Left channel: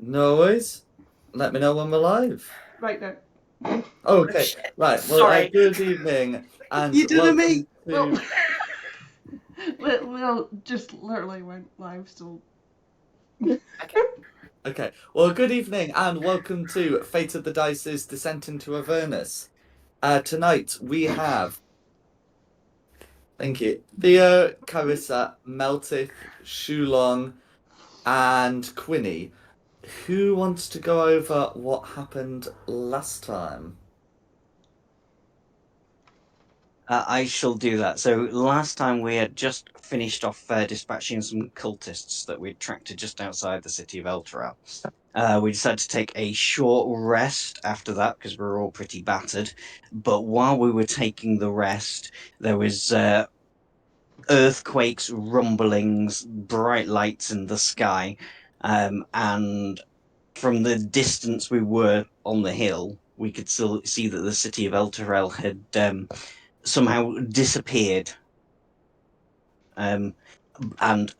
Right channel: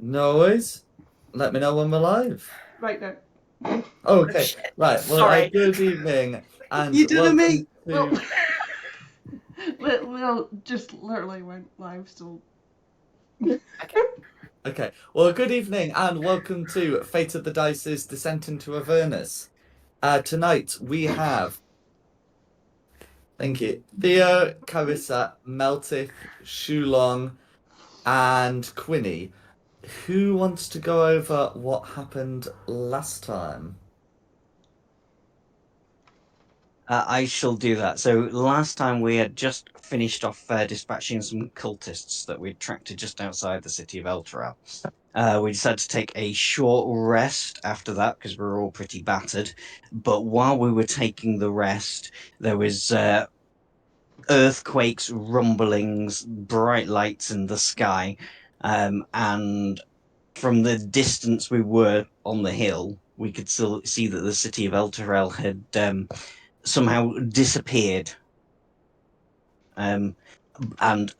No worries. Let me know when we're live. Right now. Oh, okay. Right. Well, Sorry. good evening and You did welcome me. to. We'll just literally went live, so. Okay. Well, good evening and welcome to Fate of the Dice's Descent into Avernus. Tonight we have. Thank you. Theo, Carissa, Meltith, Shulong, and Quinny. Who wants to go over what happened last time? I shall do that. So last time we had just finished off dispatching some cultists that we'd tracked to just outside the city of Elturel. We decided to take a short rest after that because we were all pretty battered. But while we were taking the rest, there was earthquakes, rumblings, bright lights in the sky, and from the distance we were on the hill, we could still see that the city of Elturel had somehow disappeared. And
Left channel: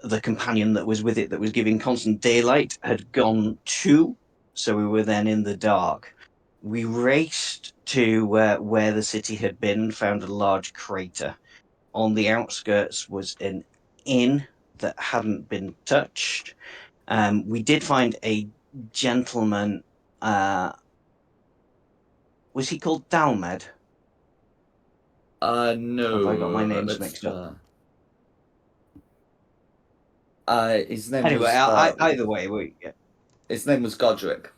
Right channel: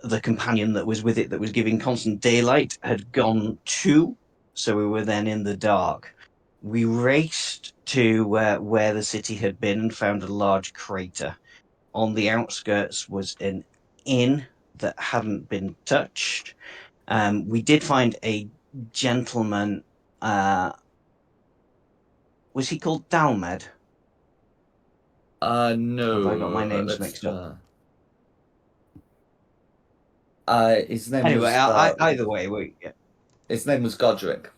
the companion that was with it, that was giving constant daylight, had gone too. So we were then in the dark. We raced to where the city had been and found a large crater. On the outskirts was an inn that hadn't been touched. We did find a gentleman. Was he called Dalmed? No. Have I got my names mixed up? His name Anyway, was. either way, His name was Godric.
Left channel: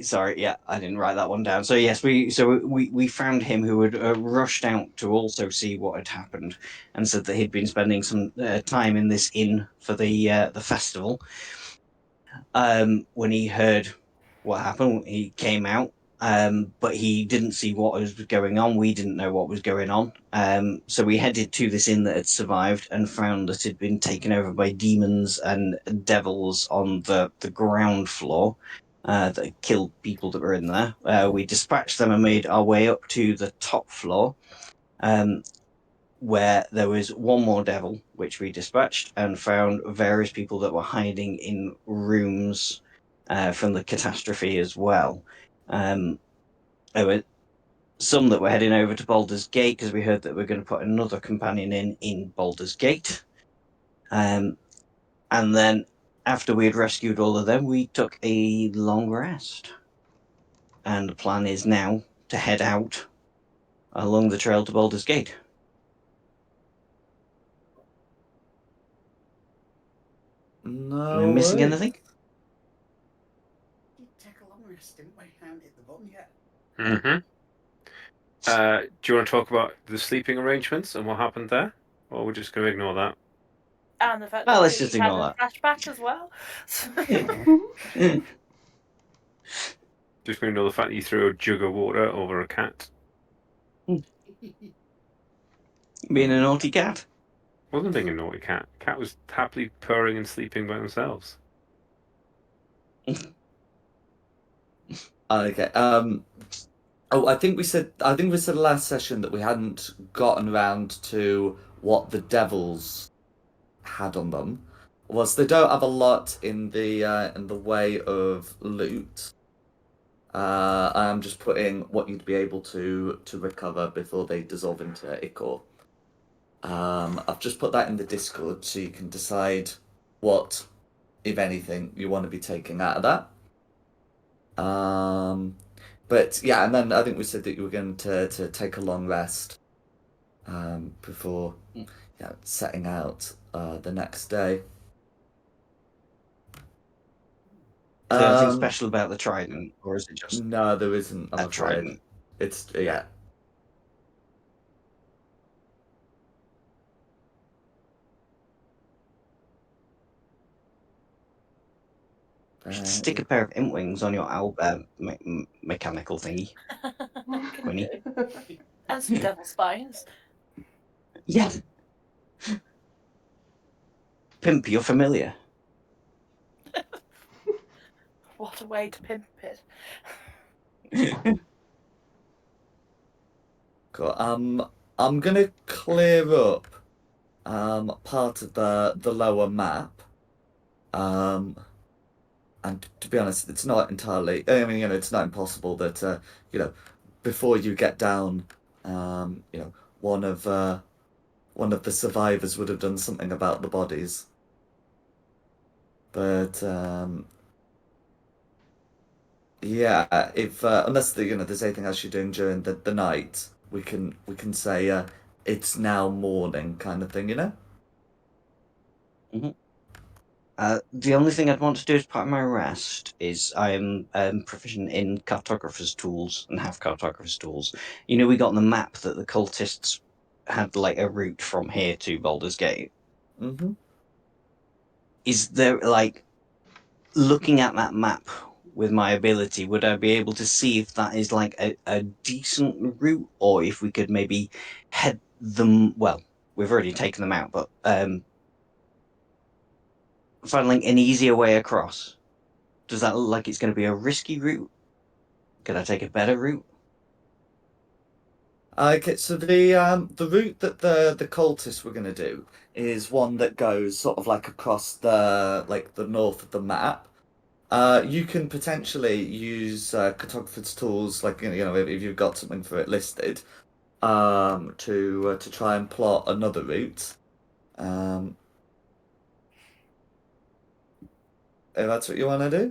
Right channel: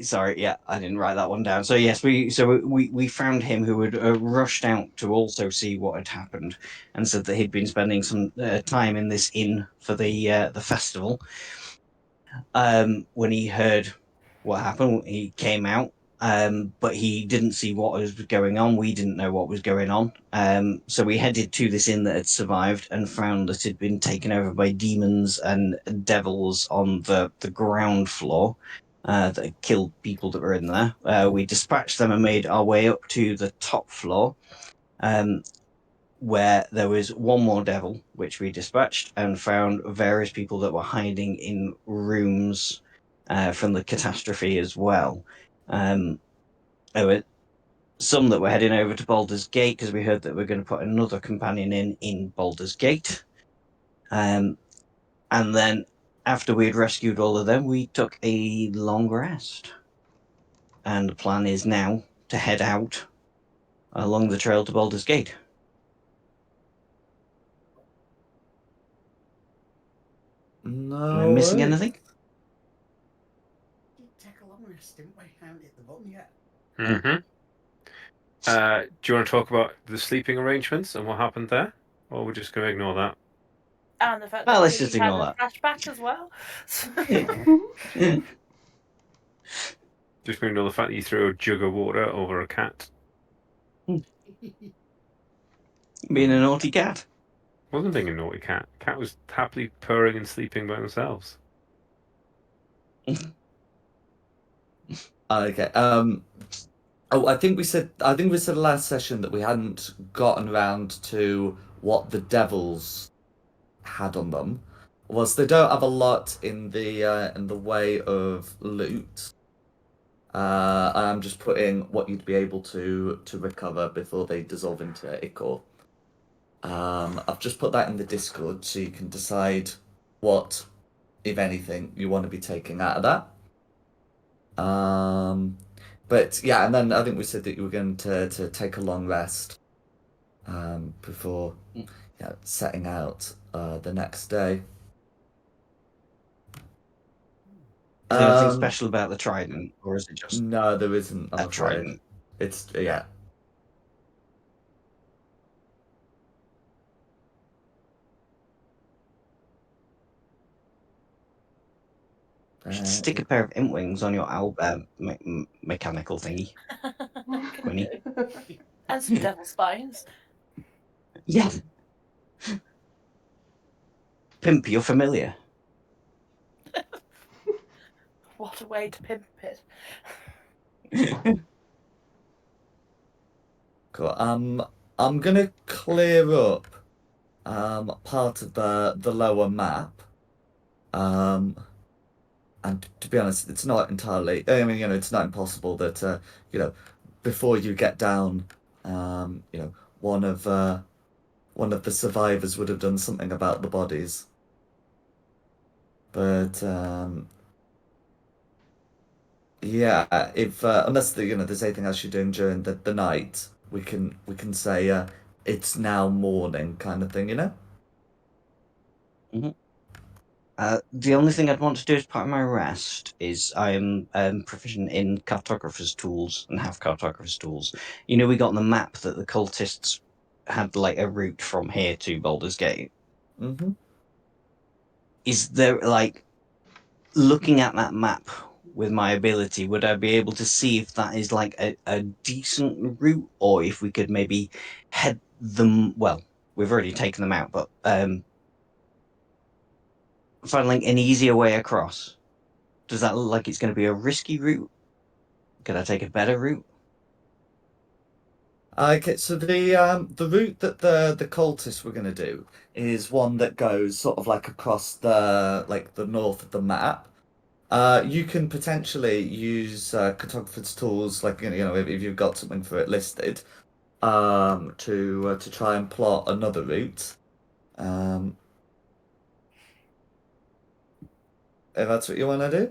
Sorry, yeah, I didn't write that one down. So yes, we found him, who had rushed out to also see what had happened, and said that he'd been spending some time in this inn for the festival. When he heard what happened, he came out, but he didn't see what was going on. We didn't know what was going on. So we headed to this inn that had survived and found that it had been taken over by demons and devils on the ground floor. That killed people that were in there. We dispatched them and made our way up to the top floor, where there was one more devil, which we dispatched, and found various people that were hiding in rooms from the catastrophe as well. There were some that were heading over to Baldur's Gate because we heard that we were going to put another companion in Baldur's Gate. And then after we had rescued all of them, we took a long rest. And the plan is now to head out along the trail to Baldur's Gate. No. Am I missing anything? Take a long rest, didn't we? I haven't hit the button yet. Mm-hmm. Do you want to talk about the sleeping arrangements and what happened there? Or we're just going to ignore that? And the fact Well, that let's Queenie just had ignore a that. flashback as well. Just going to ignore the fact that you threw a jug of water over a cat. Being a naughty cat. Wasn't being a naughty cat. Cat was happily purring and sleeping by themselves. Okay. Oh, I think we said last session that we hadn't gotten around to what the devils had on them. Was they don't have a lot in the way of loot. I'm just putting what you'd be able to recover before they dissolve into ichor. I've just put that in the Discord so you can decide what, if anything, you want to be taking out of that. But yeah, and then I think we said that you were going to take a long rest before setting out the next day. Is there anything special about the trident, or is it just No, there isn't, I'm a afraid. trident? It's yeah. Stick a pair of imp wings on your mechanical thingy, Quinny. And some devil spines. Yeah. Pimp, you're familiar. What a way to pimp it. Cool. I'm gonna clear up part of the lower map. and to be honest, it's not entirely. I mean, it's not impossible that before you get down, one of one of the survivors would have done something about the bodies. But yeah, if unless there's anything else you're doing during the night, we can say it's now morning kind of thing. The only thing I'd want to do as part of my rest is I'm proficient in cartographer's tools and have cartographer's tools. We got on the map that the cultists had like a route from here to Baldur's Gate. Mm-hmm. Is there like looking at that map with my ability, would I be able to see if that is like a decent route, or if we could maybe head them? Well, we've already taken them out, but find like an easier way across. Does that look like it's going to be a risky route? Could I take a better route? Okay, so the route that the cultists were going to do is one that goes sort of like across the north of the map. You can potentially use cartographer's tools, like if you've got something for it listed, to try and plot another route. Um, if that's what you want to do.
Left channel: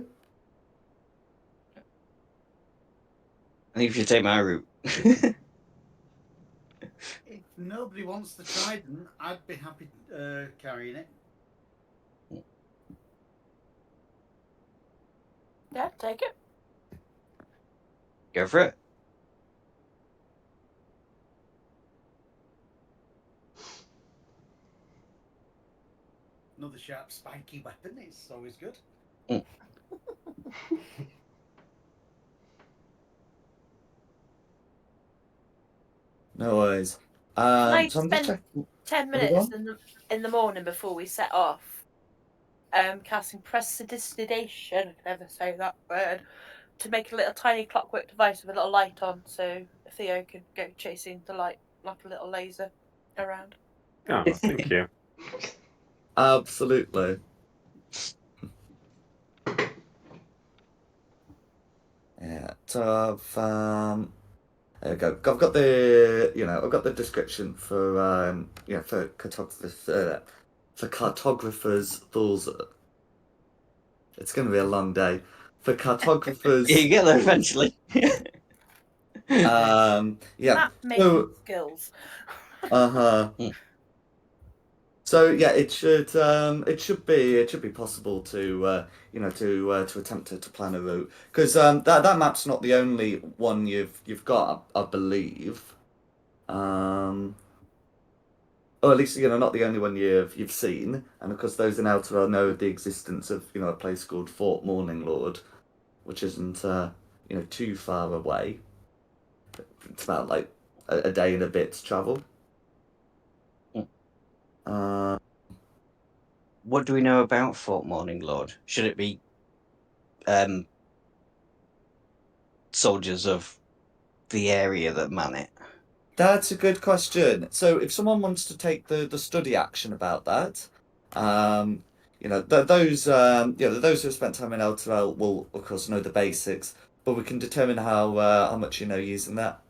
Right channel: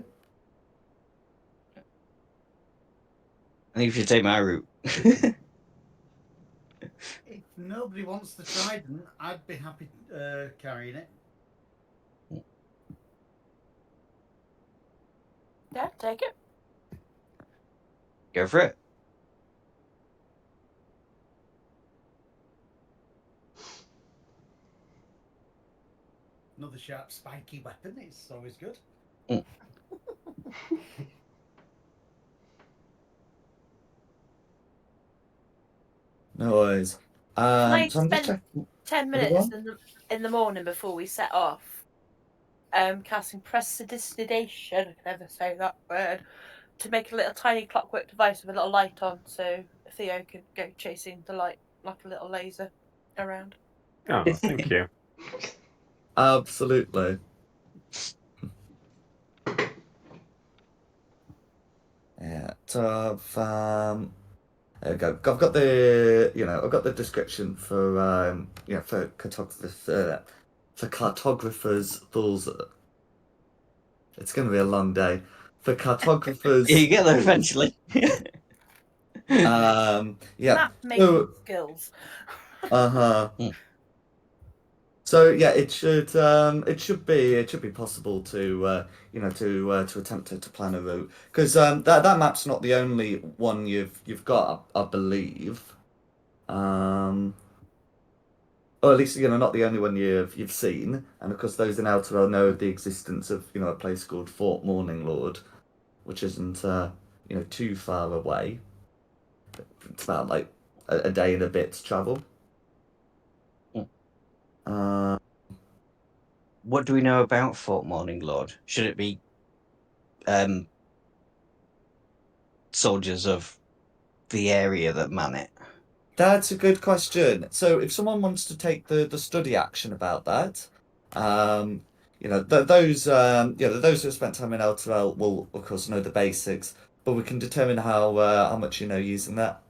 I think if you take my route. If nobody wants the trident, I'd be happy carrying it. Yeah, take it. Go for it. Another sharp, spiky weapon. It's always good. No worries. Can I So I'm just spend checking. 10 Have you minutes gone? in the morning before we set off? Casting prestidigitation, I can never say that word, to make a little tiny clockwork device with a little light on, so Theo can go chasing the light like a little laser around. Oh, thank you. Absolutely. Yeah. So there we go. I've got I've got the description for cartographers tools. It's going to be a long day. For cartographers, You get there eventually. yeah. Map making So, skills. uh-huh. So yeah, it should be possible to attempt to plan a route, because that map's not the only one you've got, I believe. Or at least not the only one you've seen, and of course those in Outerwell know the existence of a place called Fort Morning Lord, which isn't too far away. It's about like a day and a bit's travel. Uh, What do we know about Fort Morning Lord? Should it be soldiers of the area that man it? That's a good question. So if someone wants to take the study action about that, um, those who have spent time in Elturel will of course know the basics, but we can determine how much you know using that.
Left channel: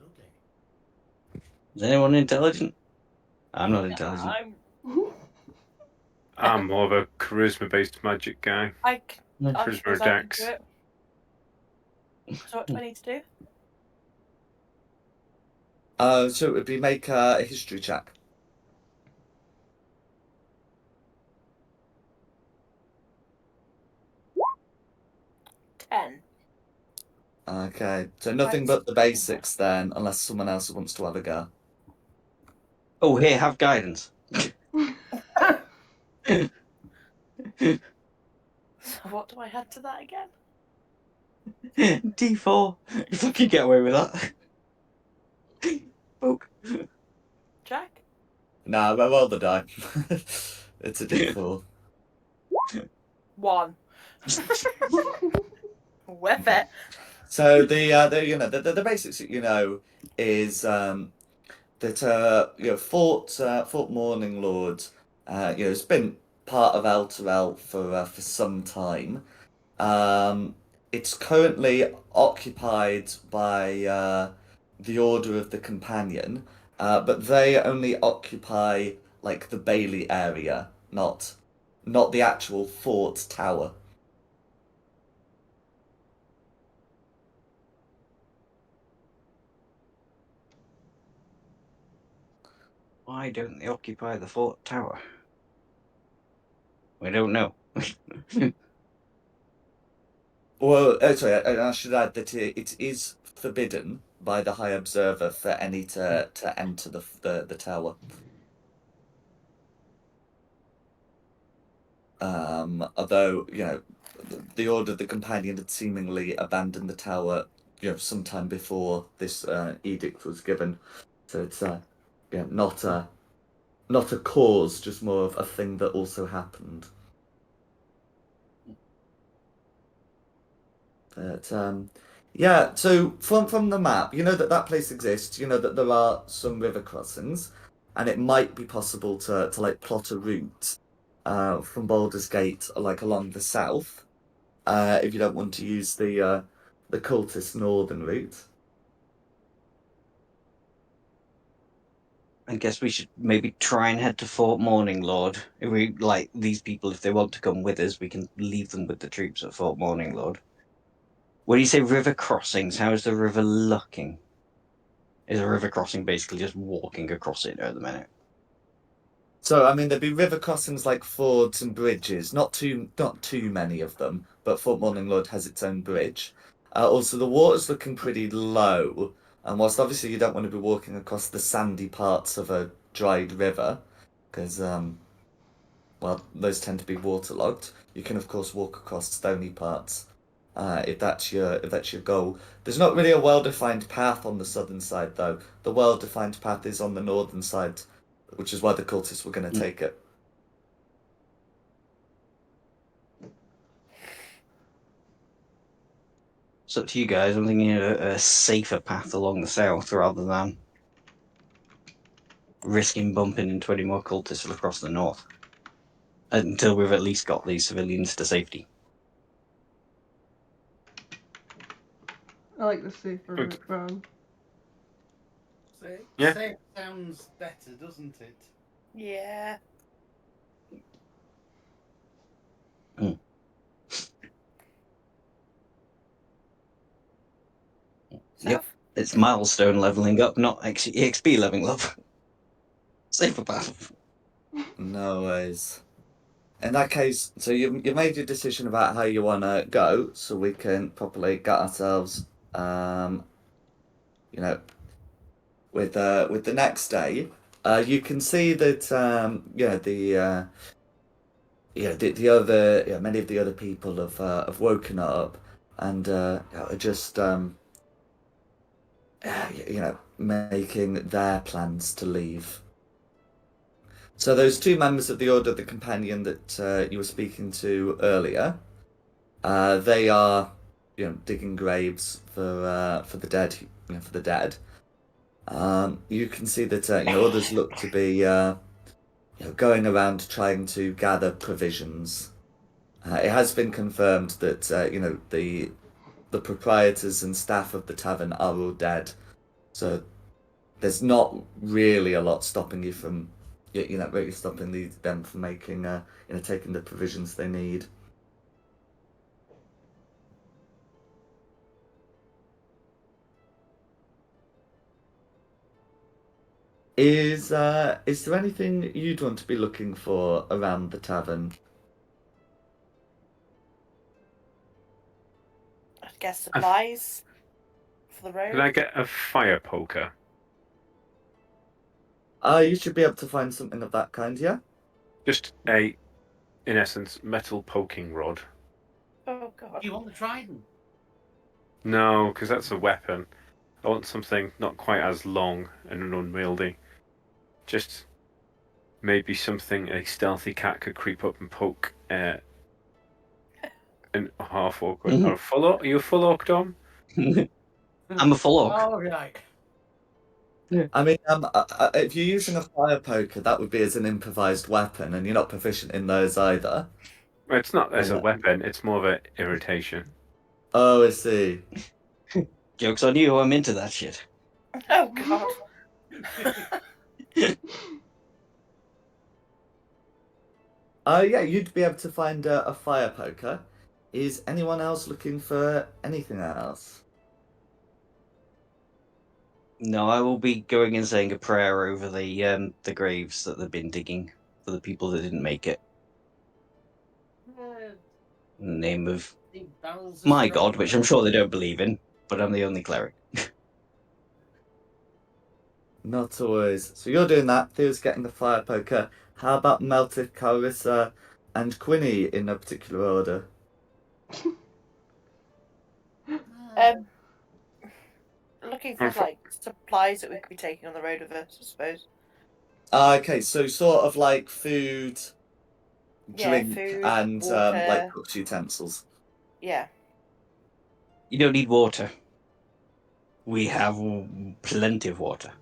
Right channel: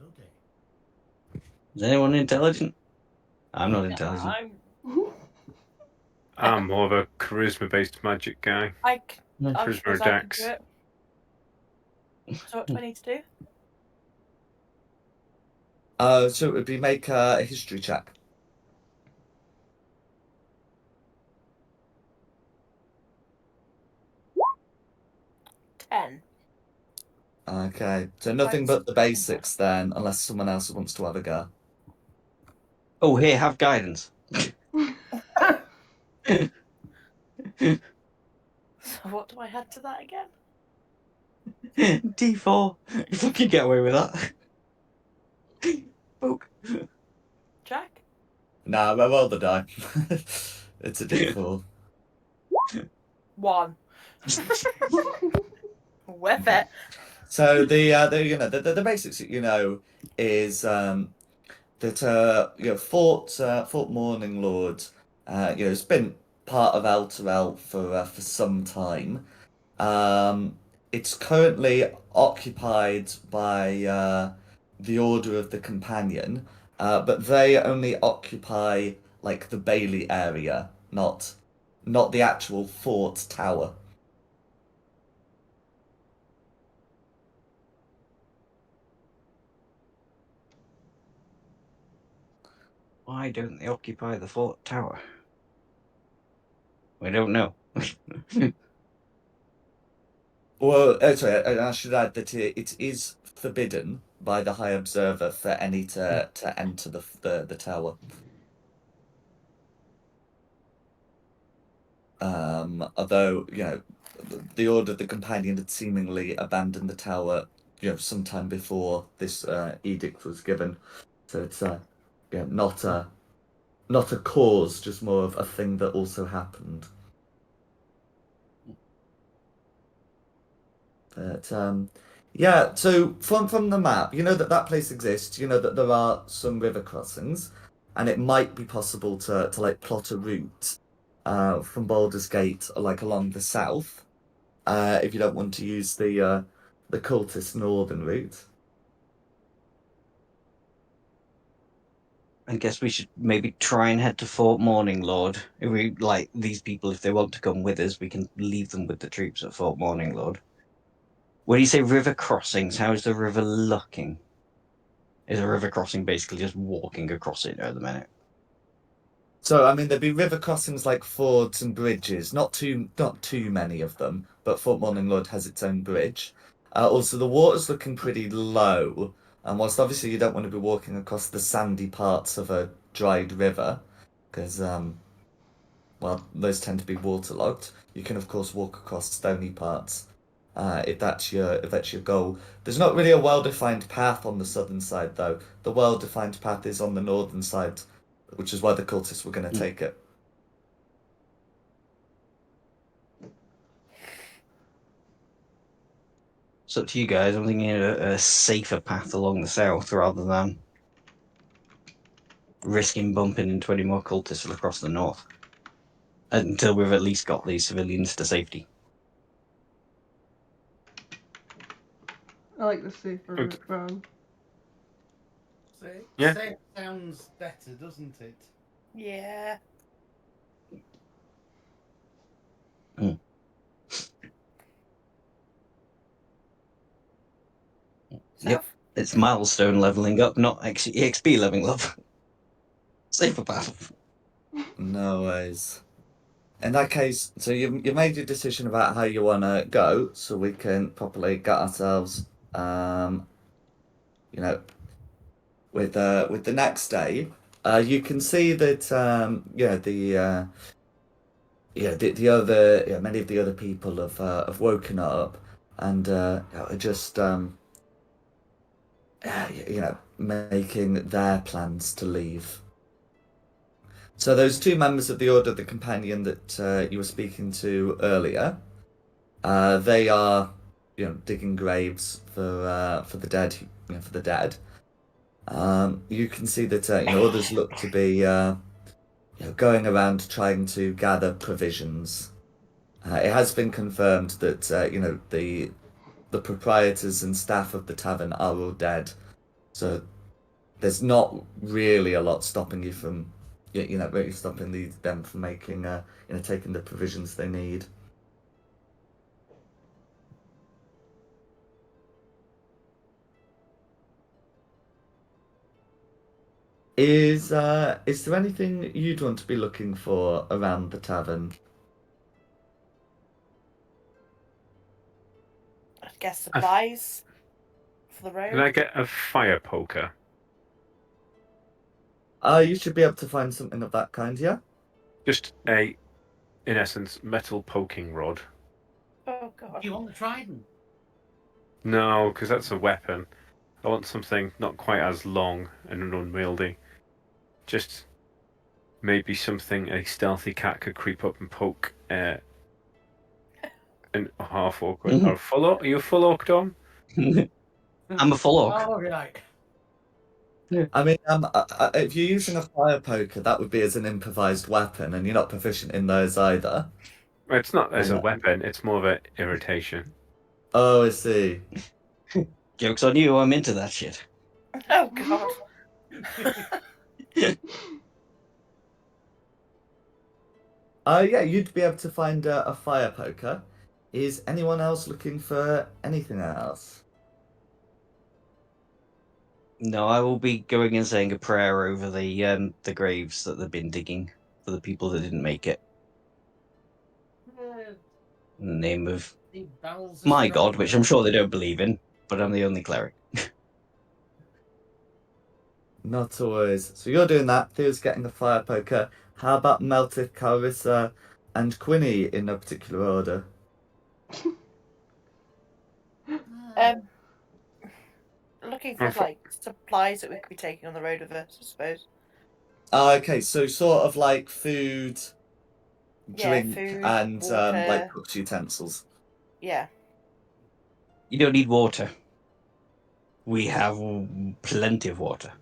Okay. Is anyone intelligent? I'm not intelligent. I'm more of a charisma-based magic guy. I'm Charisma sure or I can dex. do it. So what do I need to do? So it would be make a history check. Ten. Okay, so nothing but the basics then, unless someone else wants to have a go. Oh, here, have guidance. So what do I add to that again? D4. You fucking get away with that. Book. Jack? Nah, roll the die. It's a D4. 1. With it. So the basics that is that Fort Morning Lords It's been part of Elturel for some time. Um, it's currently occupied by the Order of the Companion, but they only occupy like the Bailey area, not the actual fort tower. Why don't they occupy the fort tower? We don't know. Well, sorry, I should add that it is forbidden by the High Observer for any to enter the tower. Although, the Order of the Companion had seemingly abandoned the tower, sometime before this edict was given. So it's not a cause, just more of a thing that also happened. But yeah. So from the map, you know that place exists. You know that there are some river crossings, and it might be possible to like plot a route from Baldur's Gate like along the south. If you don't want to use the cultist northern route. I guess we should maybe try and head to Fort Morning Lord. If we like these people, if they want to come with us, we can leave them with the troops at Fort Morning Lord. When you say river crossings, how is the river looking? Is a river crossing basically just walking across it at the minute? So I mean, there'd be river crossings like fords and bridges. Not too many of them, but Fort Morning Lord has its own bridge. Also, the water's looking pretty low, and whilst obviously you don't want to be walking across the sandy parts of a dried river, because well, those tend to be waterlogged. You can of course walk across stony parts, if that's your goal. There's not really a well-defined path on the southern side though. The well-defined path is on the northern side, which is why the cultists were going to take it. It's up to you guys. I'm thinking a safer path along the south rather than risking bumping into any more cultists across the north. Until we've at least got these civilians to safety. I like the safer Good. route round. So, Yeah. safe sounds better, doesn't it? Yeah. Mm. Yep. South? It's milestone leveling up, not actually EXP leveling up. Safer path. No worries. In that case, so you've made your decision about how you want to go, so we can properly get ourselves, um, you know, with the next day. You can see that the other many of the other people have woken up and are just making their plans to leave. So those two members of the Order of the Companion that you were speaking to earlier, they are digging graves for the dead, for the dead. You can see that others look to be going around trying to gather provisions. It has been confirmed that the proprietors and staff of the tavern are all dead, so there's not really a lot stopping you from, really stopping them from making, taking the provisions they need. Is there anything you'd want to be looking for around the tavern? I guess supplies for the Can I road. get a fire poker? You should be able to find something of that kind, yeah? Just in essence, metal poking rod. Oh god. Do you want the trident? No, because that's a weapon. I want something not quite as long and unwieldy. Just maybe something a stealthy cat could creep up and poke an half orc with. Or full orc? Are you a full orc, Dom? I'm a full orc. Oh, right. I mean, if you're using a fire poker, that would be as an improvised weapon, and you're not proficient in those either. It's not as a Yeah. weapon, it's more of an irritation. Oh, I see. Joke's on you, I'm into that shit. Oh God. Yeah, you'd be able to find a fire poker. Is anyone else looking for anything else? No, I will be going and saying a prayer over the graves that they've been digging for the people that didn't make it. In the name of Any barrels my around god, which I'm there? sure they don't believe in, but I'm the only cleric. Not always. So you're doing that. Theo's getting the fire poker. How about Meltic, Carissa, and Quinny in no particular order? Um, looking for And like supplies that we could be taking on the road with us, I suppose. Okay, so sort of like food, Yeah, drink, food, and like water. cooked utensils. Yeah. You don't need water. We have plenty of water.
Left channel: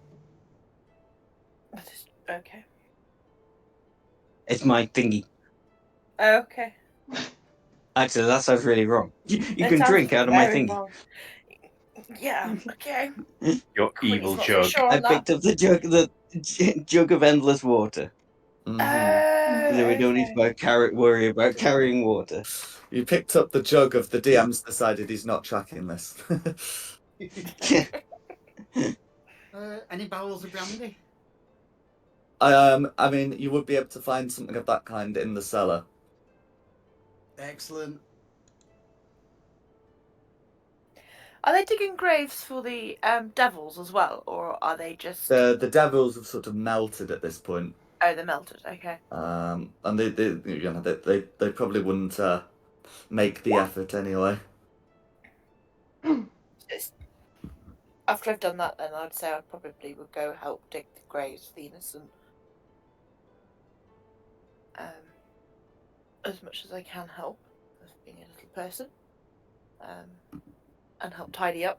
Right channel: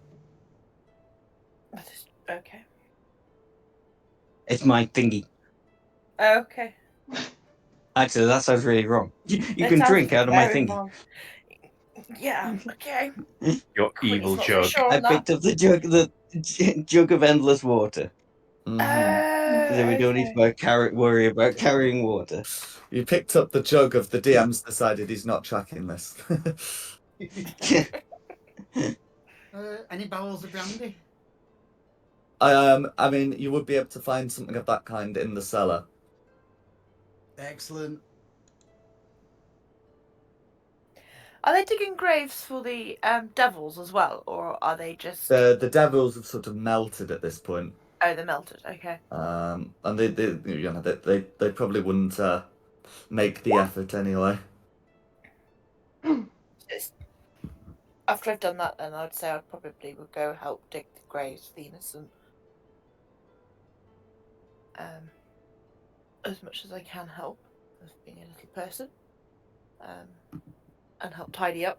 Okay. It's my thingy. Okay. Actually, that sounds really wrong. You It can sounds drink out of my very thingy. wrong. Yeah. Okay. your Quinny's evil not so jug. sure I on that. picked up the jug of endless water. Mm-hmm. So we don't need to worry about carrying water. You picked up the jug of the DM's decided he's not tracking this. Any barrels of brandy? I mean, you would be able to find something of that kind in the cellar. Excellent. Are they digging graves for the devils as well, or are they just? The devils have sort of melted at this point. Oh, they're melted. Okay. And they probably wouldn't make the effort anyway. After I've done that, then I'd say I probably would go help dig the graves of the innocent. As much as I can help, as being a little person, and help tidy up,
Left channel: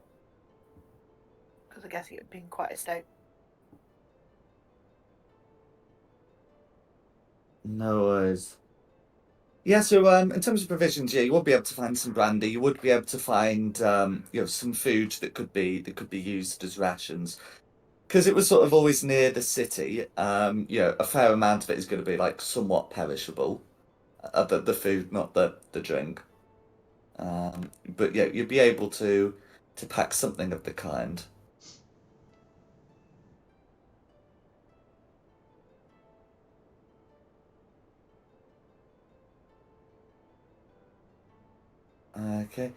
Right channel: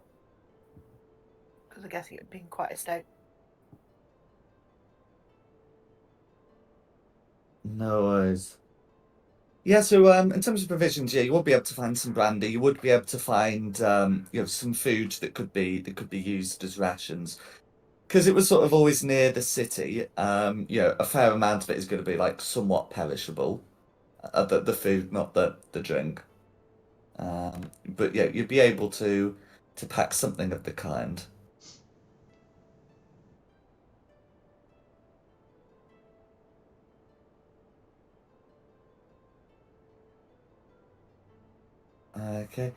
because I guess it would be quite a state. No worries. Yeah, so in terms of provisions, yeah, you would be able to find some brandy. You would be able to find some food that could be used as rations. Because it was sort of always near the city, a fair amount of it is going to be like somewhat perishable. The food, not the drink. But yeah, you'd be able to pack something of the kind. Okay.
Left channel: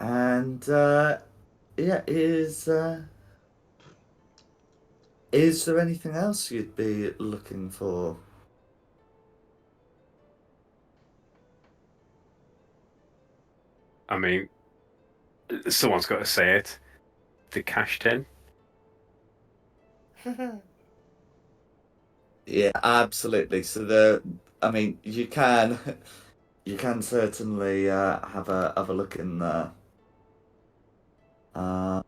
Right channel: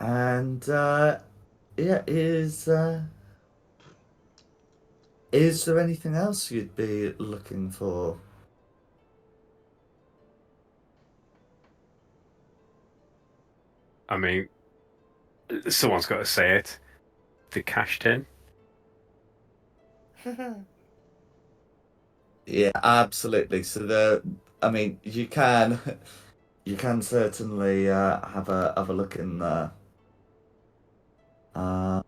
And yeah, is there anything else you'd be looking for? I mean, someone's got to say it. The cash tin. Yeah, absolutely. So I mean, you can certainly have a look in there. Uh,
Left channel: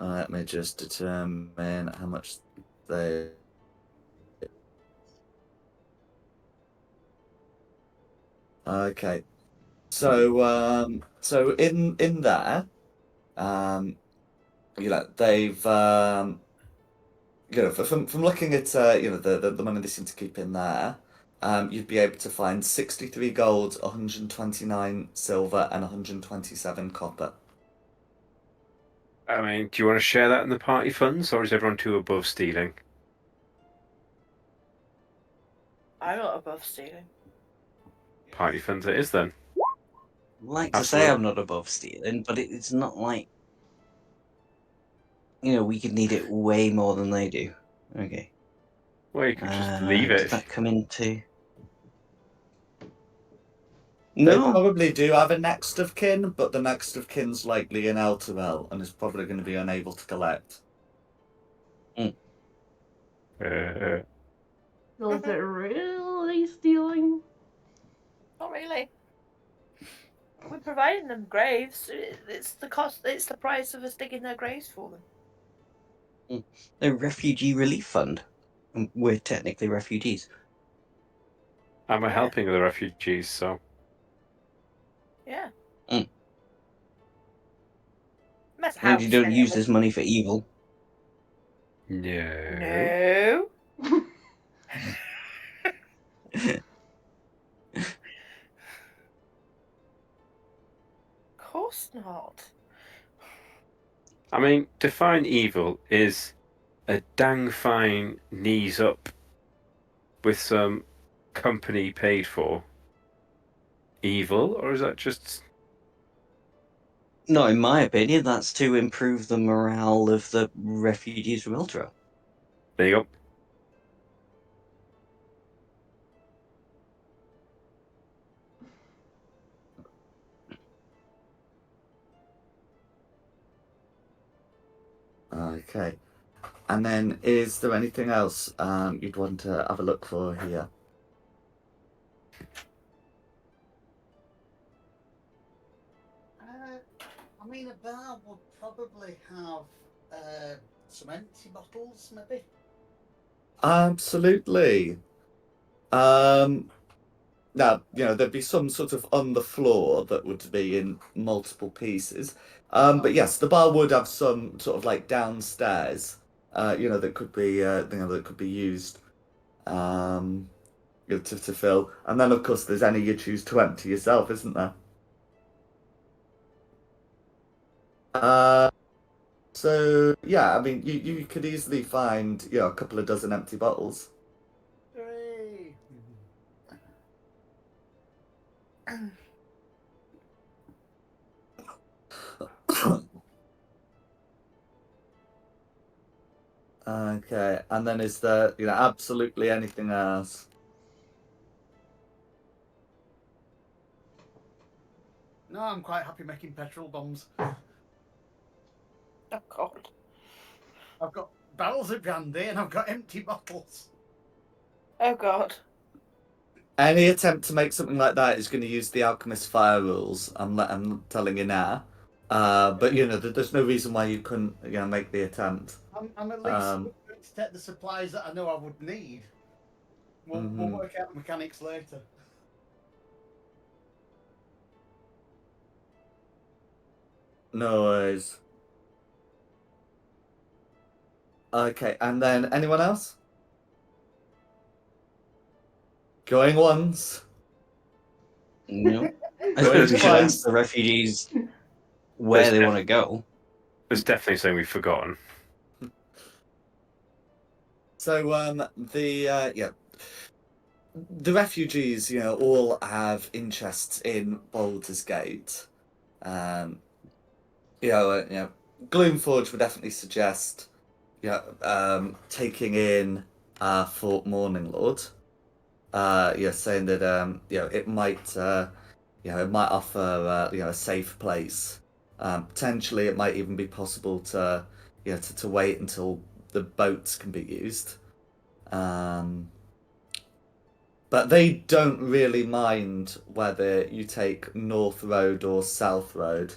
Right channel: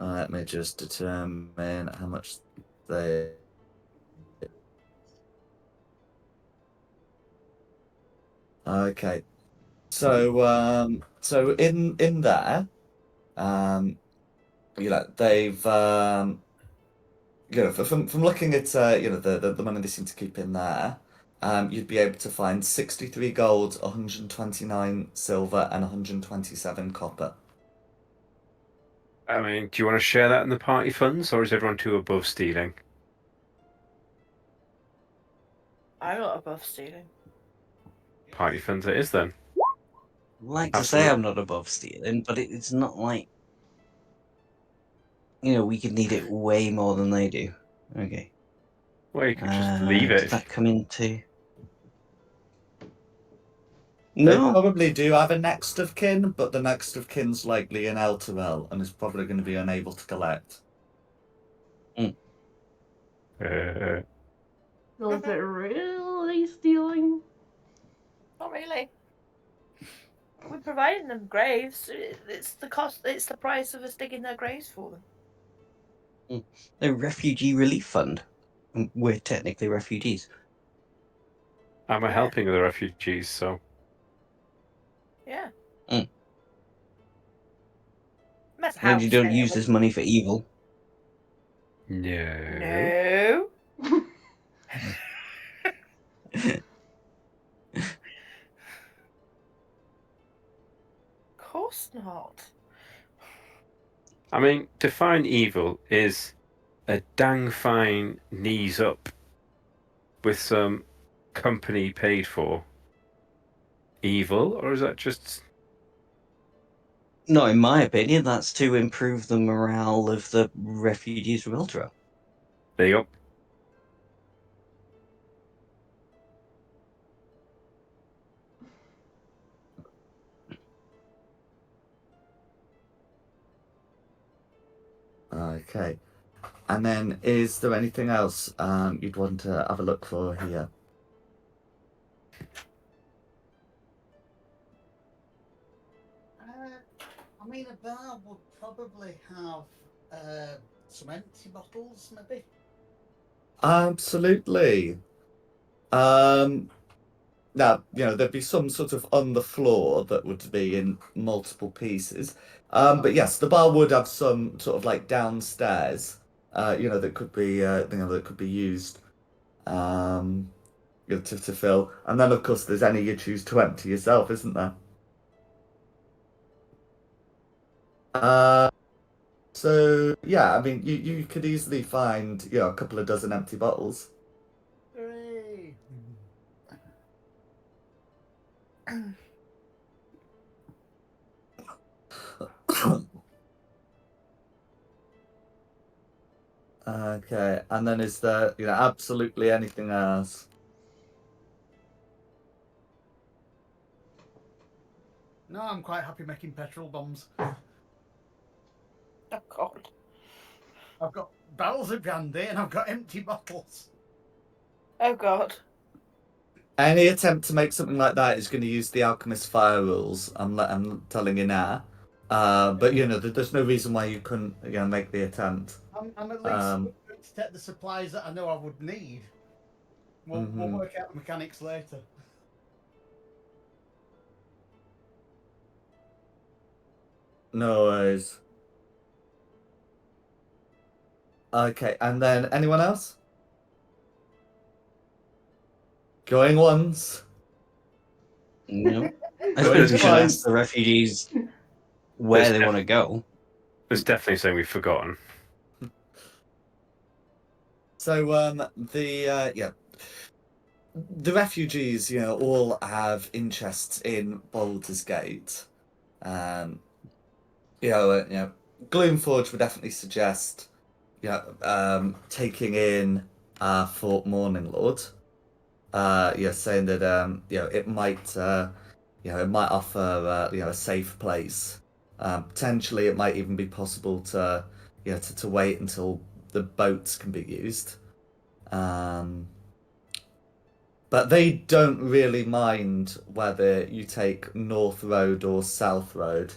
Let me just determine how much they. Okay, so in there, um, they've from looking at the money they seem to keep in there, you'd be able to find 63 gold, 129 silver, and 127 copper. I mean, do you want to share that in the party funds, or is everyone too above stealing? I'm not above stealing. Party funds it is then. I'd like to say Absolutely. I'm not above stealing, but it's not like we could need it way more than they do. Okay. Well, you could just leave Does it. that come into? They No. probably do have a next of kin, but the next of kin's likely in Elturel and is probably going to be unable to collect. So is it really they stealing? Not really. We're providing them graves. It's the cost. It's the price of us digging their graves for them. The refugee relief fund. And we're technically refugees. And we're Yeah. helping the refugees, so Yeah. Mm. Matter And how you we don't spend use it. this money for evil. no. No. Of course not. I mean, define evil is a dang fine knees up with some company paid for evil, or is that just No, in my opinion, that's to improve the morale of the refugees from Ultra. there you go? Okay. And then, is there anything else you'd want to have a look for here? I mean, a bar would probably have some empty bottles, maybe. Absolutely. Now, there'd be some sort of on the floor that would be in multiple pieces. But yes, the bar would have some sort of like downstairs, that could be, that could be used, to fill. And then, of course, there's any you choose to empty yourself, isn't there? Uh, so yeah, I mean, you could easily find, a couple of dozen empty bottles. Hooray! Okay, and then is there, absolutely anything else? No, I'm quite happy making petrol bombs. Oh God. I've got barrels of brandy and I've got empty bottles. Oh God. Any attempt to make something like that is going to use the alchemist fire rules. I'm telling you now. But there's no reason why you couldn't, make the attempt. I'm at least going to take the supplies that I know I would need. We'll work out the mechanics later. No worries. Okay, and then anyone else? Going once. No. I Going suppose we should twice. ask the refugees where they want to go. There's definitely something we've forgotten. So the refugees, all have interests in Baldur's Gate. Gloomforge would definitely suggest, taking in Fort Morning Lord. Saying that it might offer a safe place. Potentially, it might even be possible to to wait until the boats can be used. But they don't really mind whether you take North Road or South Road.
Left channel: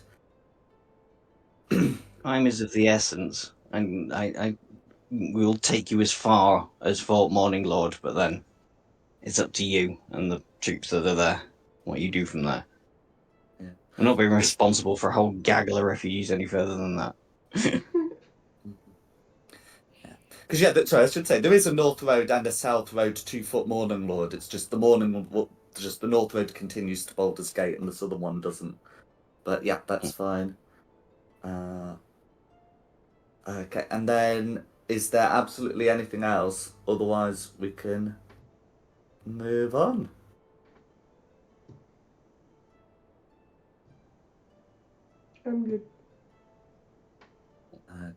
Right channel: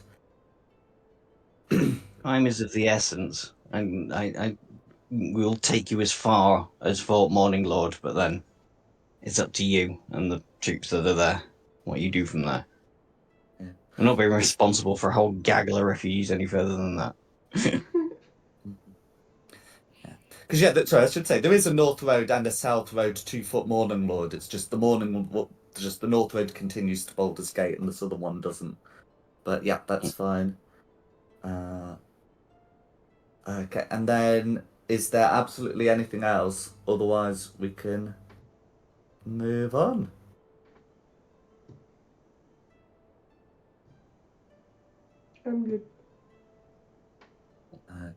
Time is of the essence, and I will take you as far as Fort Morning Lord, but then it's up to you and the troops that are there what you do from there. Yeah. We're not being responsible for a whole gaggle of refugees any further than that. Because sorry, I should say there is a North Road and a South Road to Fort Morning Lord. It's just just the North Road continues to Baldur's Gate and the southern one doesn't. But yeah, that's fine. Okay, and then is there absolutely anything else? Otherwise, we can move on. I'm good.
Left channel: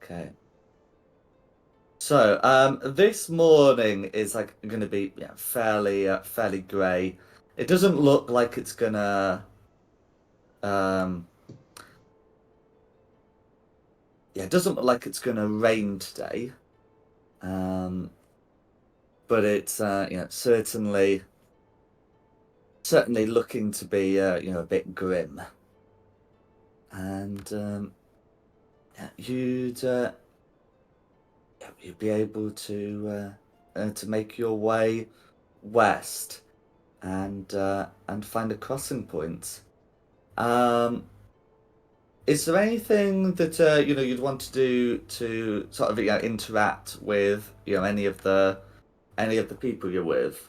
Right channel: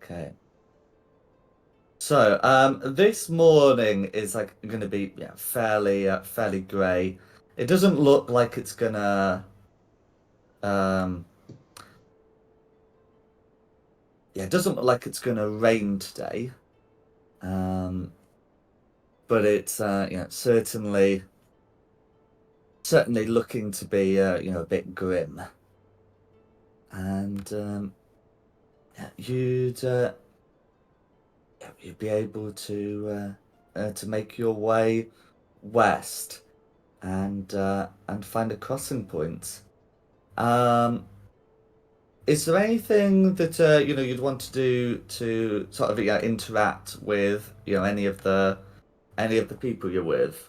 Okay. So, this morning is like going to be fairly grey. It doesn't look like it's gonna um it doesn't look like it's gonna rain today. But it's certainly certainly looking to be, a bit grim. And you'd be able to make your way west and find a crossing point. Is there anything that you'd want to do to sort of interact with any of the people you're with?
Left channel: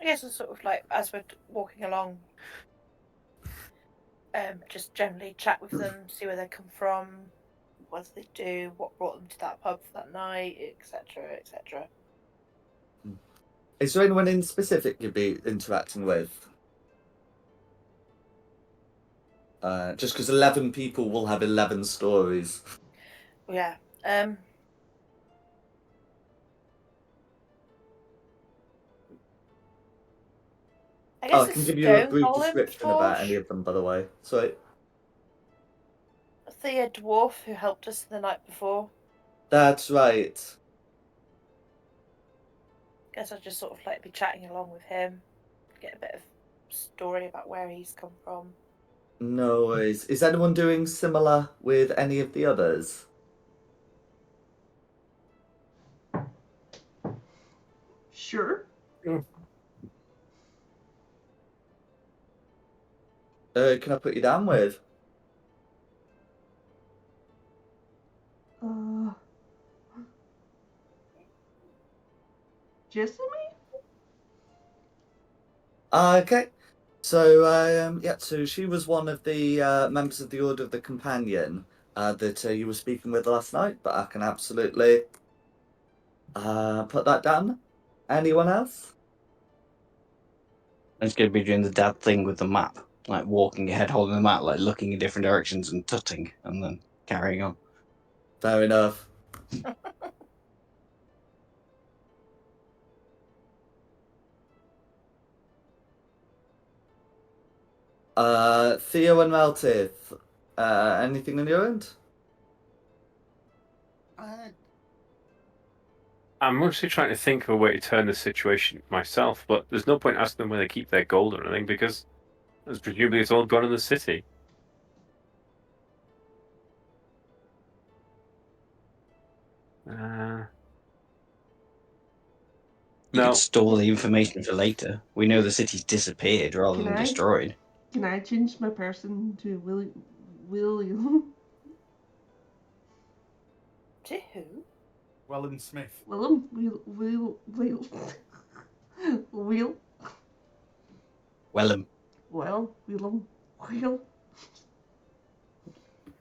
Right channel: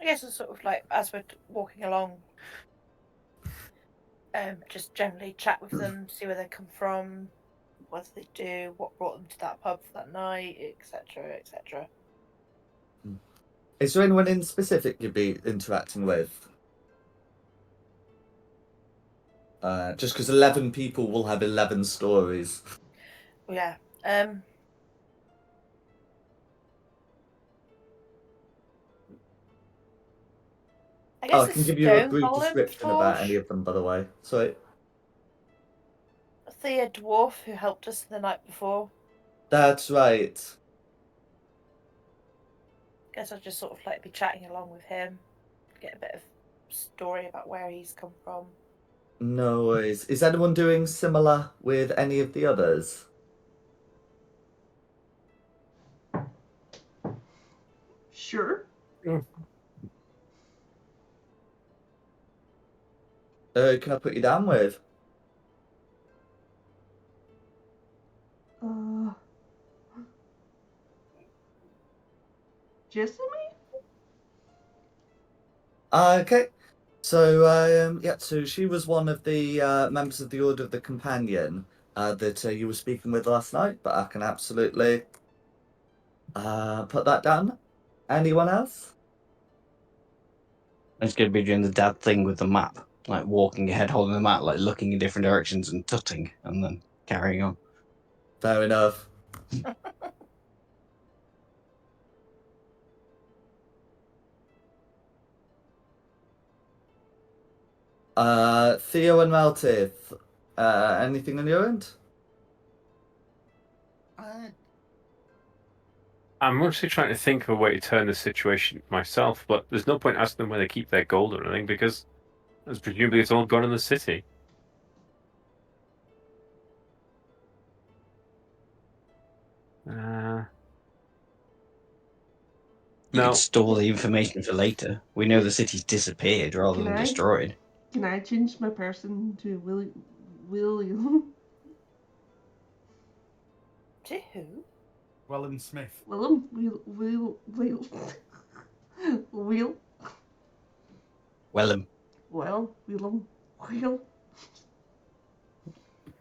I guess it's sort of like as we're walking along, just generally chat with them, see where they come from, what they do, what brought them to that pub for that night, etc., etc. Is there anyone in specific you'd be interacting with? Just because 11 people will have 11 stories. Yeah. I Oh, guess I a can give you a stone brief golem description about any Forge, of them, by the way. Sorry. Thea dwarf who helped us the night before. That's right. Guess I'd just sort of like be chatting along with him, get a bit of story about where he's come from. No worries. Is anyone doing similar with any of the others? Sure. Can I put you down with? Uh, Jessamy? Okay. So, so she was one of the members of the Order of the Companion that you were speaking with last night, but I can absolutely put that down. Anyone else? It's going to be doing the dad thing with the map, like walking ahead, holding the map, like looking in different directions and tutting, and then carrying on. Fair enough. Theo and Meltith, anything on your end? I'm mostly trying to think of a way to turn the situation myself, but there's no point asking them where they keep their gold or anything because presumably it's all gone in the city. You could No, store the information for later. We know the city's disappeared rather Can than I? destroyed. Can I change my person to William? To who? Wellham Smith. Willem? Will? Wellham. Well, Will?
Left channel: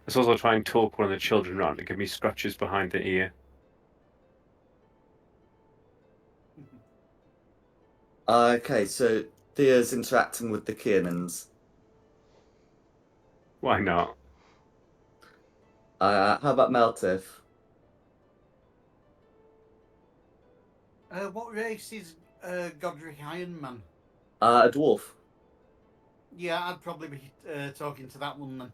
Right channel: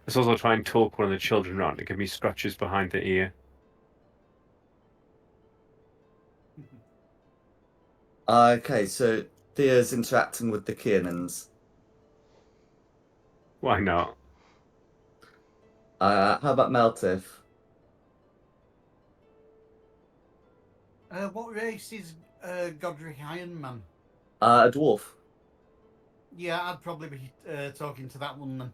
let's also try and talk one of the children around to give me scratches behind the ear. Okay, so Theo's interacting with the Kiernans. Why not? How about Meltith? What race is Godric Ironman? A dwarf. Yeah, I'd probably be talking to that one then.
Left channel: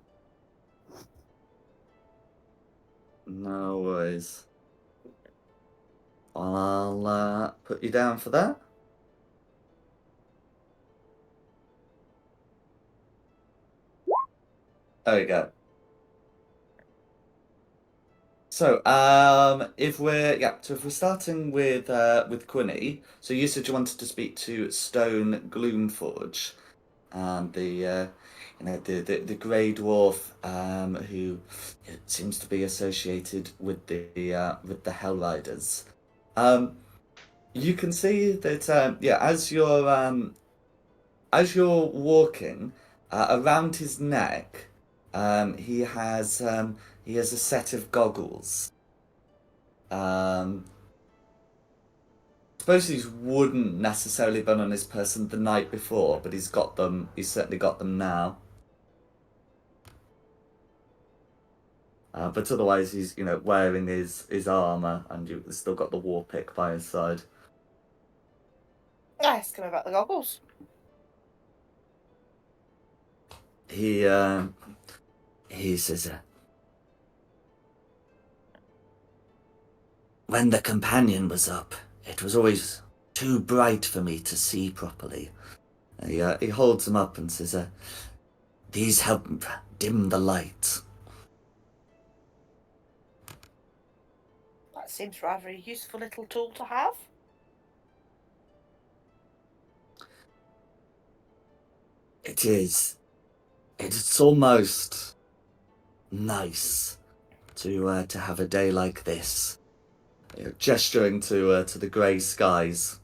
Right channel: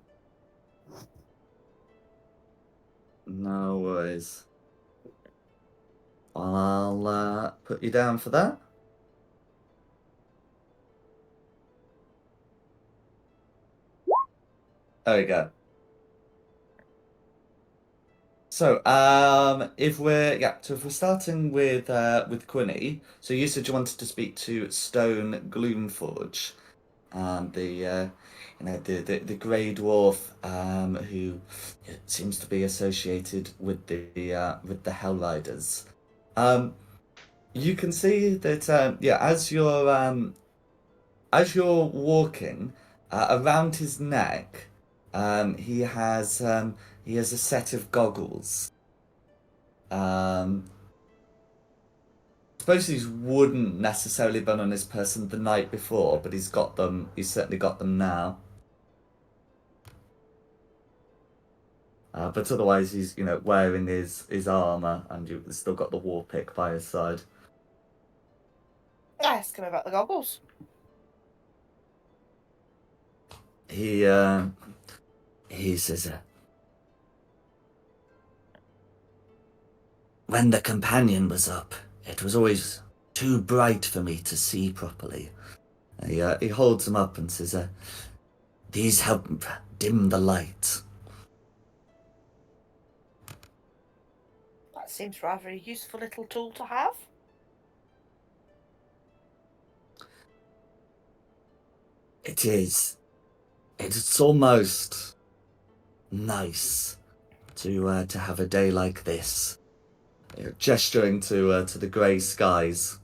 No worries. I'll put you down for that. There we go. So, if we're starting with Quinny, so you said you wanted to speak to Stone Gloomforge, the grey dwarf who seems to be associated with the Hell Riders. You can see that as you're walking around his neck, he has a set of goggles. Suppose these wouldn't necessarily been on his person the night before, but he's got them. He's certainly got them now. But otherwise, he's wearing his armor, and you've still got the war pick by his side. I asked him about the goggles. He says, when the companion was up, it was always too bright for me to see properly. He holds them up and says, these help dim the light. That seems rather a useful little tool to have. It is. It's almost nice to have a day like this. Gesturing to the grey skies.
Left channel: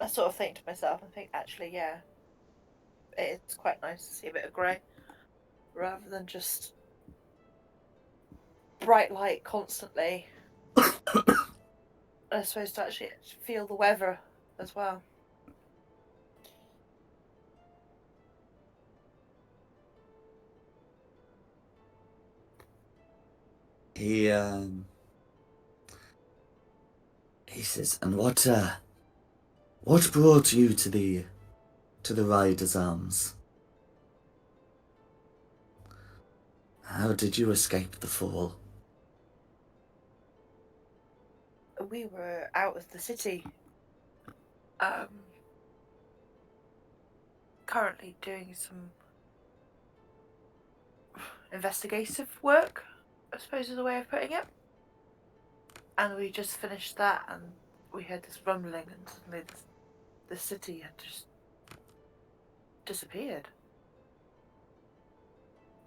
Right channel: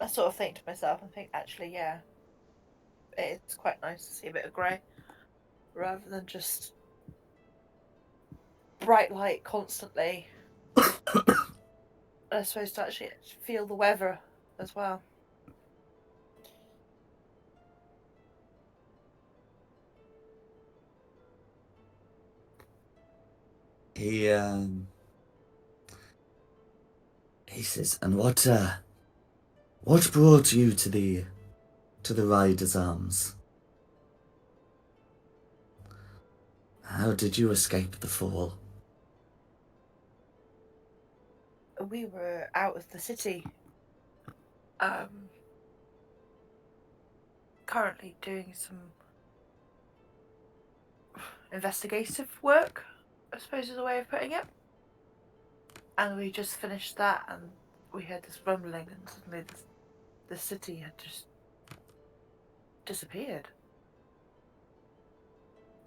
I sort of think to myself, actually, yeah, it's quite nice to see a bit of grey rather than just bright light constantly. And I suppose to actually feel the weather as well. He says, and what brought you to the Rider's Arms? How did you escape the fall? We were out of the city, currently doing some investigative work, I suppose is a way of putting it. And we just finished that, and we heard this rumbling, and suddenly the city had just disappeared.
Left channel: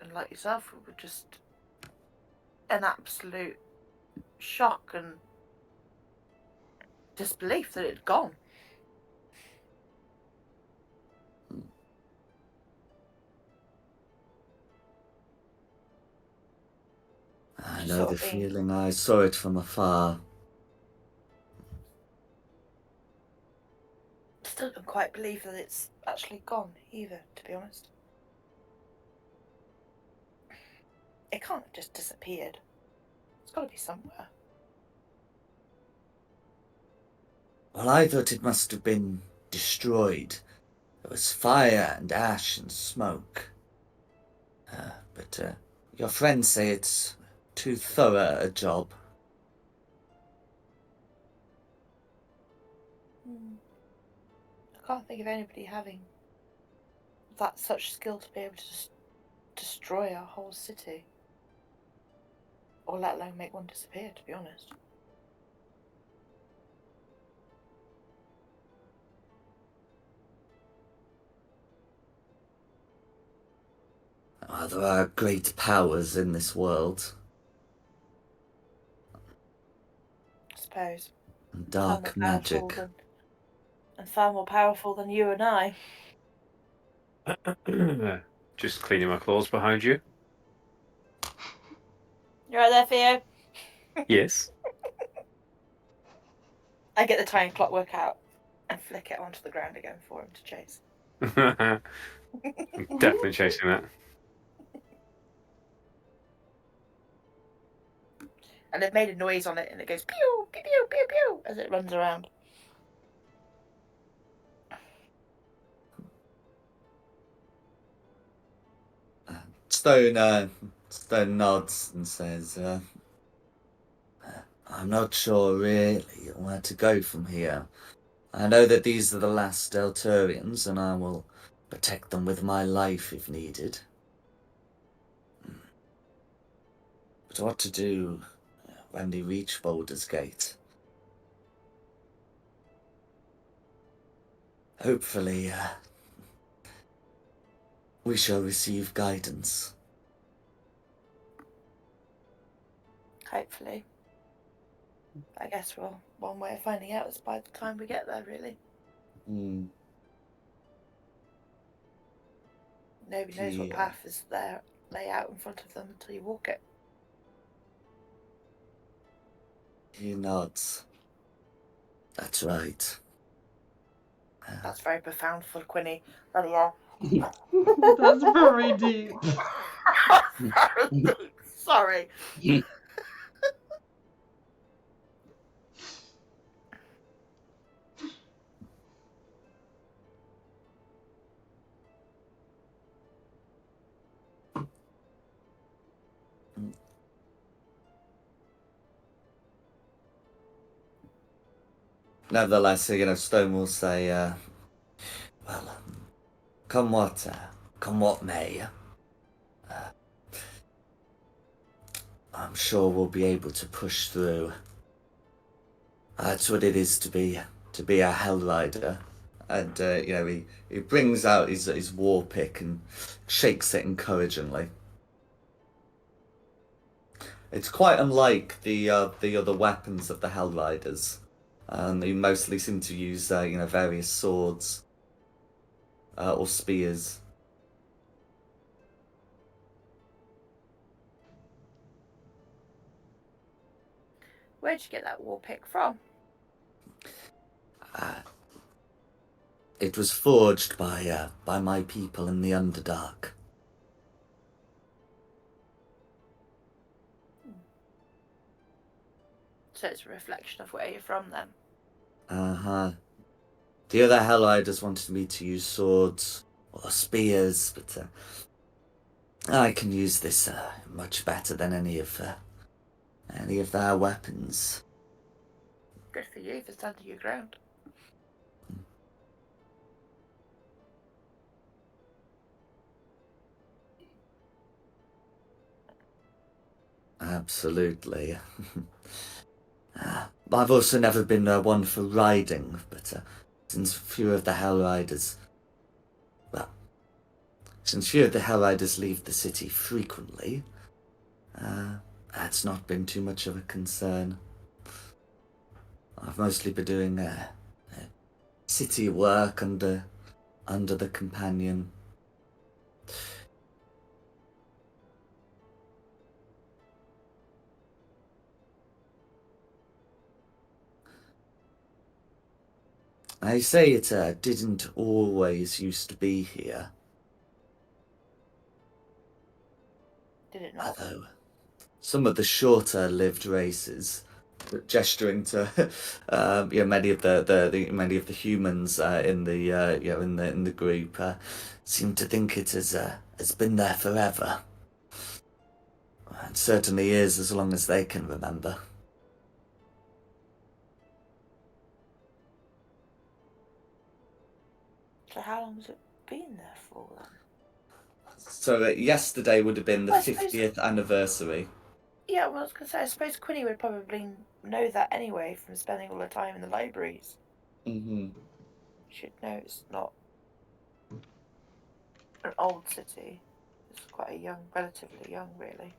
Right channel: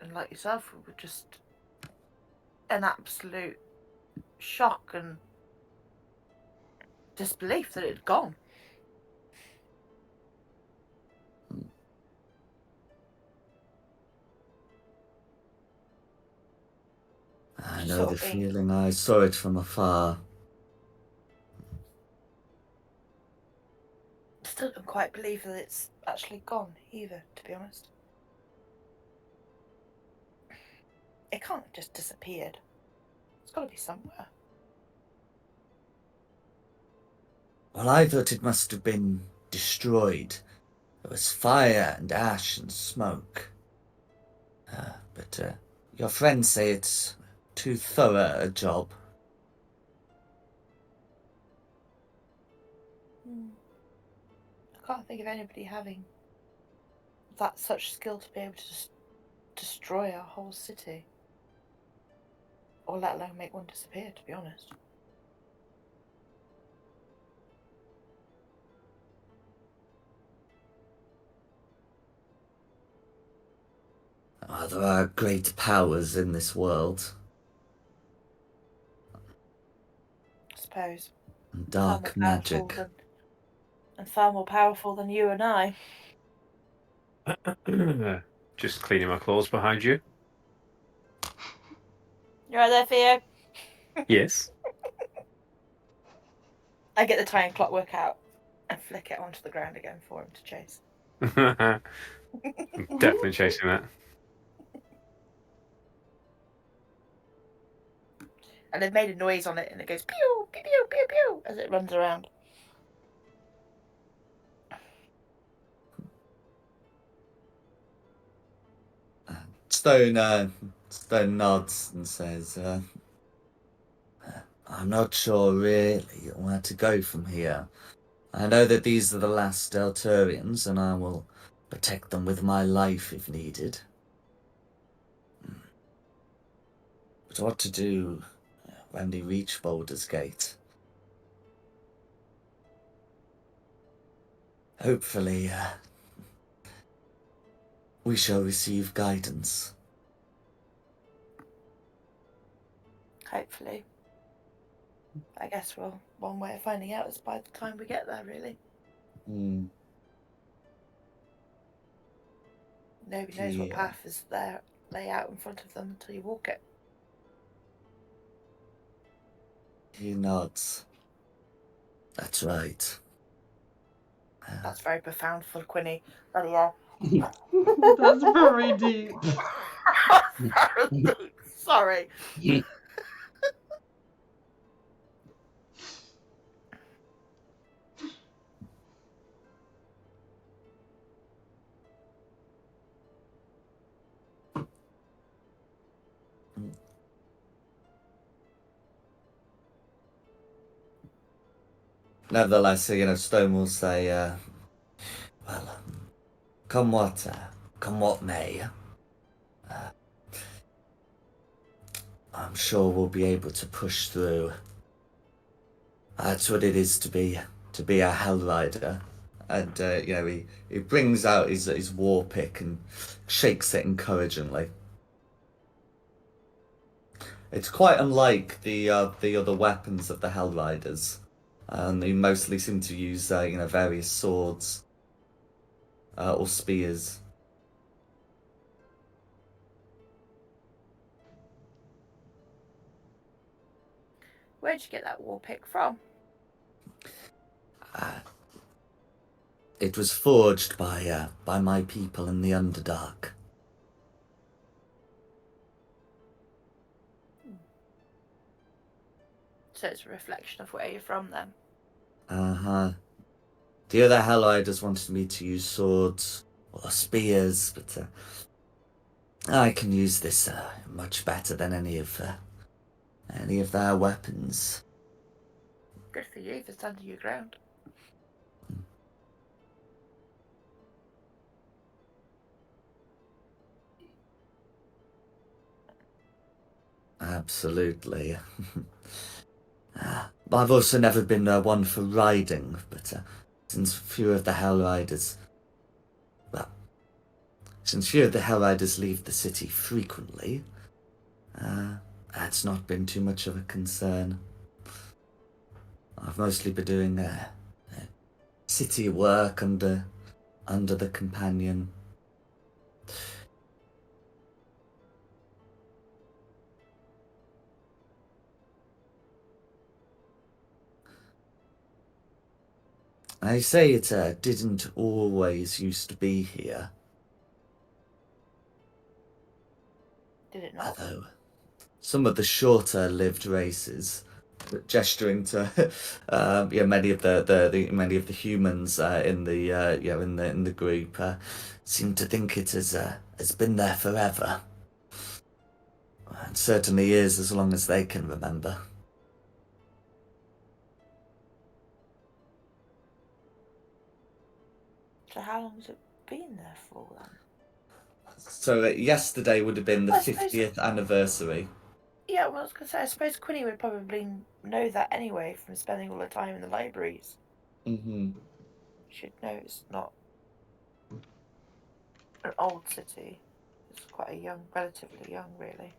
And like yourself, we were just in absolute shock and disbelief that it had gone. I know the feeling. I saw it from afar. Still don't quite believe that it's actually gone either, to be honest. It can't have just disappeared. It's got to be somewhere. Well, I thought it must have been destroyed. There was fire and ash and smoke. But your friends say it's too thorough a job. I can't think of anybody having that such skill to be able to just destroy a whole city. Or let alone make one disappear, to be honest. There are great powers in this world. I suppose. And dark magic. And far more powerful than you and I. Just cleaning my claws behind you. You right there, Theo? Yes. I get the tiny clockwork out and flick it onto the ground again for him to chase. I'm definitely chasing that. And they've made a noise on it, and it goes pew, pew, pew, pew, pew as it runs around. Stone nods and says, I'm not sure really where to go from here. I know that these are the last Delturians, and I will protect them with my life if needed. But what to do when we reach Baldur's Gate? Hopefully, we shall receive guidance. Hopefully. I guess one way of finding out is by the time we get there, really. Nobody knows what path is there, lay out in front of them until you walk it. He nods. That's right. That's very profound for Quinny. Bloody hell. That's very deep. Very deep. Sorry. Nevertheless, Stone will say, well, come what may, I'm sure we'll be able to push through. That's what it is to be a Hell Rider. And he brings out his war pick and shakes it encouragingly. It's quite unlike the other weapons of the Hell Riders. They mostly seem to use various swords or spears. Where'd you get that war pick from? It was forged by my people in the Underdark. So it's a reflection of where you're from then. Uh-huh. The other Hell Riders wanted me to use swords or spears, but I can use this much better than any of their weapons. Good for you for standing your ground. Absolutely. I've also never been one for riding, but since few of the Hell Riders leave the city frequently, that's not been too much of a concern. I've mostly been doing city work under the companion. I say it didn't always used to be here. Did it not? Although some of the shorter lived races, gesturing to many of the humans in the group seem to think it has been there forever. It certainly is, as long as they can remember. So how long has it been there for then? So yesterday would have been the I suppose- 50th anniversary. Yeah, well, I was going to say, I suppose Quinny would probably know that anyway from spending all the time in the libraries. Mm-hmm. She'd know it's not an old city. It's quite relatively young, really.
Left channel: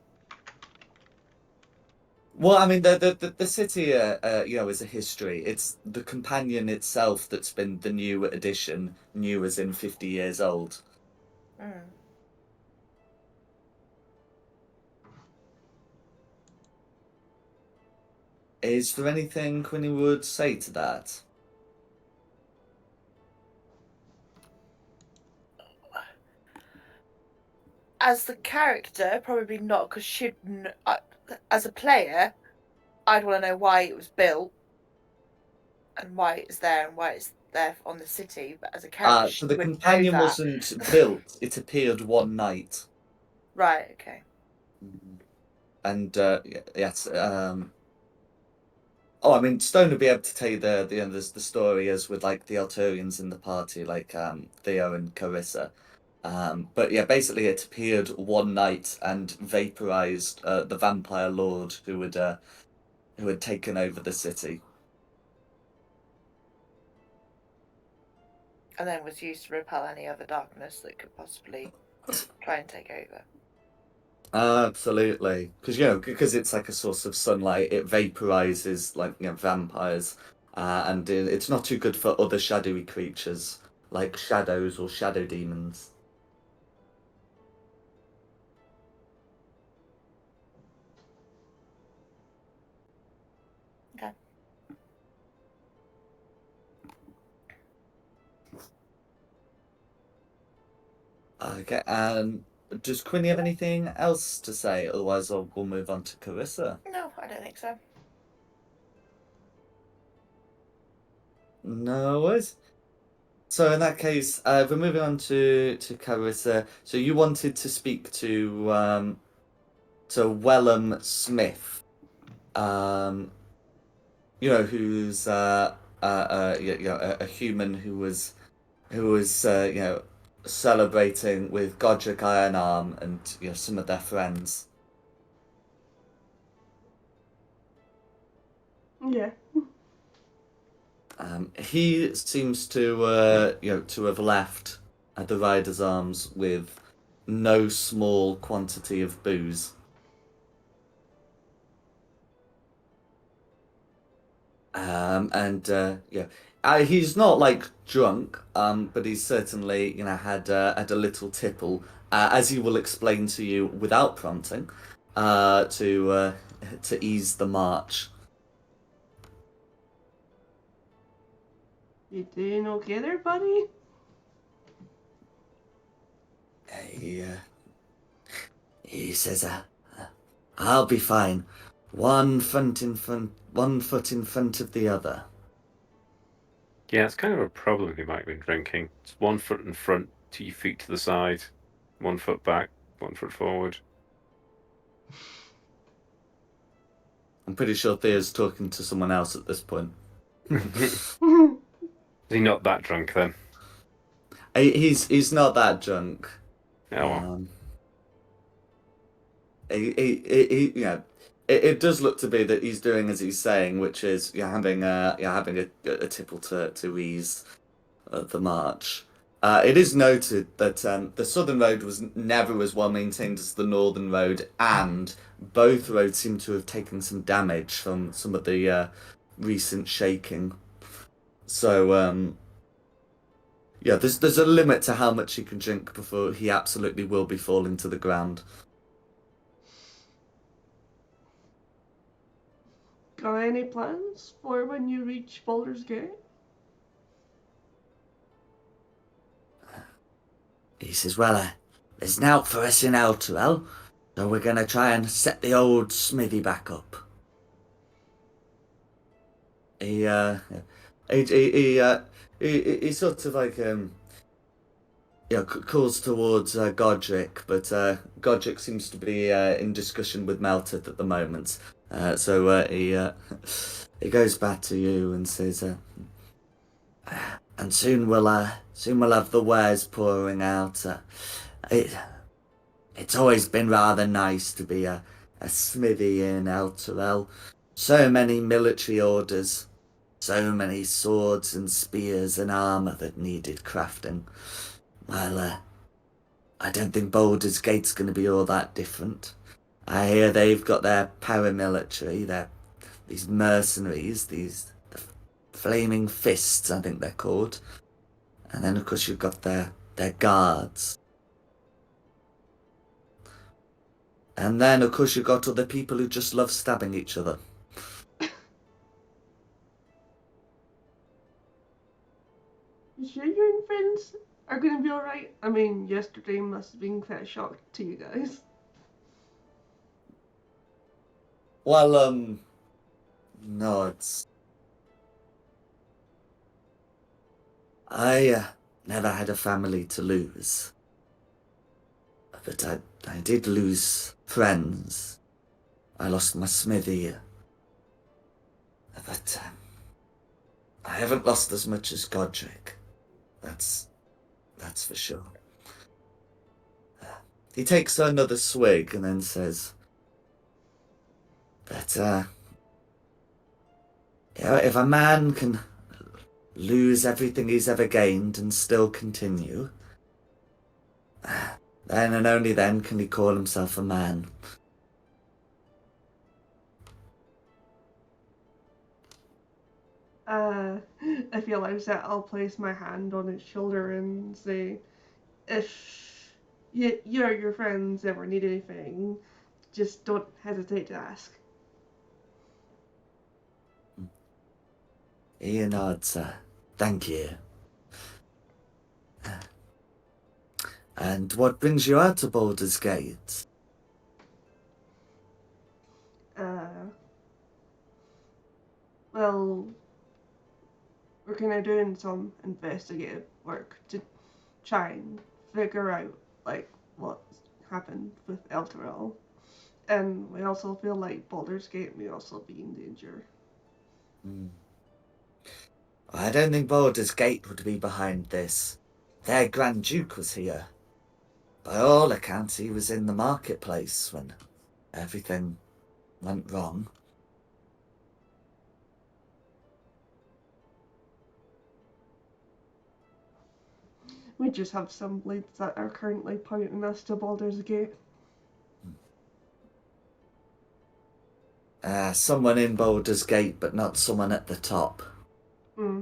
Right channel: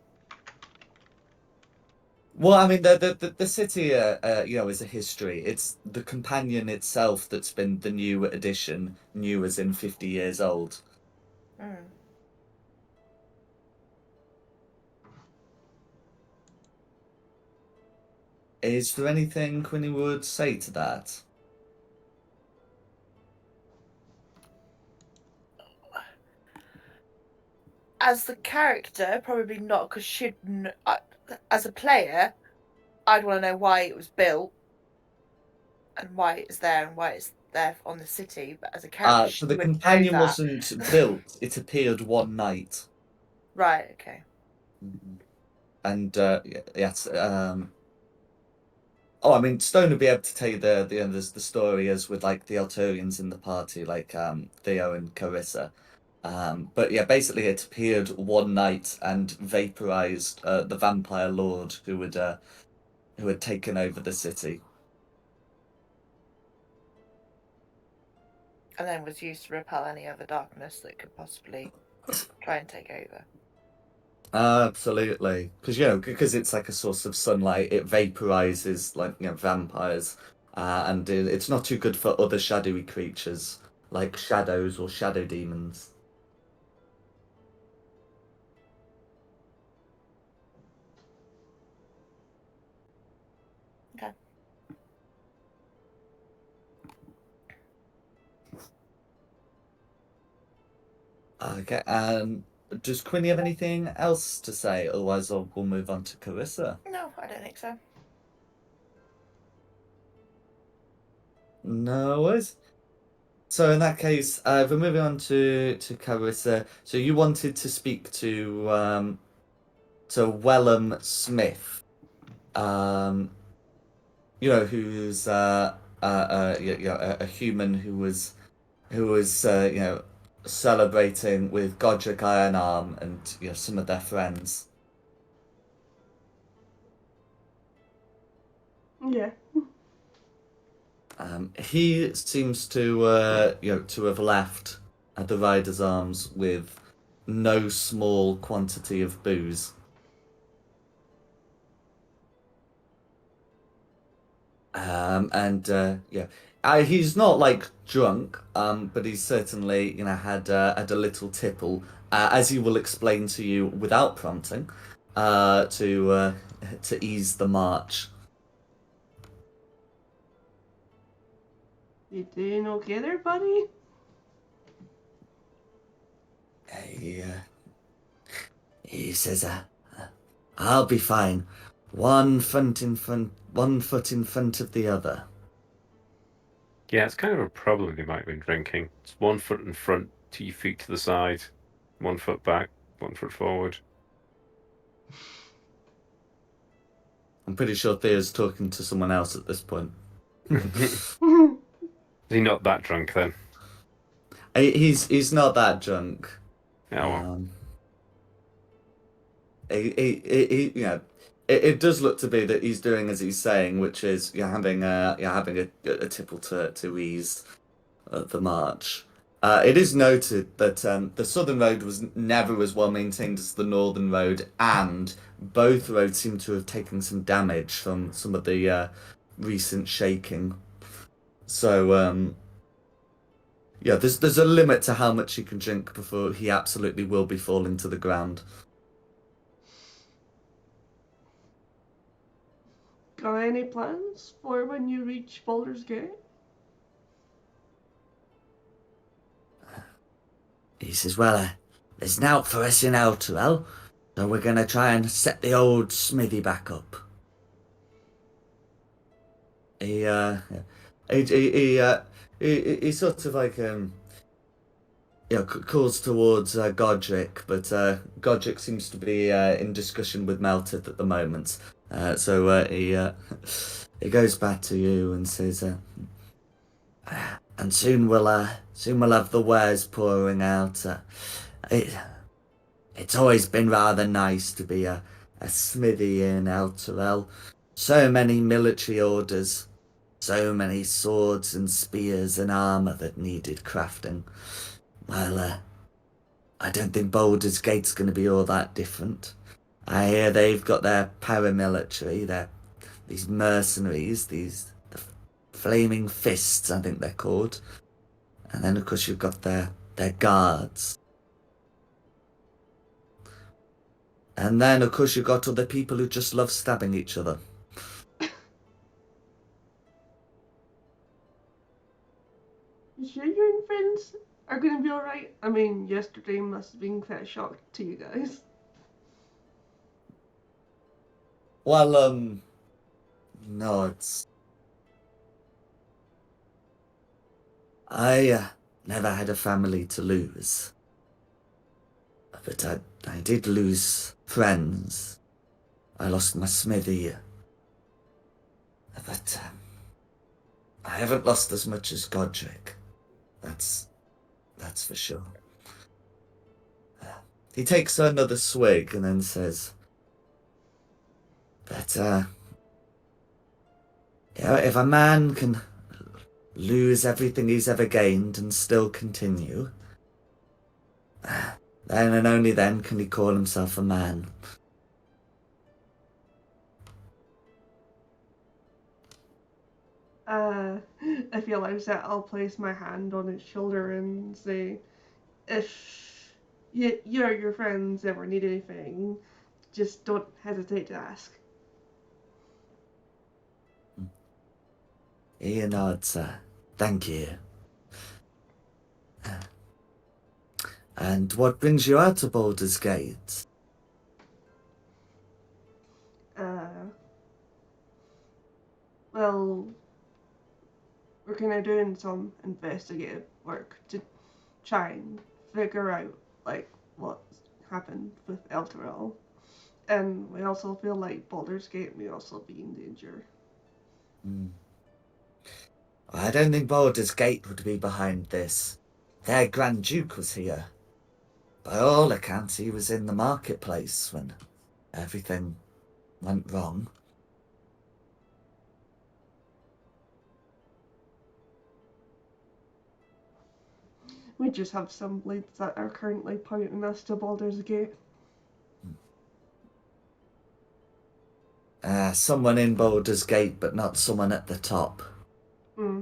Well, I mean, the city, is a history. It's the companion itself that's been the new addition, new as in 50 years old. Mm. Is there anything Quinny would say to that? As the character, probably not, because as a player, I'd want to know why it was built and why it's there and why it's there on the city. But as a character, she So the wouldn't know companion that. wasn't built, it appeared one night. Right, okay. And, yes, oh, I mean, Stone would be able to tell you the story as with, like, the Elturians in the party, like, Theo and Carissa. But yeah, basically it appeared one night and vaporized the vampire lord who had taken over the city. And then was used to repel any other darkness that could possibly try and take over. Absolutely, because it's like a source of sunlight, it vaporizes like vampires, and it's not too good for other shadowy creatures like shadows or shadow demons. Okay. Okay, does Quinny have anything else to say? Otherwise, we'll move on to Carissa. No, I don't think so. No worries. So in that case, we're moving on to Carissa. So you wanted to speak to Wellham Smith, who's a human who was celebrating with Godric Ironarm and some of their friends. Yeah. He seems to to have left at the Rider's Arms with no small quantity of booze. And he's not like drunk, but he's certainly had a little tipple, as he will explain to you without prompting, to ease the march. You doing okay there, buddy? He says, "I'll be fine. One foot in front of the other." Yeah, it's kind of a problem you might have been drinking. It's 1 foot in front, 2 feet to the side, 1 foot back, 1 foot forward. I'm pretty sure Theo's talking to someone else at this point. Is he not that drunk then? He's not that drunk. Oh, well. It does look to be that he's doing as he's saying, which is having a tipple to ease the march. It is noted that the southern road was never as well maintained as the northern road, and both roads seem to have taken some damage from some of the recent shaking. So there's a limit to how much he can drink before he absolutely will be falling to the ground. Got any plans for when you reach Baldur's Gate? He says, "Well, there's nought for us in Elturel, so we're gonna try and set the old smithy back up." He he he, uh, he sort of like calls towards Godric, but Godric seems to be in discussion with Meltith at the moment. So he goes back to you and says, "And soon we'll have the wares pouring out. It's always been rather nice to be a smithy in Elturel. So many military orders, so many swords and spears and armor that needed crafting. Well, I don't think Baldur's Gate's going to be all that different. I hear they've got their paramilitary, these mercenaries, the flaming fists, I think they're called. And then, of course, you've got their guards. And then, of course, you've got other people who just love stabbing each other." You sure you and friends are gonna be alright? I mean, yesterday must have been quite a shock to you guys. Well, no, I never had a family to lose. But I did lose friends. I lost my smithy. But I haven't lost as much as Godric. That's for sure. He takes another swig and then says, "But if a man can lose everything he's ever gained and still continue, then and only then can he call himself a man." If he allows that, I'll place my hand on his shoulder and say, if you or your friends ever need anything, just don't hesitate to ask. He nods, "Thank you." "And what brings you out to Baldur's Gate?" Well, we're kind of doing some investigative work to try and figure out, like, what's happened with Elturel. And we also feel like Baldur's Gate may also be in danger. I don't think Baldur's Gate would be behind this. Their Grand Duke was here. By all accounts, he was in the marketplace when everything went wrong. We just have some leads that are currently pointing us to Baldur's Gate. Someone in Baldur's Gate, but not someone at the top. Hmm.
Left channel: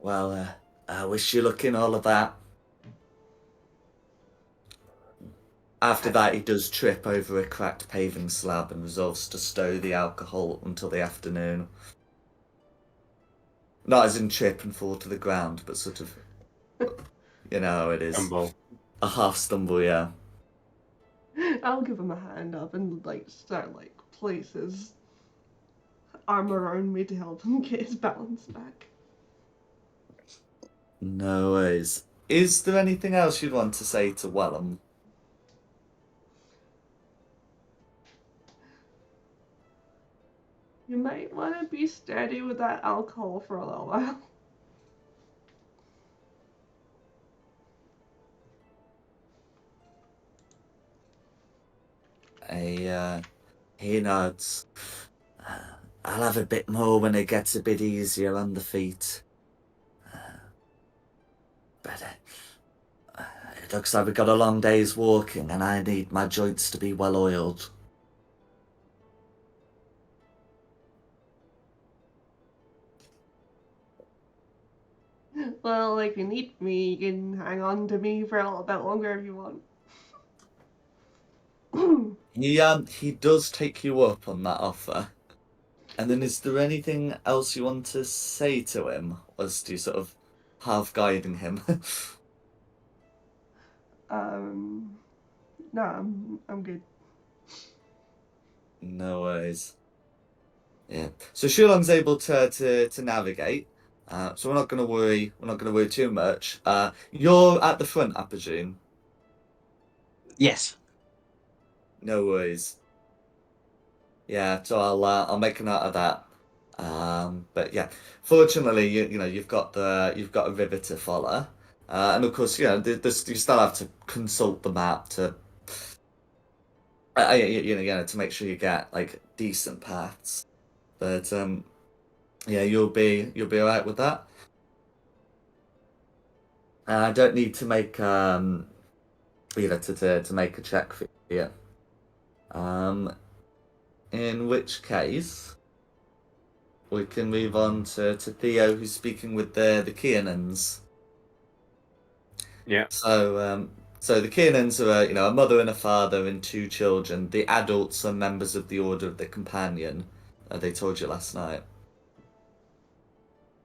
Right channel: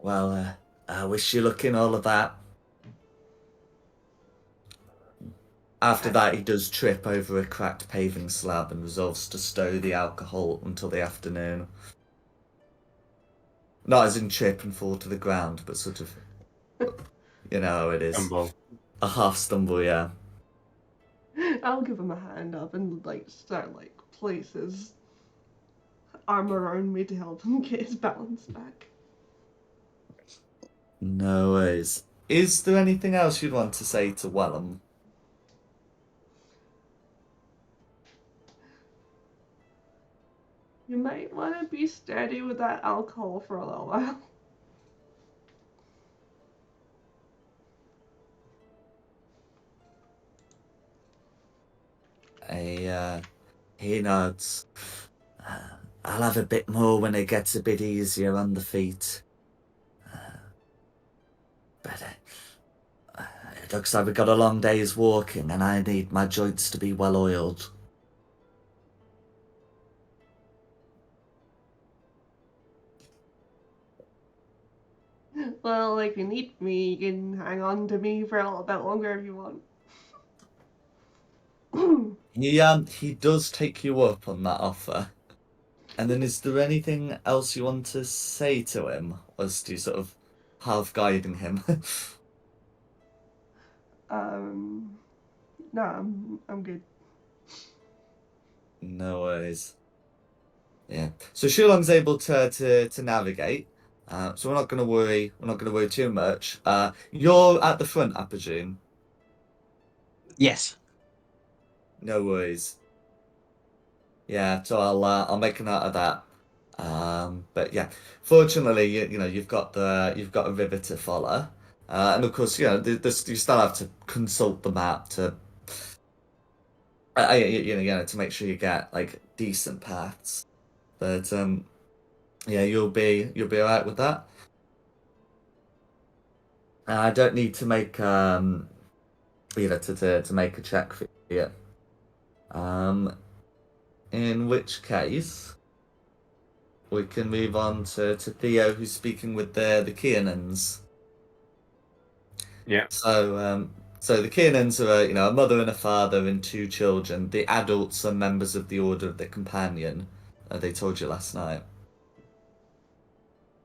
Well, I wish you luck in all of that. After that, he does trip over a cracked paving slab and resolves to stow the alcohol until the afternoon. Not as in trip and fall to the ground, but sort of, you know how it is. Stumble. A half stumble, yeah. I'll give him a hand up and like start like place his arm around me to help him get his balance back. No worries. Is there anything else you'd want to say to Wellham? You might want to be steady with that alcohol for a little while. He nods. I'll have a bit more when it gets a bit easier on the feet. But it looks like we've got a long day's walking, and I need my joints to be well oiled. Well, if you need me, you can hang on to me for a little bit longer if you want. He does take you up on that offer. And then is there anything else you want to say to him? As you sort of half guiding him? No, I'm good. No worries. Yeah. So Shulong's able to navigate. So we're not gonna worry. We're not gonna worry too much. You're at the front, I presume. Yes. No worries. Yeah. So I'll make a note of that. But yeah, fortunately, you know you've got a river to follow, and of course, you know, you still have to consult the map to, you know, to make sure you get like decent paths. But yeah, you'll be all right with that. I don't need to make you know, to make a check for you. In which case, we can move on to Theo, who's speaking with the Kiernans. Yeah. So the Kiernans are, you know, a mother and a father and two children. The adults are members of the Order of the Companion. They told you last night.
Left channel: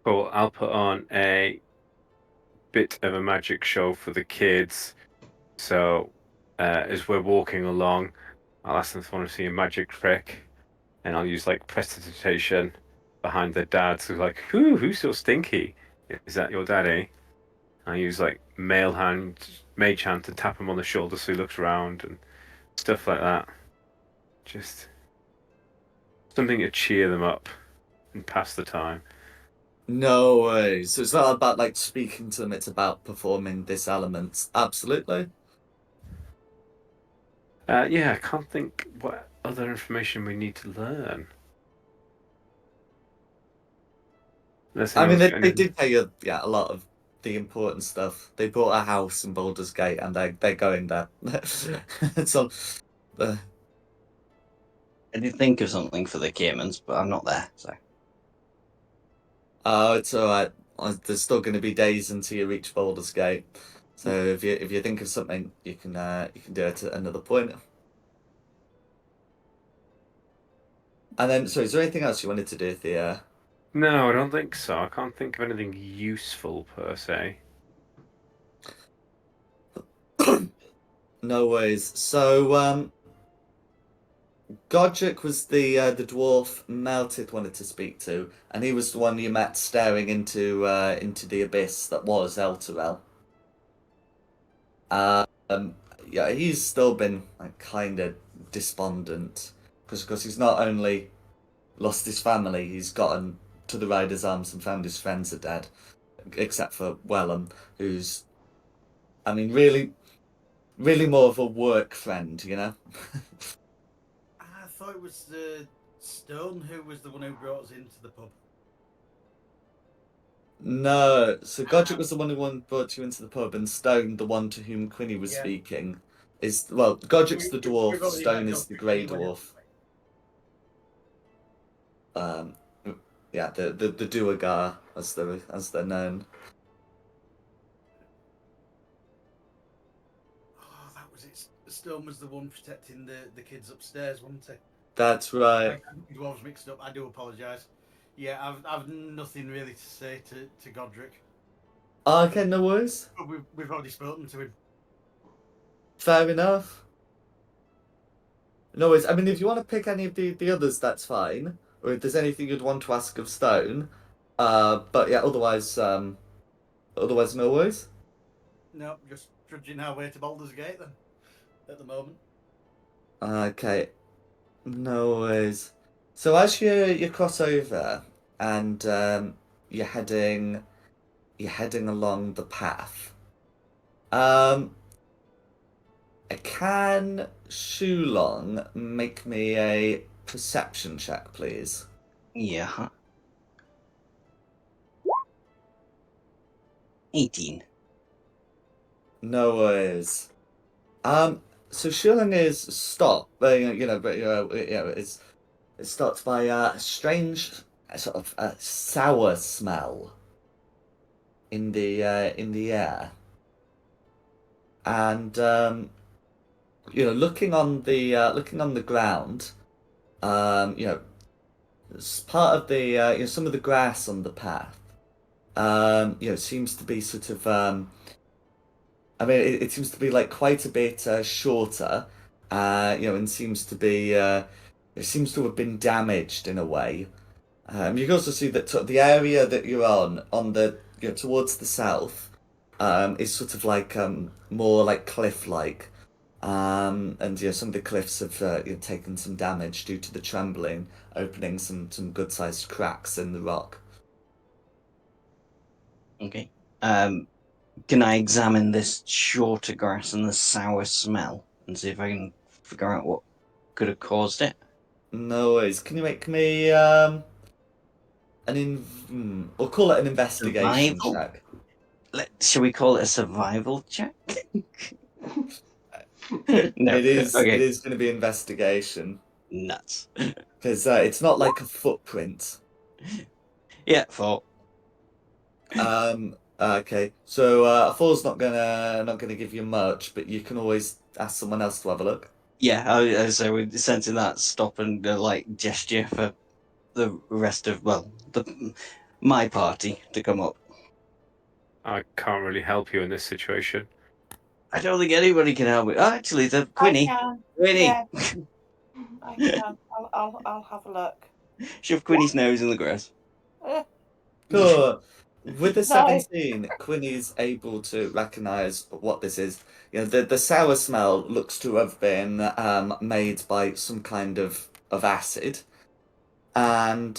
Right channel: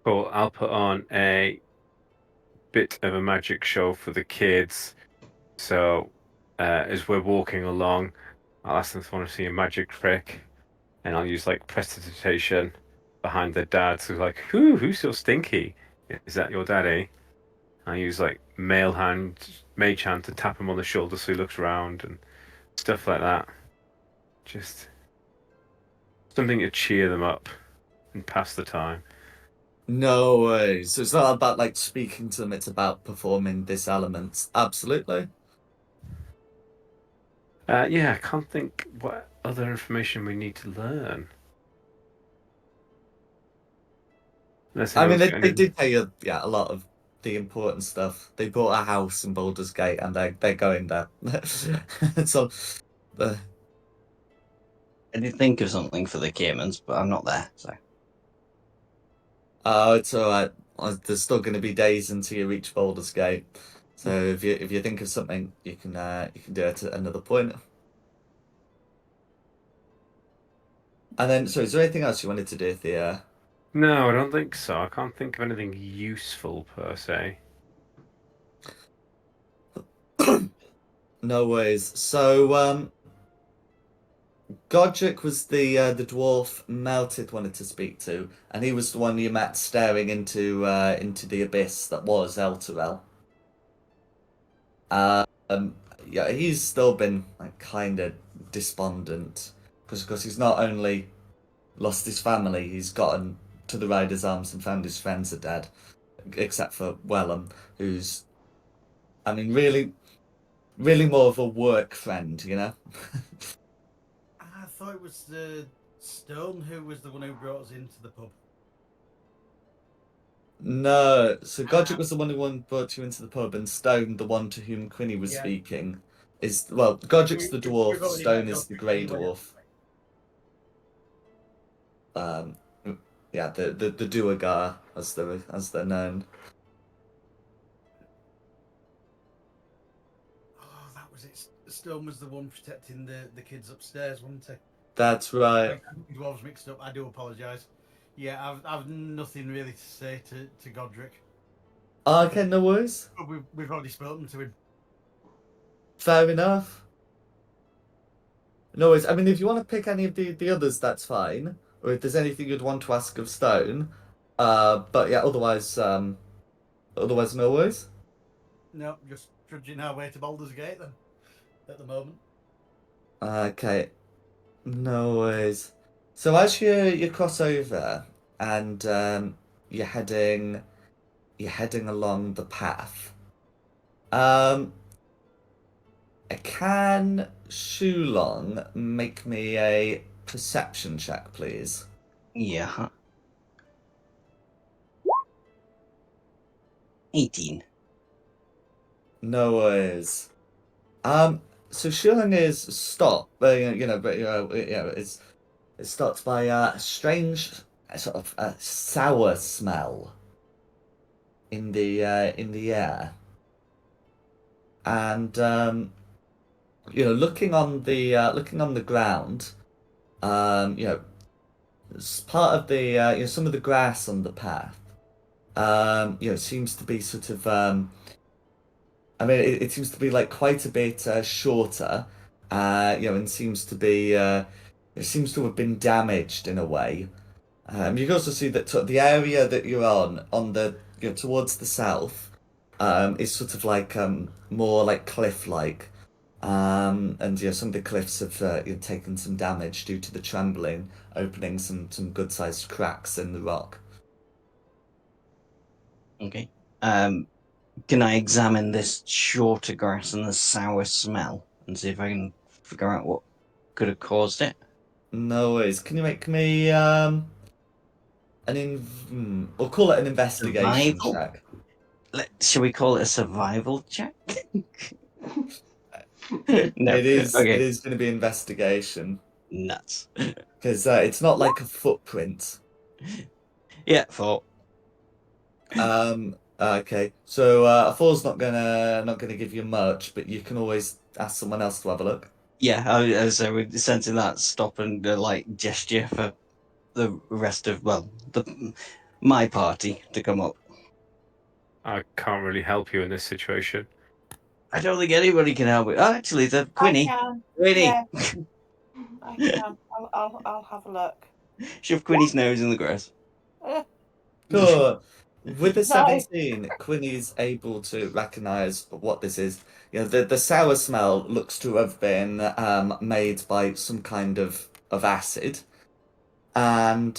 Cool. I'll put on a bit of a magic show for the kids. So, as we're walking along, I'll ask them if they want to see a magic trick, and I'll use like prestidigitation behind their dad. So like, who's so stinky? Is that your daddy? I use like mage hand to tap him on the shoulder so he looks around and stuff like that. Just something to cheer them up and pass the time. No way. So it's not about like speaking to them, it's about performing this element. Absolutely. Yeah, I can't think what other information we need to learn. Unless I mean, anyone's they, got they anything. did tell you, yeah, a lot of the important stuff. They bought a house in Baldur's Gate and they're going there. So, uh, I did think of something for the Caymans, but I'm not there, so. oh, it's all right. There's still going to be days until you reach Baldur's Gate. So if you think of something, you can do it at another point. And then, so is there anything else you wanted to do, Thea? No, I don't think so. I can't think of anything useful per se. No worries. So, Godric was the dwarf Meltith wanted to speak to, and he was the one you met staring into the abyss that was Elturel. Um, yeah, he's still been like kind of despondent. because he's not only lost his family, he's gotten to the Riders' Arms and found his friends are dead, except for Wellham, who's, I mean, really more of a work friend, you know? I thought it was Stone who was the one who brought us into the pub. No, so Godric was the one who brought you into the pub, and Stone, the one to whom Quinny was Yeah. speaking, is, well, Godric's the We've dwarf, already Stone met is the Godric grey anyway. dwarf. Yeah, the Duergar, as they're known. Oh, that was it. Stone was the one protecting the kids upstairs, wasn't he? That's I right. dwarves mixed up. I do apologise. Yeah, I've nothing really to say to Godric. Okay, no worries. But we've already spoken to him. Fair enough. No worries. I mean, if you want to pick any of the others, that's fine. Or if there's anything you'd want to ask of Stone. But yeah, otherwise no worries. No, just trudging our way to Baldur's Gate then. At the moment. Okay, no worries. So as you cross over and you're heading along the path. Can Shulong make me a perception check, please? Yeah. 18. No worries. So Shulong is stopped, but it's stopped by a strange sort of sour smell in the air, and looking on the ground, it's part of the some of the grass on the path, seems to be sort of I mean, it seems to be like quite a bit shorter, and seems to be it seems to have been damaged in a way. You can also see that the area that you're on the towards the south, is sort of like more like cliff-like, and some of the cliffs have taken some damage due to the trembling, opening some good-sized cracks in the rock. Okay. Can I examine this shorter grass and the sour smell and see if I can figure out what could have caused it? No worries. Can you make me we'll call it an investigation Survival? check. Shall we call it a survival check? No. It Okay. is going to be investigation Nuts. because it's not like a footprint. Yeah, 4. Okay. So a four's not gonna give you much, but you can always ask someone else to have a look. Yeah, so we're sensing that stop and gesture for the rest of my party to come up. I can't really help you in this situation. I don't think anybody can help me. Oh, actually, the Quinny. I can. Quinny. Yeah, I can. I'll have a look. Shove Quinny's nose in the grass. Cool. With the No. 17, Quinny's able to recognize what this is. The sour smell looks to have been made by some kind of acid, and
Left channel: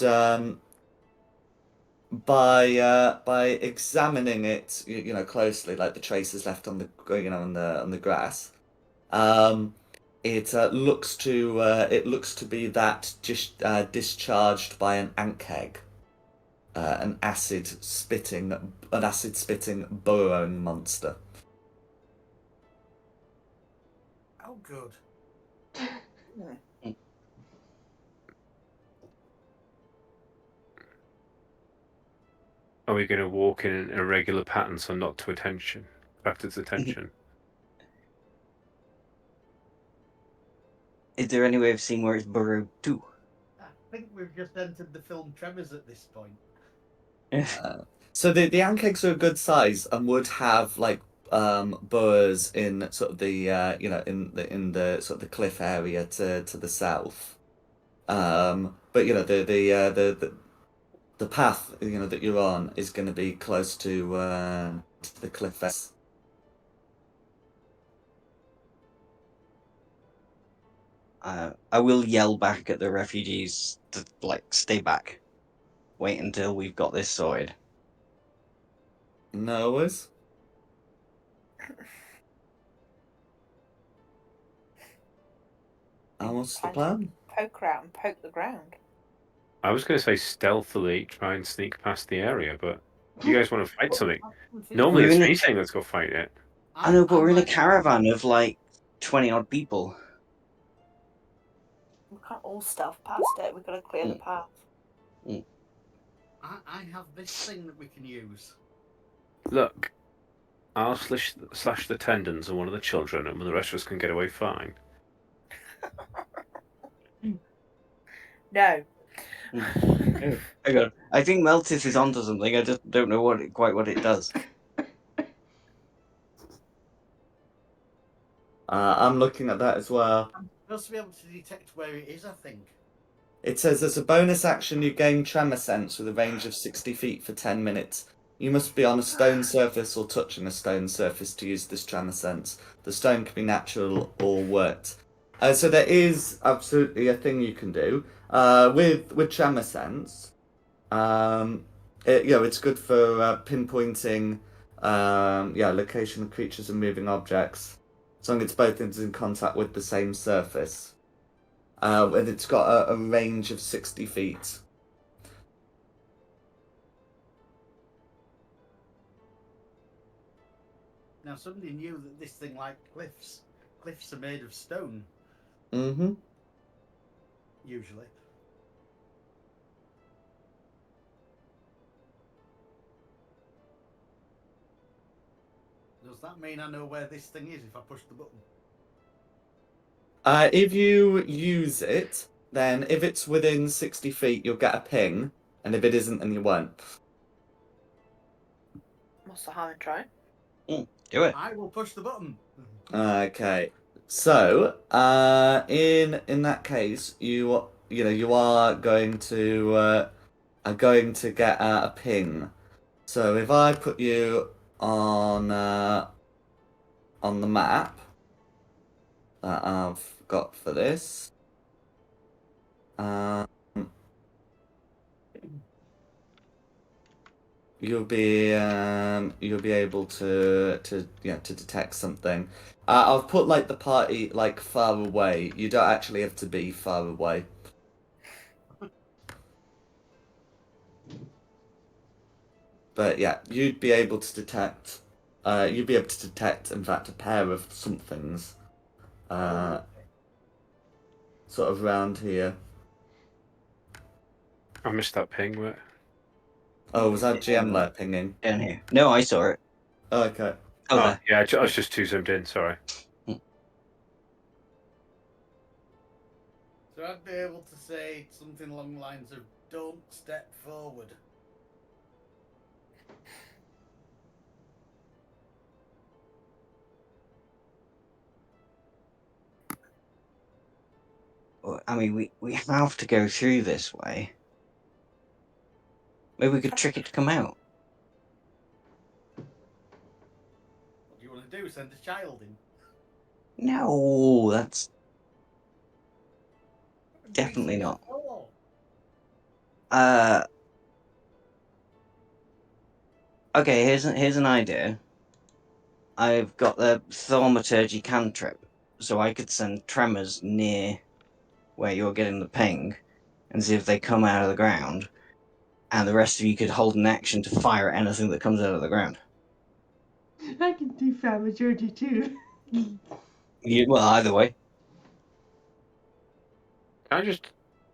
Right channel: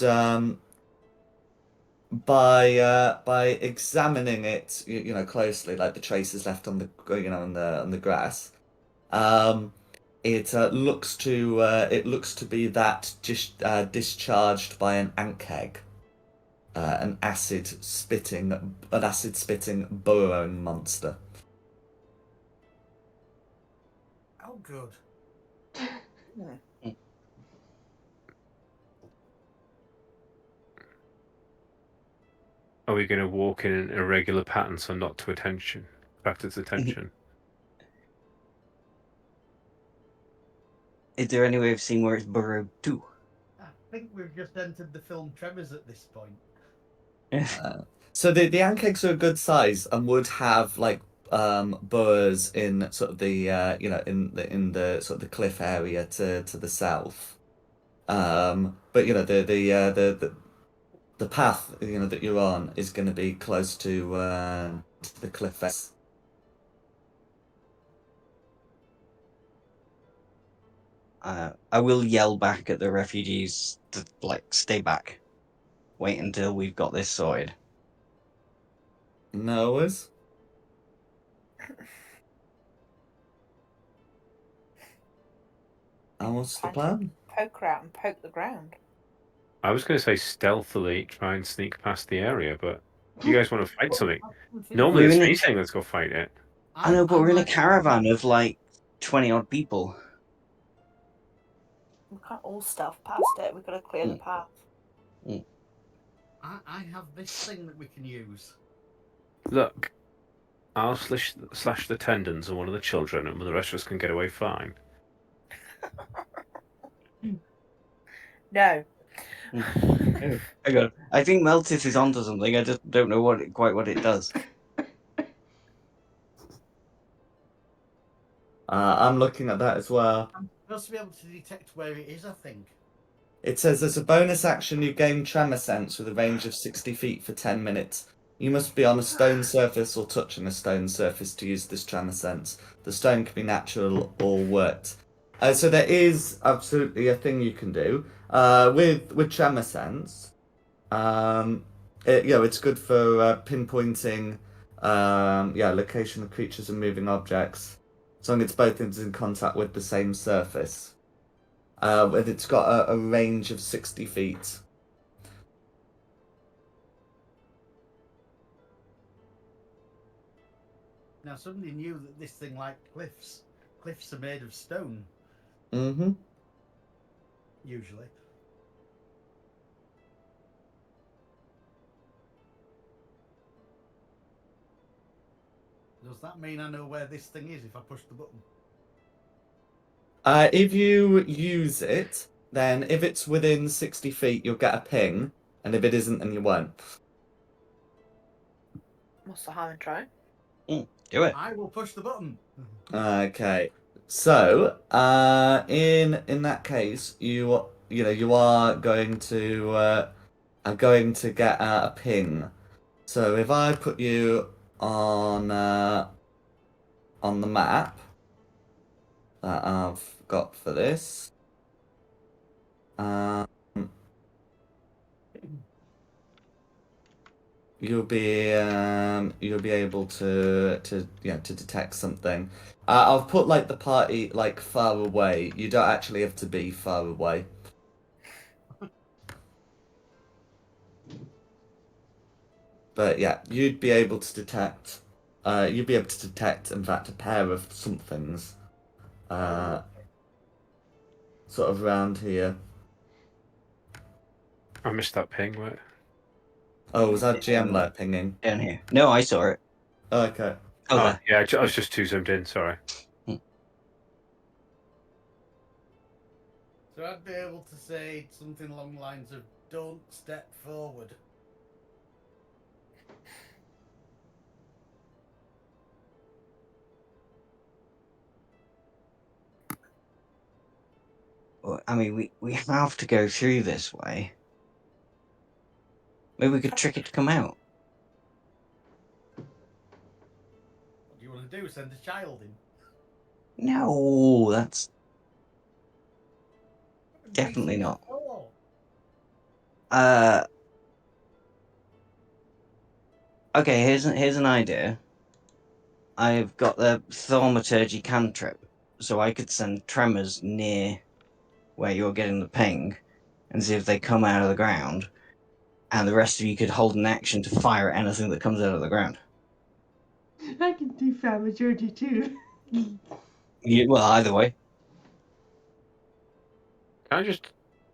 by examining it, closely, like the traces left on the on the grass, um, it looks to be that just discharged by an ankeg, an acid spitting burrowing monster. Oh, good. Are we going to walk in an irregular pattern so not to attract its attention? Is there any way of seeing where it's burrowed to? I think we've just entered the film Tremors at this point. So the ankegs are a good size and would have like burrs in sort of the in the sort of the cliff area to the south. But the path that you're on is going to be close to the cliff face. I will yell back at the refugees to stay back. Wait until we've got this sorted. No worries. And what's the plan? Poke around and poke the ground. I was going to say stealthily try and sneak past the area, but you guys want to fight something? Normally We're it's in me a- saying let's go fight it. I know, but we're in a like- caravan of 20-odd people. We can't all stealth past it. We've got to clear the path. I have this thing that we can use. Look, I'll slash the tendons of one of the children, and the rest of us can get away fine. No. Hang on. I think Meltis is onto something. I just don't know quite what it does. I'm looking at that as well. I'm supposed to be able to detect where it is, I think. It says as a bonus action, you gain tremor sense with a range of 60 feet for 10 minutes. You must be on a stone surface or touching a stone surface to use this tremor sense. The stone can be natural or worked. So there is absolutely a thing you can do with tremor sense. It's good for pinpointing, location of creatures and moving objects, as long as it's both in contact with the same surface. And it's got a range of 60 feet. Now, somebody knew that this thing like cliffs. Cliffs are made of stone, Mm-hmm. usually. Does that mean I know where this thing is if I push the button? If you use it, then if it's within 60 feet, you'll get a ping, and if it isn't, then you won't. What's the harm in trying? Do it. I will push the button. Okay. So, in that case, you are going to get a ping. So if I put you on the map that I've got for this, you'll be able to detect something. I've put the party far away. You don't actually have to be far away. But yeah, you'd be able to detect. You'd be able to detect, in fact, a pair of somethings. Sort of around here. I missed that ping. What? Oh, was that GM there pinging? Down here. No, I saw it. Oh, okay. Oh, Oh, there. yeah, I was just too zoomed in. Sorry. So I'd be able to say something along the lines of "Don't step forward." Well, I mean, we have to go through this way. Maybe we could trick it to come out. What do you want to do? Send a child in? No, that's It'd be definitely such a not. bore. Okay, here's an idea. I've got the thaumaturgy cantrip, so I could send tremors near where you're getting the ping and see if they come out of the ground, and the rest of you could hold an action to fire at anything that comes out of the ground. I can do Famajordy too. Well, either way. Can I just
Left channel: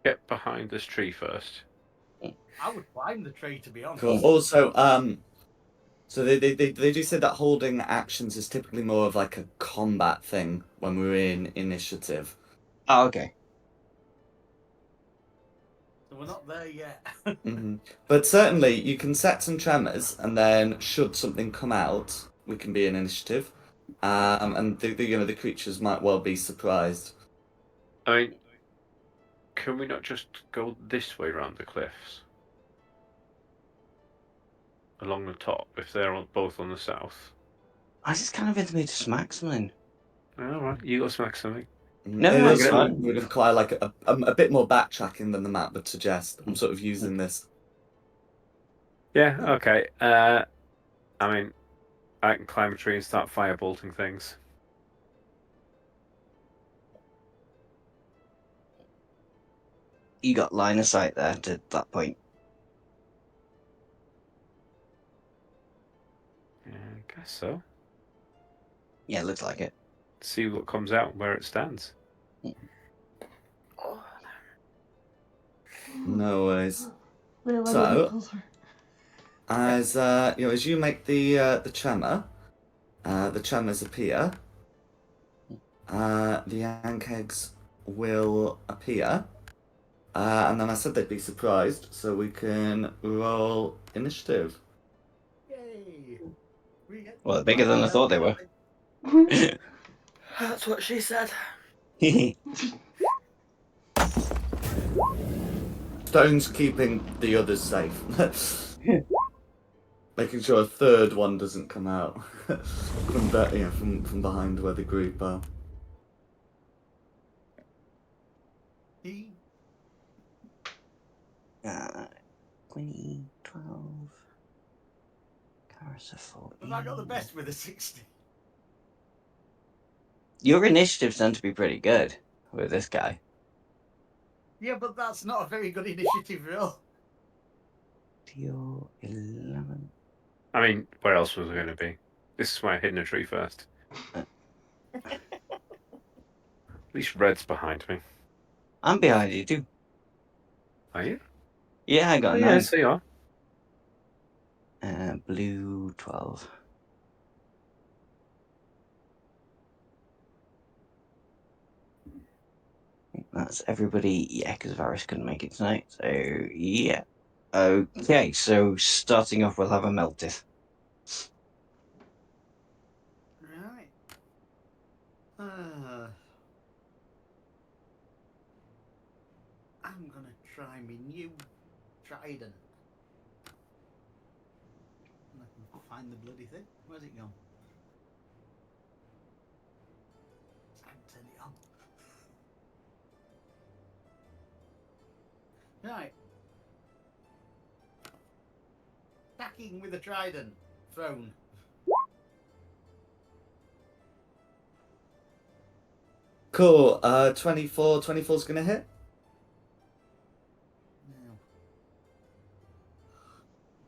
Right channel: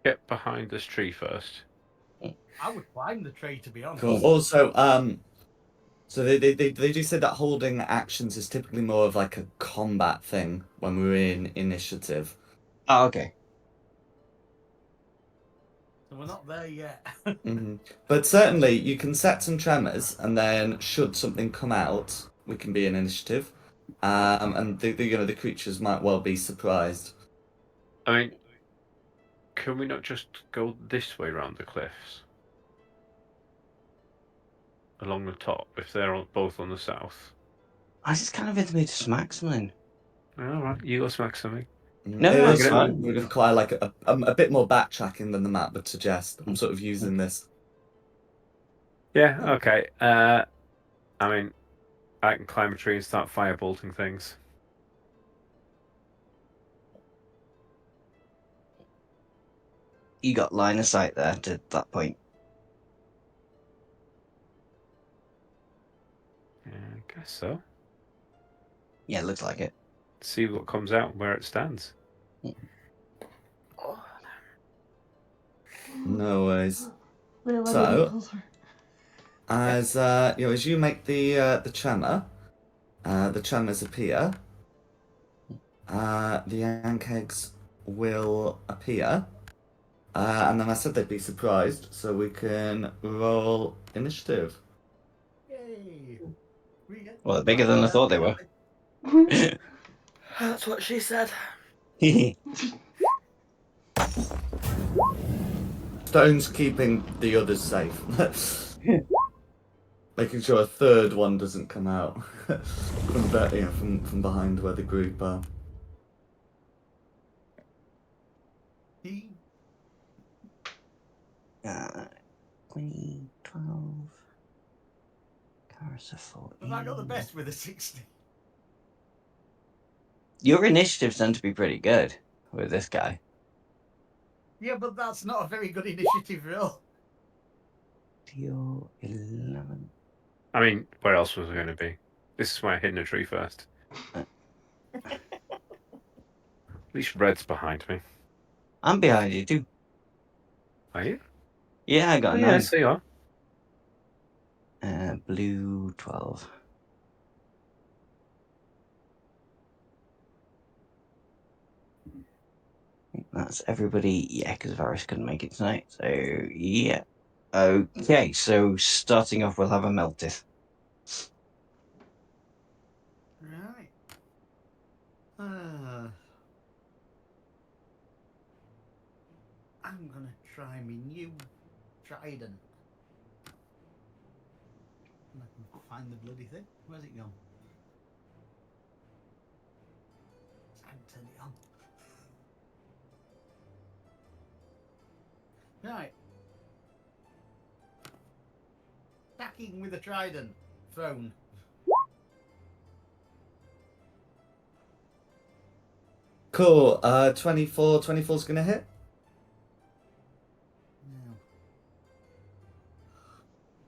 get behind this tree first? I would climb the tree, to be honest. Cool. Also, so they do say that holding actions is typically more of a combat thing when we're in initiative. Oh, okay. So we're not there yet. But certainly you can set some tremors, and then should something come out, we can be in initiative. And the creatures might well be surprised. I mean, can we not just go this way around the cliffs? Along the top, if they're both on the south. I just kind of into me to smack something. All right, you go smack something. No, It no, was it's fine. would require like a bit more backtracking than the map would suggest. I'm sort of using this. Yeah, okay. I mean, I can climb a tree and start firebolting things. You got line of sight there to that point. Yeah, I guess so. Yeah, looks like it. See what comes out and where it stands. Oh, No worries. We're So- getting closer. As as you make the tremors appear, the yank eggs will appear, and then I said they'd be surprised, so we can roll initiative. Yay! Well, they're bigger than I thought they were. that's what she said. Stone's keeping the others safe, making sure a third one doesn't come out from behind where the group are. He 20, 12. Carissa 14. have I got the best with a 60? Your initiatives tend to be pretty good with this guy. Yeah, but that's not a very good initiative roll. Your 11. I mean, where else was I going to be? This is why I hid in a tree first. At least Red's behind me. I'm behind you too. Are you? Yeah, I got Oh, a yeah, 9. so you are. Blue 12. That's everybody. Yeah, because Varys couldn't make it tonight. So, yeah. Okay, so starting off, we'll have a Meltith. Right. I'm gonna try my new trident. And I can find the bloody thing. Where's it gone? I can turn it on. Right. Attacking with a trident. Thrown. Cool. 24. 24's gonna hit. Now.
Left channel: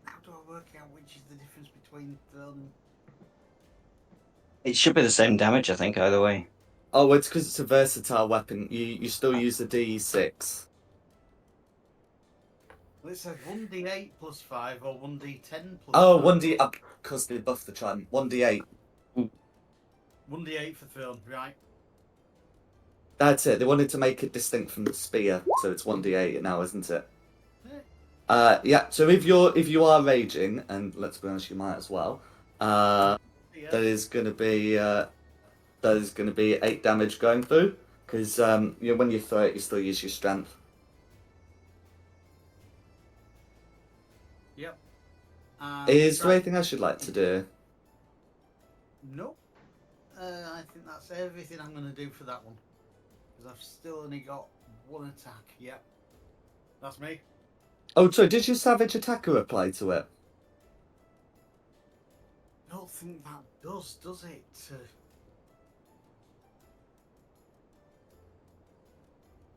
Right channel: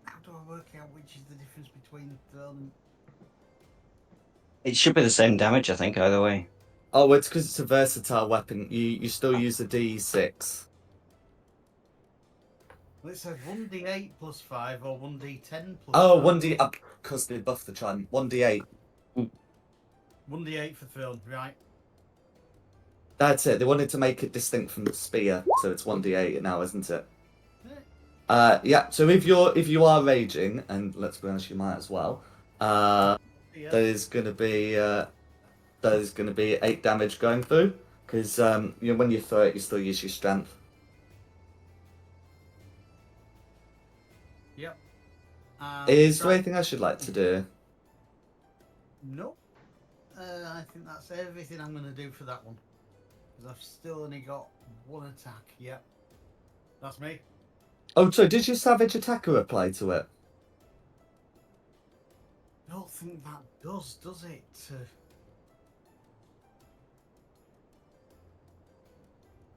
How do I work out which is the difference between thrown and... It should be the same damage, I think, either way. Oh, it's because it's a versatile weapon. You still use a D6. Well, it says 1d8 plus 5 or 1d10 plus Oh, 5. 1D. Because they buffed the trident. 1D8. 1d8 for thrown, right. That's it. They wanted to make it distinct from the spear, so it's 1D8 now, isn't it? Yeah. Yeah. So if you are raging, and let's be honest, you might as well. Yeah. There is gonna be 8 damage going through because when you throw it, you still use your strength. Yep. Is there anything else you'd like to do? Nope. I think that's everything I'm going to do for that one. Because I've still only got one attack. Yep. That's me. Oh, sorry. Did your savage attacker apply to it? I don't think that does it?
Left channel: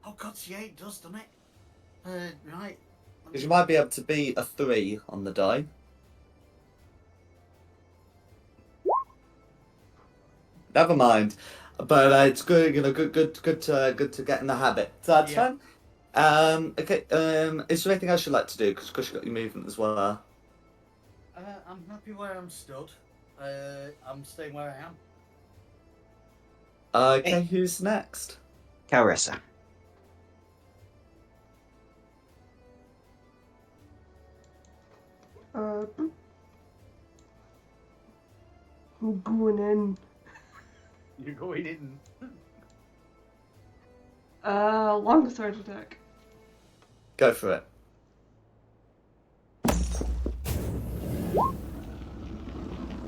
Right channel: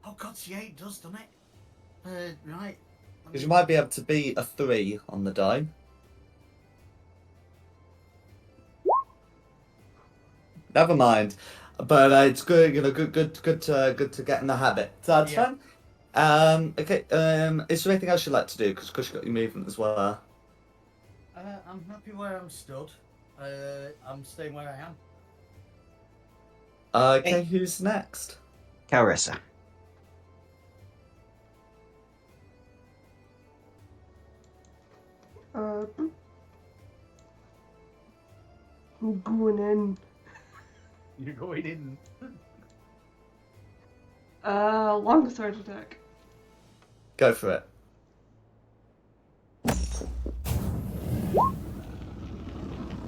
Oh, God, yeah, it does, doesn't it? Right. Because you might be able to beat a 3 on the die. Never mind. But it's good, good to get in the habit. So that's Yeah. fine. Okay. Is there anything else you'd like to do? Because you've got your movement as well. I'm happy where I'm stood. I'm staying where I am. Okay. Who's next? Carissa. I'm going in. You're going in. Longsword attack. Go for it.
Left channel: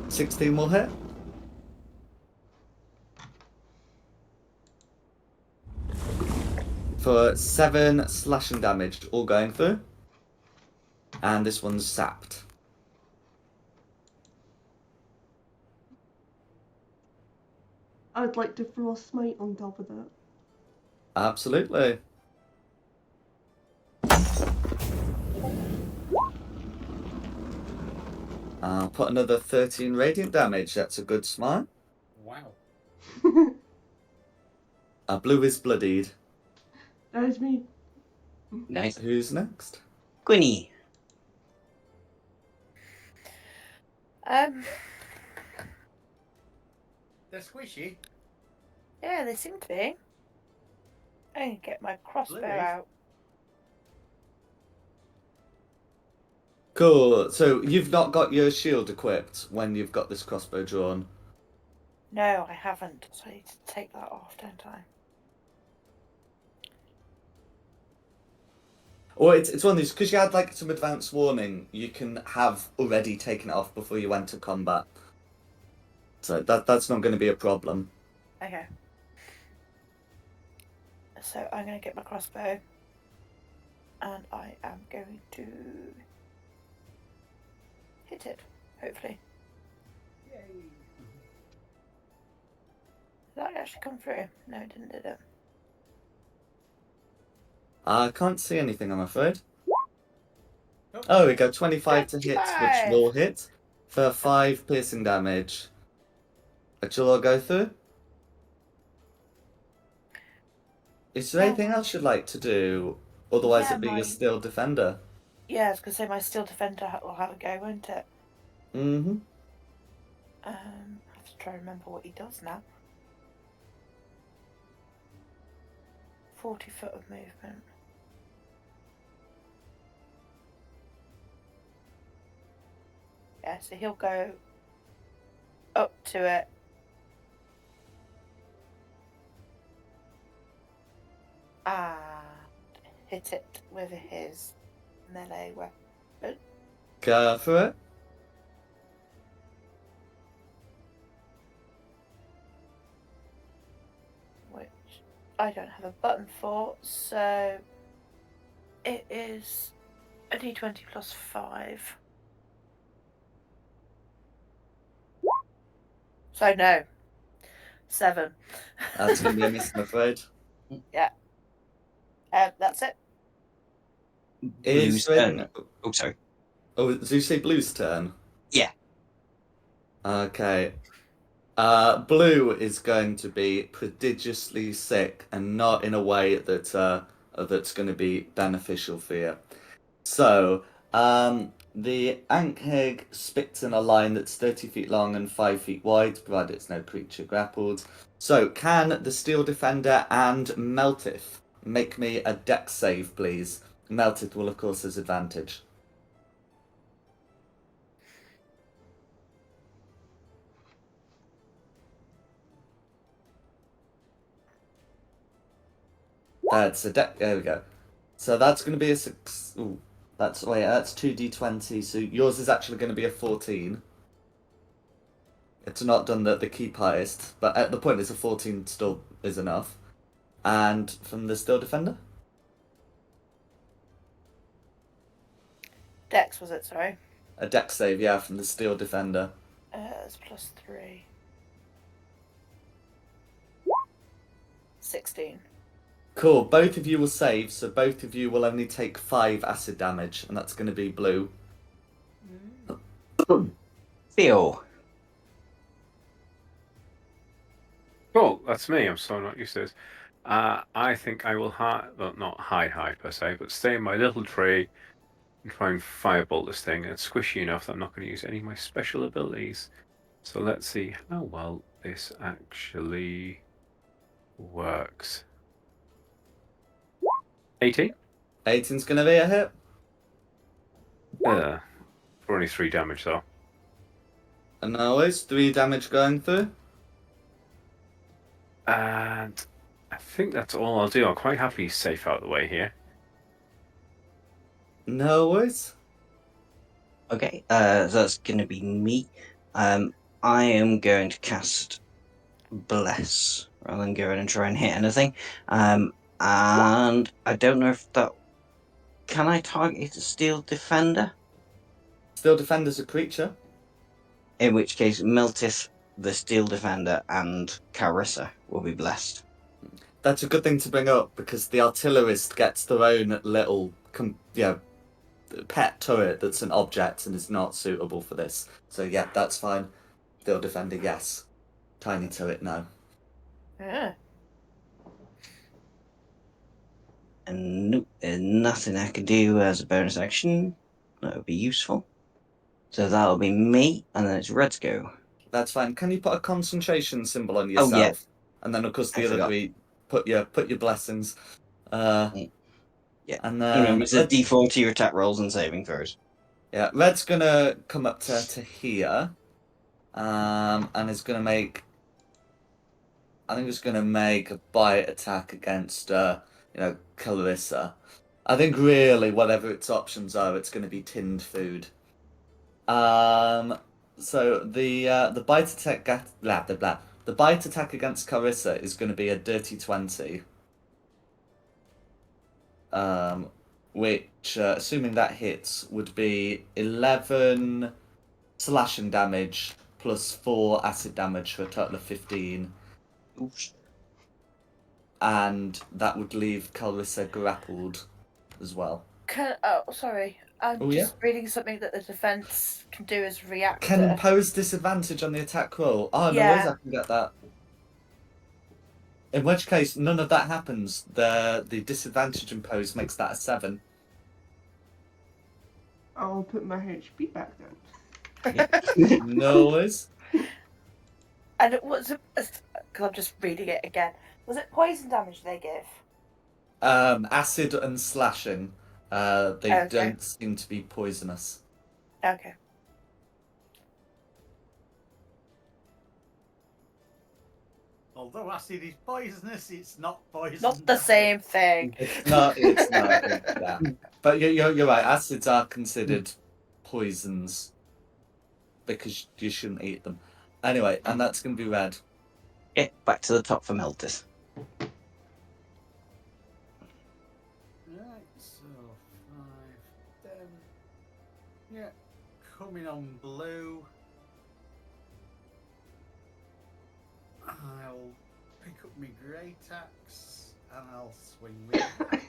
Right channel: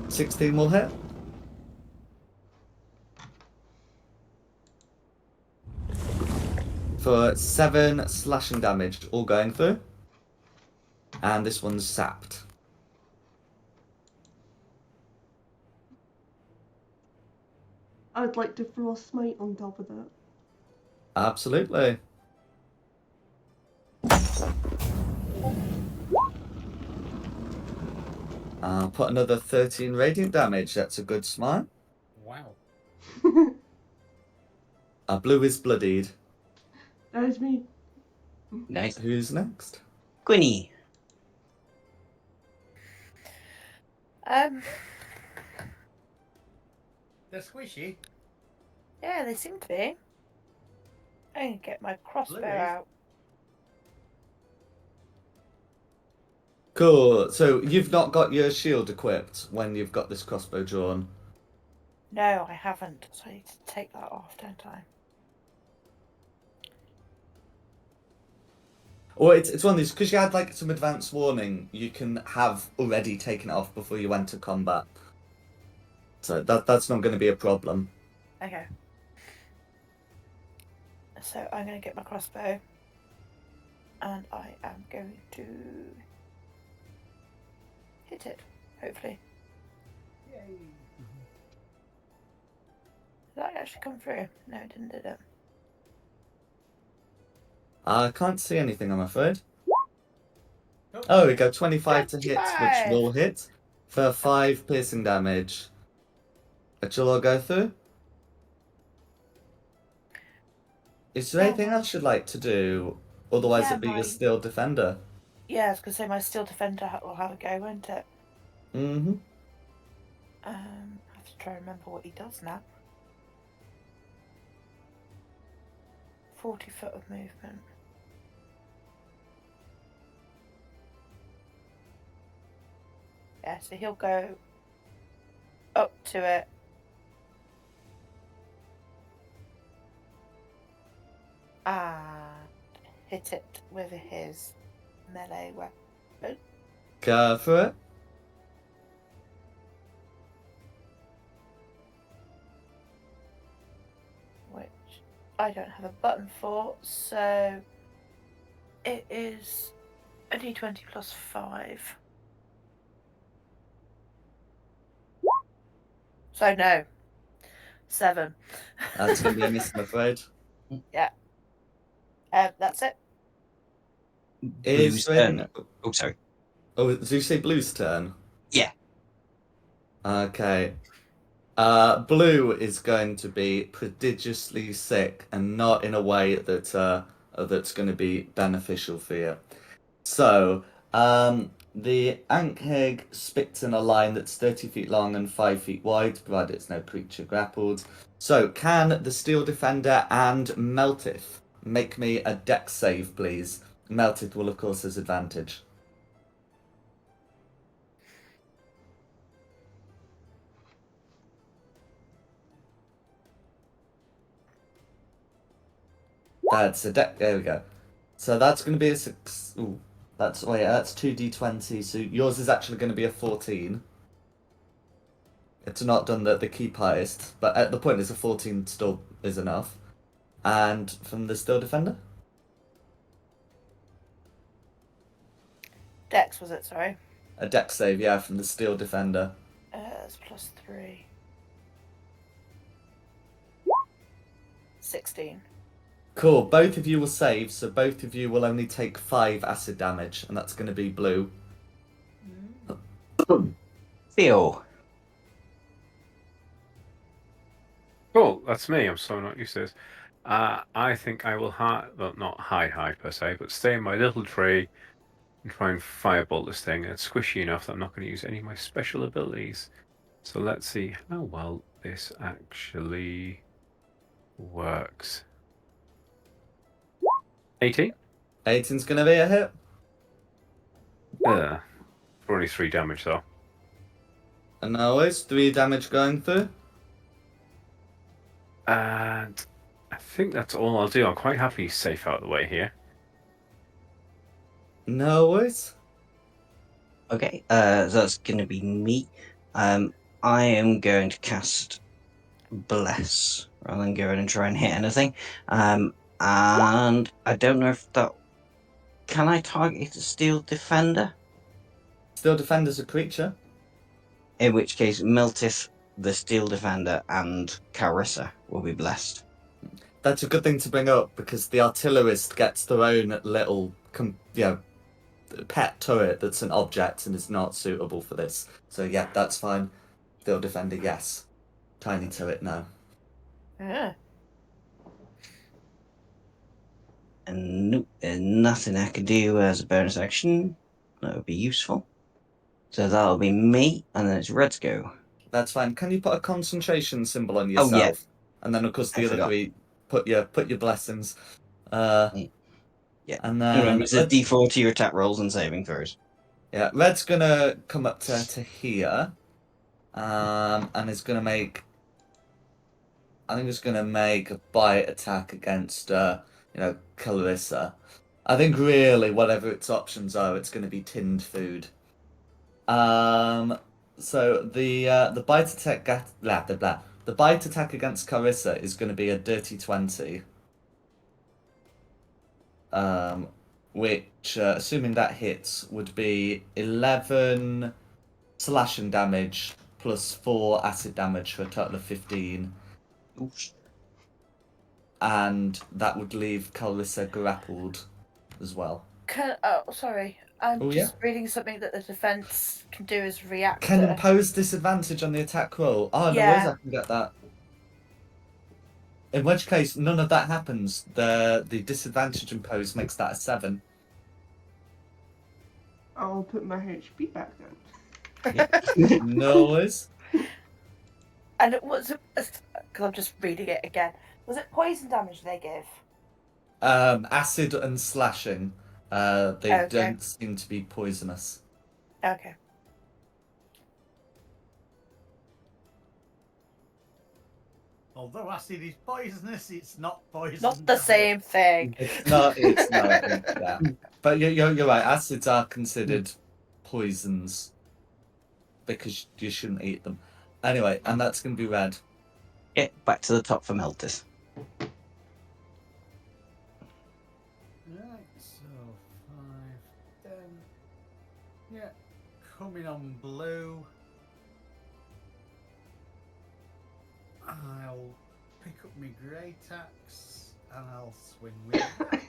16 will hit. for 7 slashing damage, all going through. And this one's sapped. I'd like to throw a smite on top of that. Absolutely. I'll put another 13 radiant damage. That's a good smite. Wow. Blue is bloodied. That is me. Nice. Who's next? Quinny. They're squishy. Yeah, they seem to be. I can get my crossbow Bluey. out. Cool. So you've not got your shield equipped when you've got this crossbow drawn. No, I haven't. So I need to take that off, don't I? Or it's one of these, because you had like some advance warning, you can have already taken it off before you went to combat. So that's not going to be a problem. Okay. So I'm going to get my crossbow. And I am going to hit it, hopefully. Yay. Did that actually come through? No, it didn't, did it? I can't see anything, I'm afraid. Oh, we go 25 to hit, which 25. will hit for 5 piercing damage. Which will all go through. Is there anything else you'd like to do? Otherwise, Yeah, it'd be my- your steel defender. Yeah, I was going to say my steel defender will have a go, won't it? Mm-hmm. I have to try and remember what he does now. 40 foot of movement. Yeah, so he'll go up to it. And hit it with his melee weapon. Go for it. Which I don't have a button for, so it is a d20 plus 5. So no. 7. That's going to be a miss, I'm afraid. Yeah. That's it. Blue's Is there turn. Oh, sorry. Oh, did you say Blue's turn? Yeah. Okay. Blue is going to be prodigiously sick, and not in a way that that's going to be beneficial for you. So, the Ankheg spits in a line that's 30 feet long and 5 feet wide, provided it's no creature grappled. So, can the Steel Defender and Meltith make me a dex save, please? Meltith will, of course, have advantage. That's a deck. There we go. So that's going to be a 6. Ooh, that's 2d20. So yours is actually going to be a 14. It's not done the keep highest, but at the point it's a 14 still is enough. And from the Steel Defender? Dex was it, sorry? A dex save, yeah, from the Steel Defender. It's plus 3. 16. Cool, both of you will save, so both of you will only take 5 acid damage, and that's going to be Blue. Theo. Cool, that's me. I'm so not used to this. I think I will well, not high per se, but stay in my little tree and try and firebolt this thing. And it's squishy enough that I'm not going to use any of my special abilities. So let's see how well this actually works. 18? 18's going to be a hit. For only 3 damage though. And always 3 damage going through. And I think that's all I'll do. I'm quite happy he's safe out of the way here. No worries. Okay, that's going to be me. I am going to cast Bless rather than go in and try and hit anything. And I don't know if that. Can I target a steel defender? Steel Defender's a creature. In which case, Meltis, the steel defender, and Carissa will be blessed. That's a good thing to bring up because the artillerist gets their own little, pet turret that's an object and is not suitable for this. So yeah, that's fine. Steel Defender, yes. Tiny turret, no. Yeah. And nope, there's nothing I can do as a bonus action. That would be useful. So that'll be me, and then it's Red's go. That's fine. Can you put a concentration symbol on Oh, yeah. yourself? And then of course I the other forgot. three put your blessings. Yeah. And Remember, then it's a D4 to your attack rolls and saving throws. yeah, Red's gonna come up to here. And is gonna make I think it's gonna make a bite attack against Clarissa. I think really whatever its options are, it's gonna be tinned food. So the bite attack blah blah blah. The bite attack against Clarissa is going to be a dirty 20. Which assuming that hits would be 11 slashing damage plus 4 acid damage for a total of 15, Oops. and that would leave Clarissa grappled as well. Sorry. I'm Oh, just reading something that the defense can do as reactor. Can impose disadvantage on the attack roll. Oh, no Yeah. worries, I can get that. In which case, none of that happens. The disadvantage imposed makes that a 7. I'll put my HP back then. No worries. And it was because I'm just reading it again. Was it poison damage they give? Acid and slashing. They Okay. don't seem to be poisonous. Okay. Although acid is poisonous, it's not poison. Not the same thing. It's not. It's not. Yeah. But you're right. Acids are considered poisons because you shouldn't eat them. Anyway, and that's going to be red. Yeah, back to the top for Meltis. Right, so 5, 10. Yeah, coming on blue. I'll pick up my grey axe and I'll swing with it.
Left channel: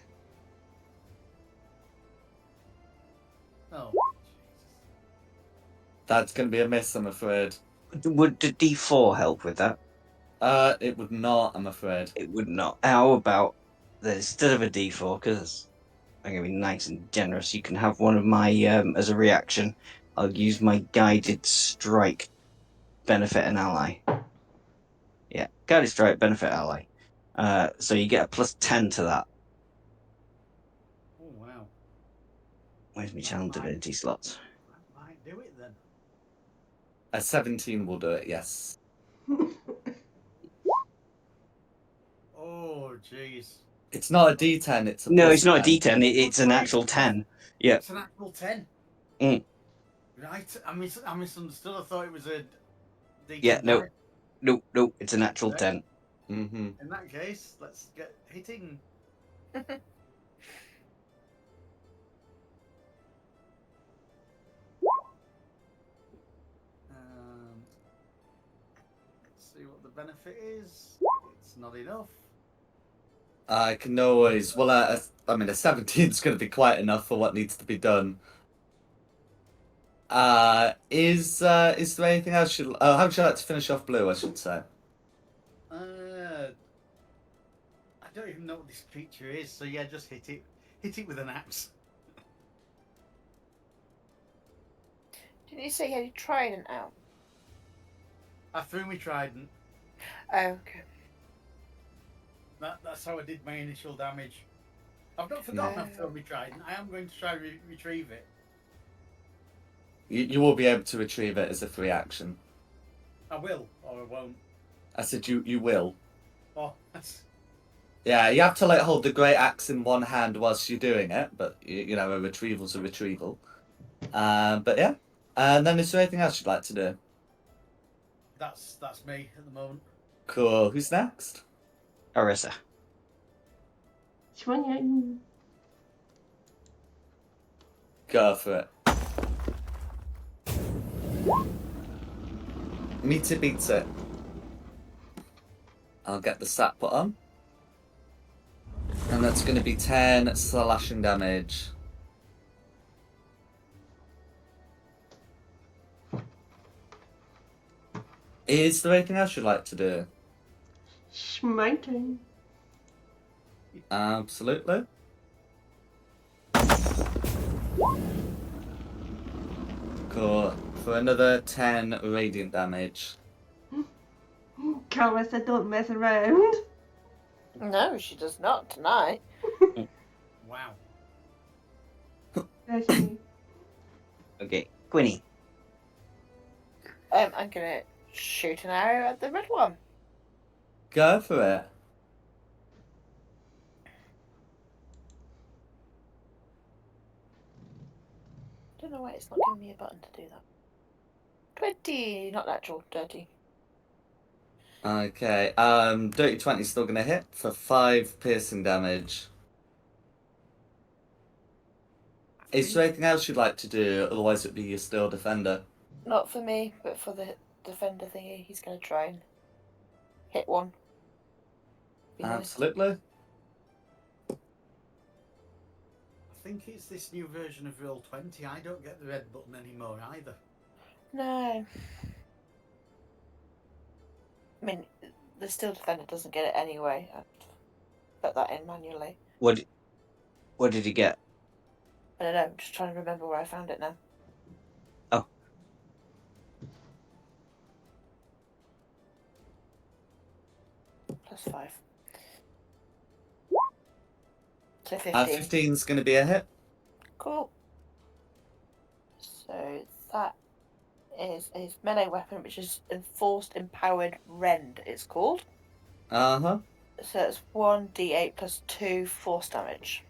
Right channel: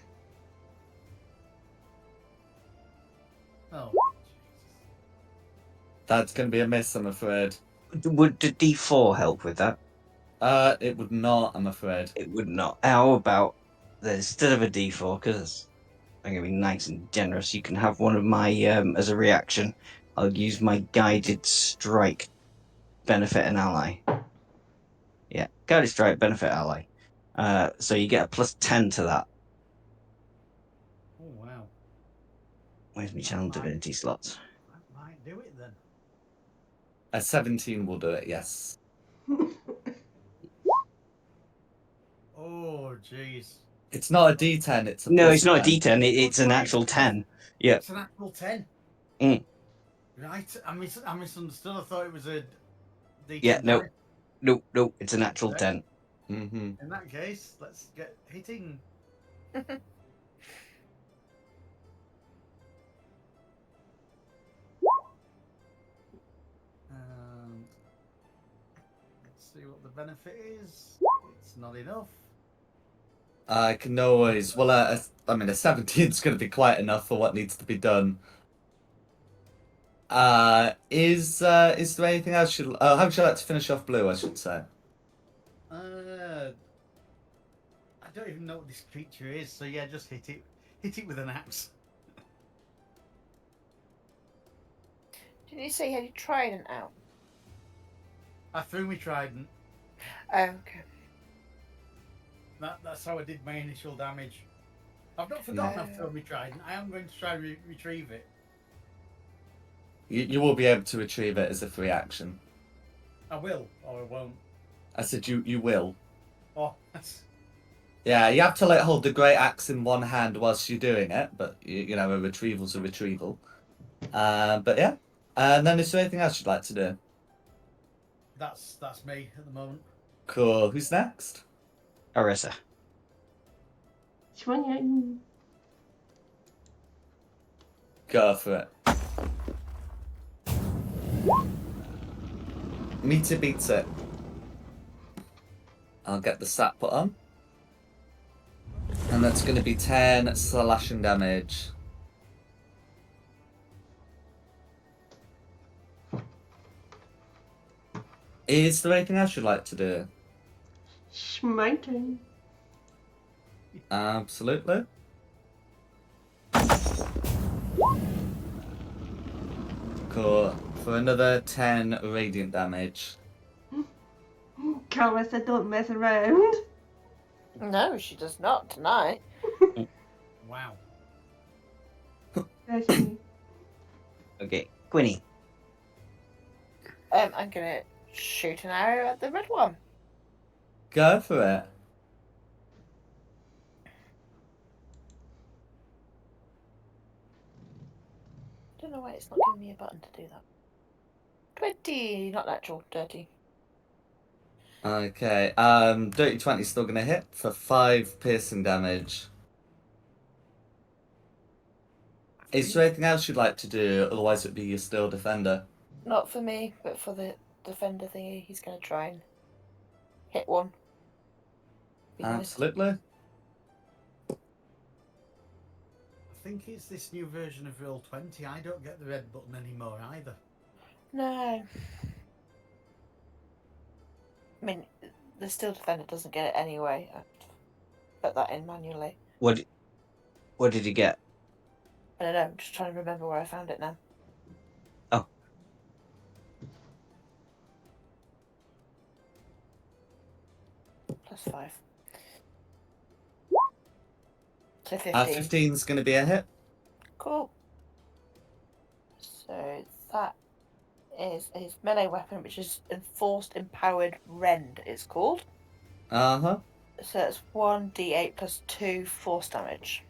Oh, Jesus. That's going to be a miss, I'm afraid. Would the D4 help with that? It would not, I'm afraid. It would not. How about instead of a D4, because I'm going to be nice and generous, you can have one of my, as a reaction, I'll use my guided strike, benefit an ally. Yeah, guided strike, benefit ally. So you get a plus 10 to that. Oh, wow. Where's my channel divinity slots? That might do it then. A 17 will do it, yes. Oh, jeez. It's not a D10, it's a No, plus it's not a 10. D10, it's an actual 10. Yeah. It's an actual 10. Mm. Right, I misunderstood. I thought it was a D10. Yeah, no. No, it's an actual Okay. 10. Mm-hmm. In that case, let's get hitting. Let's see what the benefit is. It's not enough. I can always. Well, I mean, a 17 is going to be quite enough for what needs to be done. Is there anything else? How would you like to finish off blue? I should say. I don't even know what this creature is, so yeah, just hit it. Hit it with an axe. Didn't you say you had your trident out? I threw my trident. Oh, okay. That's how I did my initial damage. I've not forgotten Yeah. I've thrown my trident. I am going to try and retrieve it. You will be able to retrieve it as a free action. I will, or I won't. I said you will. Oh, that's... Yeah, you have to like hold the great axe in one hand whilst you're doing it, but you know a retrieval's a retrieval. But yeah, and then is there anything else you'd like to do? That's me at the moment. Cool. Who's next? Carissa. Swinging. Go for it. Meter beats it. I'll get the stat put on. And that's going to be 10 slashing damage. Is there anything else you'd like to do? Smiting. Absolutely. Cool. For another 10 radiant damage. Karma said don't mess around. No, she does not tonight. Wow. That's me. Okay, Quinny. I'm gonna shoot an arrow at the red one. Go for it. Don't know why it's not giving me a button to do that. 20, not natural, dirty. Okay. Dirty 20 is still going to hit for 5 piercing damage. Is there anything else you'd like to do? Otherwise, it'd be your still defender. Not for me, but for the defender thingy, he's gonna try and hit one. Be nice. Absolutely. I think it's this new version of Roll20. I don't get the red button anymore either. No. I mean, the still defender doesn't get it anyway. I put that in manually. What did you get? I don't know, I'm just trying to remember where I found it now. Oh. +5. So 15. 15's going to be a hit. Cool. So that is his melee weapon, which is Enforced Empowered Rend, it's called. Uh-huh. So it's 1d8 plus 2 force damage.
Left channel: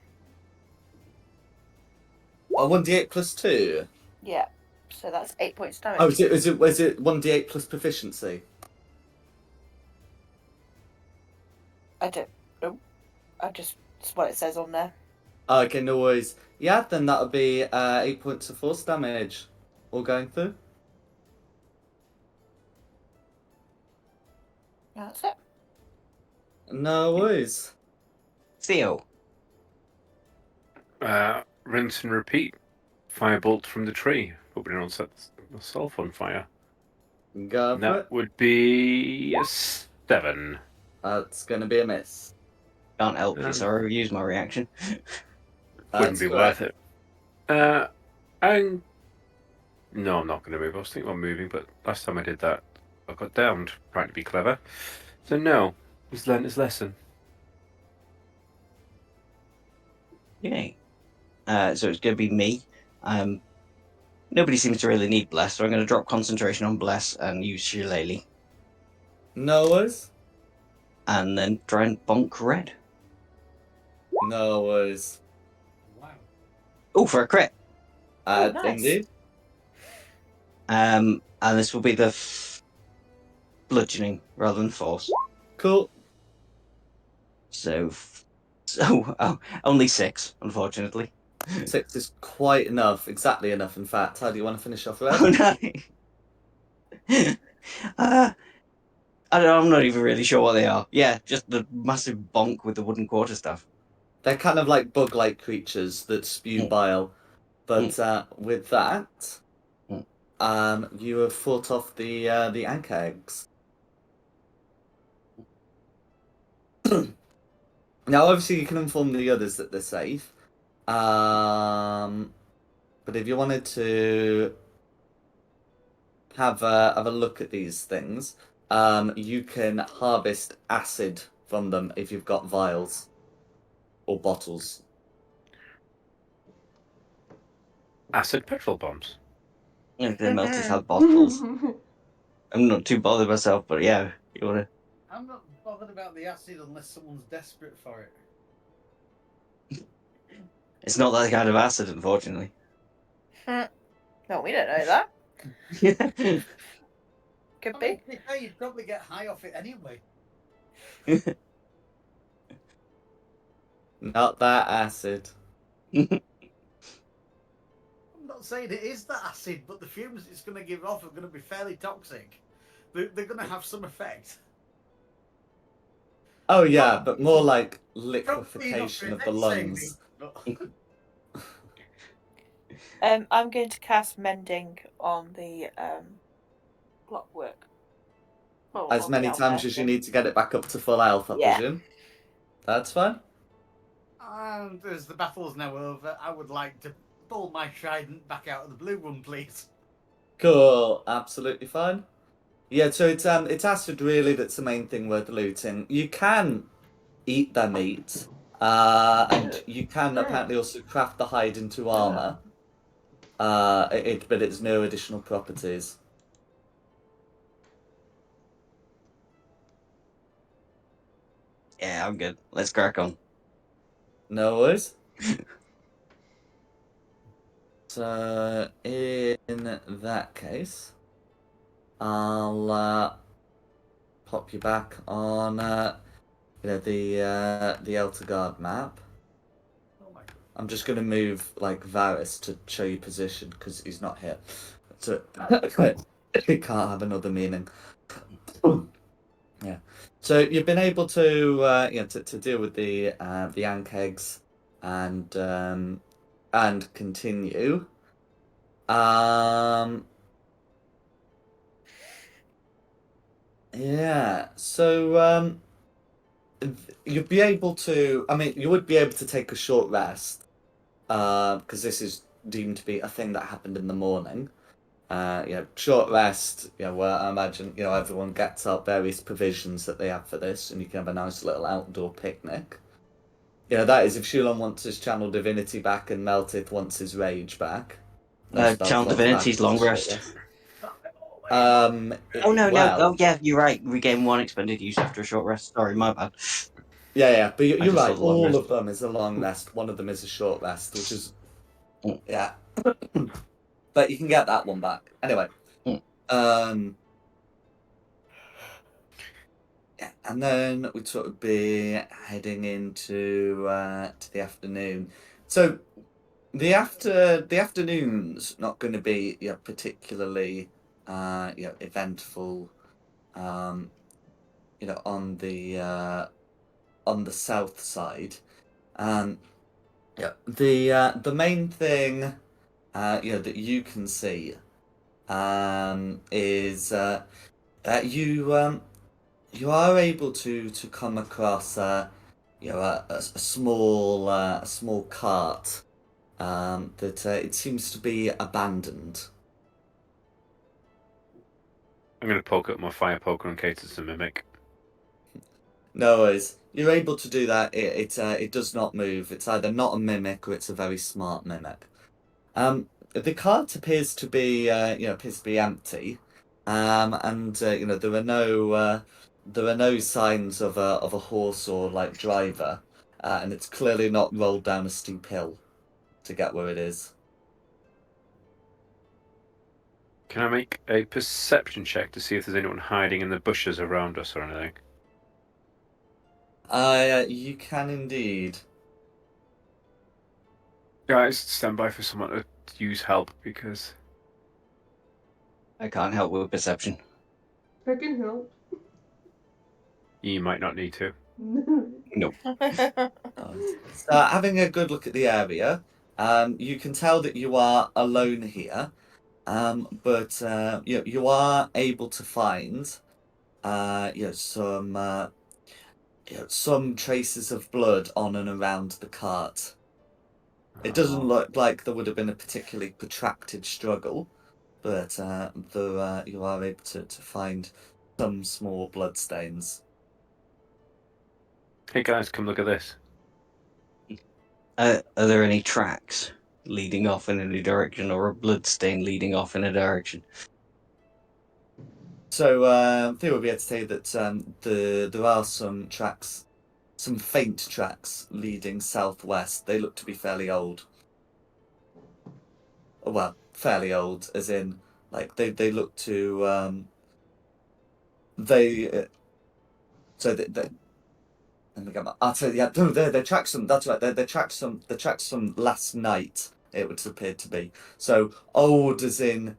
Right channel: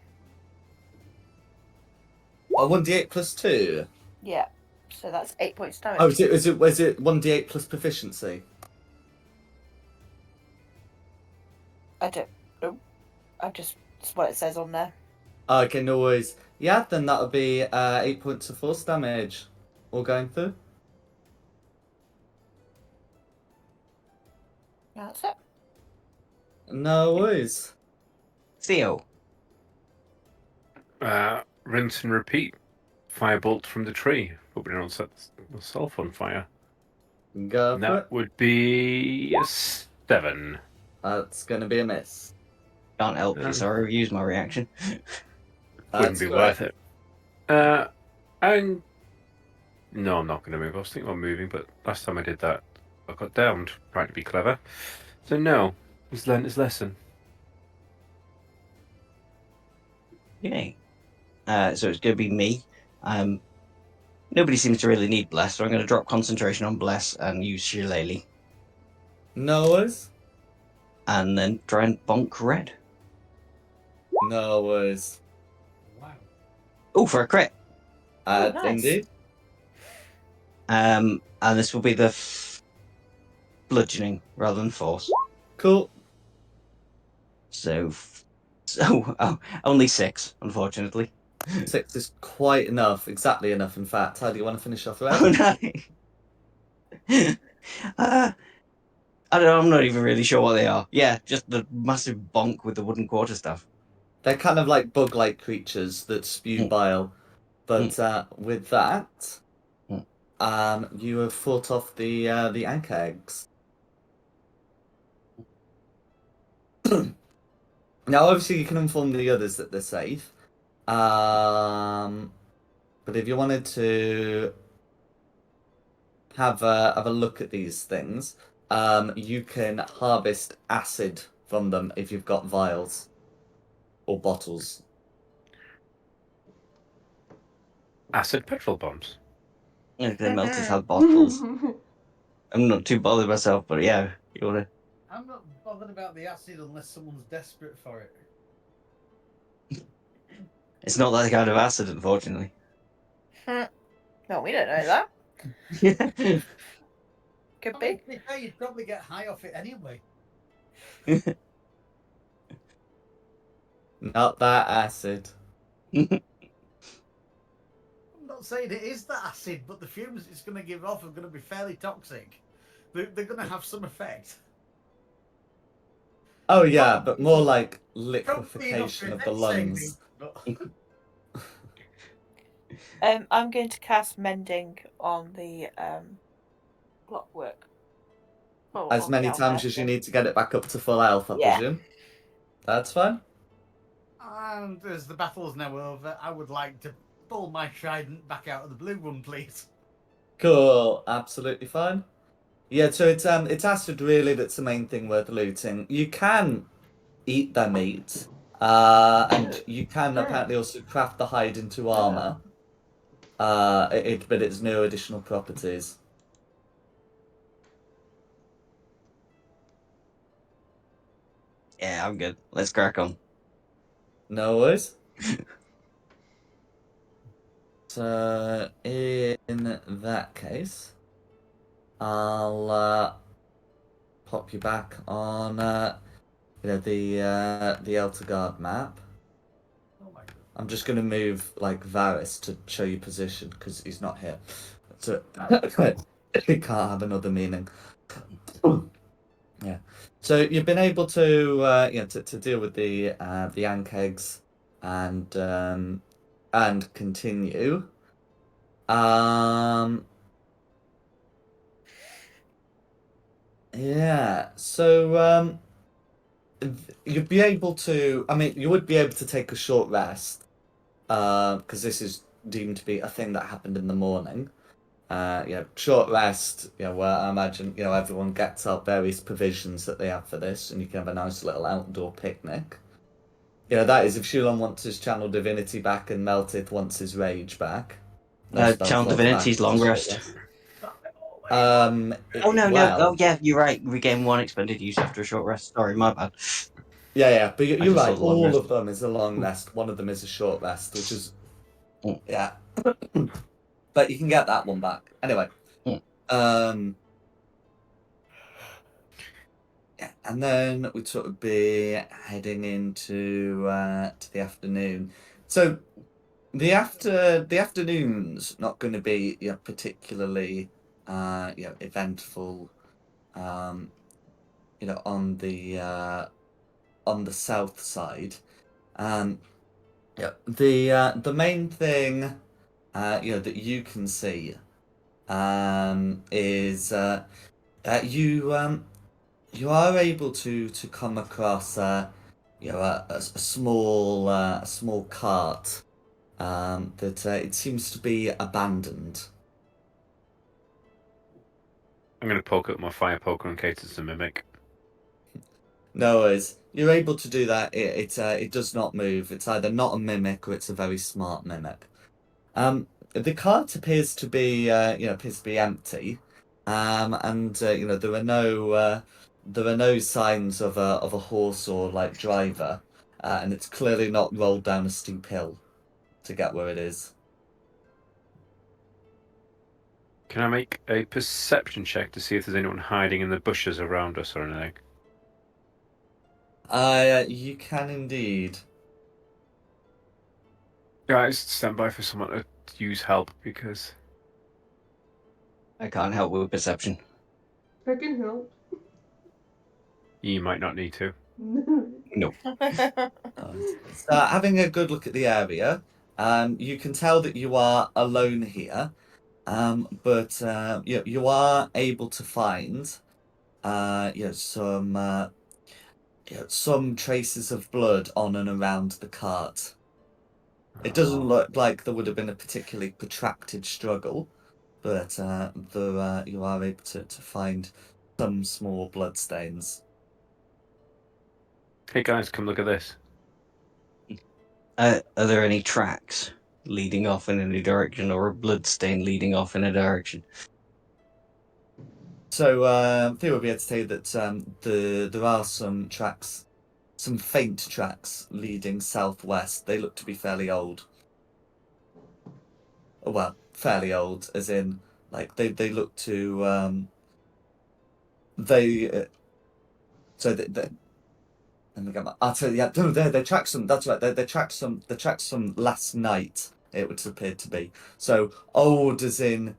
Oh, 1d8 plus 2. Yeah. So that's 8 points damage. Oh, is it 1d8 plus proficiency? I don't know. It's what it says on there. Okay, no worries. Yeah, then that'll be 8 points of force damage. All going through. That's it. No worries. Theo. Rinse and repeat. Firebolt from the tree. Hope we don't set myself on fire. Go And for that it. would be a 7. That's going to be a miss. Can't help you, Um, sorry, use my reaction. Wouldn't That's be correct. worth it. No, I'm not going to move. I was thinking about moving, but last time I did that, I got downed trying to be clever. So no, he's learned his lesson. Yay. So it's going to be me. Nobody seems to really need Bless, so I'm going to drop concentration on Bless and use Shillelagh. No worries. And then try and bonk red. No worries. Wow. Oh, for a crit. Oh, nice. Indeed. And this will be the bludgeoning rather than force. Cool. So only 6, unfortunately. 6 is quite enough. Exactly enough, in fact. How do you want to finish off red? Oh no. I don't know, I'm not even really sure what they are. Yeah, just the massive bonk with the wooden quarterstaff. They're kind of like bug-like creatures that spew bile. But with that, you have fought off the ank eggs. Now, obviously, you can inform the others that they're safe. But if you wanted to have a look at these things, you can harvest acid from them if you've got vials or bottles. Acid petrol bombs. Yeah, they melted have bottles. I'm not too bothered myself, but yeah, you wanna. I'm not bothered about the acid unless someone's desperate for it. It's not that kind of acid, unfortunately. No, we don't know that. Yeah. Could I be. mean, to be fair, you'd probably get high off it anyway. Not that acid. I'm not saying it is the acid, but the fumes it's going to give off are going to be fairly toxic. They're going to have some effect. Oh yeah, but Probably more enough- like Probably enough for liquefaction of the effect's sake, lungs. but I'm going to cast mending on the clockwork. Oh, As on the many times as you person. need to get it back up to full health, I Yeah. presume. That's fine. and as the battle's now over, I would like to pull my trident back out of the blue one, please. Cool, absolutely fine. Yeah, so it's acid really that's the main thing worth looting. You can eat their meat, and you can apparently also craft the hide into armor. But it's no additional properties. Yeah, I'm good. Let's crack on. No worries. So in that case, I'll pop you back on the Eltergard map. Oh my god. I'm just gonna move like Varys to show you position because he's not here. So it can't have another meaning. Yeah. So you've been able to to deal with the Ankegs and continue. Um yeah. So you'd be able to, I mean, you would be able to take a short rest because this is deemed to be a thing that happened in the morning. Short rest, where I imagine, everyone gets up various provisions that they have for this, and you can have a nice little outdoor picnic. That is if Shulon wants his channel divinity back and Meltith wants his rage back. No spell Channel slots back, Divinity's it's a long short rest. rest. Oh no, no. Oh Well, yeah, you're right. Regain one expended use after a short rest. Sorry, my bad. yeah, but I you're just saw right. the long All rest. of them is a long rest. One of them is a short rest, which is, Mm. yeah. But you can get that one back. Anyway, Mm. Yeah, and then we'd sort of be heading into to the afternoon. So the afternoon's not going to be particularly eventful. Um, on the south side. Yeah, the main thing that you can see is you are able to come across a small cart that it seems to be abandoned. I'm going to poke up my fire poker in case it's a mimic. No worries. You're able to do that. It does not move. It's either not a mimic or it's a very smart mimic. The cart appears to be empty, and there are no signs of a horse or like driver, and it's clearly not rolled down a steep hill to get where it is. Can I make a perception check to see if there's anyone hiding in the bushes around us or anything? You can indeed. Guys, stand by for someone to use help because I can't help with perception. I can help. you might not need to. No. So, having a good look at the area, you can tell that you are alone here, but you are able to find some traces of blood on and around the cart. It doesn't look like there would have been a particularly protracted struggle, but you are able to find some small blood stains. Hey guys, come look at this. Are there any tracks leading off in any direction, or a blood stain leading off in a direction? So Theo will be able to tell you that there are some tracks, some faint tracks leading southwest. They look to be fairly old. Well, fairly old, as in like they look to they so Let me get my. I'll tell you. Yeah, no, they tracked some. That's right. They tracked some. They tracked some last night. It would appear to be so old, as in,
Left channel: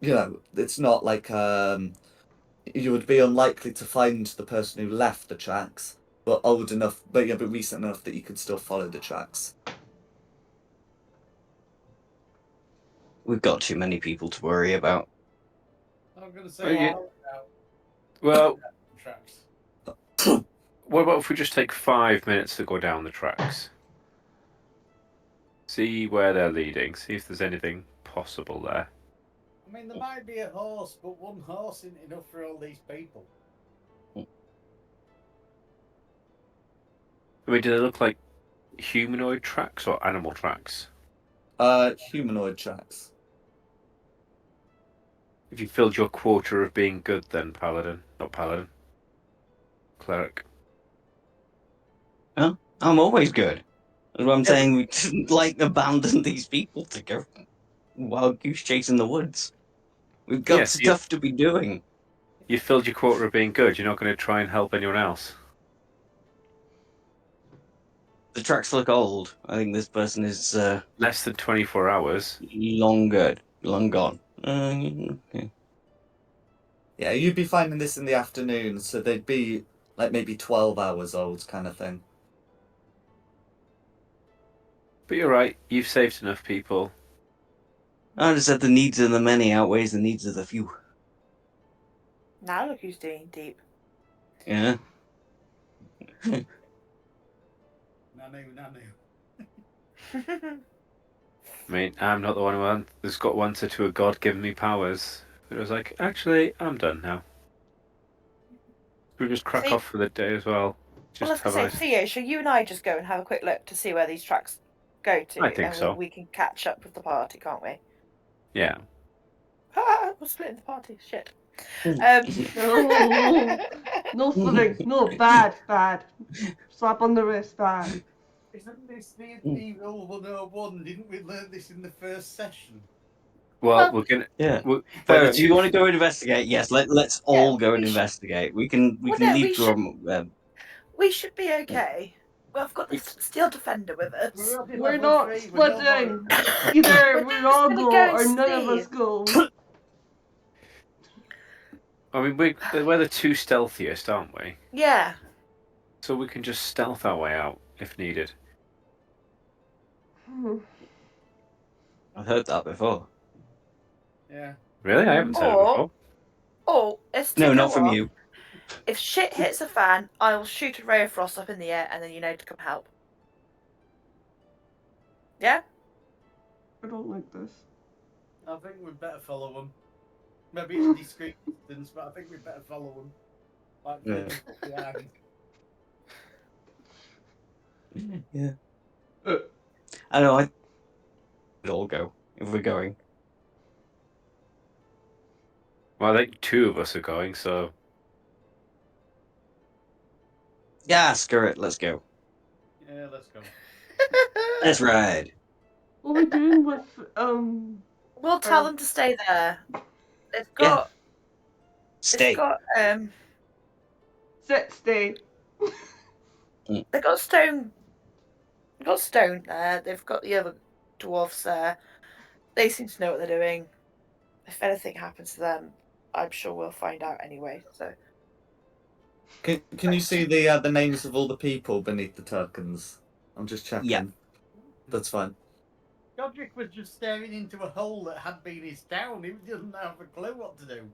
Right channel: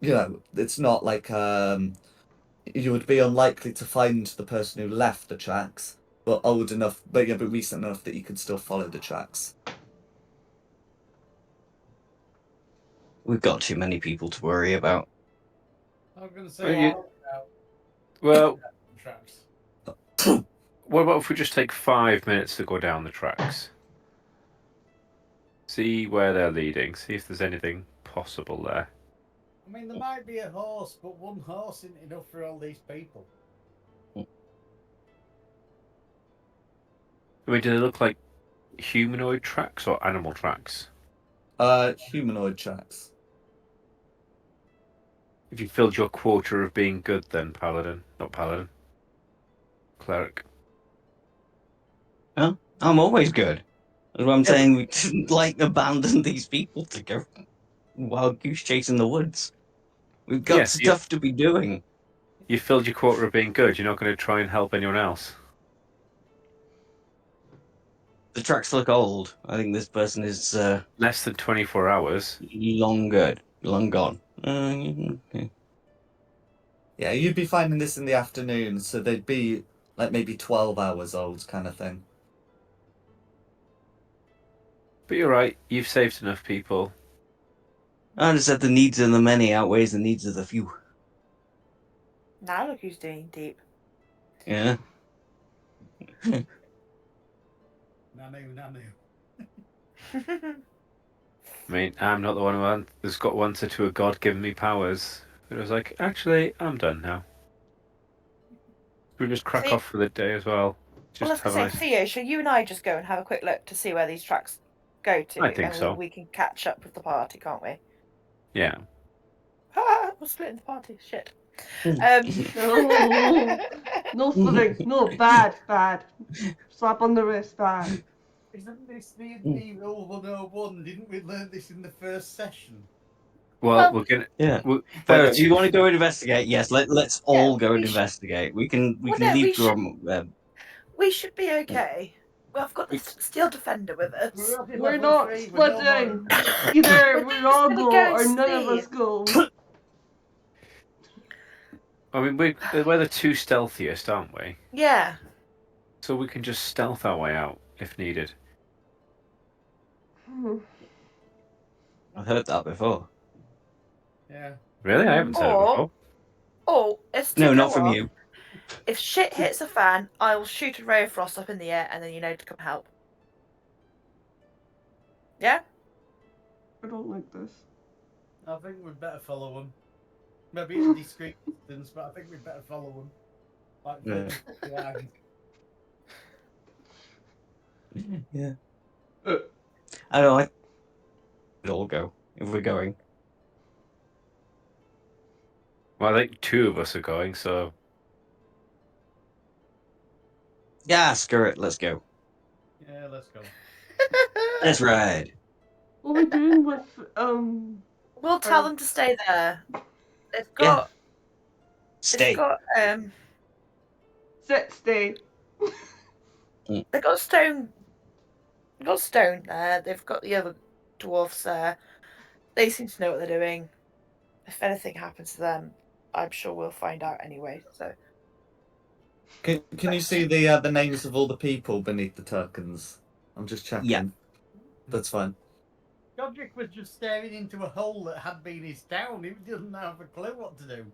it's not like you would be unlikely to find the person who left the tracks, but old enough, but recent enough that you can still follow the tracks. We've got too many people to worry about. I'm going to Well, say you- Well, tracks. what about if we just take 5 minutes to go down the tracks? See where they're leading. See if there's anything possible there. I mean, there might be a horse, but one horse isn't enough for all these people. I mean, do they look like humanoid tracks or animal tracks? Humanoid tracks. If you filled your quota of being good, then paladin, not paladin, cleric. Well, I'm always good. That's what I'm saying. We didn't abandon these people to go wild goose chase in the woods. We've got Yes, stuff to be doing. you filled your quota of being good. You're not going to try and help anyone else. The tracks look old. I think this person is Less than 24 hours. long gone. Okay. Yeah, you'd be finding this in the afternoon, so they'd be like maybe 12 hours old, kind of thing. But you're right. You've saved enough people. I just said the needs of the many outweighs the needs of the few. Now look who's doing deep. Yeah. Nanu. I mean, I'm not the one who's got one to a god giving me powers. But it was like, actually, I'm done now. We just crack See- off for the day as well. Well, Just I was have going a to say, Theo, shall you and I just go and have a quick look to see where these tracks go to? I think and so. we can catch up with the party, can't we? Yeah. We're splitting the party. Shit. No, no splitting. No, bad. Slap on the wrist, bad. Isn't this the rule 101? Didn't we learn this in the first session? Well, we're gonna. Yeah. Well, Fair. Do you want to go and investigate? Yes. Let's all go and we should- investigate. We can Well, no, leave we should- Drum. We should be okay. Well, I've got the steel defender with us. We're not splitting. Either we all gonna go go or and none of see. us go. I mean, we're the two stealthiest, aren't we? Yeah. So we can just stealth our way out if needed. I've heard that before. Yeah. Really? I haven't said it Or- before. Oh, it's to No, go not from off. you. If shit hits the fan, I will shoot a ray of frost up in the air, and then you know to come help. Yeah. I don't like this. I think we'd better follow them. Maybe it's discreet distance, but I think we'd better follow them. Like, Yeah. behind. Yeah. I know. I. We'd all go if we're going. Well, I think two of us are going, so Yeah. Screw it. Let's go. Yeah, let's go. Let's ride. What are we doing with We'll tell them to stay there. They've Yeah. got. Stay. They've got stay? They've got stone. They've got stone there. They've got the other dwarfs there. They seem to know what they're doing. If anything happens to them, I'm sure we'll find out anyway. So. Can you see the names of all the people beneath the tokens? I'm just checking. Yeah. That's fine. Godric was just staring into a hole that had been his town. He doesn't have a clue what to do.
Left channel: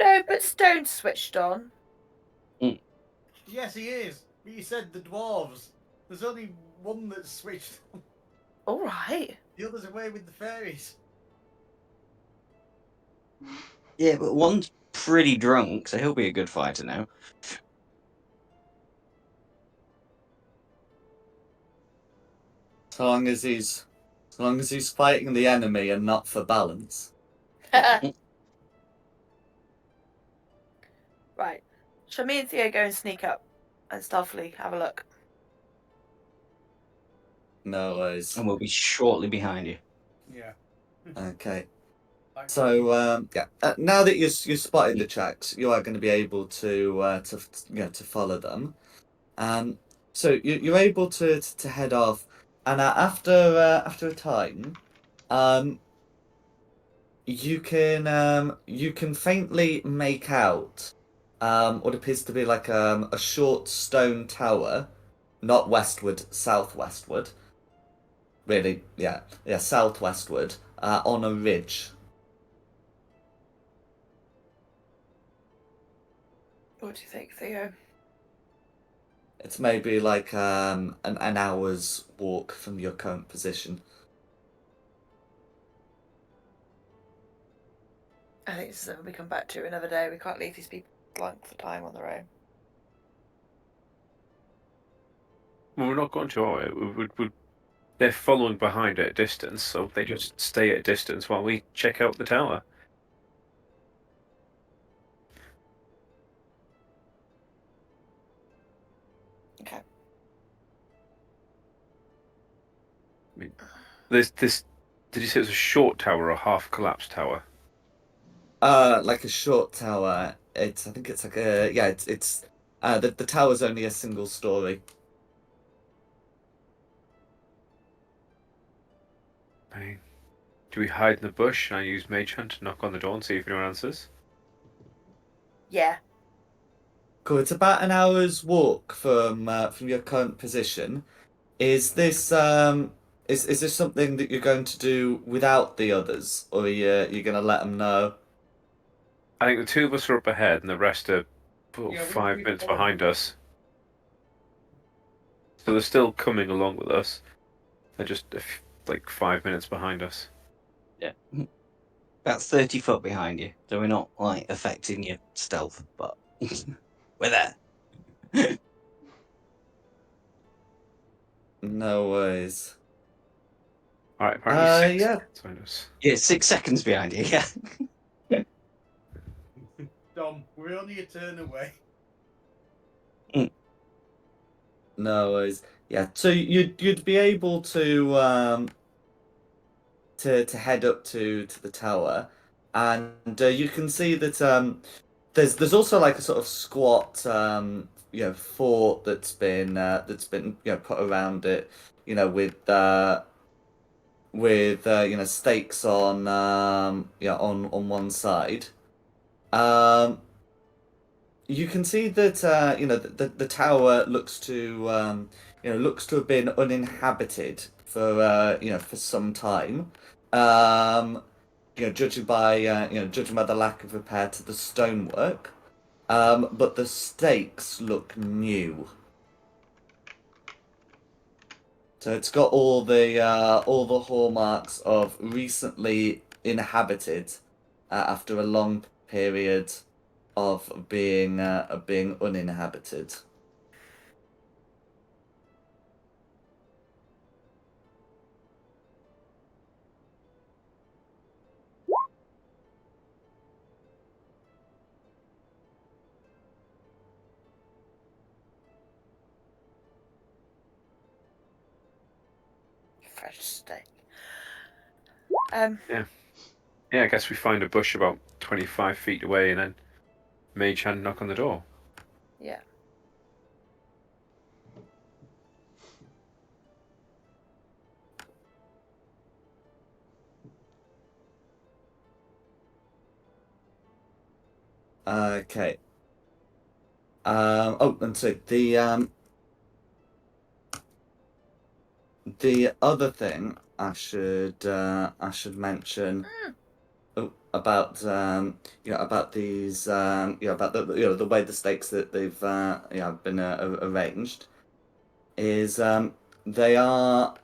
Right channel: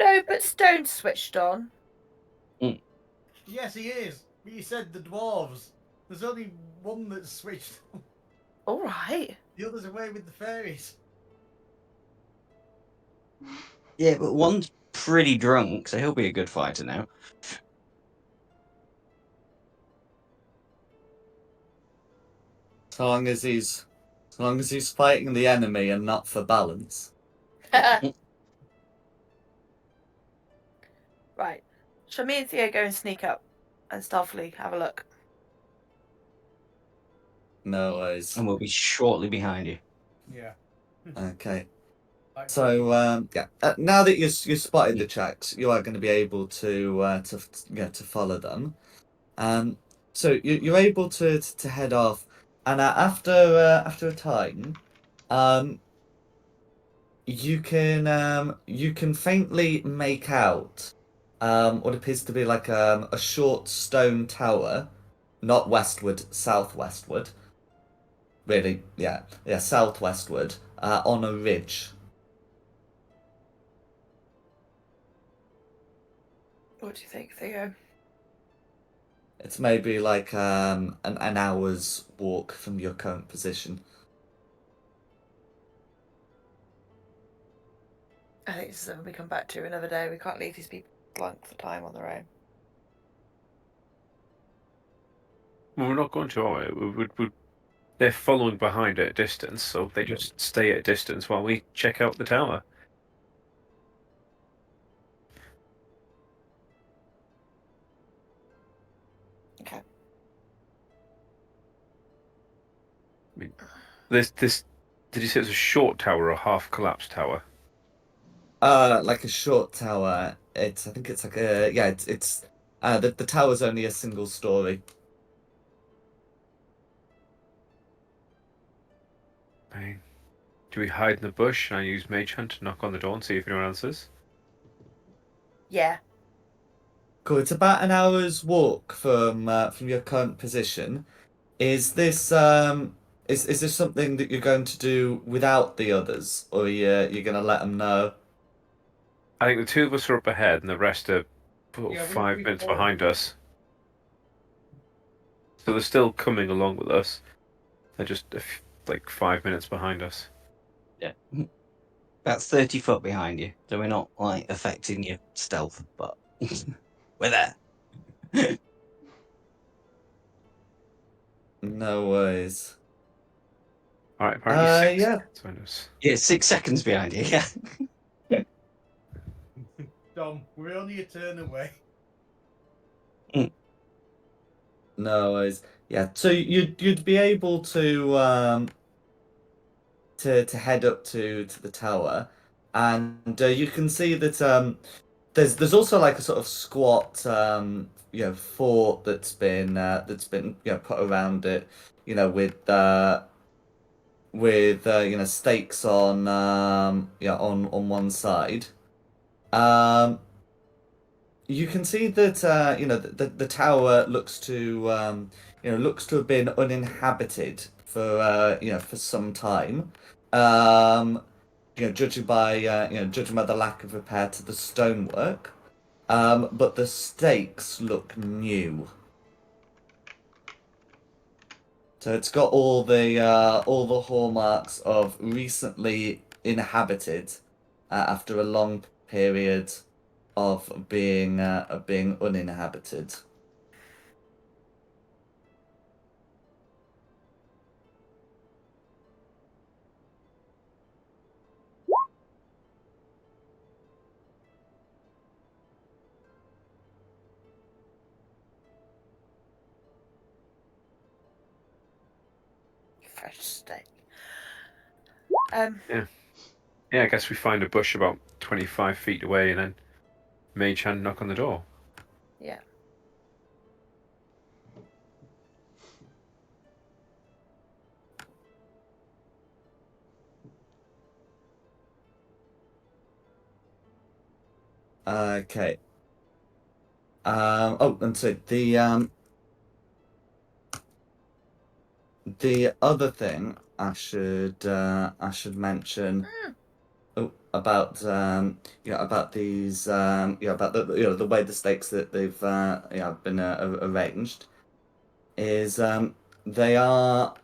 No, but Stone's switched on. Yes, he is. But you said the dwarves. There's only one that's switched on. All right. The other's away with the fairies. Yeah, but one's pretty drunk, so he'll be a good fighter now. So long as he's fighting the enemy and not for balance. Right. Shall me and Theo go and sneak up and stealthily have a look? No worries. And we'll be shortly behind you. Yeah. Okay. Like, So now that you spotted the tracks, you are going to be able to follow them. So you're able to head off, and after a time, um, you can faintly make out what appears to be like a short stone tower, not westward, southwestward. Really, yeah, southwestward, on a ridge. What do you think, Theo? It's maybe like an hour's walk from your current position. I think this is something we come back to another day. We can't leave these people length of time on their own. Well, we're not going to, are we? They're following behind at a distance, so they just stay at a distance while we check out the tower. Okay. I mean, this. Did you say it was a short tower or a half collapsed tower? Like a short tower. I think it's like a yeah. The tower's only a single story. I mean, do we hide in the bush and I use Mage Hand to knock on the door and see if anyone answers? Yeah. Cool. It's about an hour's walk from your current position. Is this is this something that you're going to do without the others, or you're gonna let them know? I think the two of us are up ahead and the rest are Yeah, 5 minutes behind us. So they're still coming along with us. They're just like 5 minutes behind us. Yeah. About 30 foot behind you. So we're not like affecting your stealth, but we're there. No worries. All right, apparently six Yeah. behind us. Yeah, 6 seconds behind you, yeah. Dom, we're only a turn away. No worries. Yeah. So you'd be able to head up to the tower, and you can see that there's also like a sort of squat fort that's been put around it, with stakes on on one side. Um, you can see that the tower looks to have been uninhabited for some time. Um, judging by the lack of repair to the stonework. But the stakes look new. So it's got all the hallmarks of recently inhabited after a long period of being uninhabited. Fresh steak. Yeah. Yeah, I guess we find a bush about 25 feet away and then Mage Hand knock on the door. Yeah. Okay. And so the other thing I should mention about about these about the way the stakes that they've been arranged is they are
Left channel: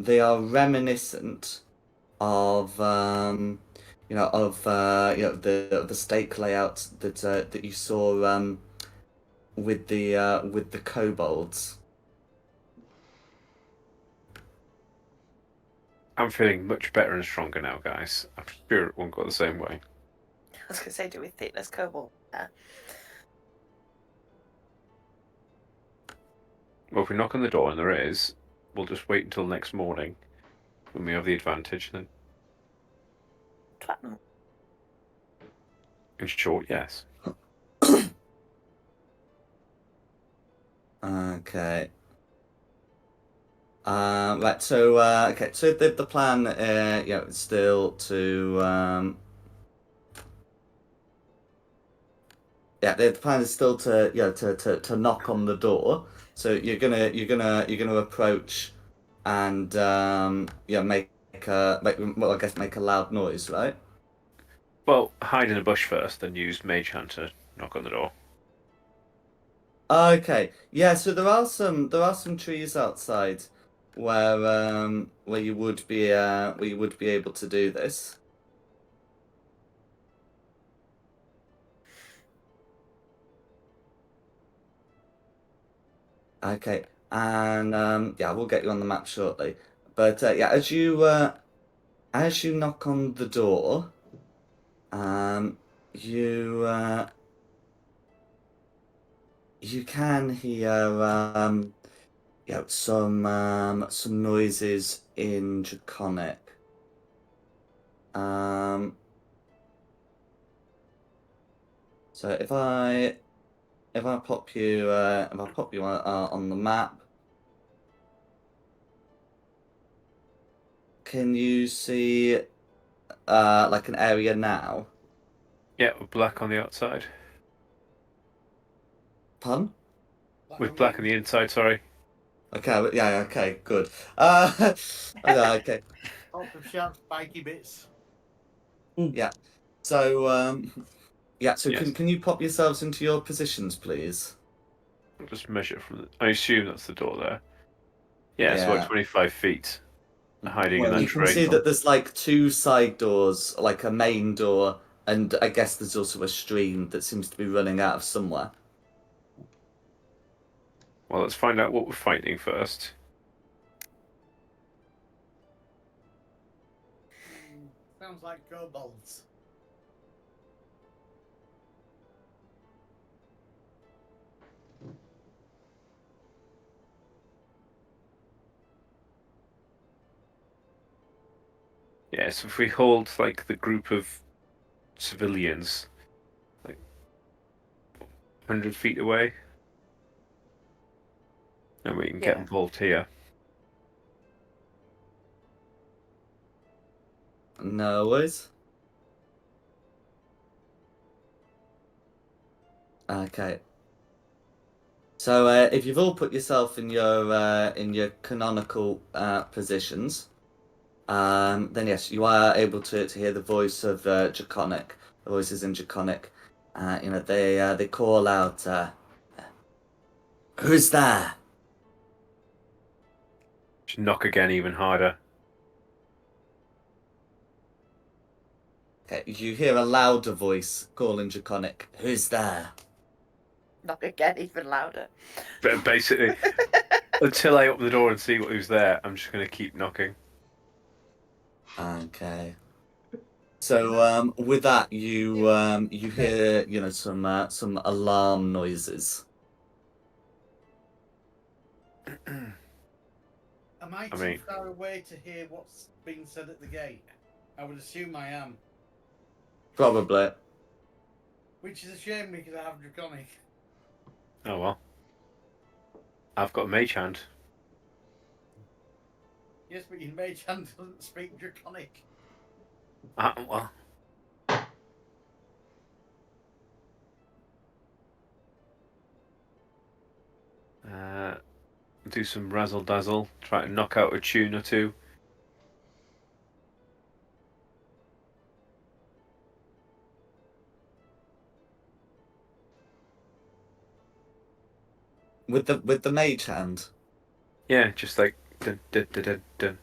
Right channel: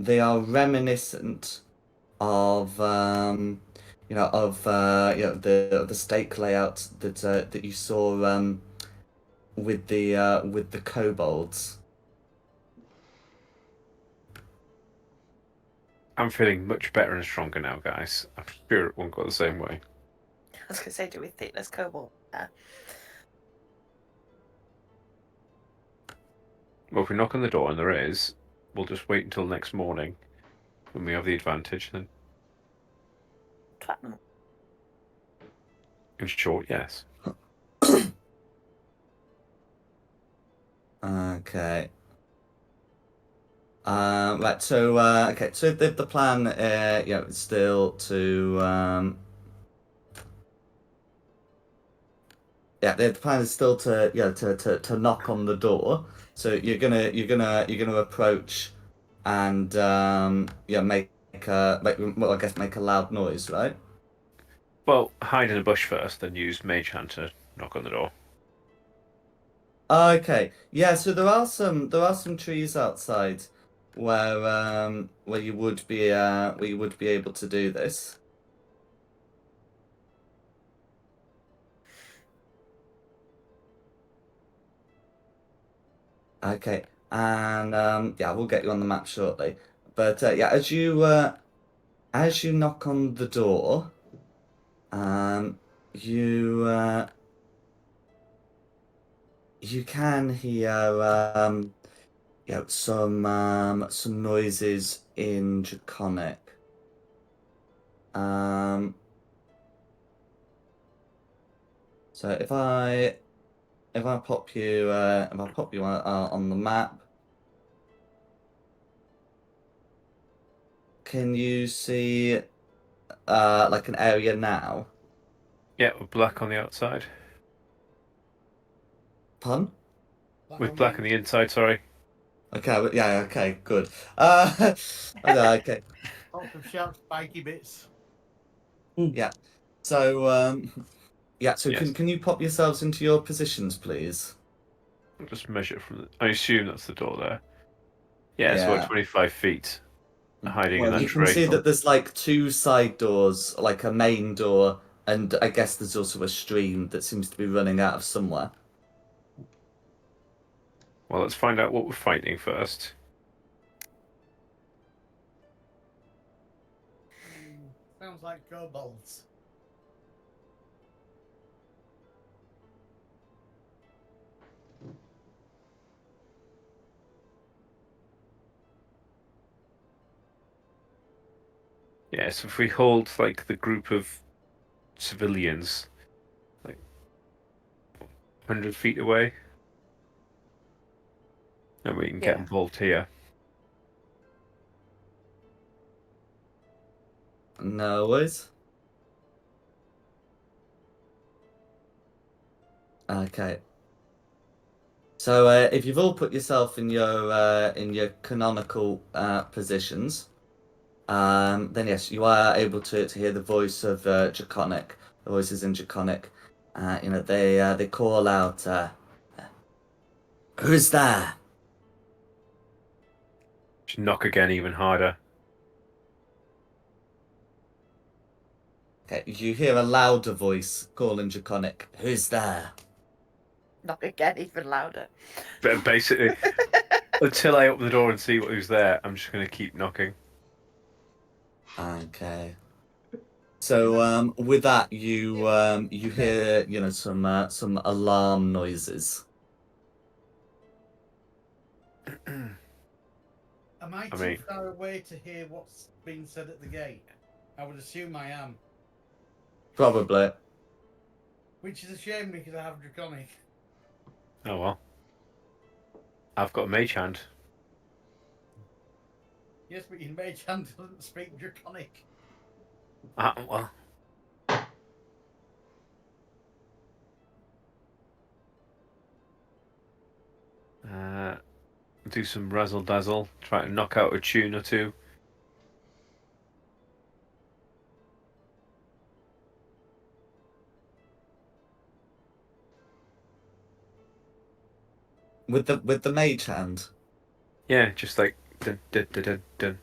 they are reminiscent of the stake layout that you saw with the kobolds. I'm feeling much better and stronger now, guys. I'm sure it won't go the same way. I was going to say, do we think there's cobalt there? Well, if we knock on the door and there is, we'll just wait until next morning when we have the advantage. Then, Platinum. in short, yes. Okay. Right. So, okay. So the plan, is still to, yeah, the plan is still to, to knock on the door. So you're gonna approach, and well, I guess make a loud noise, right? Well, hide in a bush first, then use Mage Hand to knock on the door. Okay. Yeah. So there are some trees outside where you would be able to do this. Okay, and yeah, we'll get you on the map shortly. But yeah, as you knock on the door, um, you you can hear some noises in Draconic. Um, so if I pop you on the map, can you see like an area now? Yeah, with black on the outside. Pun? With black on the inside, sorry. Okay, yeah, okay, good. Okay, Lots of sharp, spiky bits. yeah. So, yeah. So, Yes. can you pop yourselves into your positions, please? I'll just measure from the... I assume that's the door there. Yeah, it's about Yeah. 25 feet hiding in Well, that you can tree. see that there's like two side doors, like a main door, and I guess there's also a stream that seems to be running out of somewhere. Well, let's find out what we're fighting first. Sounds like kobolds. Yeah, so if we hold like the group of civilians like 100 feet away, then we can get Yeah. involved here. No worries. Okay. So, if you've all put yourself in your canonical positions, then yes, you are able to hear the voice of Draconic. The voices in Draconic. They call out, "Who's there?" Just knock again even harder. Okay, you hear a louder voice calling Draconic, "Who's there?" Knock again, even louder. But basically, until I open the door and see who's there, I'm just going to keep knocking. Okay. So with that, you hear some alarm noises. Am I I too mean- far away to hear what's being said at the gate? I would assume I am. Probably. Which is a shame because I have Draconic. Oh well. I've got a mage hand. Yes, but your mage hand doesn't speak Draconic. Well. Do some razzle dazzle. Try to knock out a tune or two. With the mage hand. Yeah, just like dun dun dun dun dun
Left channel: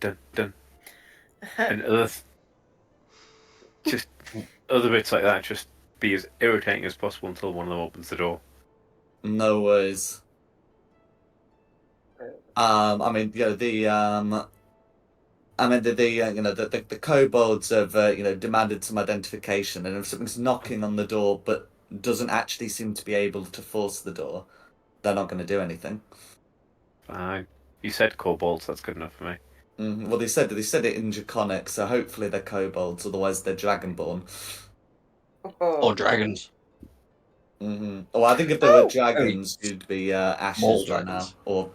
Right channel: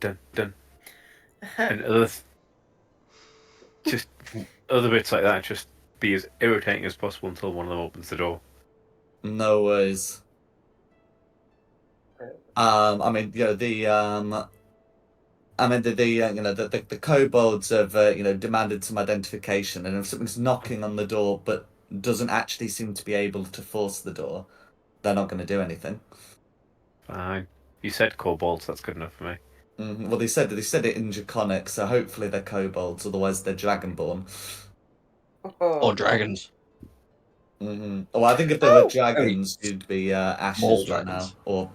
dun dun, and just other bits like that. Just be as irritating as possible until one of them opens the door. No worries. I mean, the kobolds have demanded some identification, and if something's knocking on the door but doesn't actually seem to be able to force the door, they're not going to do anything. Fine. You said kobolds. That's good enough for me. Well, they said it in Draconic, so hopefully they're kobolds. Otherwise, they're dragonborn. Or dragons. Oh, I think if there were Oh! dragons, you'd be Small ashes right now. dragons. Or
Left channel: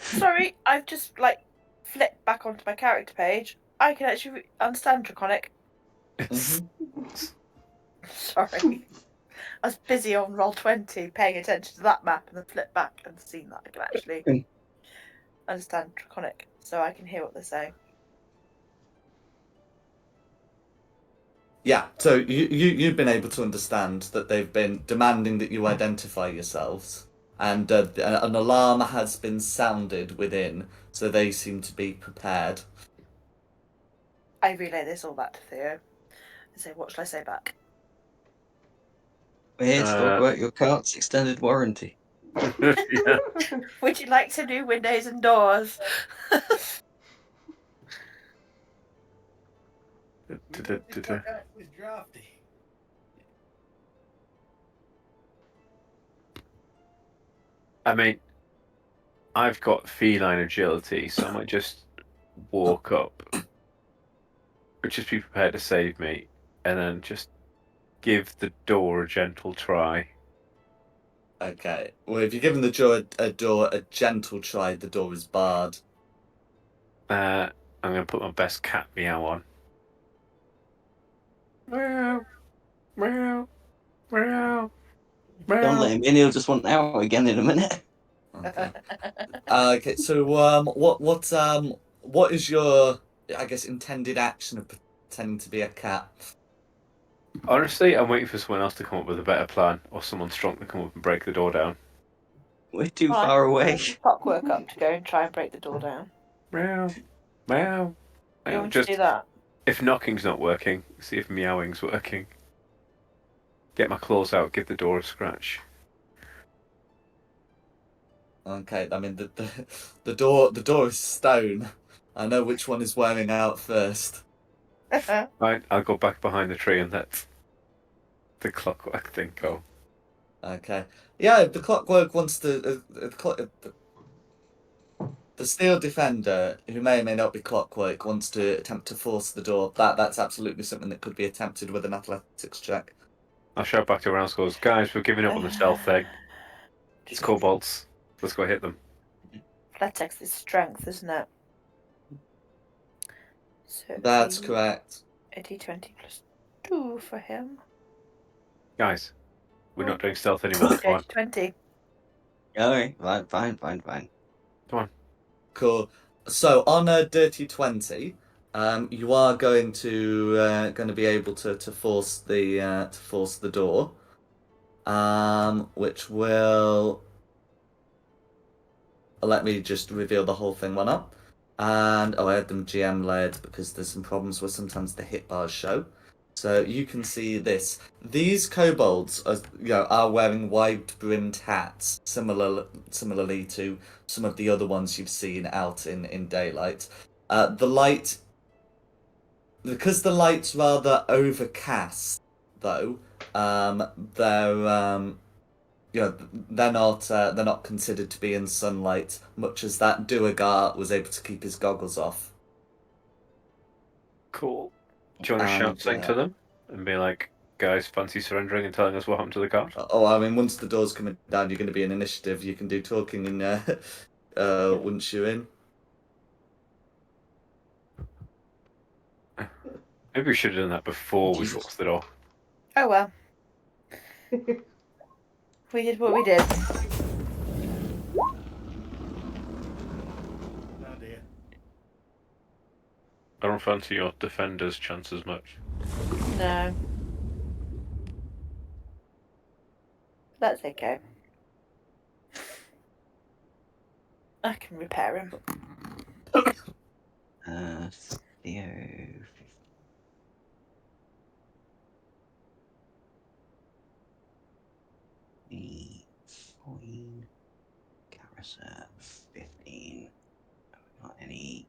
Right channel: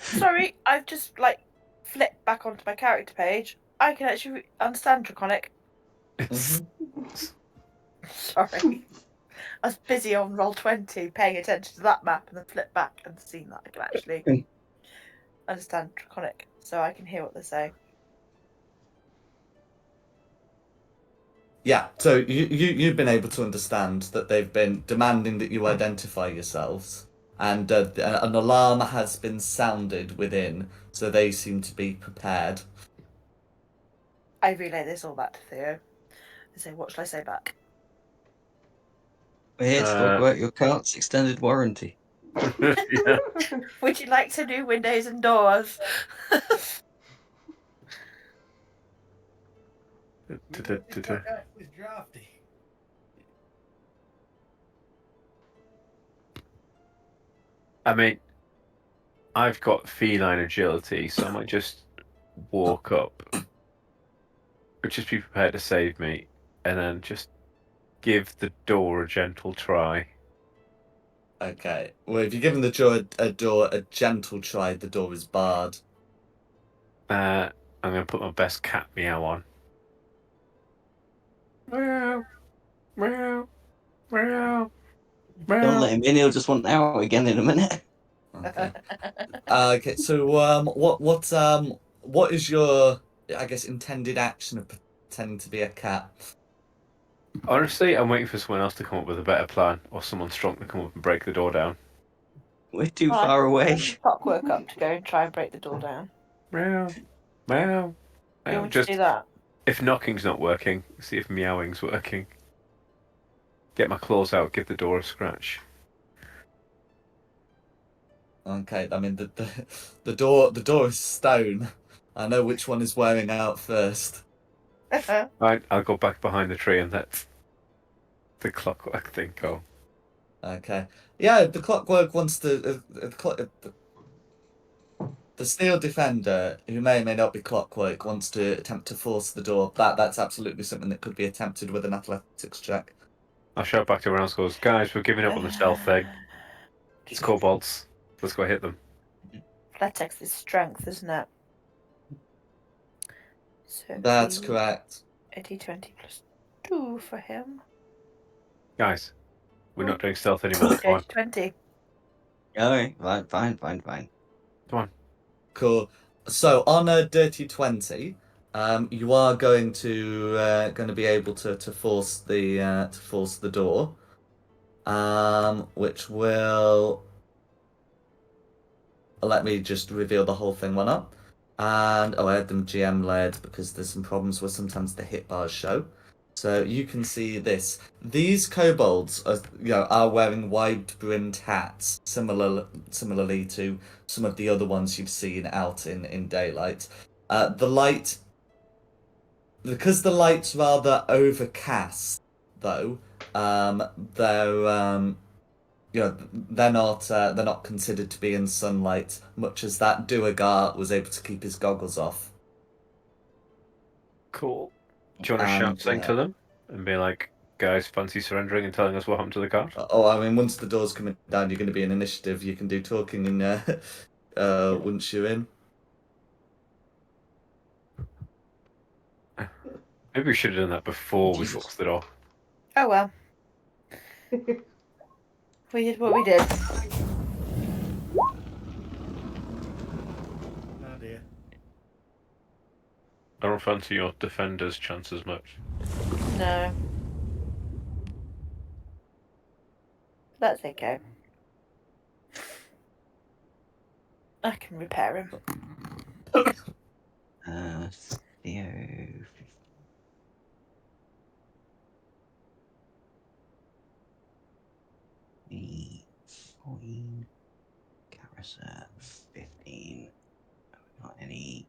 Sorry, I've just like flipped back onto my character page. I can actually understand Draconic. It's Sorry. I was busy on Roll20 paying attention to that map and then flipped back and seen that I can actually understand Draconic, so I can hear what they're saying. yeah, so you've been able to understand that they've been demanding that you identify yourselves, and an alarm has been sounded within, so they seem to be prepared. I relay this all back to Theo. I say, what shall I say back? We're here to talk about your cart's extended warranty. yeah. Would you like to do windows and doors? This was drafty. I mean, I've got feline agility, so I might just walk up, or just be prepared to save me, and then just give the door a gentle try. Okay. Well, if you're giving the door a gentle try, the door is barred. I'm going to put my best cat meow on. Meow, meow, meow, Don't meow. let him in, he'll just want out again in a minute. Okay. Okay. So, what is your, I guess, intended action of pretending to be a cat? Honestly, I'm waiting for someone else to come up with a better plan, or someone strong to come up and break the door down. We're too Well, I far can away. send Clockwork up to go and try and break the door down. Meow, meow, You meow. want to Just do that? if knocking's not working, see if meowing's working. Get my claws out, give the door a scratch. Okay. I mean, the door is stone. I know which one is wearing out first. Right, I'll go back behind the tree and let the clockwork thing go. Okay. Yeah, the clockwork wants to. The steel defender, who may or may not be clockwork, wants to attempt to force the door. That's absolutely something that could be attempted with an athletics check. I'll shout back to everyone else, goes, guys, we're giving up on the stealth thing. It's kobolds. Let's go hit them. Athletics is strength, isn't it? So That's correct. a d20 plus 2 for him. Guys, we're not doing stealth anymore. Come on. 20. Alright, fine. Come on. Cool. So on a dirty 20, you are going to be able to force the door, which will let me just reveal the whole thing one up. And I had them GM led because there's some problems where sometimes the hit bars show. So you can see this. These kobolds are wearing wide-brimmed hats, similarly to some of the other ones you've seen out in daylight. The light, because the light's rather overcast, though, they're they're not considered to be in sunlight, much as that Duergar was able to keep his goggles off. Cool. Do you want to shout And something to them? And be like, guys, fancy surrendering and telling us what happened to the cart? I mean, once the door's coming down, you're going to be in initiative. You can do talking and once you're in. Maybe we should have done that before we Jesus. forced the door. Oh well. We did what we did. Oh dear. I don't fancy your defender's chances much. No. That's okay. I can repair him. Theo. 14. Carissa 15. Not any.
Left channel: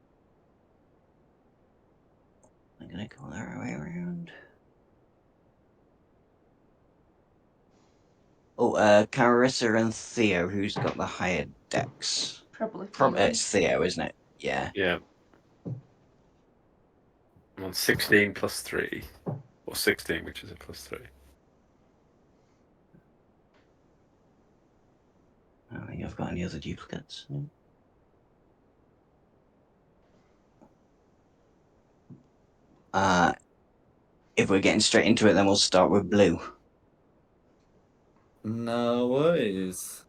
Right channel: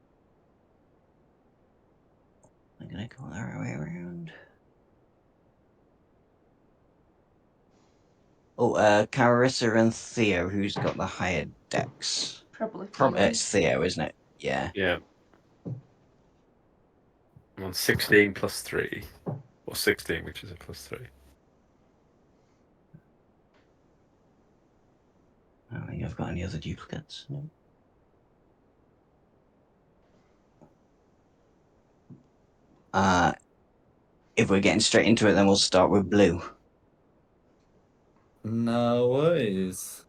I'm gonna go the other way around. Oh, Carissa and Theo, who's got the higher dex? Probably From Theo. it's Theo, isn't it? Yeah. Yeah. I'm on 16 plus 3. Or 16, which is a plus 3. I don't think I've got any other duplicates. No. If we're getting straight into it, then we'll start with blue. No worries.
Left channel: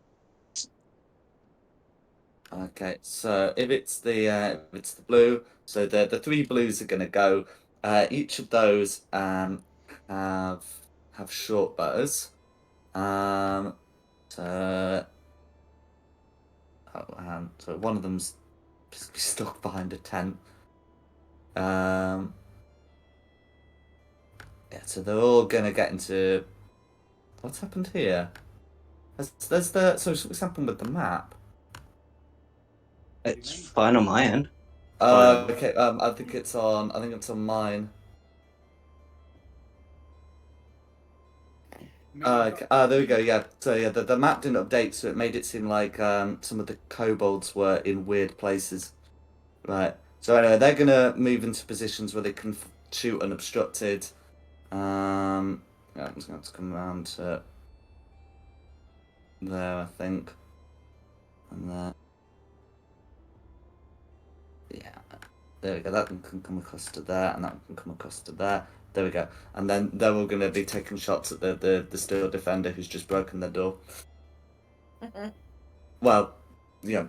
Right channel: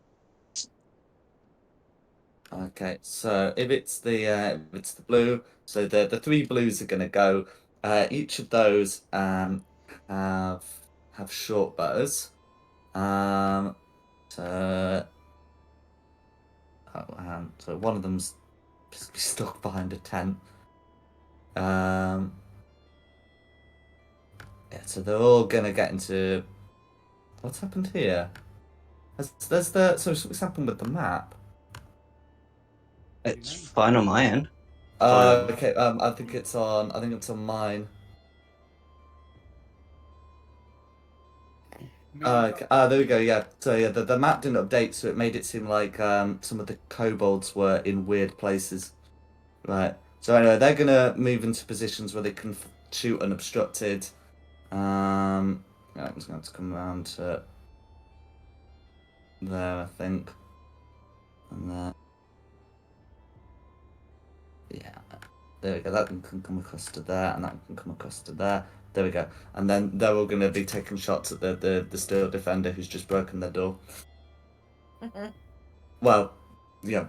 Okay, so if it's the blue, so the three blues are gonna go. Each of those have short bows. So so one of them's stuck behind a tent. Yeah, so they're all gonna get into. What's happened here? So what's happened with the map? It's mean? fine on my end. Fine on Okay. I think it's on. I think it's on mine. Okay. There we go. Yeah. So yeah, the map didn't update, so it made it seem like some of the kobolds were in weird places. Right. So anyway, they're gonna move into positions where they can shoot unobstructed. Yeah, I'm just going to come around to there, I think, and there. Yeah. There we go. That can come across to there, and that can come across to there. There we go. And then they're all going to be taking shots at the steel defender who's just broken their door. Well, yeah,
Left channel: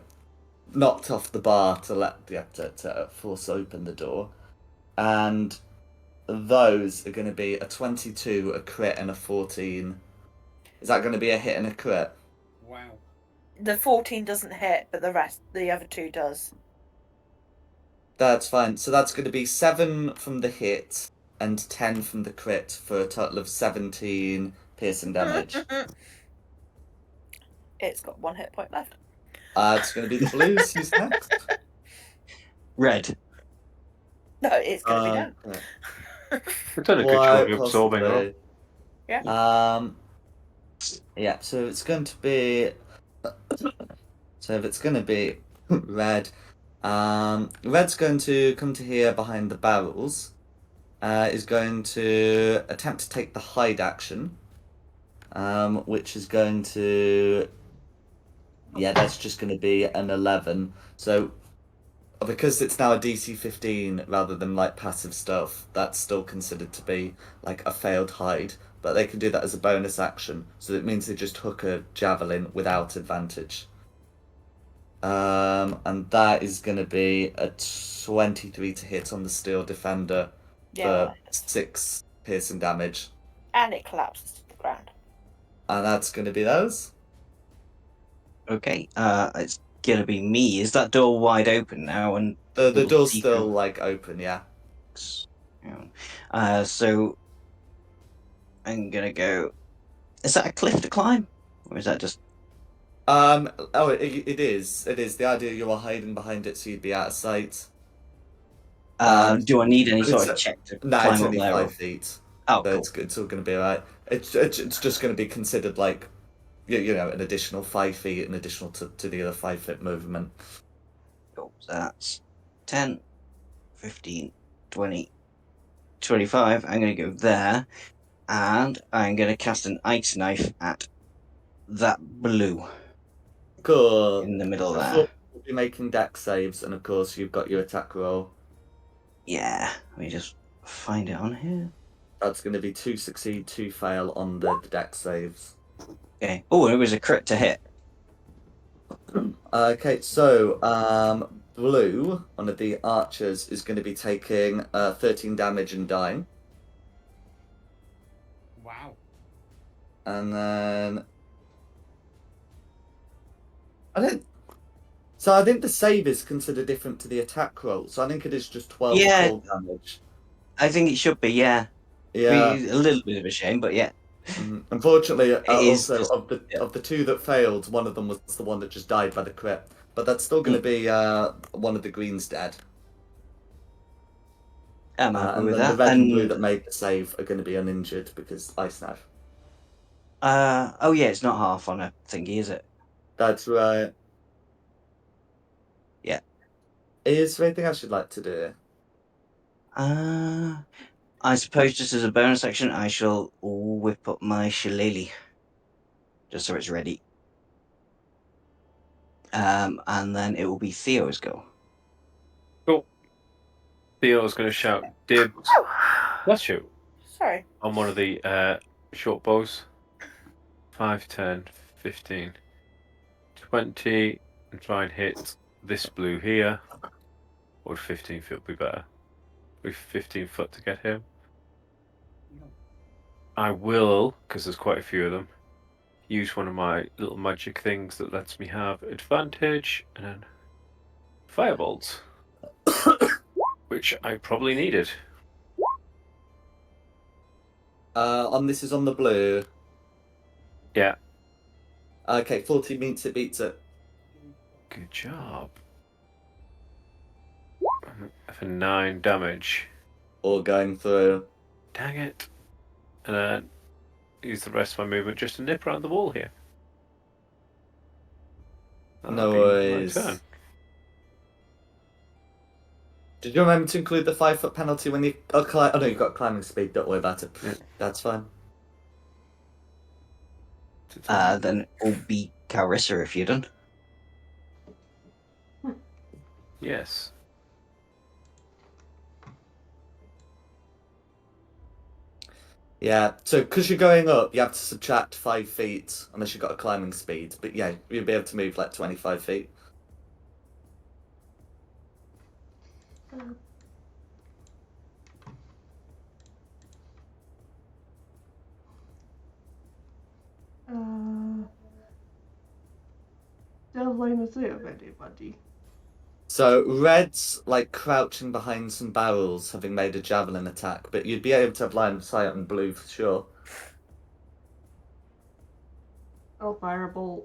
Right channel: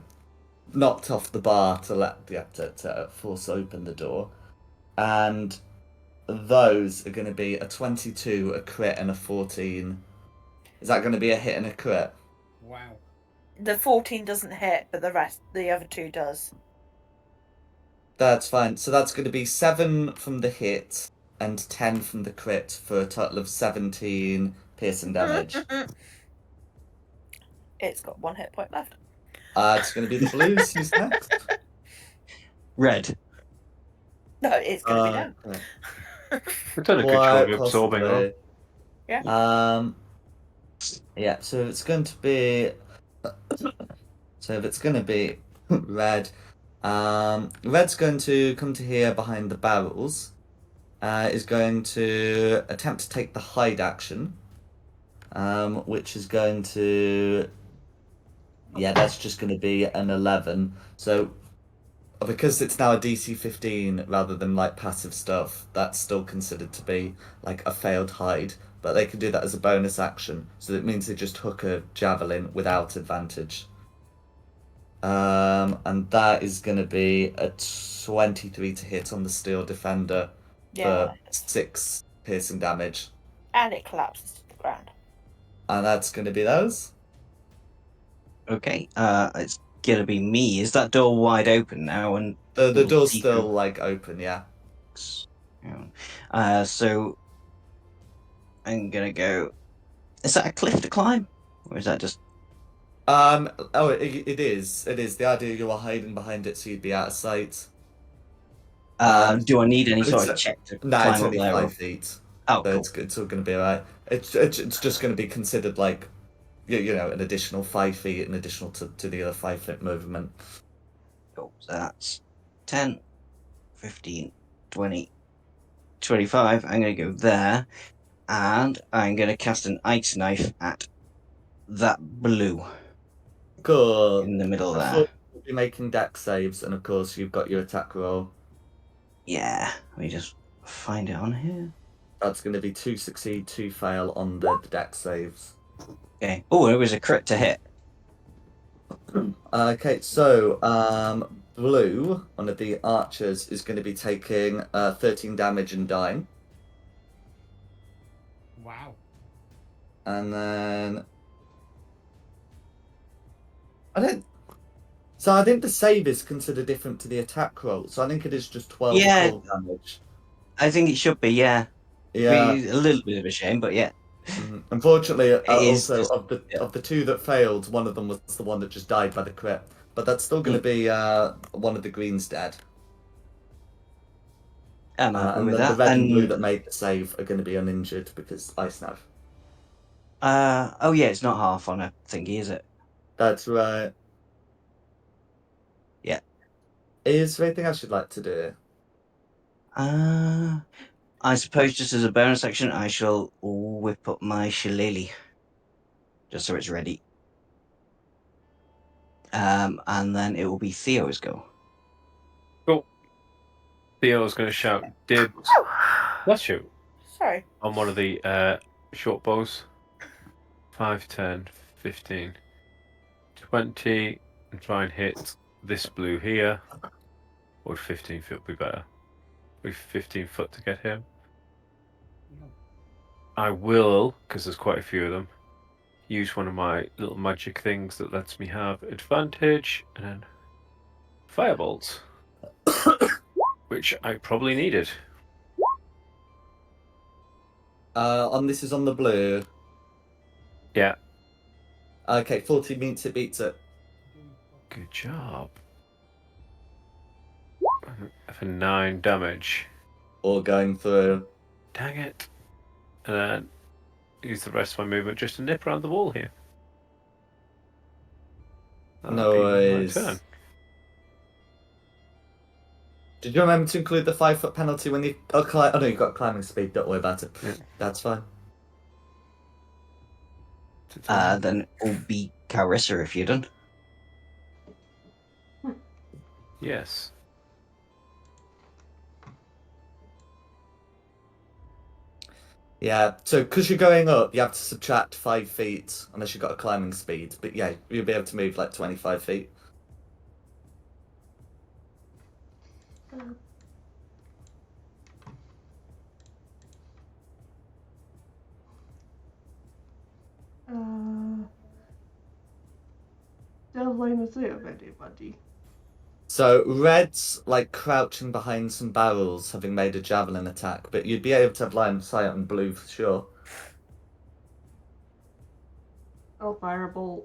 knocked off the bar to force open the door, and those are going to be a 22, a crit, and a 14. Is that going to be a hit and a crit? Wow. The 14 doesn't hit, but the other two does. That's fine. So that's going to be 7 from the hit and 10 from the crit for a total of 17 piercing damage. It's got 1 hit point left. It's going to be the blues. Who's next? red. No, it's going to be done. Okay. We've done a good job Quite of absorbing them. possibly. Yeah. Yeah. So it's going to be. So if it's going to be red, red's going to come to here behind the barrels. Is going to attempt to take the hide action. Which is going to. Yeah, that's just going to be an 11. So because it's now a DC 15 rather than like passive stuff, that's still considered to be like a failed hide. But they can do that as a bonus action, so it means they just hook a javelin without advantage. And that is going to be a 23 to hit on the steel defender Yeah, for well, 6 piercing damage, and it collapses to the ground. and that's going to be those. Okay. It's gonna be me. Is that door wide open now? And The little door's secret- still like open, yeah. So I'm gonna go. Is that a cliff to climb, or is that just? Oh, it is. It is. The idea you are hiding behind it so you'd be out of sight. Do I need any But sort of check to no, it's climb up only there? 5 feet. Oh, So cool. it's all going to be alright. It's just going to be considered like, you know, an additional 5 feet, an additional to the other 5 foot movement. Cool. So that's 10, 15, 20, 25. I'm going to go there, and I'm going to cast an ice knife at that blue Cool. in the middle The there. four will be making dex saves, and of course you've got your attack roll. Yeah, let me just find it on here. That's going to be 2 succeed, 2 fail on the dex saves. Okay. Oh, it was a crit to hit. Okay, so blue, one of the archers, is going to be taking 13 damage and dying. Wow. And then I think the save is considered different to the attack roll. So I think it is just 12 Yeah. full damage. I think it should be, yeah. Yeah. A little bit of a shame, but yeah. Unfortunately, It is also just- of the 2 that failed, one of them was the one that just died by the crit. But that's still going to be one of the greens dead. I'm happy And with then the that. red and blue that made the save are going to be uninjured because ice knife. Oh yeah, it's not half on a thingy, is it? That's right. Yeah. Is there anything else you'd like to do? I suppose just as a bonus action, I shall whip up my shillelagh, just so it's ready. and then it will be Theo's go. Cool. Theo's going to shout dibs. Bless you. Sorry. On one of the short bows. 5, 10, 15, 20, and try and hit this blue here. Or 15 foot be better. With 15 foot to get him. I will, because there's quite a few of them, use one of my little magic things that lets me have advantage, and then firebolts. Which I probably needed. This is on the blue. Yeah. Okay, 14 means it beats it. Good job. For 9 damage. Or going through. Dang it. And then use the rest of my movement just to nip around the wall here. No That'll be my worries. turn. Did you remember to include the 5 foot penalty when you climb? Oh no, you've got climbing speed. Don't worry about it. Yeah. That's fine. Then it will be Carissa if you're done. Yes. Yeah, so because you're going up, you have to subtract 5 feet unless you've got a climbing speed. But yeah, you'll be able to move like 25 feet. Still line of sight of anybody. So red's like crouching behind some barrels, having made a javelin attack, but you'd be able to have line of sight on blue for sure. I'll firebolt.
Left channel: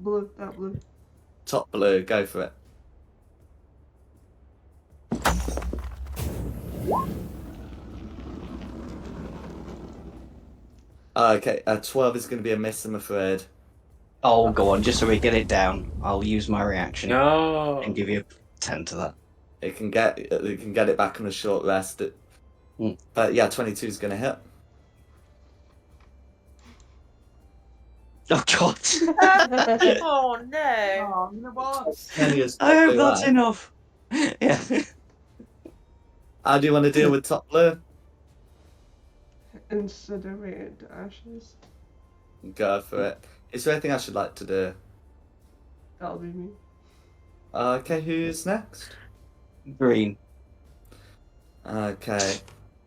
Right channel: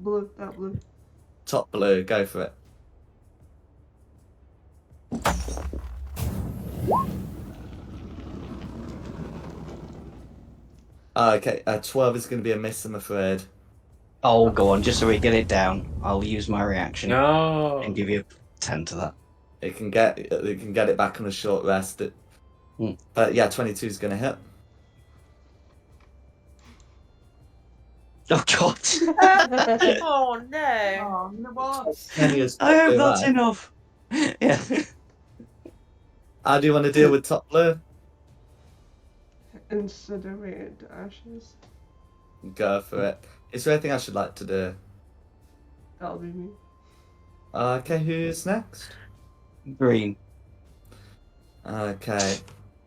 Blue, that blue. Top blue, go for it. Okay, 12 is going to be a miss, I'm afraid. Oh, go on, just so we get it down. I'll use my reaction No. and give you a 10 to that. It can get it back on a short rest. But yeah, 22 is going to hit. Oh god! Oh no. Oh, no, what? Kenny is I top hope blue, that's right? enough. Yeah. How do you want to deal with top blue? Incinerate to ashes. Go for it. Is there anything I should like to do? That'll be me. Okay, who's next? Green. Okay.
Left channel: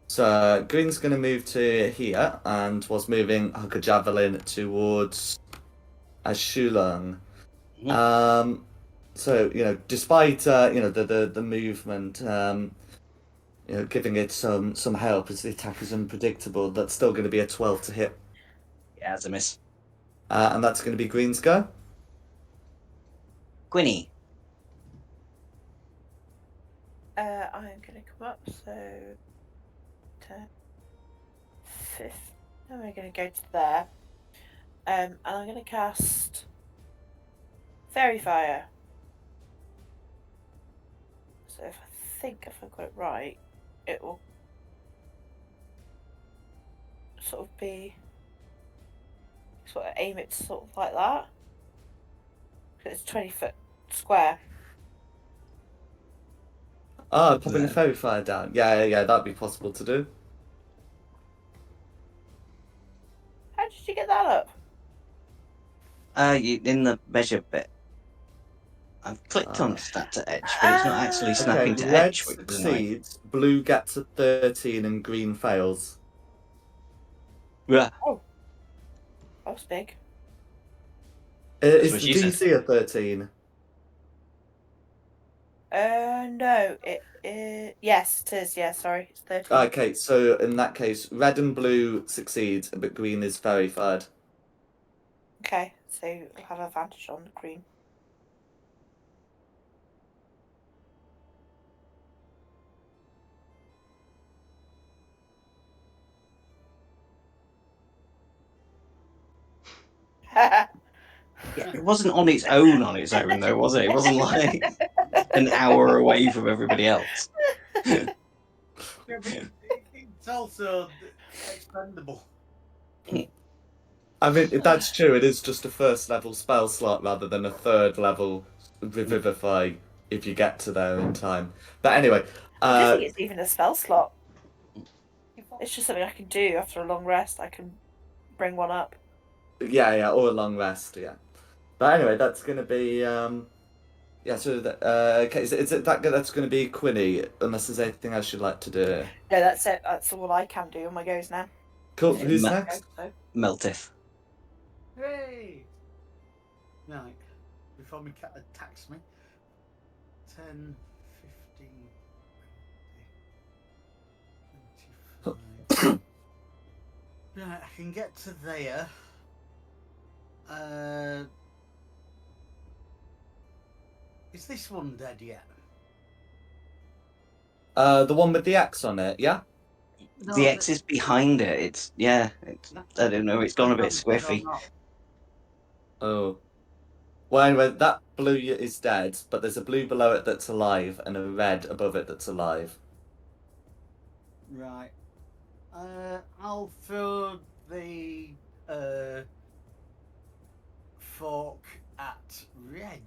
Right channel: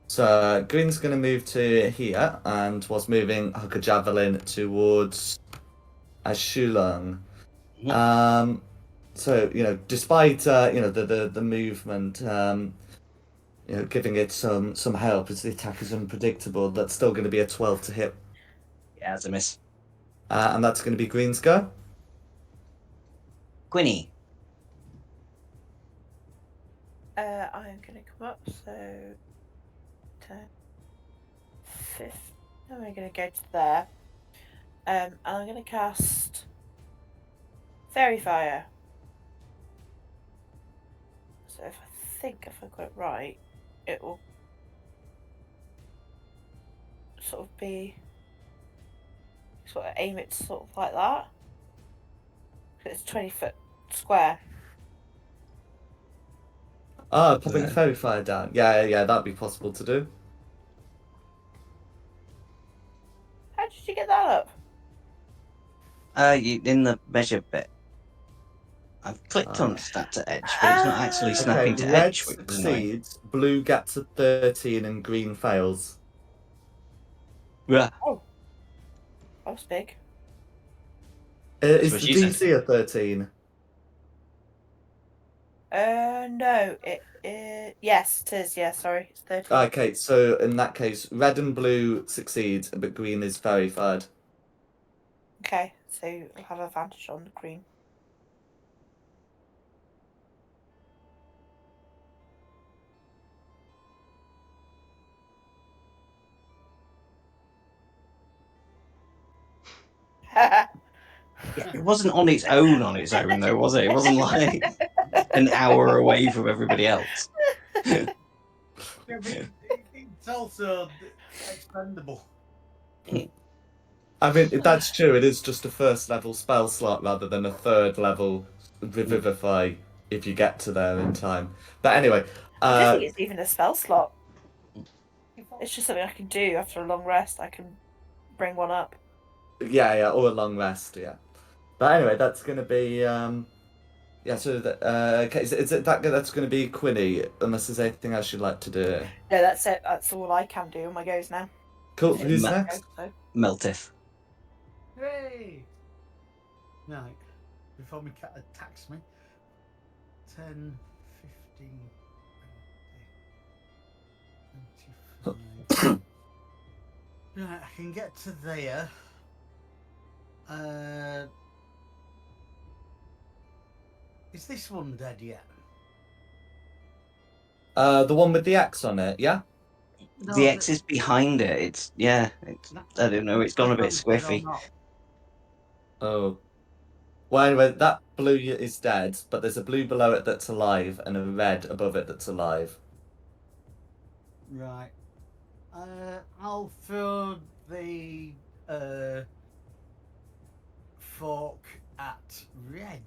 So Green's going to move to here and was moving Hooker Javelin towards Ashulung. So, despite the movement, giving it some help as the attack is unpredictable, that's still going to be a 12 to hit. Yeah, that's a miss. And that's going to be Green's go. Gwynny. I'm gonna come up, so 10, 5. Then we're gonna go to there. And I'm gonna cast Fairy Fire. So if I got it right, it will sort of be aim it sort of like that. It's 20 foot square. Ah, popping a Yeah. fairy fire down. Yeah, that'd be possible to do. How did you get that up? In the measure bit. I've clicked on stat to edge, but it's not actually snapping to red edge, which is annoying. succeeds, blue gets a 13, and green fails. Yeah. That was big. Is what the she said. DC a 13? No, yes, it is. Yeah, sorry, it's 13. Okay, so in that case, red and blue succeed, but green is fairy fired. Okay, so I'll have advantage on the green. It wasn't on its own though, was it? It wasn't like an hour away from everybody else. Yeah, but it's also expendable. I mean, that's true. It is just a first level spell slot rather than a third level revivify if you get to there in time. But anyway, I don't think it's even a spell slot. It's just something I can do after a long rest. I can bring one up. yeah, or a long rest, yeah. But anyway, that's gonna be yeah. So okay, is it that's gonna be Quinny? Unless there's anything else you'd like to do. No, that's it. That's all I can do on my goes now. Cool. Who's Ma- next? So. Meltif. Hooray! Right, before my cat attacks me. 10, 15, 25. Right, I can get to there. Is this one dead yet? The one with the X on it, yeah. The X is behind it. It's I don't know. It's gone a bit squiffy. Oh. Well, anyway, that blue is dead, but there's a blue below it that's alive and a red above it that's alive. Right. I'll throw the fork at red.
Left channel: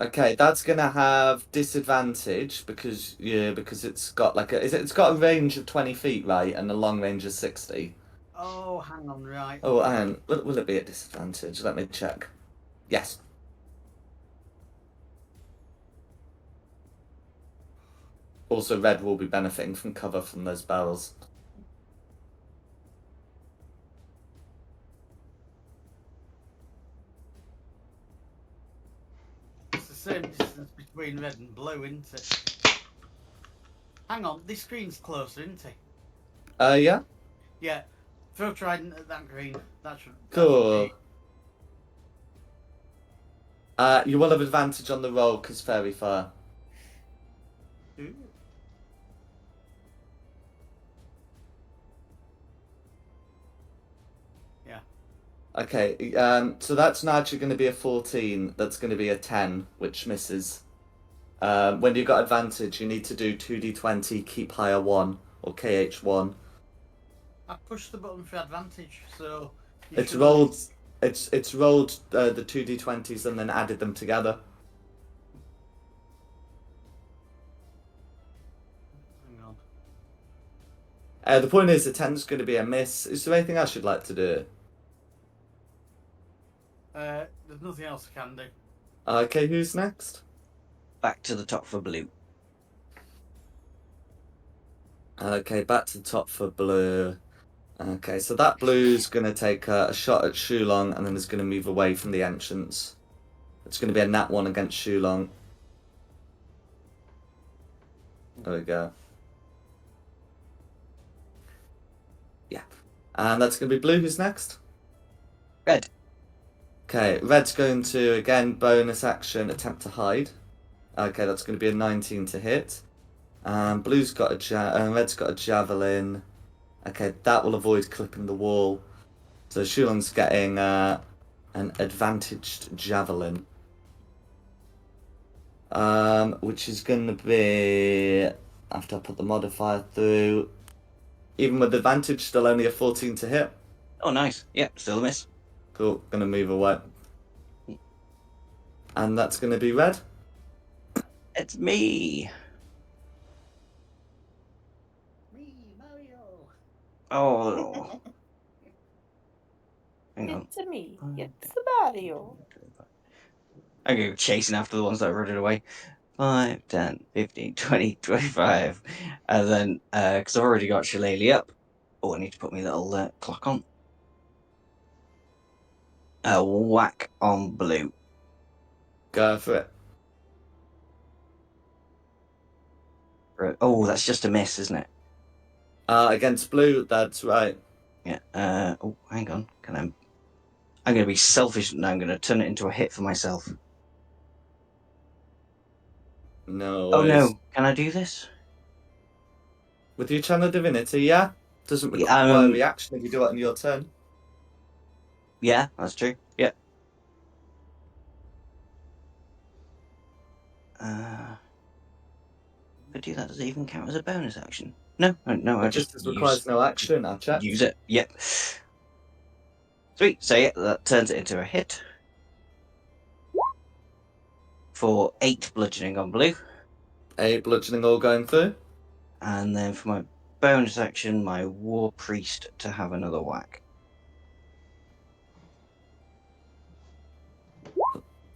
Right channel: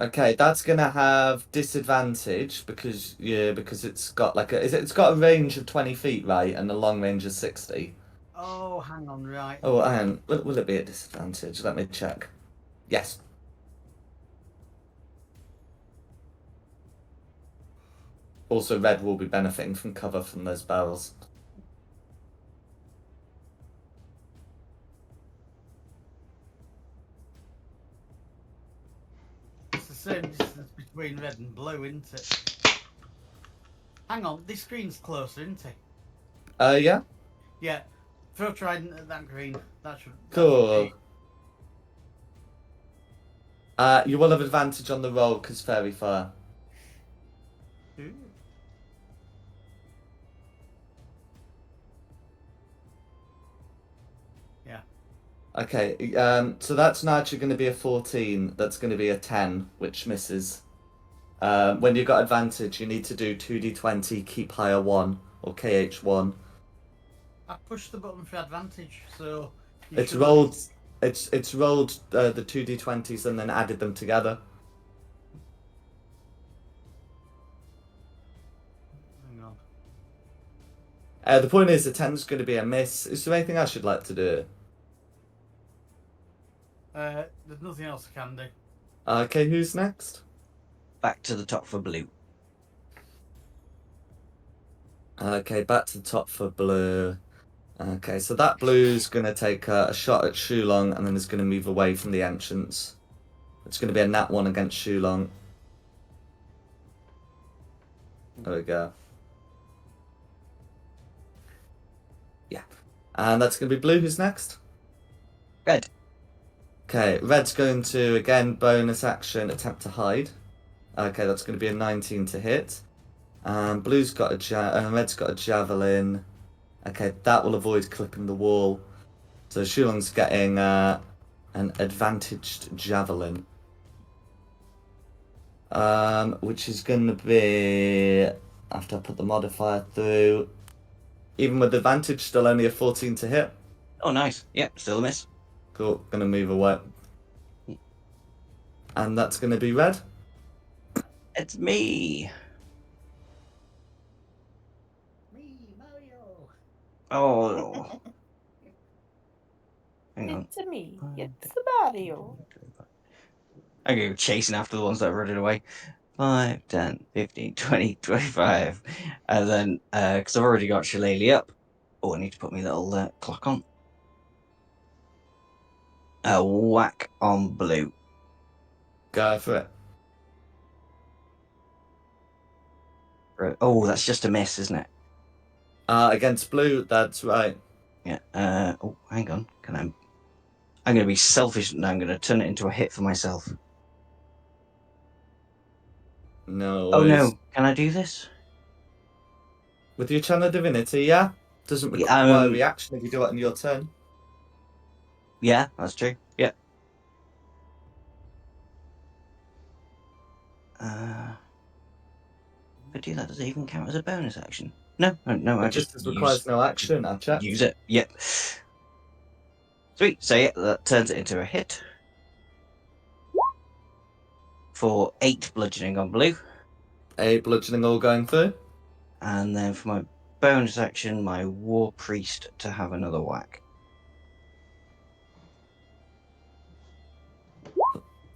Okay, that's gonna have disadvantage because it's got like it's got a range of 20 feet, right, and a long range of 60. Oh, hang on, right. Oh, and will it be at disadvantage? Let me check. Yes. Also, red will be benefiting from cover from those barrels. It's the same distance between red and blue, isn't it? Hang on, this green's closer, isn't it? Yeah. Yeah. Throw trident at that green. That should. Cool. You will have advantage on the roll because fairy fire. Ooh. Yeah. Okay. So that's now actually going to be a 14. That's going to be a 10, which misses. When you've got advantage, you need to do 2d20, keep higher 1, or KH1. I pushed the button for advantage, so. It's rolled. It's rolled the 2d20s and then added them together. Hang on. The point is, the 10's going to be a miss. Is there anything else you'd like to do? There's nothing else I can do. Okay, who's next? Back to the top for blue. Okay, back to the top for blue. Okay, so that blue's going to take a shot at Shulong and then is going to move away from the entrance. It's going to be a nat 1 against Shulong. There we go. Yeah. And that's going to be blue. Who's next? Red. Okay, red's going to, again, bonus action, attempt to hide. Okay, that's going to be a 19 to hit. Blue's got red's got a javelin. Okay, that will avoid clipping the wall. So Shulong's getting an advantaged javelin. Which is going to be, after I put the modifier through, even with advantage, still only a 14 to hit. Oh, nice. Yep, still a miss. Cool, going to move away. And that's going to be red. It's me. Me, Mario. Oh. Hang on. It's me. It's Mario. I go chasing after the ones that run it away. 5, 10, 15, 20, 25. And then, because I've already got Shillelagh up. Oh, I need to put my little clock on. Whack on blue. Go for it. Oh, that's just a miss, isn't it? Against blue, that's right. Yeah. Oh, hang on. I'm going to be selfish and I'm going to turn it into a hit for myself. No Oh worries. no! Can I do this? With your channel divinity, yeah? Doesn't Yeah, require a reaction if you do it on your turn. Yeah, that's true. Yeah. If I do that, does it even count as a bonus action? No, no. I It just requires no action, I'll check. use it. Yep. Sweet. So yeah, that turns it into a hit. For 8 bludgeoning on blue. 8 bludgeoning all going through. And then for my bonus action, my War Priest to have another whack.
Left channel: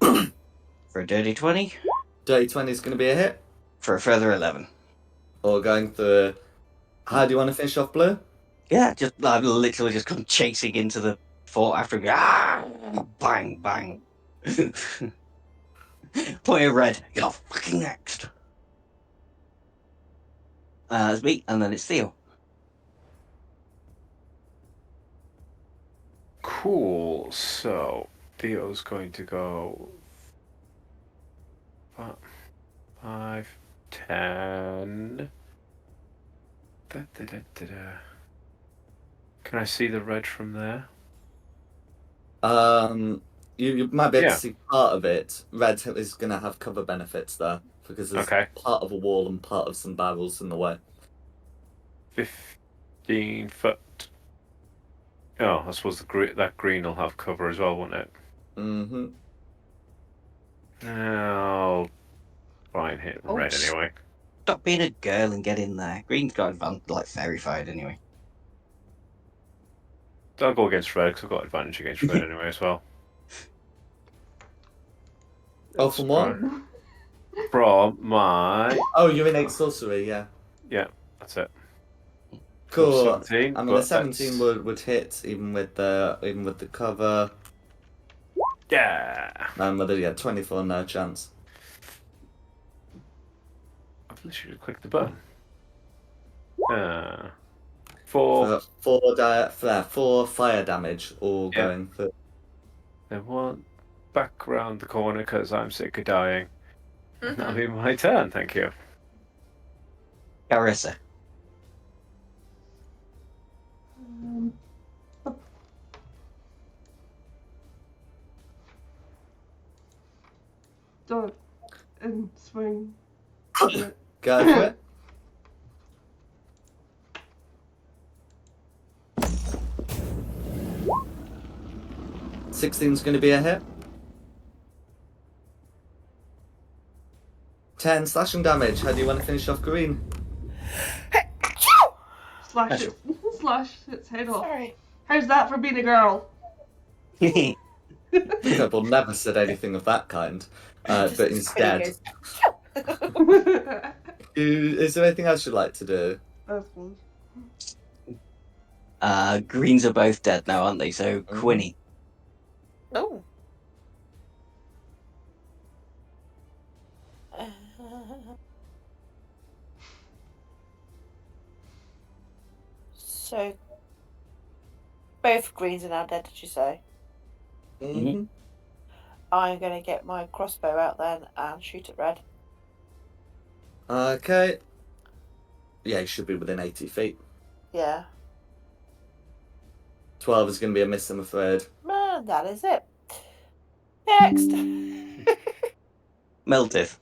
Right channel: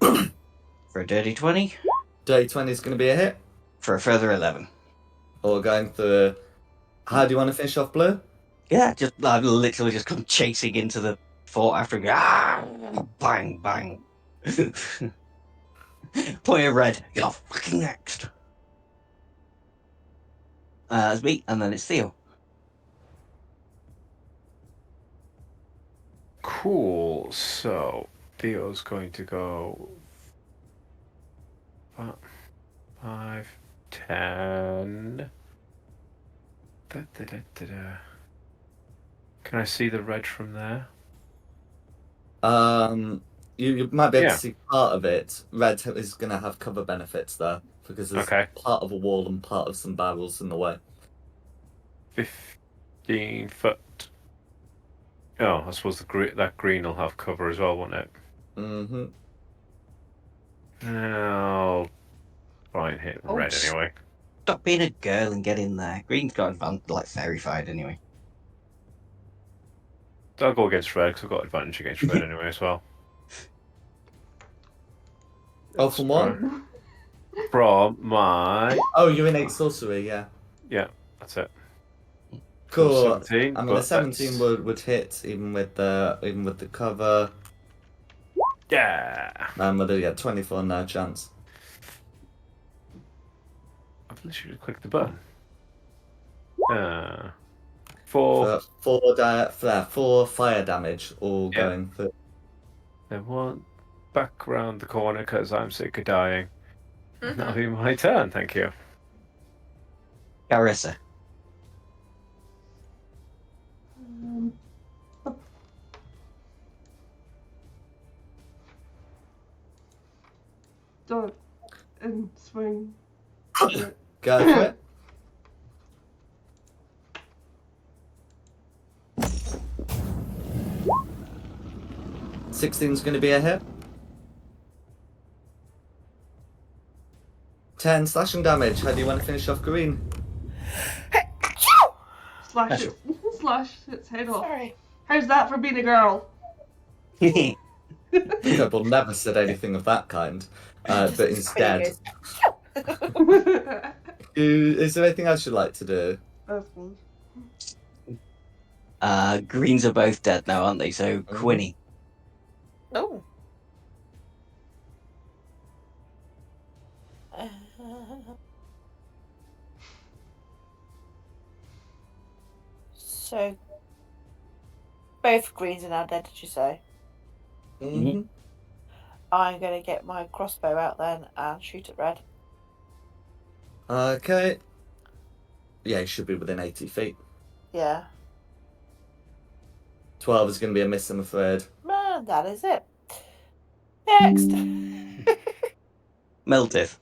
For a dirty 20. Dirty 20 is going to be a hit. For a further 11. All going through. How do you want to finish off blue? Yeah, I've literally just come chasing into the fort after him. Ah, bang, bang. Point of red. You're fucking next. It's me, and then it's Theo. Cool. So Theo's going to go 5, 10. Da, da, da, da, da. Can I see the red from there? You might be able Yeah. to see part of it. Red is going to have cover benefits there because there's Okay. part of a wall and part of some barrels in the way. 15 foot. Oh, I suppose that green will have cover as well, won't it? Mm-hmm. I'll try and hit Oh, red anyway. Stop being a girl and get in there. Green's got fairy-fied anyway. I'll go against red because I've got advantage against red anyway as well. Oh, from what? From my... Oh, you're in 8 sorcery, yeah. Yeah, that's it. Cool. 17, I mean, a 17 would hit even with the cover. Yeah. And with a 24, no chance. I've literally just clicked the button. 4. 4 fire damage, all Yeah. going through. Then one back around the corner because I'm sick of dying. And that'll be my turn, thank you. Carissa. Dog and swing. Go for it. $16's going to be a hit. 10 slashing damage. How do you want to finish off green? Slash it. Slash its head off. Sorry. How's that for being a girl? We'll never said anything of that kind. But instead, is there anything else you'd like to do? That's close. Greens are both dead now, aren't they? So Quinny. Oh. So, both greens are now dead, did you say? Mm-hmm. I'm going to get my crossbow out then and shoot at red. Okay. Yeah, he should be within 80 feet. Yeah. 12 is going to be a miss, I'm afraid. Man, that is it. Next. Meltith.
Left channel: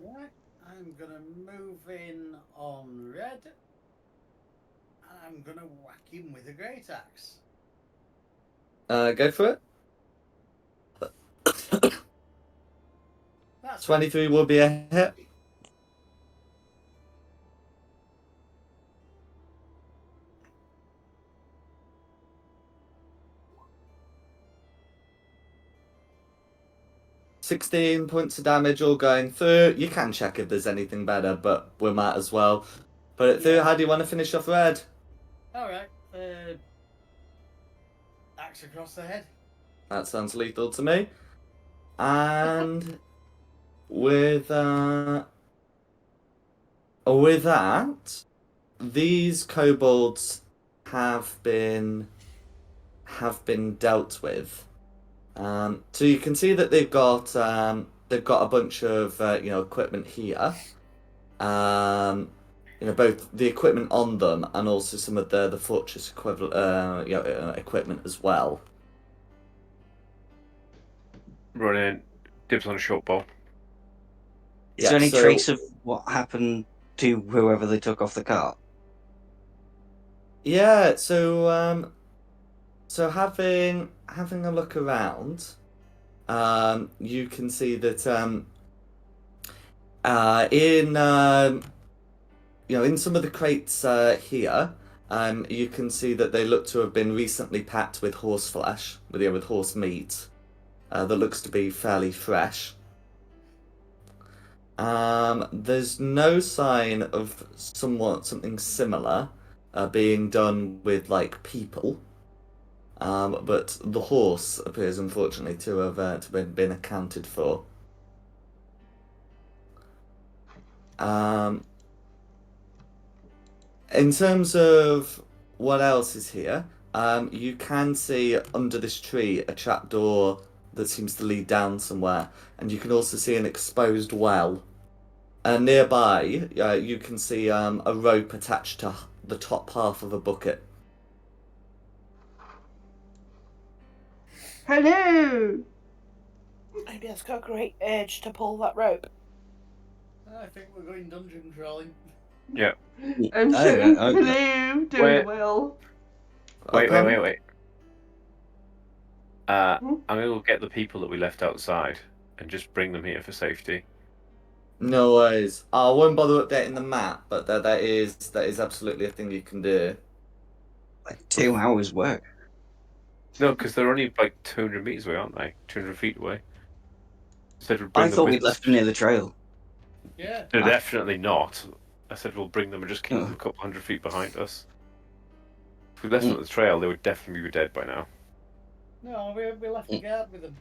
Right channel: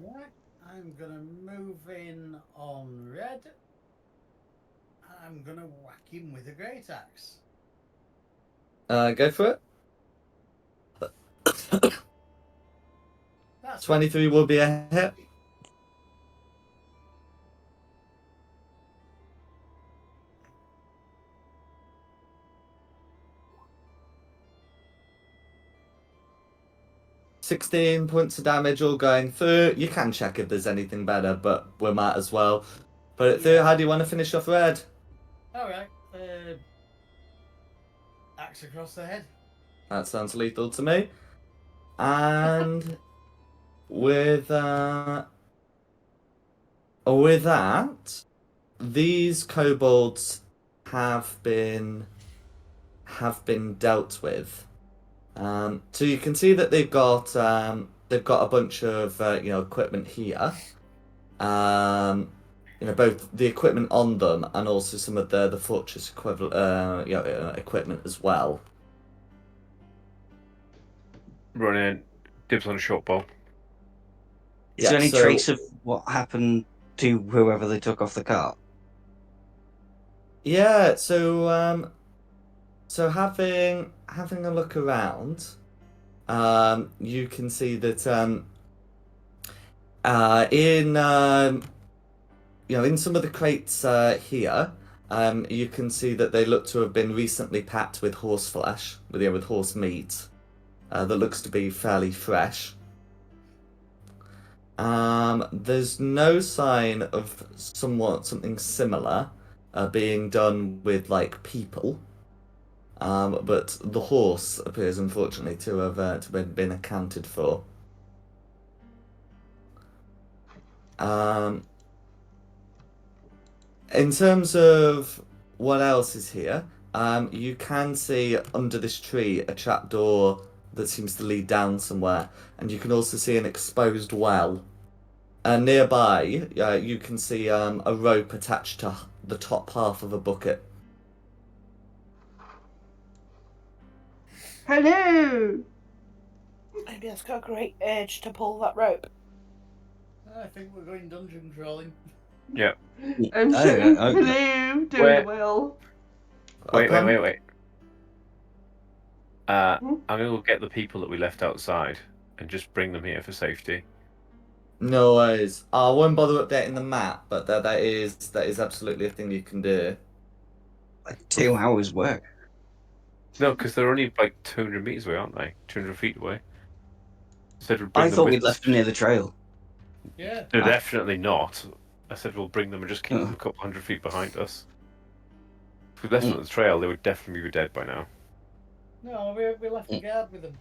Right, I'm gonna move in on red. And I'm gonna whack him with a great axe. Go for it. That's 23 will be a hit. $16 points of damage all going through. You can check if there's anything better, but we might as well put it through. How do you want to finish off red? alright. Axe across the head. That sounds lethal to me. And with that, these kobolds have been dealt with. So you can see that they've got a bunch of equipment here. Both the equipment on them and also some of the fortress equivalent equipment as well. Run in. Dibs on a short bow. Is there any trace of what happened to whoever they took off the cart? Yeah, so So having a look around, you can see that in in some of the crates here, you can see that they look to have been recently packed with horse flesh, with horse meat. That looks to be fairly fresh. There's no sign of something similar being done with like people. But the horse appears unfortunately to have been accounted for. Um, in terms of what else is here, you can see under this tree a trapdoor that seems to lead down somewhere, and you can also see an exposed well. Nearby, you can see a rope attached to the top half of a bucket. Hello! Maybe that's got a great urge to pull that rope. I think we're going dungeon crawling. Yeah. I'm I shouting don't know. hello down Where- the well. Wait. Hmm? I'm gonna go get the people that we left outside and just bring them here for safety. No worries. I won't bother updating the map, but that is absolutely a thing you can do. Like 2 hours work. No, because they're only like 200 meters away, aren't they? 200 feet away. Said we'd I bring them thought with we'd us. left them near the trail. Yeah. They're definitely not. I said we'll bring them and just keep them Oh. a couple hundred feet behind us. If we left them Mm. at the trail, they would definitely be dead by now. No, we left a guard with them.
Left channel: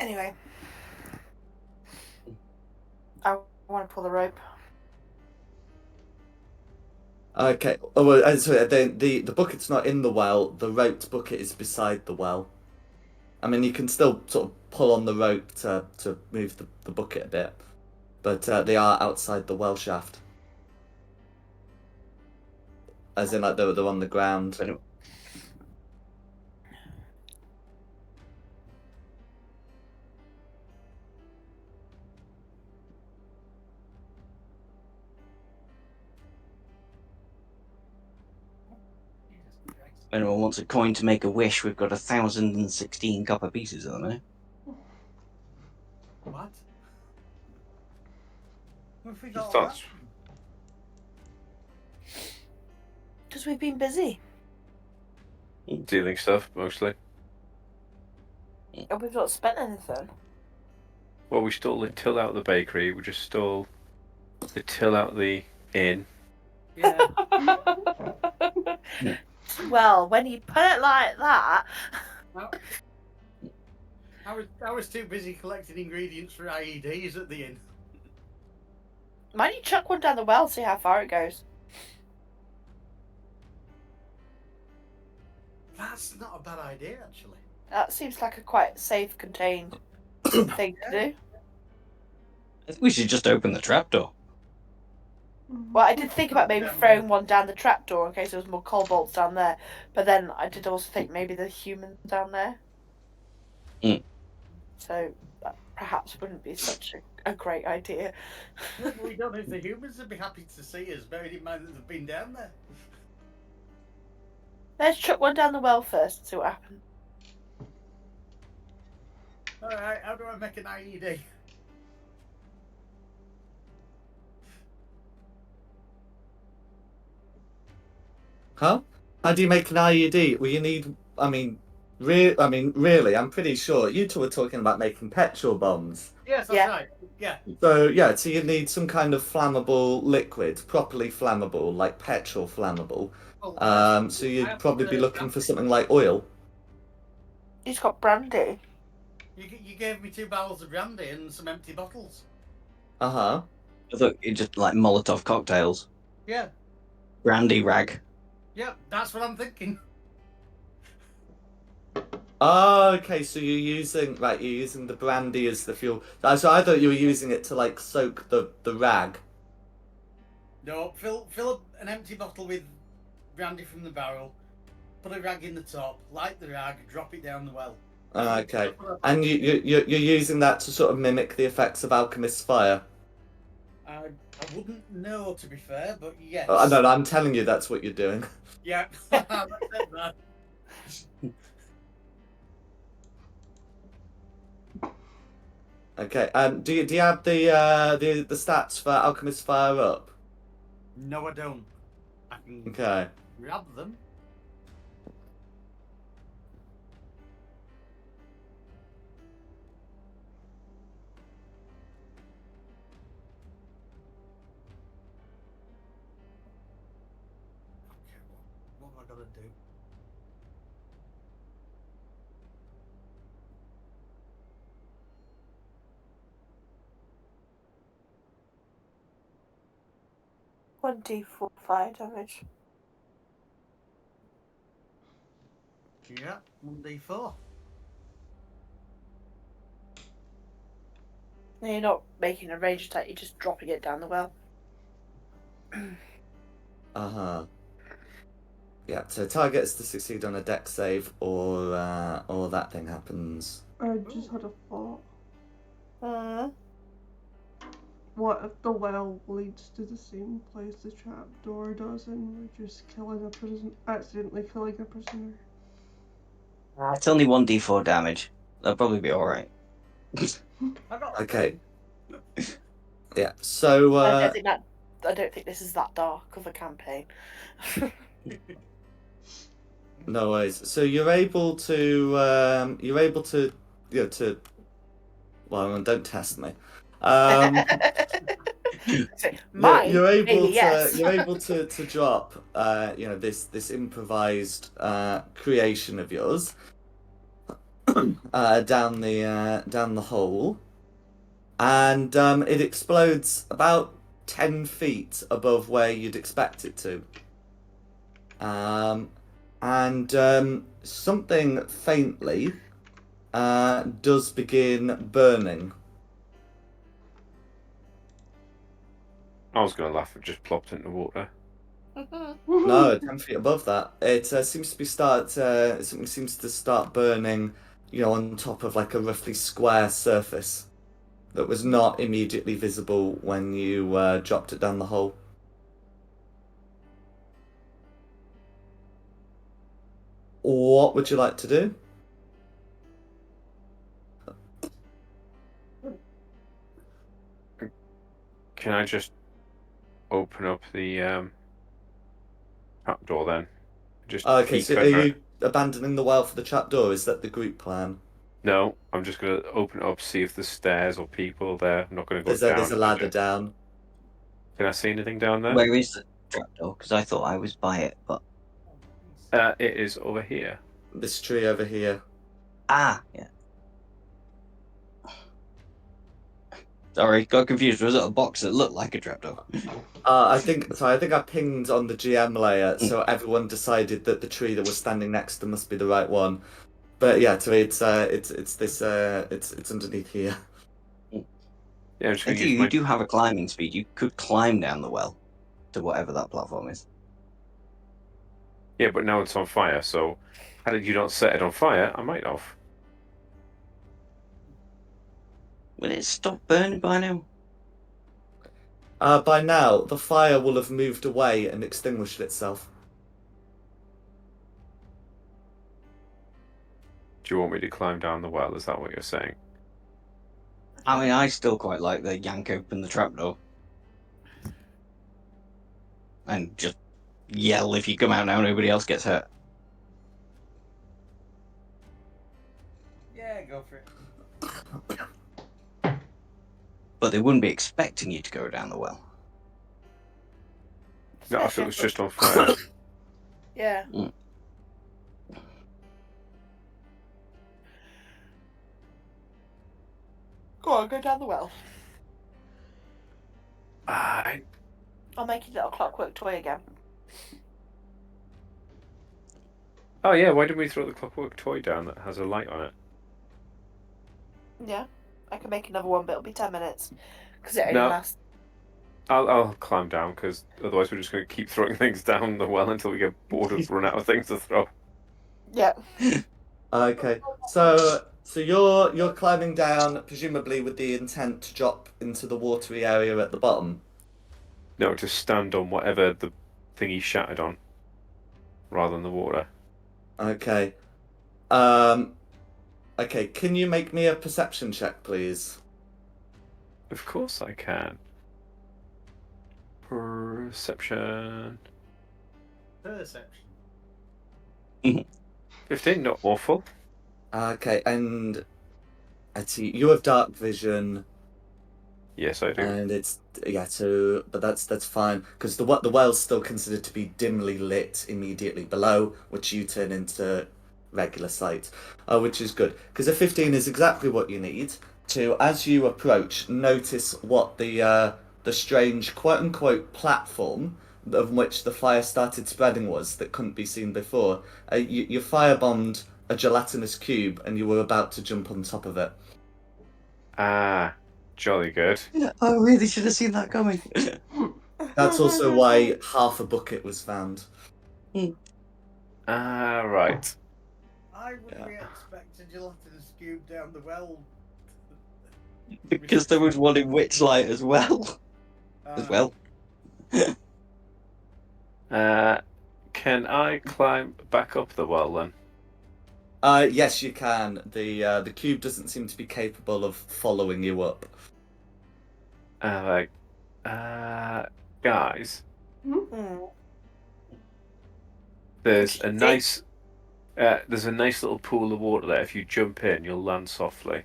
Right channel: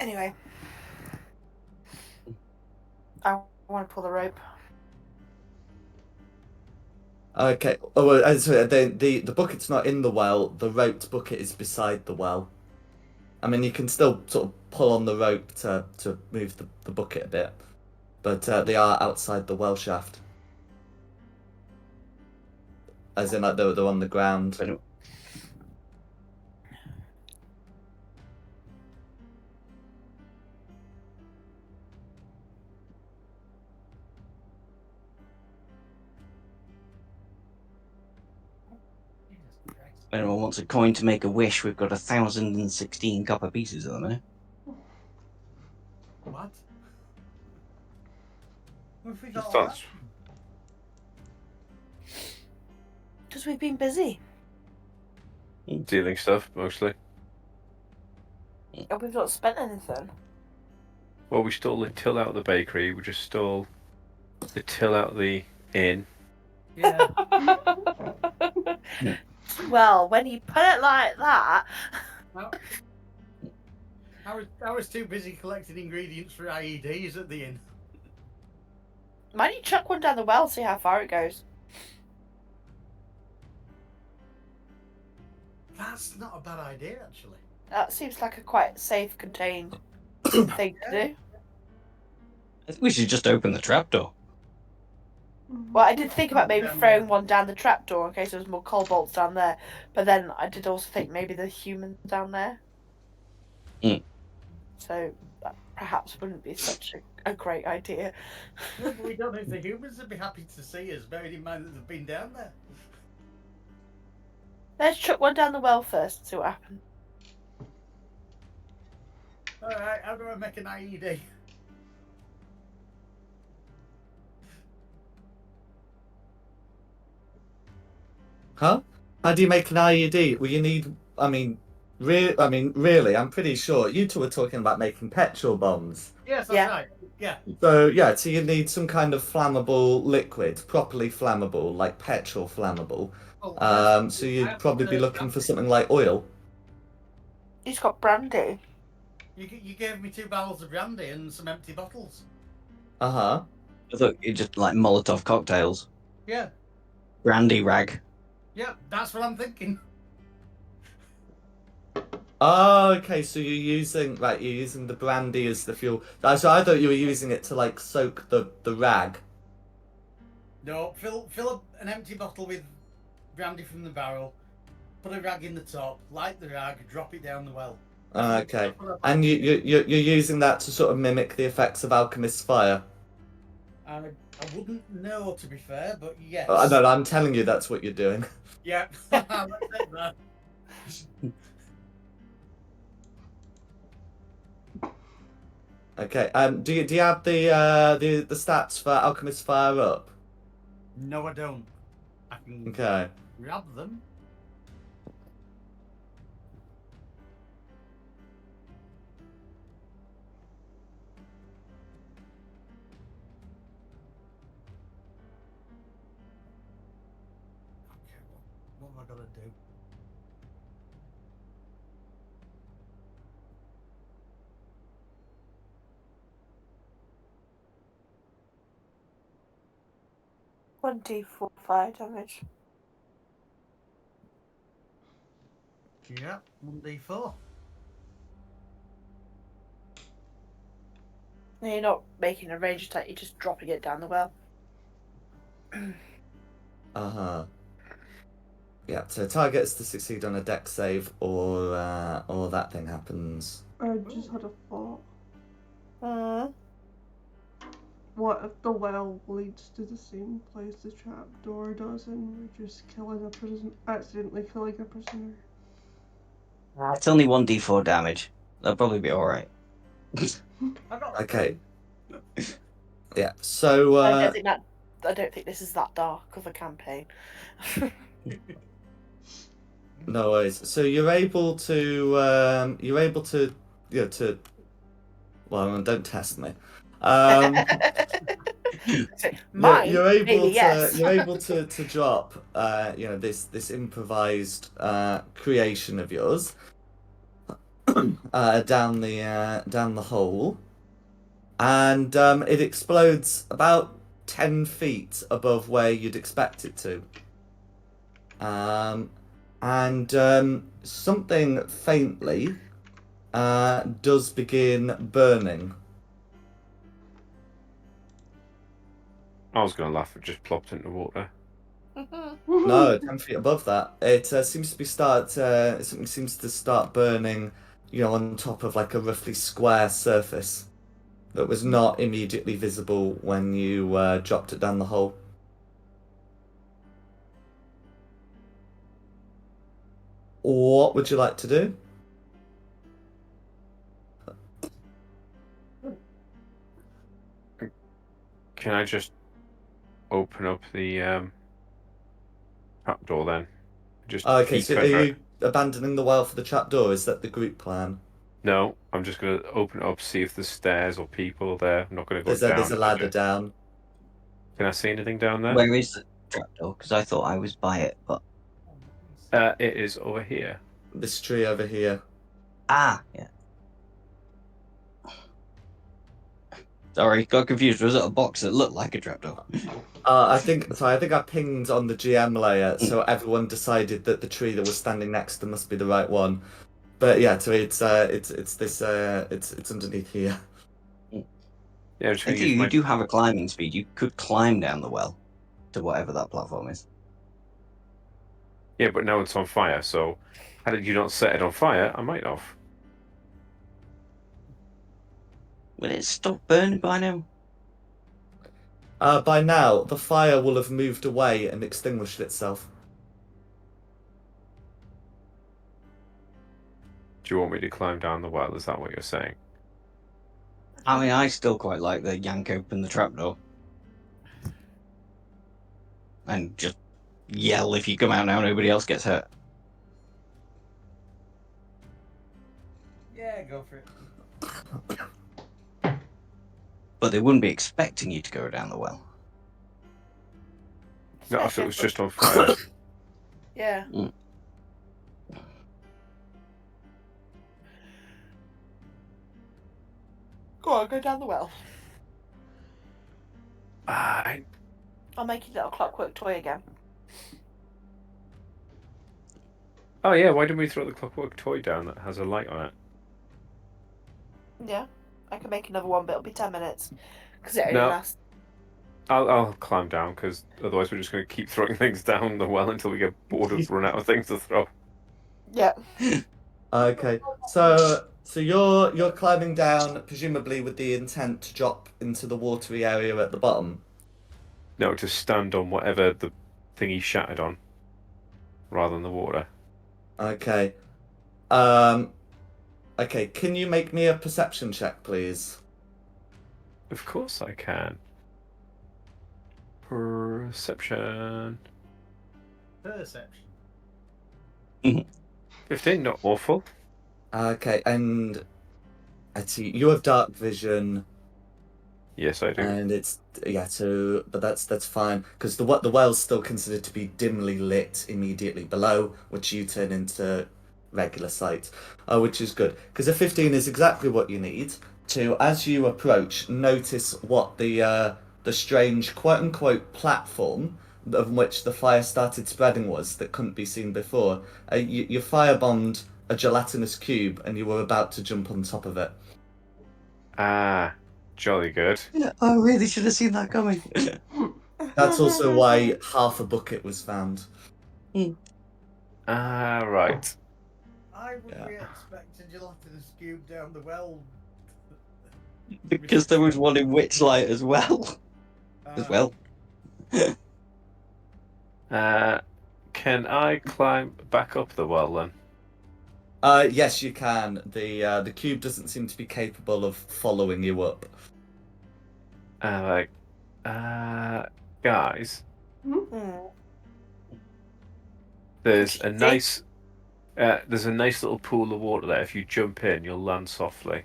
Anyway. I want to pull the rope. Okay. Oh, well, sorry, the bucket's not in the well. The roped bucket is beside the well. I mean, you can still sort of pull on the rope to move the bucket a bit, but they are outside the well shaft. As in, like, they're on the ground. But if anyone wants a coin to make a wish, we've got 1,016 copper pieces at the minute. What? What have we got Just all that's- that? Because we've been busy. Dealing stuff, mostly. And we've not spent anything. Well, we stole the till out of the bakery. We just stole the till out of the inn. Yeah. Well, when you put it like that. No. I was too busy collecting ingredients for IEDs at the inn. Might you chuck one down the well, see how far it goes? That's not a bad idea, actually. That seems like a quite safe, contained thing to do. I think we should just open the trapdoor. Well, I did think about maybe throwing one down the trapdoor in case there was more cobalts down there, but then I did also think maybe the humans down there. Mm. So that perhaps wouldn't be such a great idea. No, but we don't know if the humans would be happy to see us, bearing in mind that they've been down there. Let's chuck one down the well first and see what happens. Alright, how do I make an IED? Huh? How do you make an IED? Well, you need. Really, I'm pretty sure you two were talking about making petrol bombs. Yes, that's Yeah. right. Yeah. So you need some kind of flammable liquid, properly flammable, like petrol flammable. Well, So I you'd have probably be to- looking for something like oil. He's got brandy. You gave me 2 barrels of brandy and some empty bottles. Uh-huh. I thought it just like Molotov cocktails. Yeah. Brandy rag. Yeah, that's what I'm thinking. Oh, okay, so you're using the brandy as the fuel. So I thought you were using it to like soak the rag. No, fill an empty bottle with brandy from the barrel, put a rag in the top, light the rag, drop it down the well. Okay. And you're using that to sort of mimic the effects of alchemist's fire. I wouldn't know, to be fair, but yes. No, I'm telling you that's what you're doing. Yeah, that's it, man. Okay. Do you have the stats for Alchemist Fire up? No, I don't. I can Okay. grab them. Okay, what have I got to do? One d4 fire damage. Yeah, 1d4. No, you're not making a range attack, you're just dropping it down the well. Uh-huh. Yeah, so targets to succeed on a dex save or that thing happens. I just had a thought. Mm. What if the well leads to the same place the trapdoor does and we're just accidentally killing a prisoner? It's only 1d4 damage. That'll probably be alright. I got Okay. three. Yeah, so I don't think this is that dark of a campaign. no worries. So you're able to you know to well, don't test me. So, mine, you're able maybe yes. to drop this improvised creation of yours down the hole, and it explodes about 10 feet above where you'd expect it to. And something faintly does begin burning. I was going to laugh. It just plopped into water. No, 10 feet above that. It seems to be something seems to start burning, on top of like a roughly square surface that was not immediately visible when you dropped it down the hole. What would you like to do? Can I just open up the trapdoor then? Just Okay, peek so are under you it. abandoning the well for the trapdoor? Is that the group plan? No, I'm just going to open it up, see if there's stairs or people there. I'm not going to go There's down. a ladder down. Can I see anything down there? Where is the trapdoor? Because I thought I was by it, but It is over here. This tree over here. yeah. Sorry, got confused. Was it a box that looked like a trapdoor? I think I pinged on the GM layer, so everyone decided that the tree that was standing next to them must be the right one. But yeah, so it's underneath here. Yeah, I'm just I going to think use you my. do have a climbing speed. You could climb down the well to whatever that platform is. Yeah, but now it's on fire. So, had you not set it on fire, I might have. Will it stop burning by now? By now, the fire will have moved away and extinguished itself. Do you want me to climb down the well? Is that what you're saying? I mean, I still quite like the yank open the trapdoor and just yell if you come out now, nobody else gets hurt. Yeah, go for it. But they wouldn't be expecting you to go down the well. No, if it was just on fire. Yeah. Go on, go down the well. I I'll make you a little clockwork toy again. Oh yeah, why didn't we throw the clockwork toy down that has a light on it? Yeah, I can make another one, but it'll be 10 minutes because it only No. lasts. I'll climb down because otherwise we're just going to keep throwing things down the well until we get bored of run out of things to throw. Yeah. Okay, so So you're climbing down, presumably with the intent to drop into the watery area at the bottom. No, to stand on whatever the thing he shattered on, rather than the water. Okay. Um. Okay. Can you make me a perception check, please? Of course I can. Perception. Perception. 15, not awful. Okay. And I see you have dark vision. Yes, I do. And it's so but that's fine because the well's still considered to be dimly lit immediately below, which you turn into regular sight, which is good because a 15 is exactly what you need to, as you approach, notice what the strange quote unquote platform of which the fire started spreading was that couldn't be seen before. You firebombed a gelatinous cube and you were about to jump on top of it. Ah, jolly good. Yeah, I really should have seen that coming. That's also why half a bucket was found. Ah, right. I would Yeah. we expect a gelatinous cube down the well? Because there was one in Witchlight as well. As well. Can I climb back up the well then? Yes, you can. The cube doesn't seem to be capable of following you up. Like, guys, there's a nice little pool of water there. If you jump in, you'll land softly.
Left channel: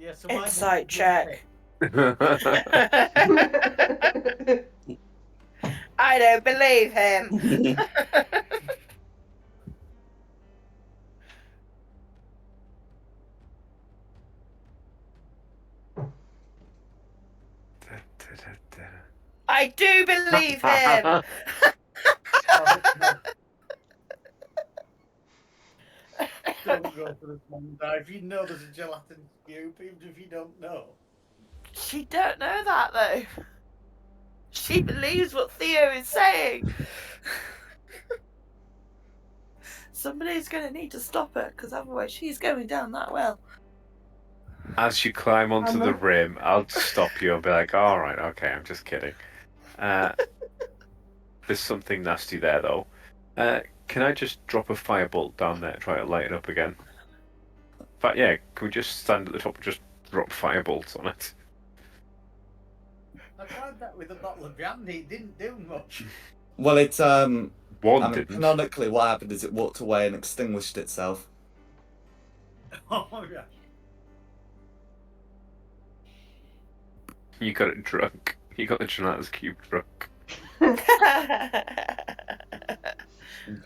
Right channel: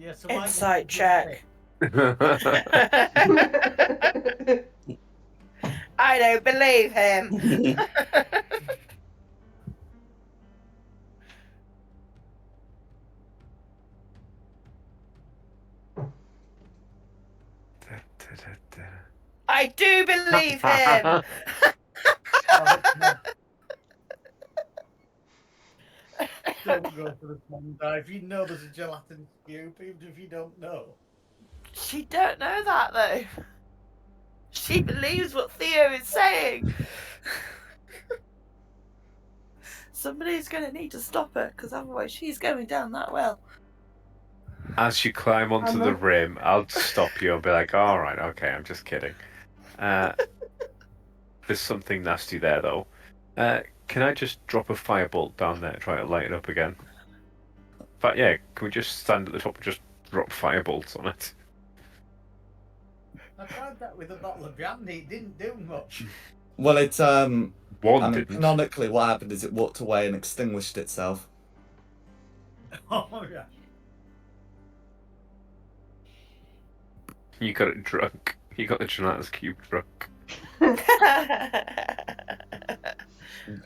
Yeah, so why Insight didn't you jump check. I don't believe him. I do believe him. Oh, no. Don't go for the swan dive. You know there's a gelatin cube, even if you don't know. She don't know that though. She believes what Theo is saying. Somebody's going to need to stop her because otherwise she's going down that well. As you climb onto I'm the not- rim, I'll stop you. I'll be like, "All right, okay, I'm just kidding." There's something nasty there though. Can I just drop a firebolt down there, try to light it up again? But yeah, can we just stand at the top and just drop firebolts on it? I tried that with a bottle of brandy. It didn't do much. Well, it's One I mean, didn't. canonically, what happened is it walked away and extinguished itself. Oh, yeah. You got it drunk. You got the gelatinous cube drunk.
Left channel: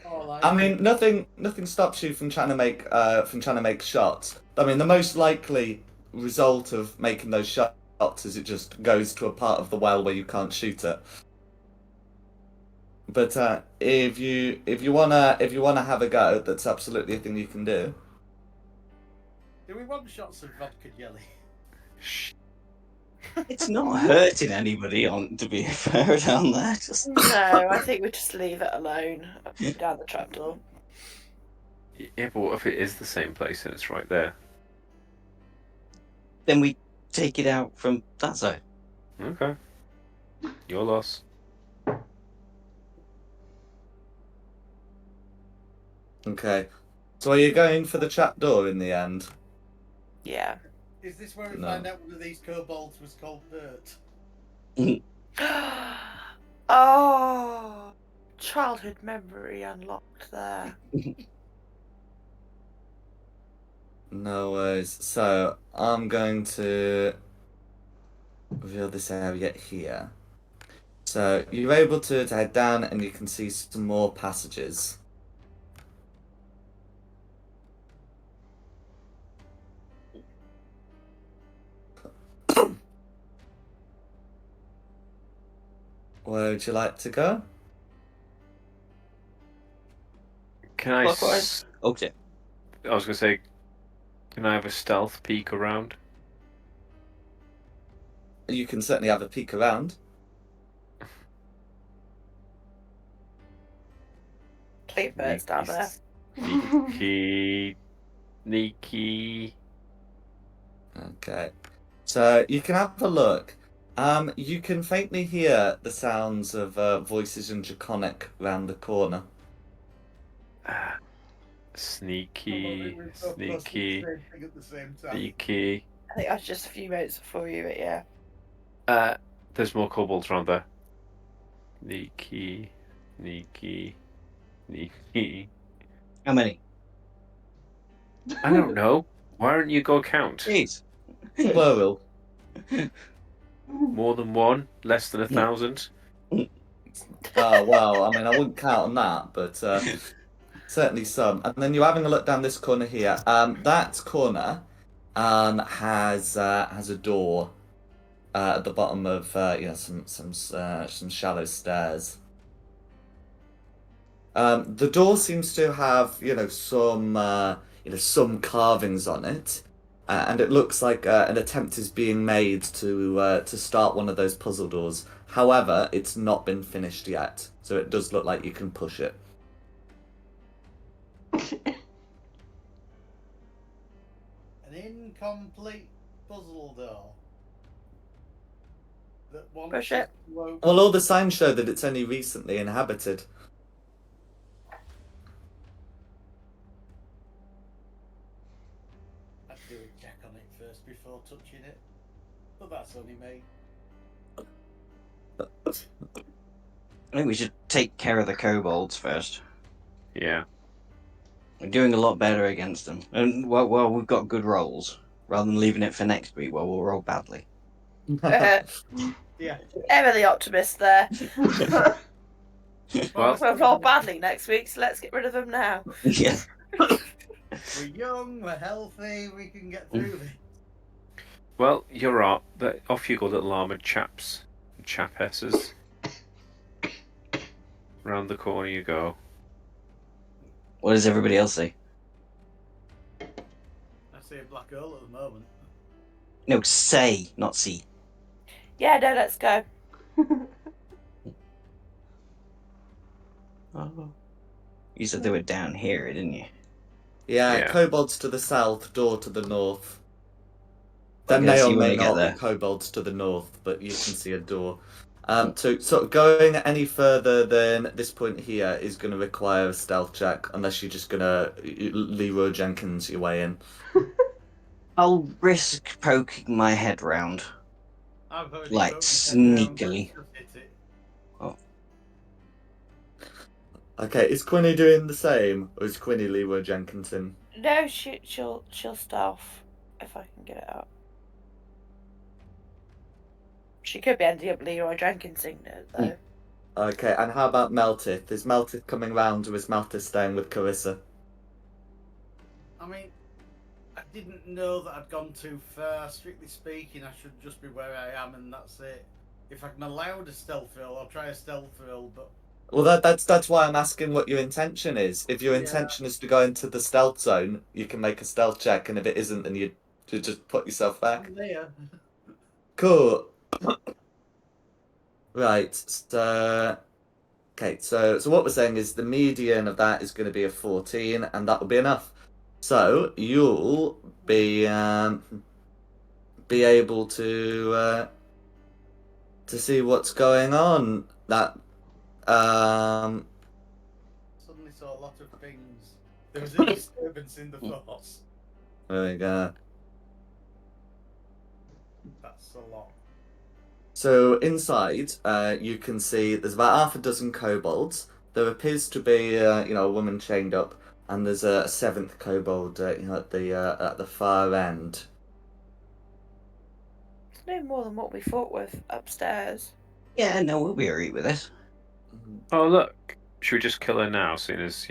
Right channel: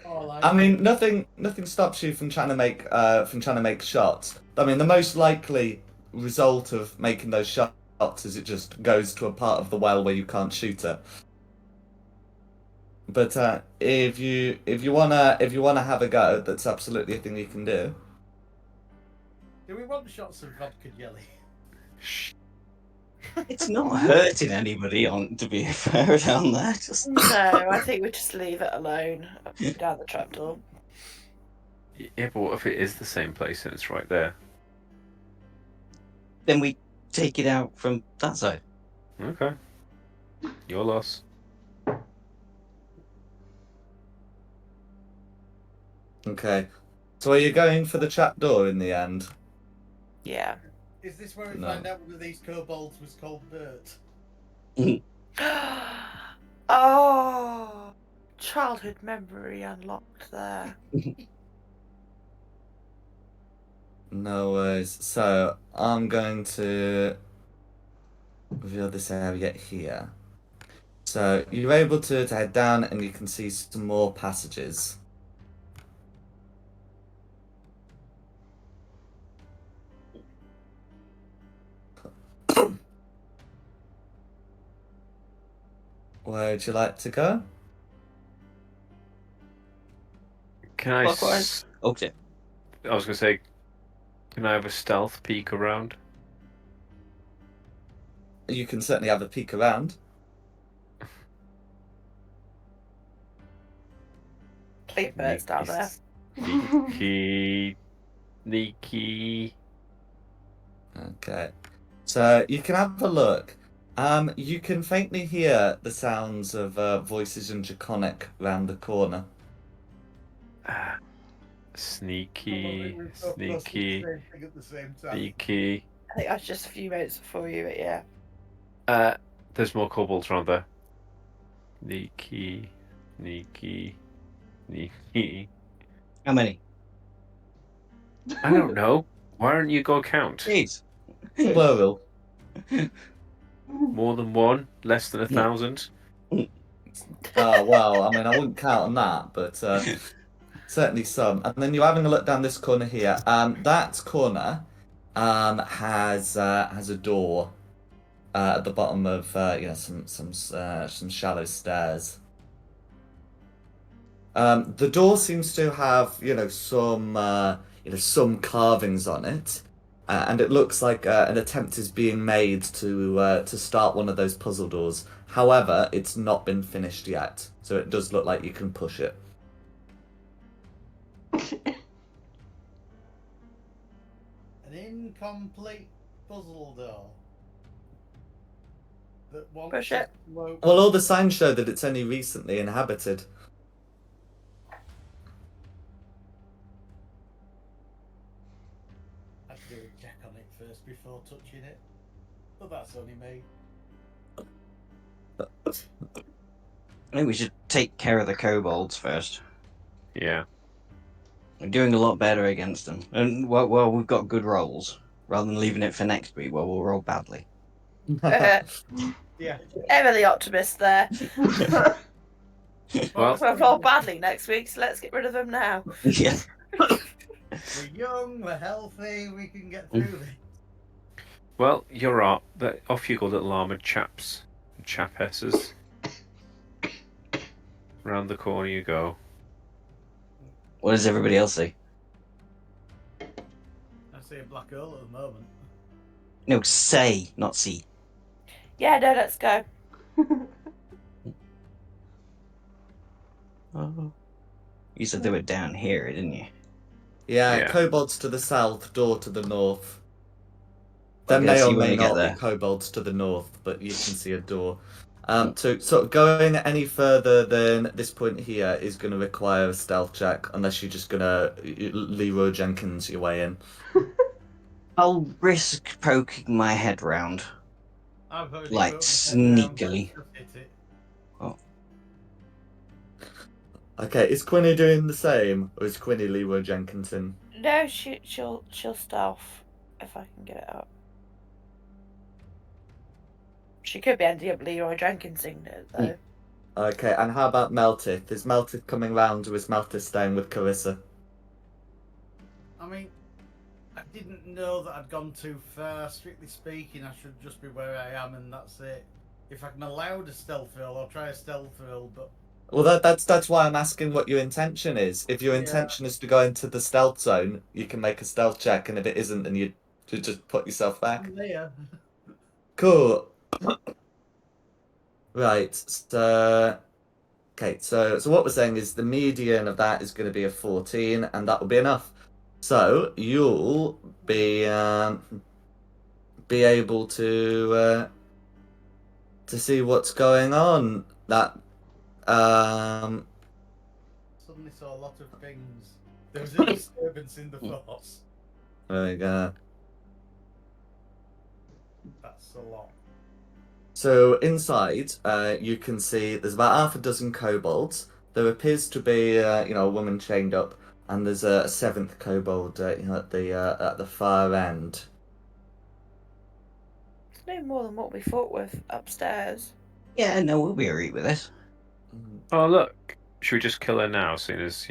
All I mean, nothing stops you from trying to make shots. I mean, the most likely result of making those shots is it just goes to a part of the well where you can't shoot it. But if you wanna have a go, that's absolutely a thing you can do. Do we want shots of vodka jelly? Shh. It's not hurting anybody, to be fair, down there. Just No, I think we just leave it alone down the trapdoor. Yeah, but what if it is the same place and it's right there? then we take it out from that side. Okay. Your loss. Okay. So are you going for the trapdoor in the end? Yeah. Is this where we No. find out one of these kobolds was called Bert? Oh, childhood memory unlocked there. No worries. So I'm going to reveal this area here. So you're able to head down and you can see some more passages. Where would you like to go? Can I? Clockwise. Okay. I was gonna say, can I have a stealth peek around? You can certainly have a peek around. Clear birds down there. He Sneaky. Okay. So you can have a look. You can faintly hear the sounds of voices in Draconic round the corner. Ah, I sneaky. we're so close to the Sneaky. same thing at the same time. Sneaky. I think that's just a few minutes before you, but yeah. There's more kobolds around there. Sneaky. Sneaky. Sneaky. How many? I don't know. Why don't you go count? Jeez. Plural. More than one? Less than 1,000? Oh, well, I mean, I wouldn't count on that, but certainly some. And then you're having a look down this corner here. That corner has a door at the bottom of some shallow stairs. The door seems to have some carvings on it, and it looks like an attempt is being made to start one of those puzzle doors. However, it's not been finished yet, so it does look like you can push it. An incomplete puzzle door. That wants Push us it. to open. Well, all the signs show that it's only recently inhabited. I'd do a check on it first before touching it. But that's only me. I think we should take care of the kobolds first. Yeah. We're doing a lot better against them. And well, we've got good rolls. Rather than leaving it for next week, well, we'll roll badly. Yeah. Ever the optimist there. Well, We'll roll badly next week, so let's get rid of them now. Yeah. we're young, we're healthy, we can get through this. well, you're right. Off you go, little armoured chaps and chapesses. Round the corner you go. What does everybody else say? I see a black hole at the moment. No, say, not see. Yeah, no, let's go. Oh. You said they were down here, didn't you? Yeah, Yeah. kobolds to the south, door to the north. There Okay, may so or you may wanna get not be there. kobolds to the north, but you can see a door. So sort of going any further than this point here is going to require a stealth check, unless you're just going to Leroy Jenkins your way in. I'll risk poking my head round. I've already Like, poked my head round, sneakily. just hit it. Okay, is Quinny doing the same, or is Quinny Leroy Jenkinson? No, she'll stealth if I can get it up. She could be ending up Leroy Jenkinsing though. Okay, and how about Meltith? Is Meltith coming round, or is Meltith staying with Carissa? I mean, I didn't know that I'd gone too far. Strictly speaking, I should just be where I am, and that's it. If I'm allowed a stealth roll, I'll try a stealth roll, but Well, that's why I'm asking what your intention is. If your intention is to go into the stealth zone, you can make a stealth check, and if it isn't, then you just put yourself back. I'm there. Cool. Right. So, okay. So what we're saying is the median of that is going to be a 14, and that will be enough. So you'll be able to see what's going on. That Suddenly saw a lot of things. There was a disturbance in the force. there we go. That's a lot. So inside, you can see there's about half a dozen kobolds. There appears to be, a woman chained up, and there's a seventh kobold, at the far end. It's no more than what we fought with upstairs. Yeah, no, we'll be alright with this. Oh, look. Should we just kill her now, seeing as,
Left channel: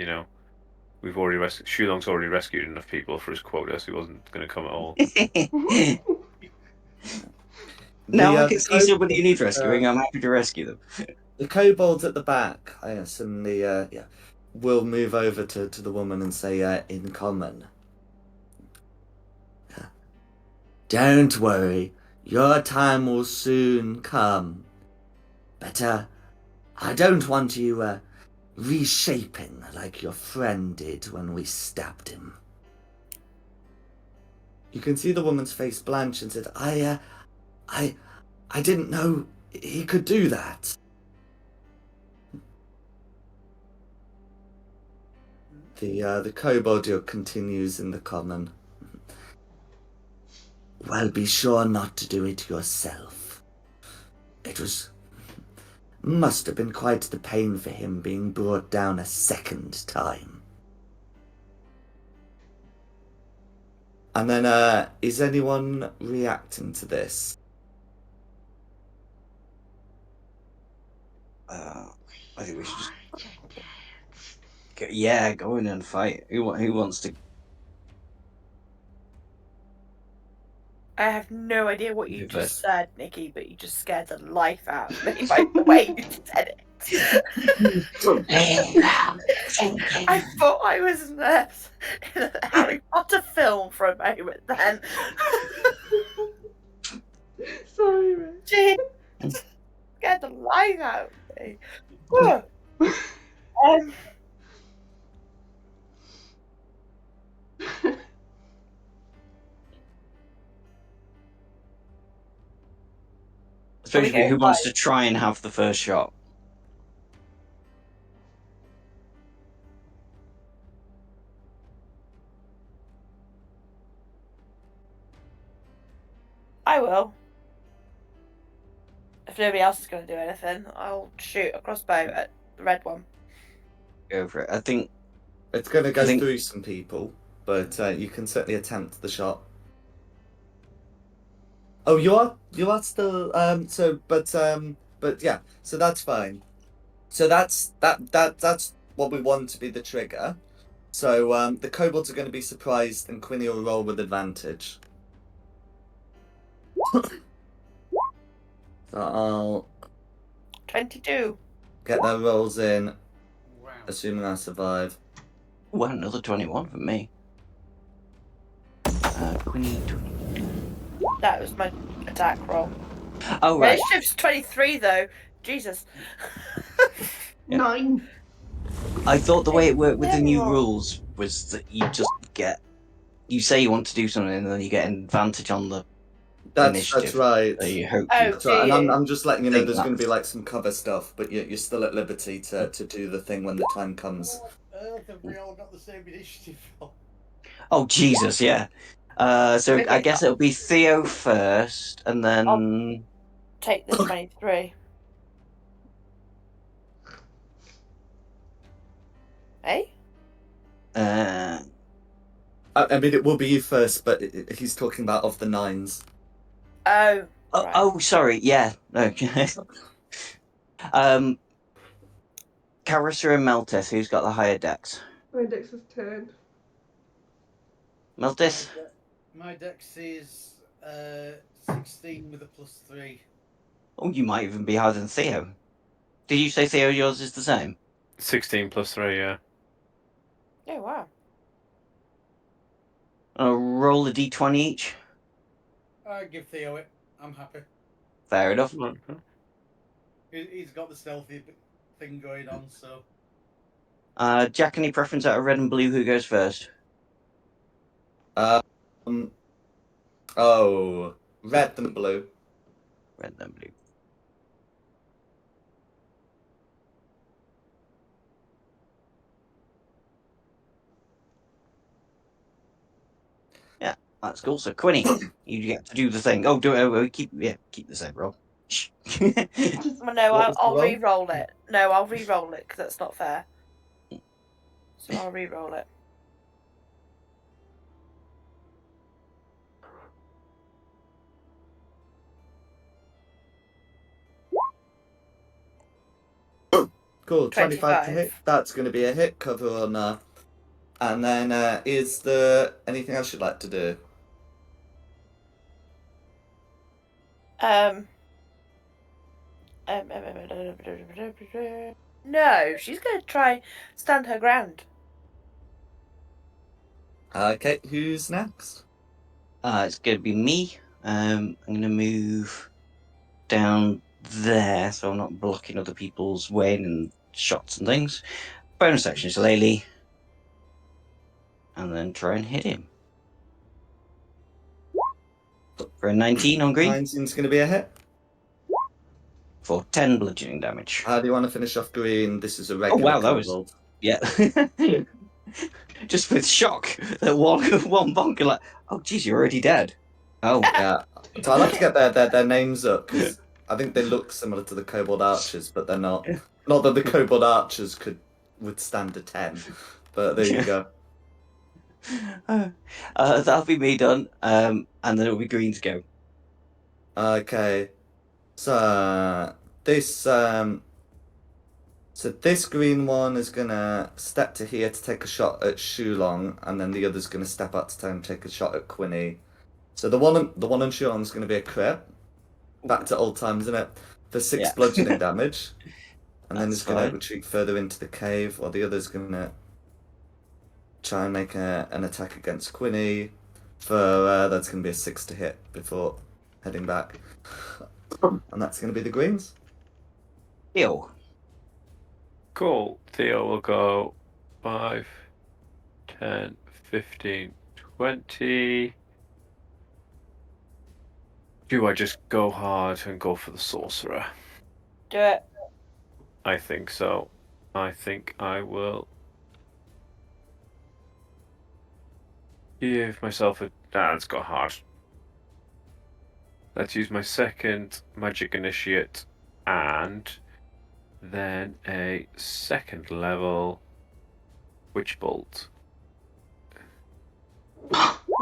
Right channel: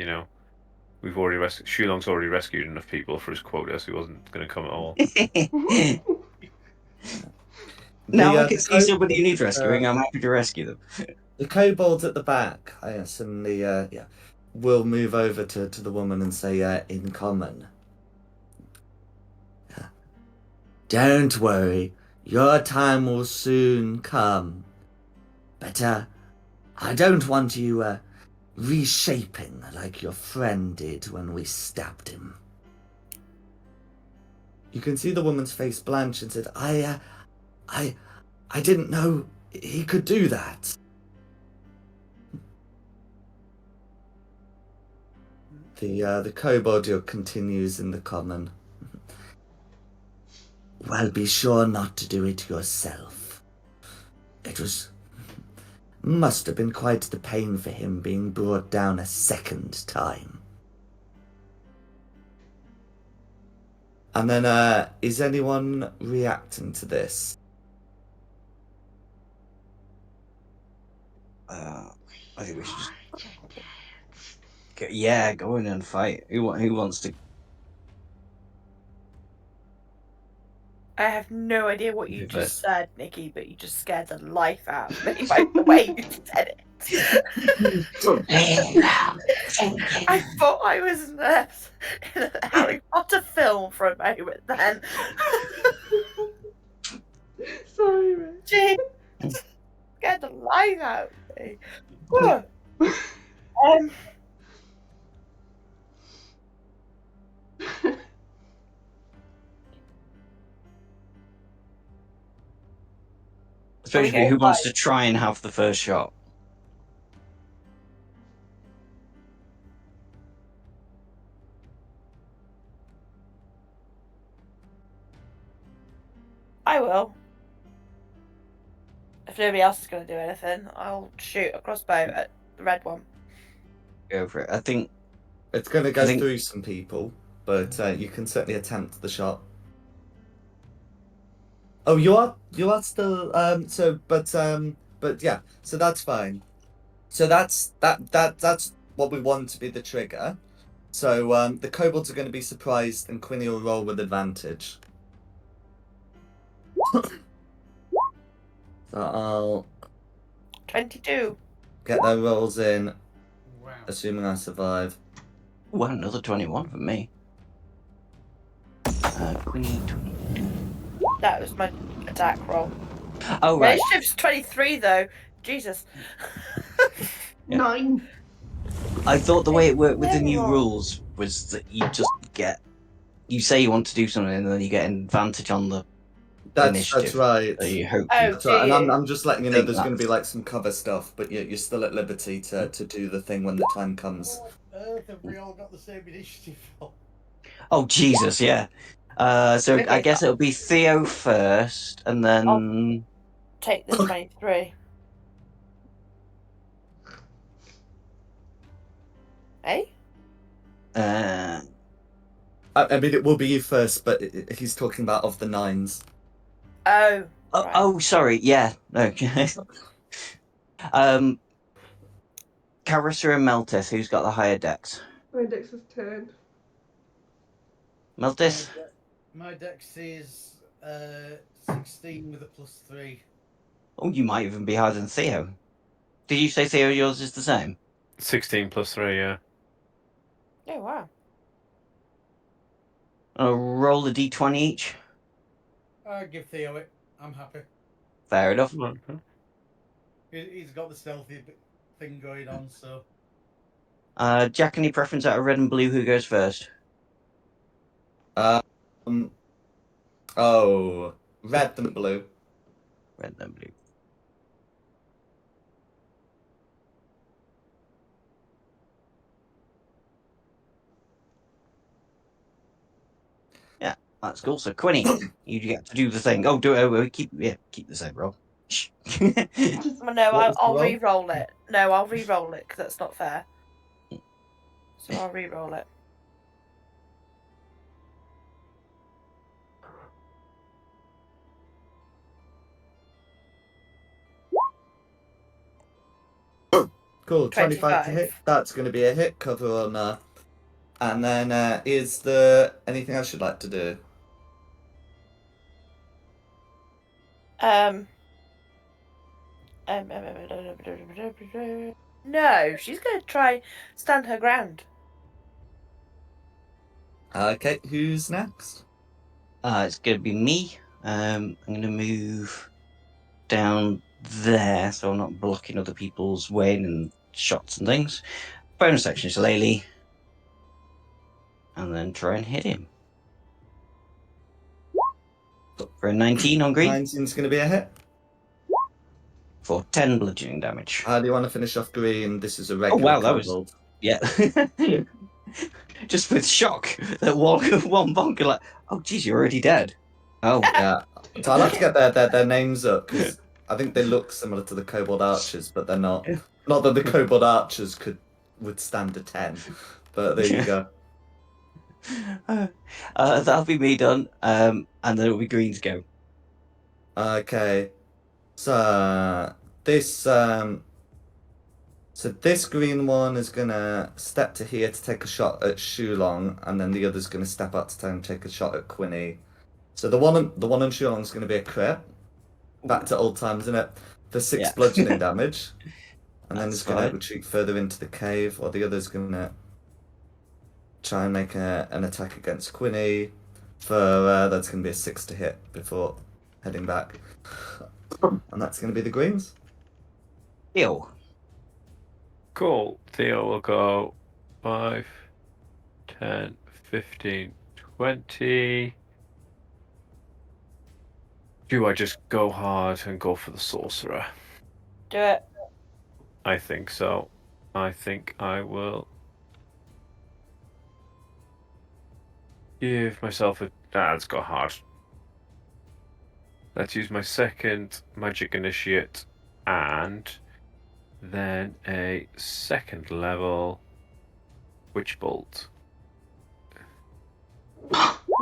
we've already Shulong's already rescued enough people for his quota, so he wasn't going to come at all. No, I The can see somebody who needs rescuing. kobolds, I'm happy to rescue them. the kobolds at the back, suddenly, will move over to the woman and say, in common. Don't worry, your time will soon come. But, I don't want you, reshaping like your friend did when we stabbed him. You can see the woman's face blanch and said, I didn't know he could do that. The kobold continues in the common. Well, be sure not to do it yourself. It must have been quite the pain for him being brought down a second time. And then, is anyone reacting to this? I think we should just go in and fight. Who wants to? I have no idea what you Who just first? said, Nikki, but you just scared the life out of me by the way you said it. I thought I was in a Harry Potter film for a moment then. Sorry, Ray. Jeez, scared the life out of me. Whew. Especially who wants to try and have the first shot? I will. If nobody else is going to do anything, I'll shoot a crossbow at the red one. Go for it. I think it's going to go through some people, but you can certainly attempt the shot. Oh, you are still but yeah, so that's fine. So that's what we want to be the trigger. So the kobolds are going to be surprised, and Quinny will roll with advantage. So I'll 22. get their rolls in, Wow. assuming I survive. Well, another 21 from me. Quinny 22. That was my attack roll. Oh, right. Initiative's 23 though. Jesus. 9. I thought the way it worked with the new rules was that you say you want to do something and then you get an advantage on the initiative. That's right. So you hope Oh, So, and I'm just letting you know there's going to that's- be like some cover stuff, but you're still at liberty to do the thing when the time comes. What on earth have we all got the same initiative for? Oh, Jesus, yeah. So I Okay, guess it'll be Theo first, and then... take the 23. Hey? I mean, it will be you first, but he's talking about of the 9s. Oh. Oh, right. oh, sorry, yeah. Okay. Carissa and Meltis, who's got the higher dex? My dex is 10. Meltis? My dex is 16 with a +3. Oh, you might even be higher than Theo. Did you say Theo yours is the same? 16 plus 3, yeah. Oh, wow. Roll a d20 each. I give Theo it. I'm happy. Fair enough. Okay. He's got the stealthy thing going on, so. Jack, any preference out of red and blue? Who goes first? Oh, red and blue. Red and blue. Yeah, that's cool. So Quinny, you get to do the thing. Oh, do it. Keep the same roll. Well, no, What was the I'll roll? re-roll it. No, I'll re-roll it because that's not fair. So I'll re-roll it. Cool, 25 to hit. That's going to be a hit. Cover on and then is there anything else you'd like to do? No, she's going to try stand her ground. Okay, who's next? It's going to be me. I'm going to move down there so I'm not blocking other people's way and shots and things. Bonus action is Laylee. And then try and hit him. For a 19 on green 19's going to be a hit. for 10 bludgeoning damage. How do you want to finish off green? This is a Oh regular wow, that was kobold. yeah. Just with shock that one bonker like, oh geez, you're already dead. Oh Yeah. So I'll have to get their names up because I think they look similar to the kobold archers, but they're not. Not that the kobold archers could withstand a 10, but there you go. That'll be me done. And then it'll be green's go. Okay. So this this green one is gonna step to here to take a shot at Shulong, and then the other's gonna step up to try and take a shot at Quinny. So the one on Shulong's gonna be a crit. Back to old times, isn't it? For 6 Yeah. bludgeoning damage. And then That's he's gonna fine. retreat further into the cave, while the other's gonna try and make an attack against Quinny. For that's gonna be a 6 to hit before heading back. And that's gonna be the greens. Ew. Cool. Theo will go 5, 10, 15, 20. Do I just go hard and go for the sorcerer? Do it. I think so. I think I will give myself a. Let's go hard. Let's use my second magic initiate and then a second level witch bolt.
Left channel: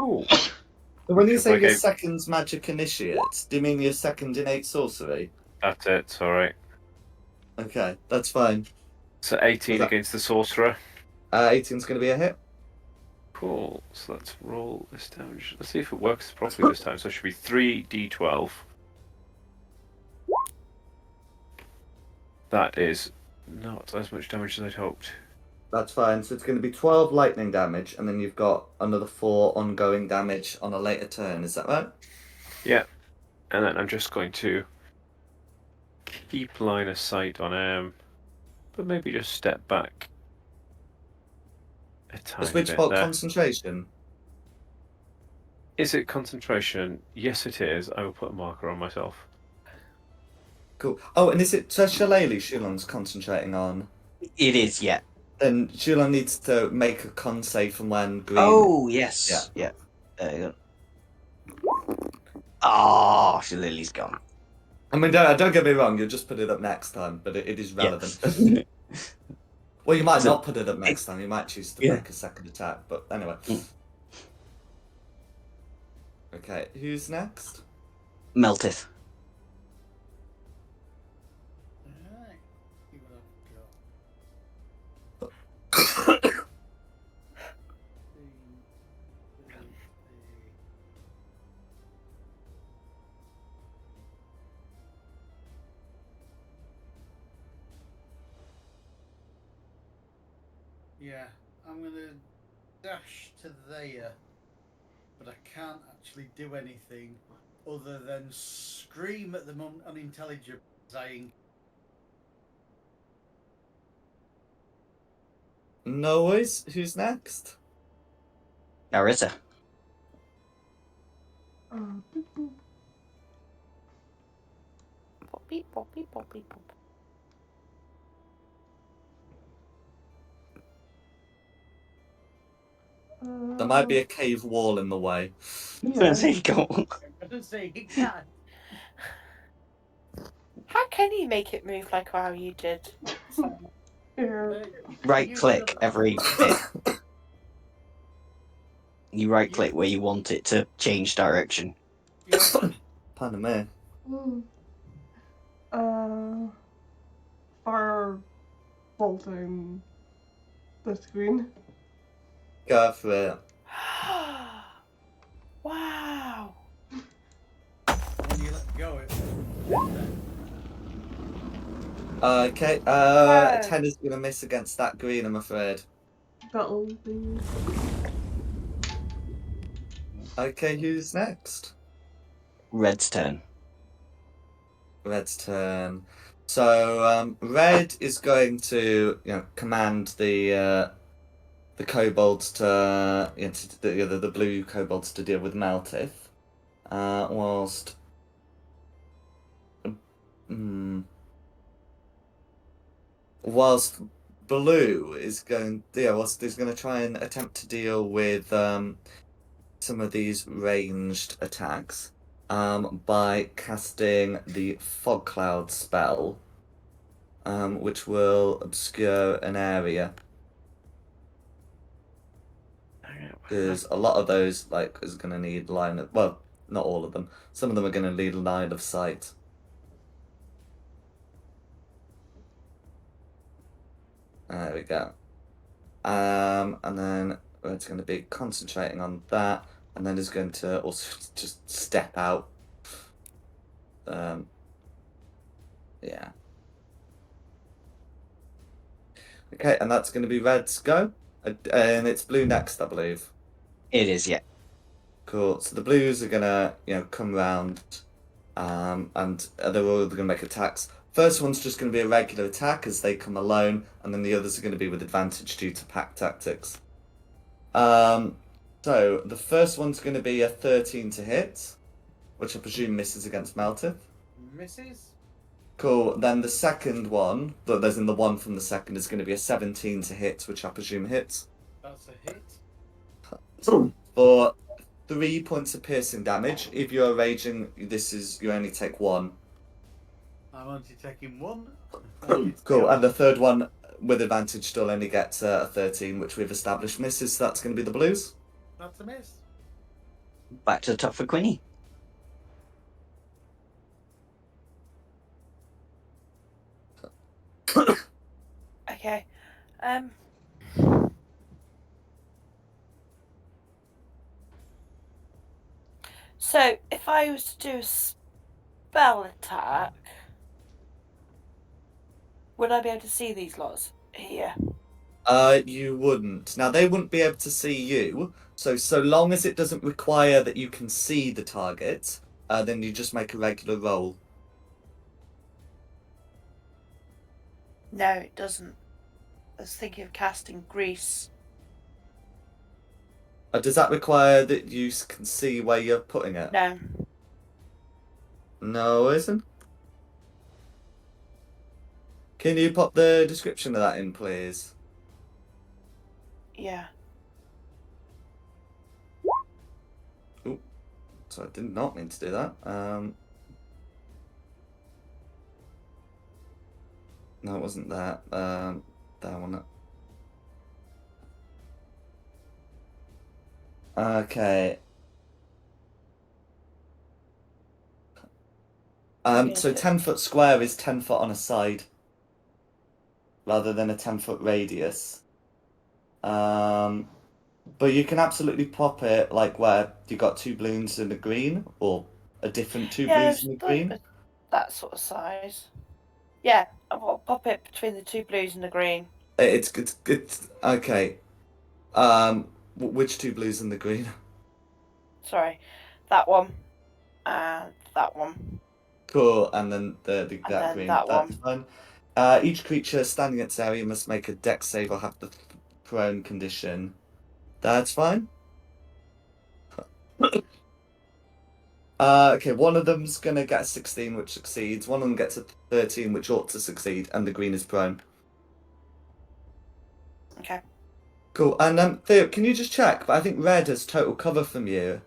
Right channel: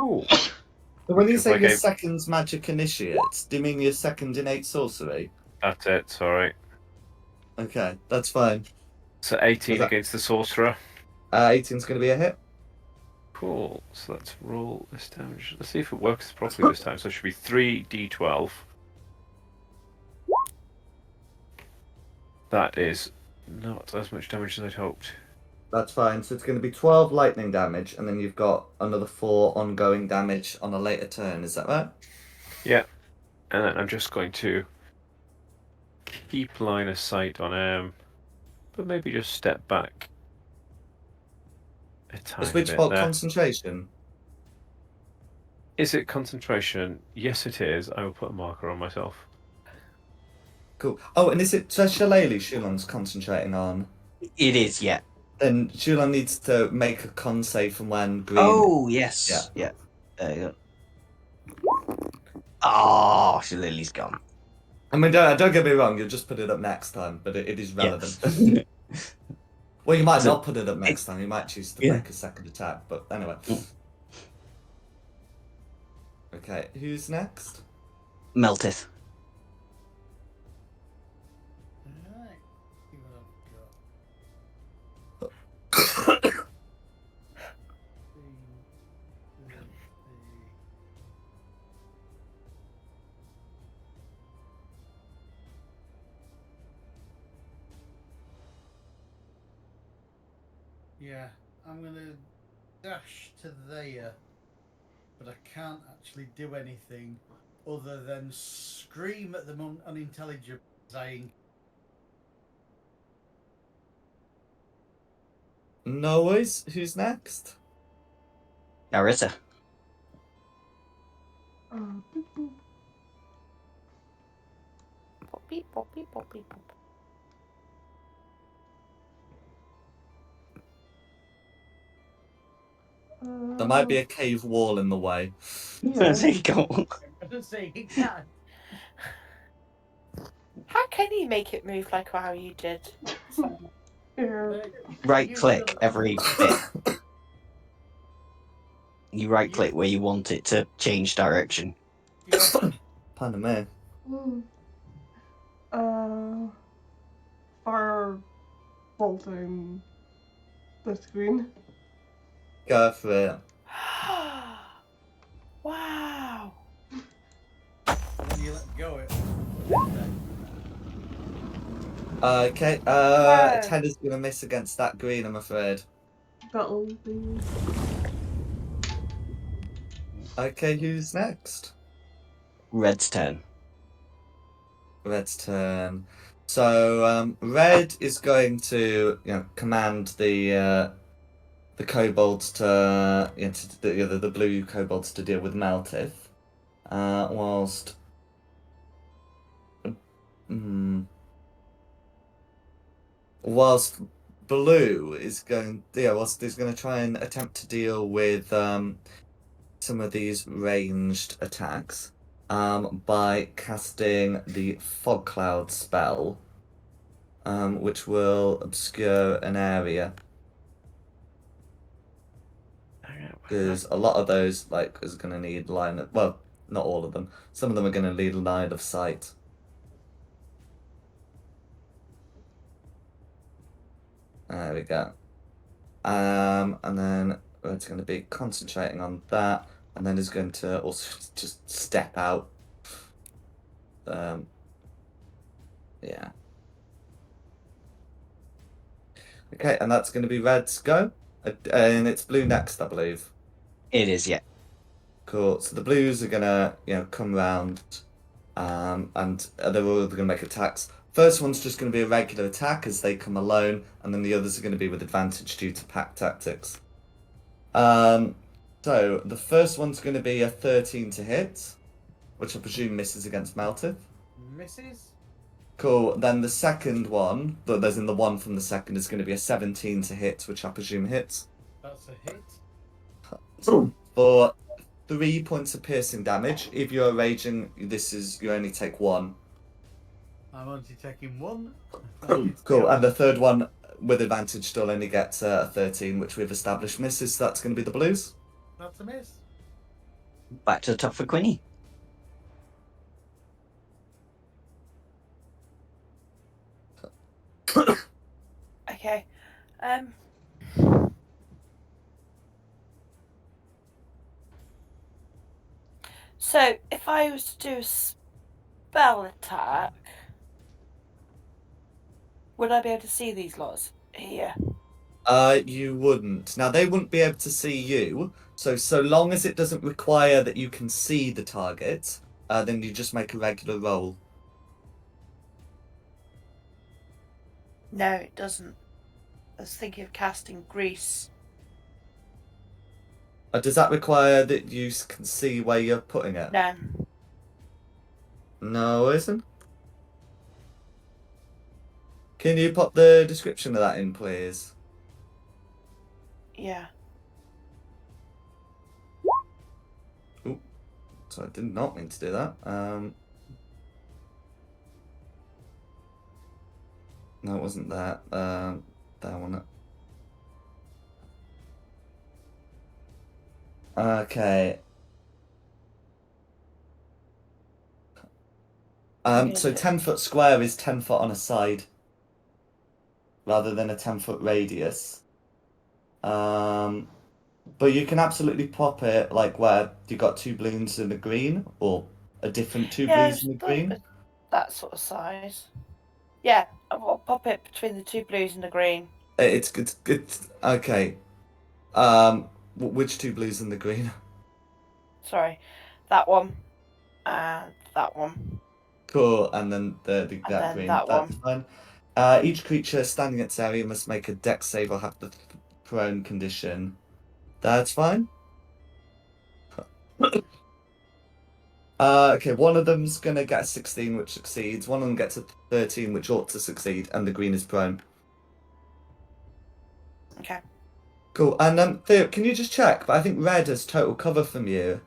Ooh. So when you If say I your gave- second magic initiate, do you mean your second innate sorcery? That's it, sorry. Okay, that's fine. So 18 Was that- against the sorcerer. 18's gonna be a hit. Cool. So let's roll this damage. Let's see if it works properly this time. So it should be 3d12. That is not as much damage as I'd hoped. That's fine. So it's going to be 12 lightning damage, and then you've got another 4 ongoing damage on a later turn. Is that right? Yeah. And then I'm just going to keep line of sight on him, but maybe just step back a tiny Is Witch bit Bolt there. concentration? Is it concentration? Yes, it is. I will put a marker on myself. Cool. Oh, and is it Shillelagh Shulon's concentrating on? It is, yeah. Then Shulon needs to make a con save from when green. Oh yes. Yeah. There you go. Oh, Lily's gone. I mean, don't get me wrong. You'll just put it up next time, but it is relevant. Yeah. Well, you might So- not put it up next time. You might choose to Yeah. make a second attack. But anyway. Okay, who's next? Melteth. Alright. See what I've got. Yeah, I'm gonna dash to there, but I can't actually do anything other than scream at them unintelligible as I No worries. Who's next? Arita. Boop, boop. Poppy, poppy, poppy, pop. There might be a cave wall in the way. Yeah. There you go. I'm gonna say he can. How can you make it move like how you did? Yeah. Right click every bit. You right click where you want it to change direction. Pardon me. Ooh. Fire bolting the screen. Go for it. Wow. When you let go, it. Okay, Wow. 10 is going to miss against that green, I'm afraid. That'll be. Okay, who's next? Red's turn. Red's turn. So, Red is going to, command the kobolds to, the blue kobolds to deal with Meltith. whilst whilst blue is going, whilst he's going to try and attempt to deal with some of these ranged attacks by casting the fog cloud spell, which will obscure an area. Because a lot of those is going to need line of, well, not all of them. Some of them are going to need line of sight. There we go. And then it's going to be concentrating on that, and then is going to also just step out. Yeah. Okay, and that's going to be red's go, and it's blue next, I believe. It is, yeah. Cool. So the blues are gonna, come round, and they're all gonna make attacks. First one's just gonna be a regular attack as they come alone, and then the others are gonna be with advantage due to pack tactics. So the first one's gonna be a 13 to hit, which I presume misses against Meltith. Misses? Cool. Then the second one, there's in the one from the second, is gonna be a 17 to hit, which I presume hits. That's a hit. For 3 points of piercing damage. If you're raging, you only take 1. I'm only taking 1. Cool. And the third one with advantage still only gets a 13, which we've established misses. So that's going to be the blues. That's a miss. Back to the top for Quinny. Okay. So if I was to do a spell attack, would I be able to see these lots here? You wouldn't. Now they wouldn't be able to see you. So long as it doesn't require that you can see the target, then you just make a regular roll. No, it doesn't. I was thinking of casting grease. Does that require that you can see where you're putting it? No. No, isn't. Can you pop the description of that in, please? Yeah. Ooh, so I did not mean to do that. No, it wasn't that. That one. Okay. So 10-foot square is 10 foot on a side, rather than a 10-foot radius. But you can absolutely pop it where you got 2 blues and a green, or a different 2 blues and a green. That sort of size. Yeah, I'll pop it between the 2 blues and the green. It's okay. Which 2 blues and the green? Sorry, that one and that one. Cool, and then that green. That That's one. fine. Each creature standing in its area must make a dex save or have the prone condition. That's fine. Okay, one of them's gonna get a 16, which succeeds. One of them gets a 13, which ought to succeed, and the green is prone. Okay. Cool. And Theo, can you just check? But I think red has total cover from you.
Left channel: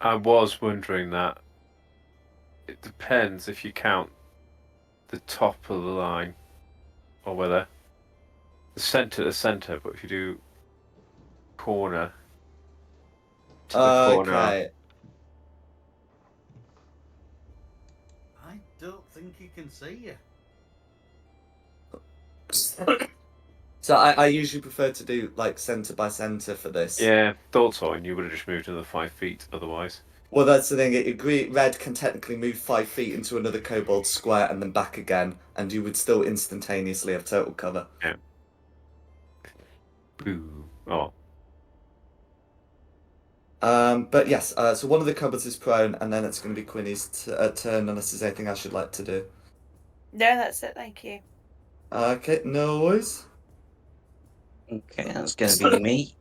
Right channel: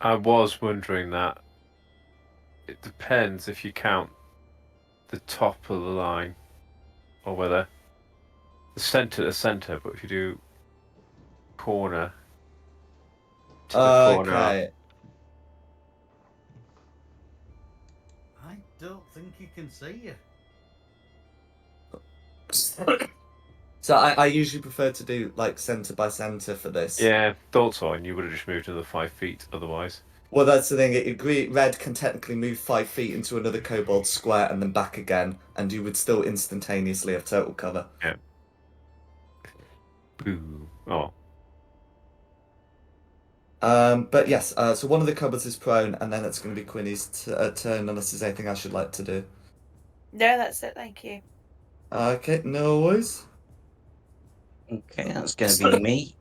I was wondering that. It depends if you count the top of the line, or whether the centre to centre. But if you do corner to the corner, Okay. I don't think he can see you. So I usually prefer to do centre by centre for this. yeah, thought so. And you would have just moved another 5 feet otherwise. Well, that's the thing. Red can technically move 5 feet into another kobold square and then back again, and you would still instantaneously have total cover. Yeah. Boo. Oh. But yes, so one of the kobolds is prone, and then it's going to be Quinny's turn, unless there's anything else you'd like to do. No, that's it. Thank you. Okay, no worries. Okay, that's going to be me.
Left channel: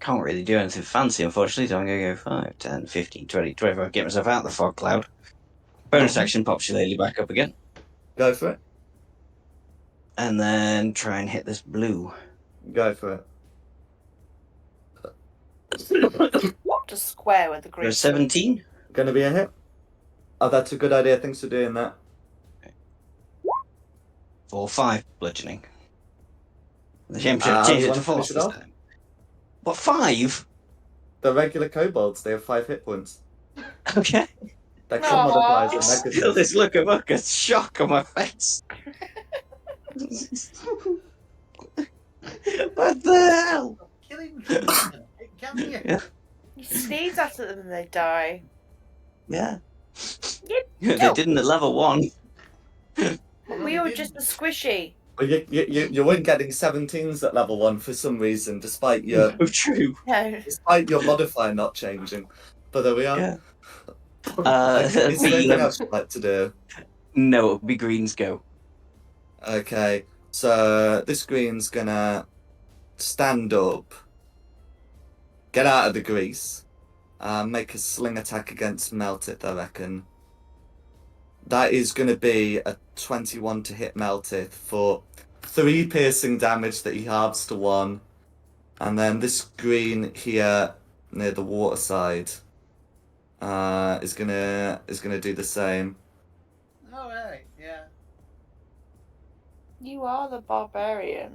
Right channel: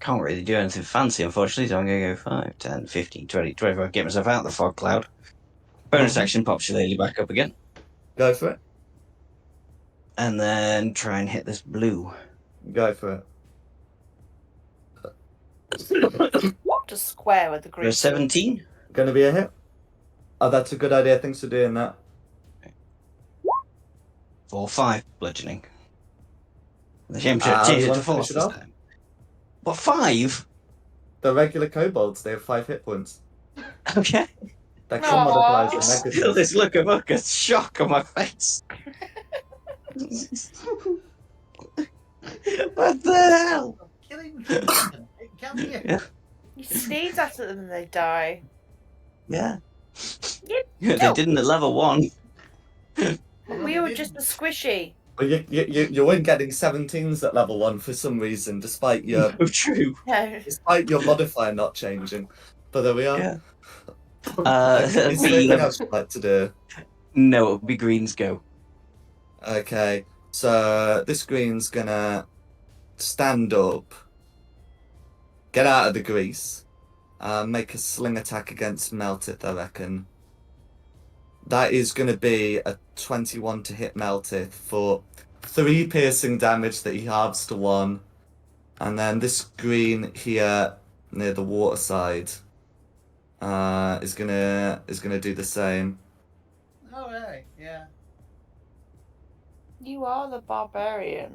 Can't really do anything fancy, unfortunately, so I'm going to go 5, 10, 15, 20, 25, get myself out of the fog cloud. Bonus action pops your lady back up again. Go for it. And then try and hit this blue. Go for Just square with the For green. a 17. it. Gonna be a hit. Oh, that's a good idea. Thanks for doing that. 4, 5 bludgeoning. The championship How do change you it want to to finish force it this off? time. What, 5? The regular kobolds, they have 5 hit points. Okay. Their Aw. con modifiers are Still negative. this look of utter shock on my face. What the hell? Killing children. It can be. Yeah. You sneeze at them and they die. Yeah. You They didn't at level 1. We were just a squishy. But you weren't getting 17s at level 1 for some reason, despite your Oh, true. No. modifier not changing. But there we are. Yeah. Okay, is there anything else you'd like to do? No, it'll be greens go. Okay, so this green's gonna stand up, get out of the grease, make a sling attack against Meltith, I reckon. That is gonna be a 21 to hit Meltith for 3 piercing damage that he halves to 1. And then this green here near the water side is gonna do the same. Oh, right, yeah. You are the barbarian.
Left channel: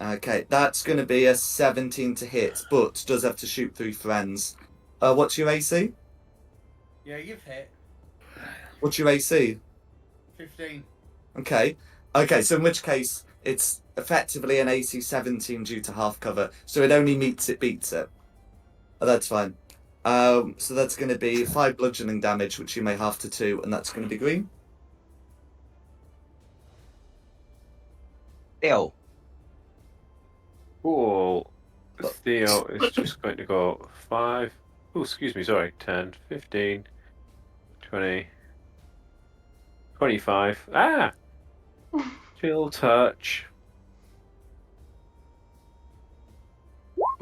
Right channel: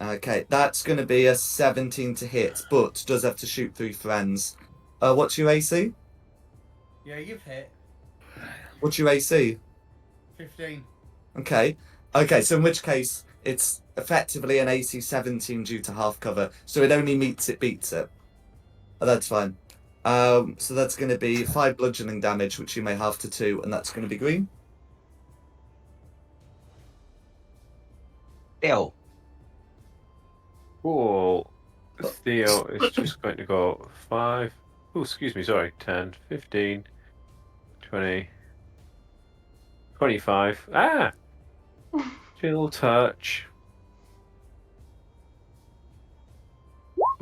Okay, that's going to be a 17 to hit, but does have to shoot through friends. What's your AC? Yeah, you've hit. What's your AC? 15. Okay. Okay, so in which case, it's effectively an AC 17 due to half cover, so it only meets it, beats it. Oh, that's fine. So that's going to be 5 bludgeoning damage, which you may halve to 2, and that's going to be green. Ew. Cool. Theo is just going to go 5. Oh, excuse me, sorry. 10, 15, 20, 25. Ah! Chill touch.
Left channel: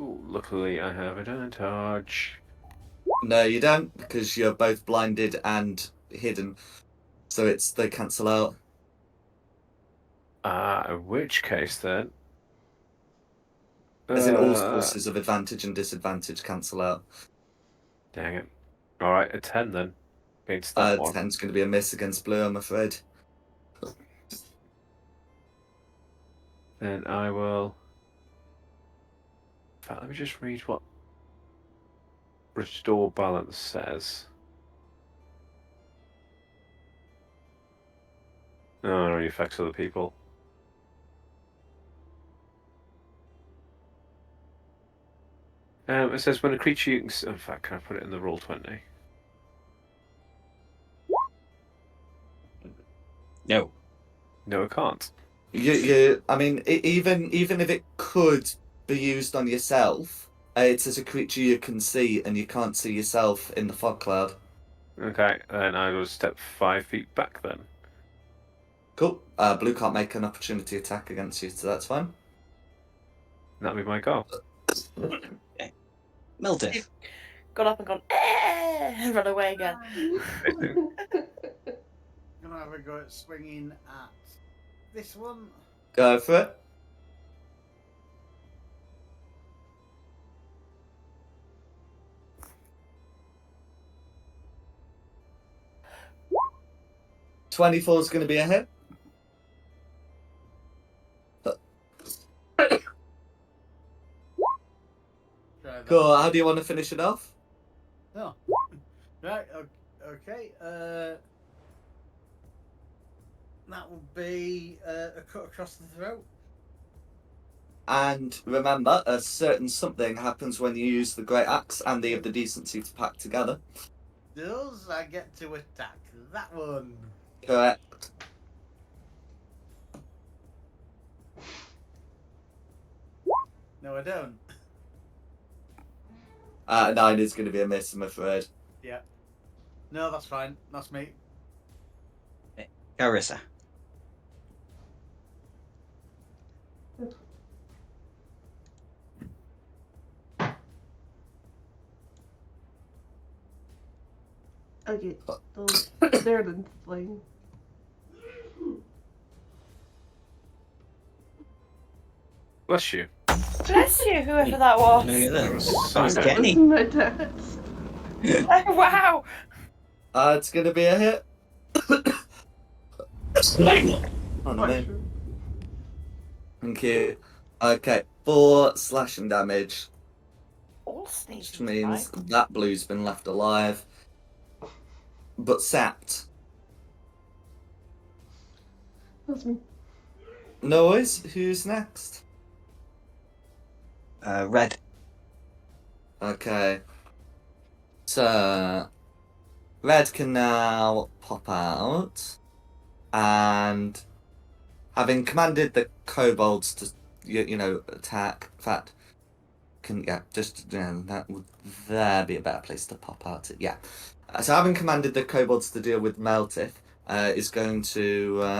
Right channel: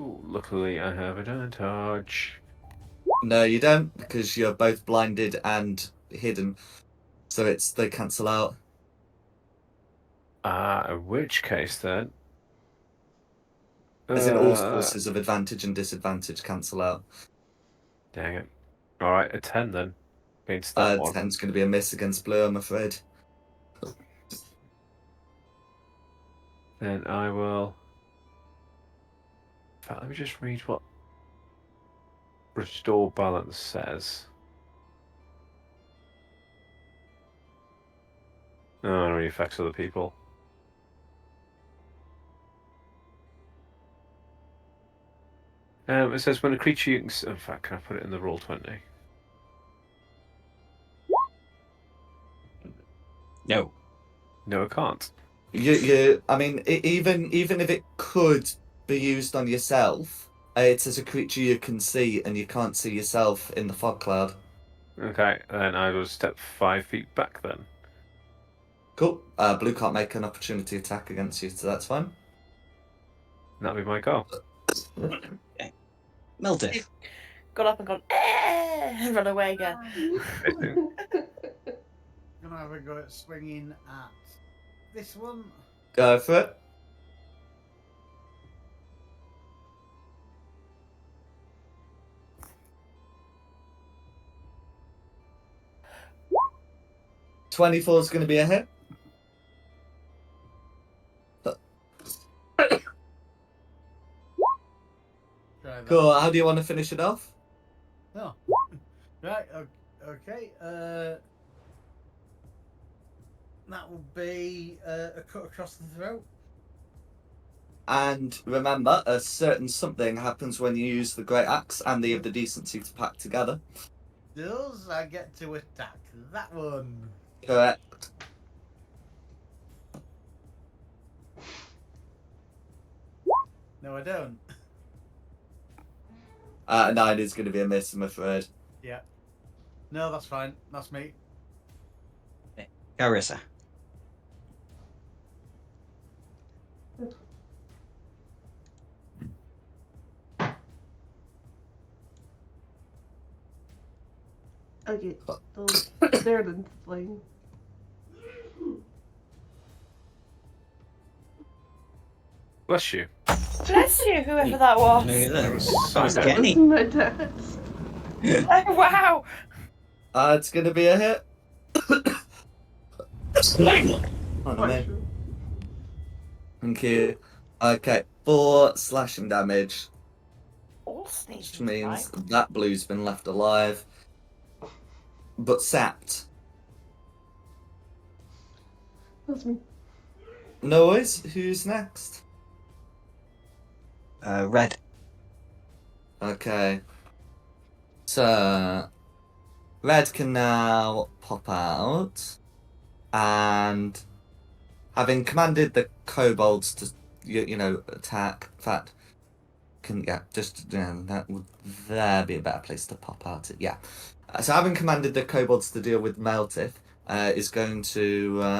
Ooh, luckily I have advantage. No, you don't, because you're both blinded and hidden. So they cancel out. In which case then? As in all sources of advantage and disadvantage cancel out. Dang it. Alright, a 10 then. Against that one. 10's going to be a miss against blue, I'm afraid. Then I will. In fact, let me just read what Restore Balance says. Oh, it only affects other people. It says when a creature you can. In fact, can I put it in the roll 20? No. No, I can't. I mean, even if it could be used on yourself, it's as a creature you can see, and you can't see yourself in the fog cloud. Okay, then I will step 5 feet back then. Cool. Blue can't make an opportunity attack against you, so that's fine. That'll be my go. Meltith. Got up and gone, and run away again. Gonna have a go at swinging at this one. Go for it. '24 is going to be a hit. Cool. How do you want to finish it off? Oh. Right, okay. That will be a cut across the throat. And remember, a certain something happens when you use the Great Axe and they have the decency to pack together. Does I get to attack that one? Correct. No, I don't. 9 is going to be a miss, I'm afraid. Yeah. No, that's fine. That's me. Carissa. I'll get those there then flying. Bless you. Bless you, whoever that was. Look at That that. was That was That Simon. was Kenny. my dad's. Oh, wow. It's going to be a hit. On For me. sure. Thank you. Okay, 4 slashing damage, All which sneezing means tonight. that blue's been left alive, but sapped. That's me. No worries. Who's next? Red. Okay. So, Red can now pop out, and having commanded the kobolds to, attack. In fact, that would there be a better place to pop out? Yeah. So, having commanded the kobolds to deal with Meltith, is going to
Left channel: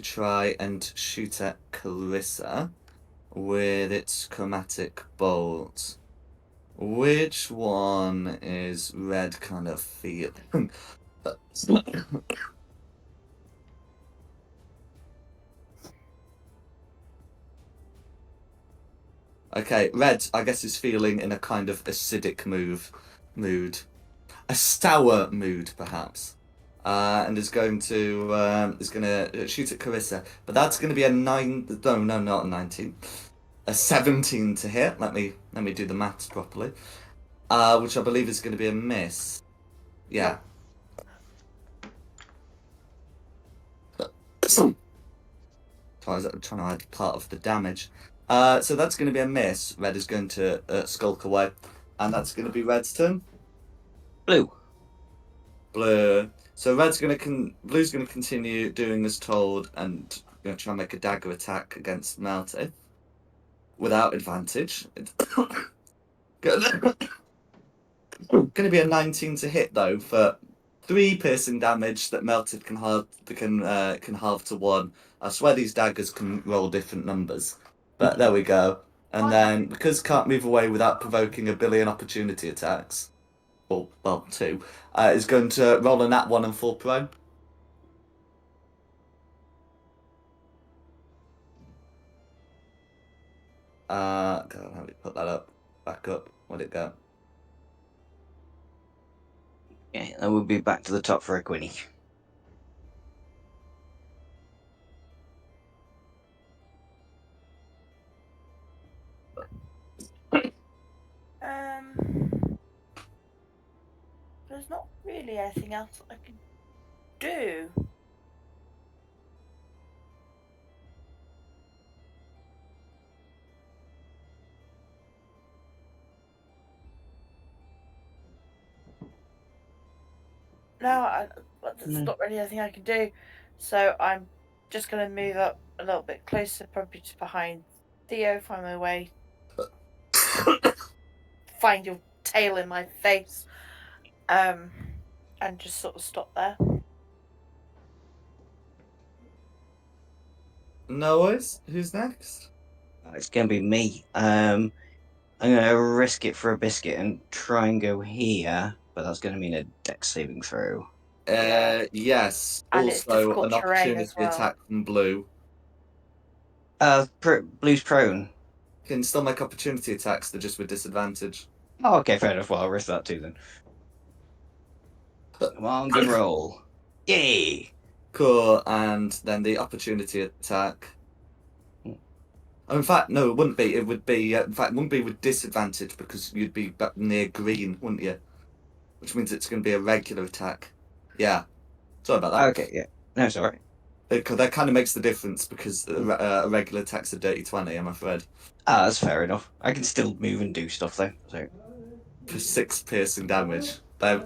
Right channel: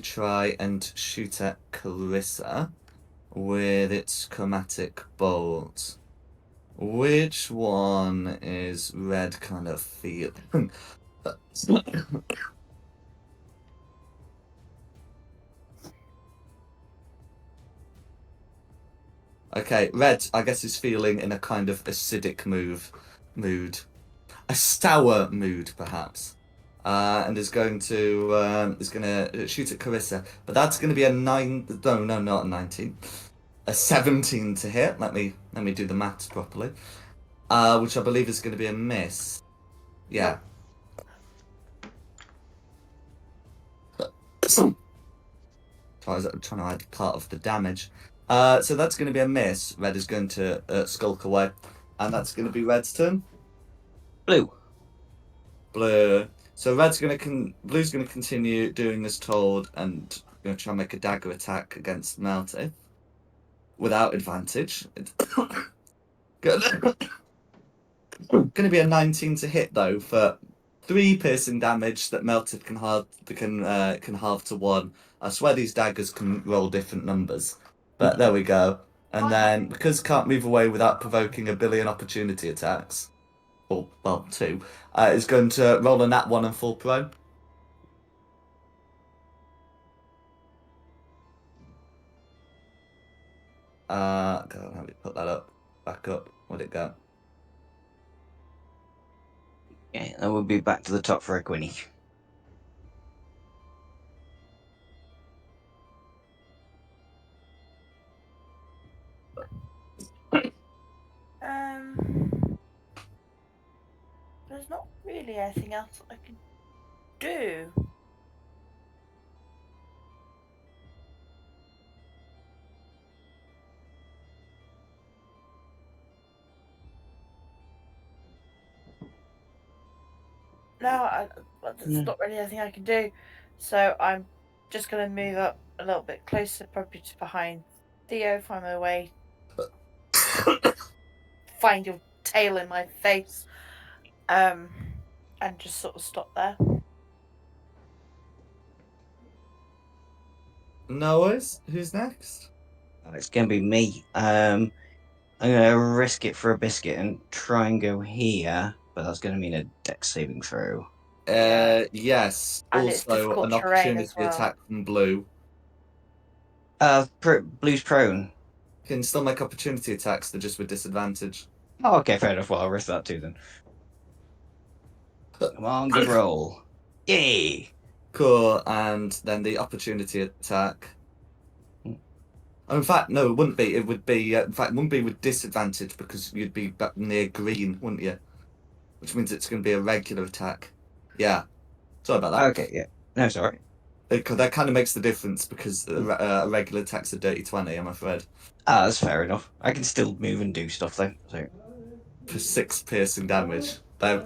try and shoot at Clarissa with its chromatic bolt. Which one is Red kind of feeling? Okay, Red, I guess, is feeling in a kind of acidic mood, a sour mood, perhaps, and is going to shoot at Carissa, but that's going to be a 9. No, not a 19, a 17 to hit. Let me do the maths properly. Which I believe is going to be a miss. Yeah. So I was trying to add part of the damage. So that's going to be a miss. Red is going to skulk away, and that's going to be Red's turn. Blue. Blue. So Blue's going to continue doing as told, and going to try and make a dagger attack against Melty without advantage. Going to be a 19 to hit though for 3 piercing damage that Melted can halve to 1. I swear these daggers can roll different numbers, but there we go. And then because can't move away without provoking a billion opportunity attacks, or well 2, is going to roll a nat 1 and fall prone. God, how do we put that up? Back up. Where'd it go? Okay, that would be back to the top for a Quinny. There's not really anything else I can do. No, there's not really anything I can do. So I'm just going to move up a little bit closer, probably just behind Theo, find my way, find your tail in my face, and just sort of stop there. No worries. Who's next? It's going to be me. I'm going to risk it for a biscuit and try and go here, but that's going to mean a dex saving throw. Yeah. Yes. And it's Also, difficult an terrain opportunity as well. attack from Blue. Blue's prone. Can still make opportunity attacks, they're just with disadvantage. Oh, okay, fair enough. Well, I'll risk that too then. Come on, good roll. Yay! Cool, and then the opportunity attack. Oh, in fact, no, it wouldn't be. It would be, in fact, it wouldn't be with disadvantage because you'd be back near green, wouldn't you? Which means it's going to be a regular attack. Yeah. Sorry about that. Okay, yeah. No, sorry. That kind of makes the difference because a regular attack's a dirty 20, I'm afraid. Ah, that's fair enough. I can still move and do stuff though. So For 6 piercing damage. They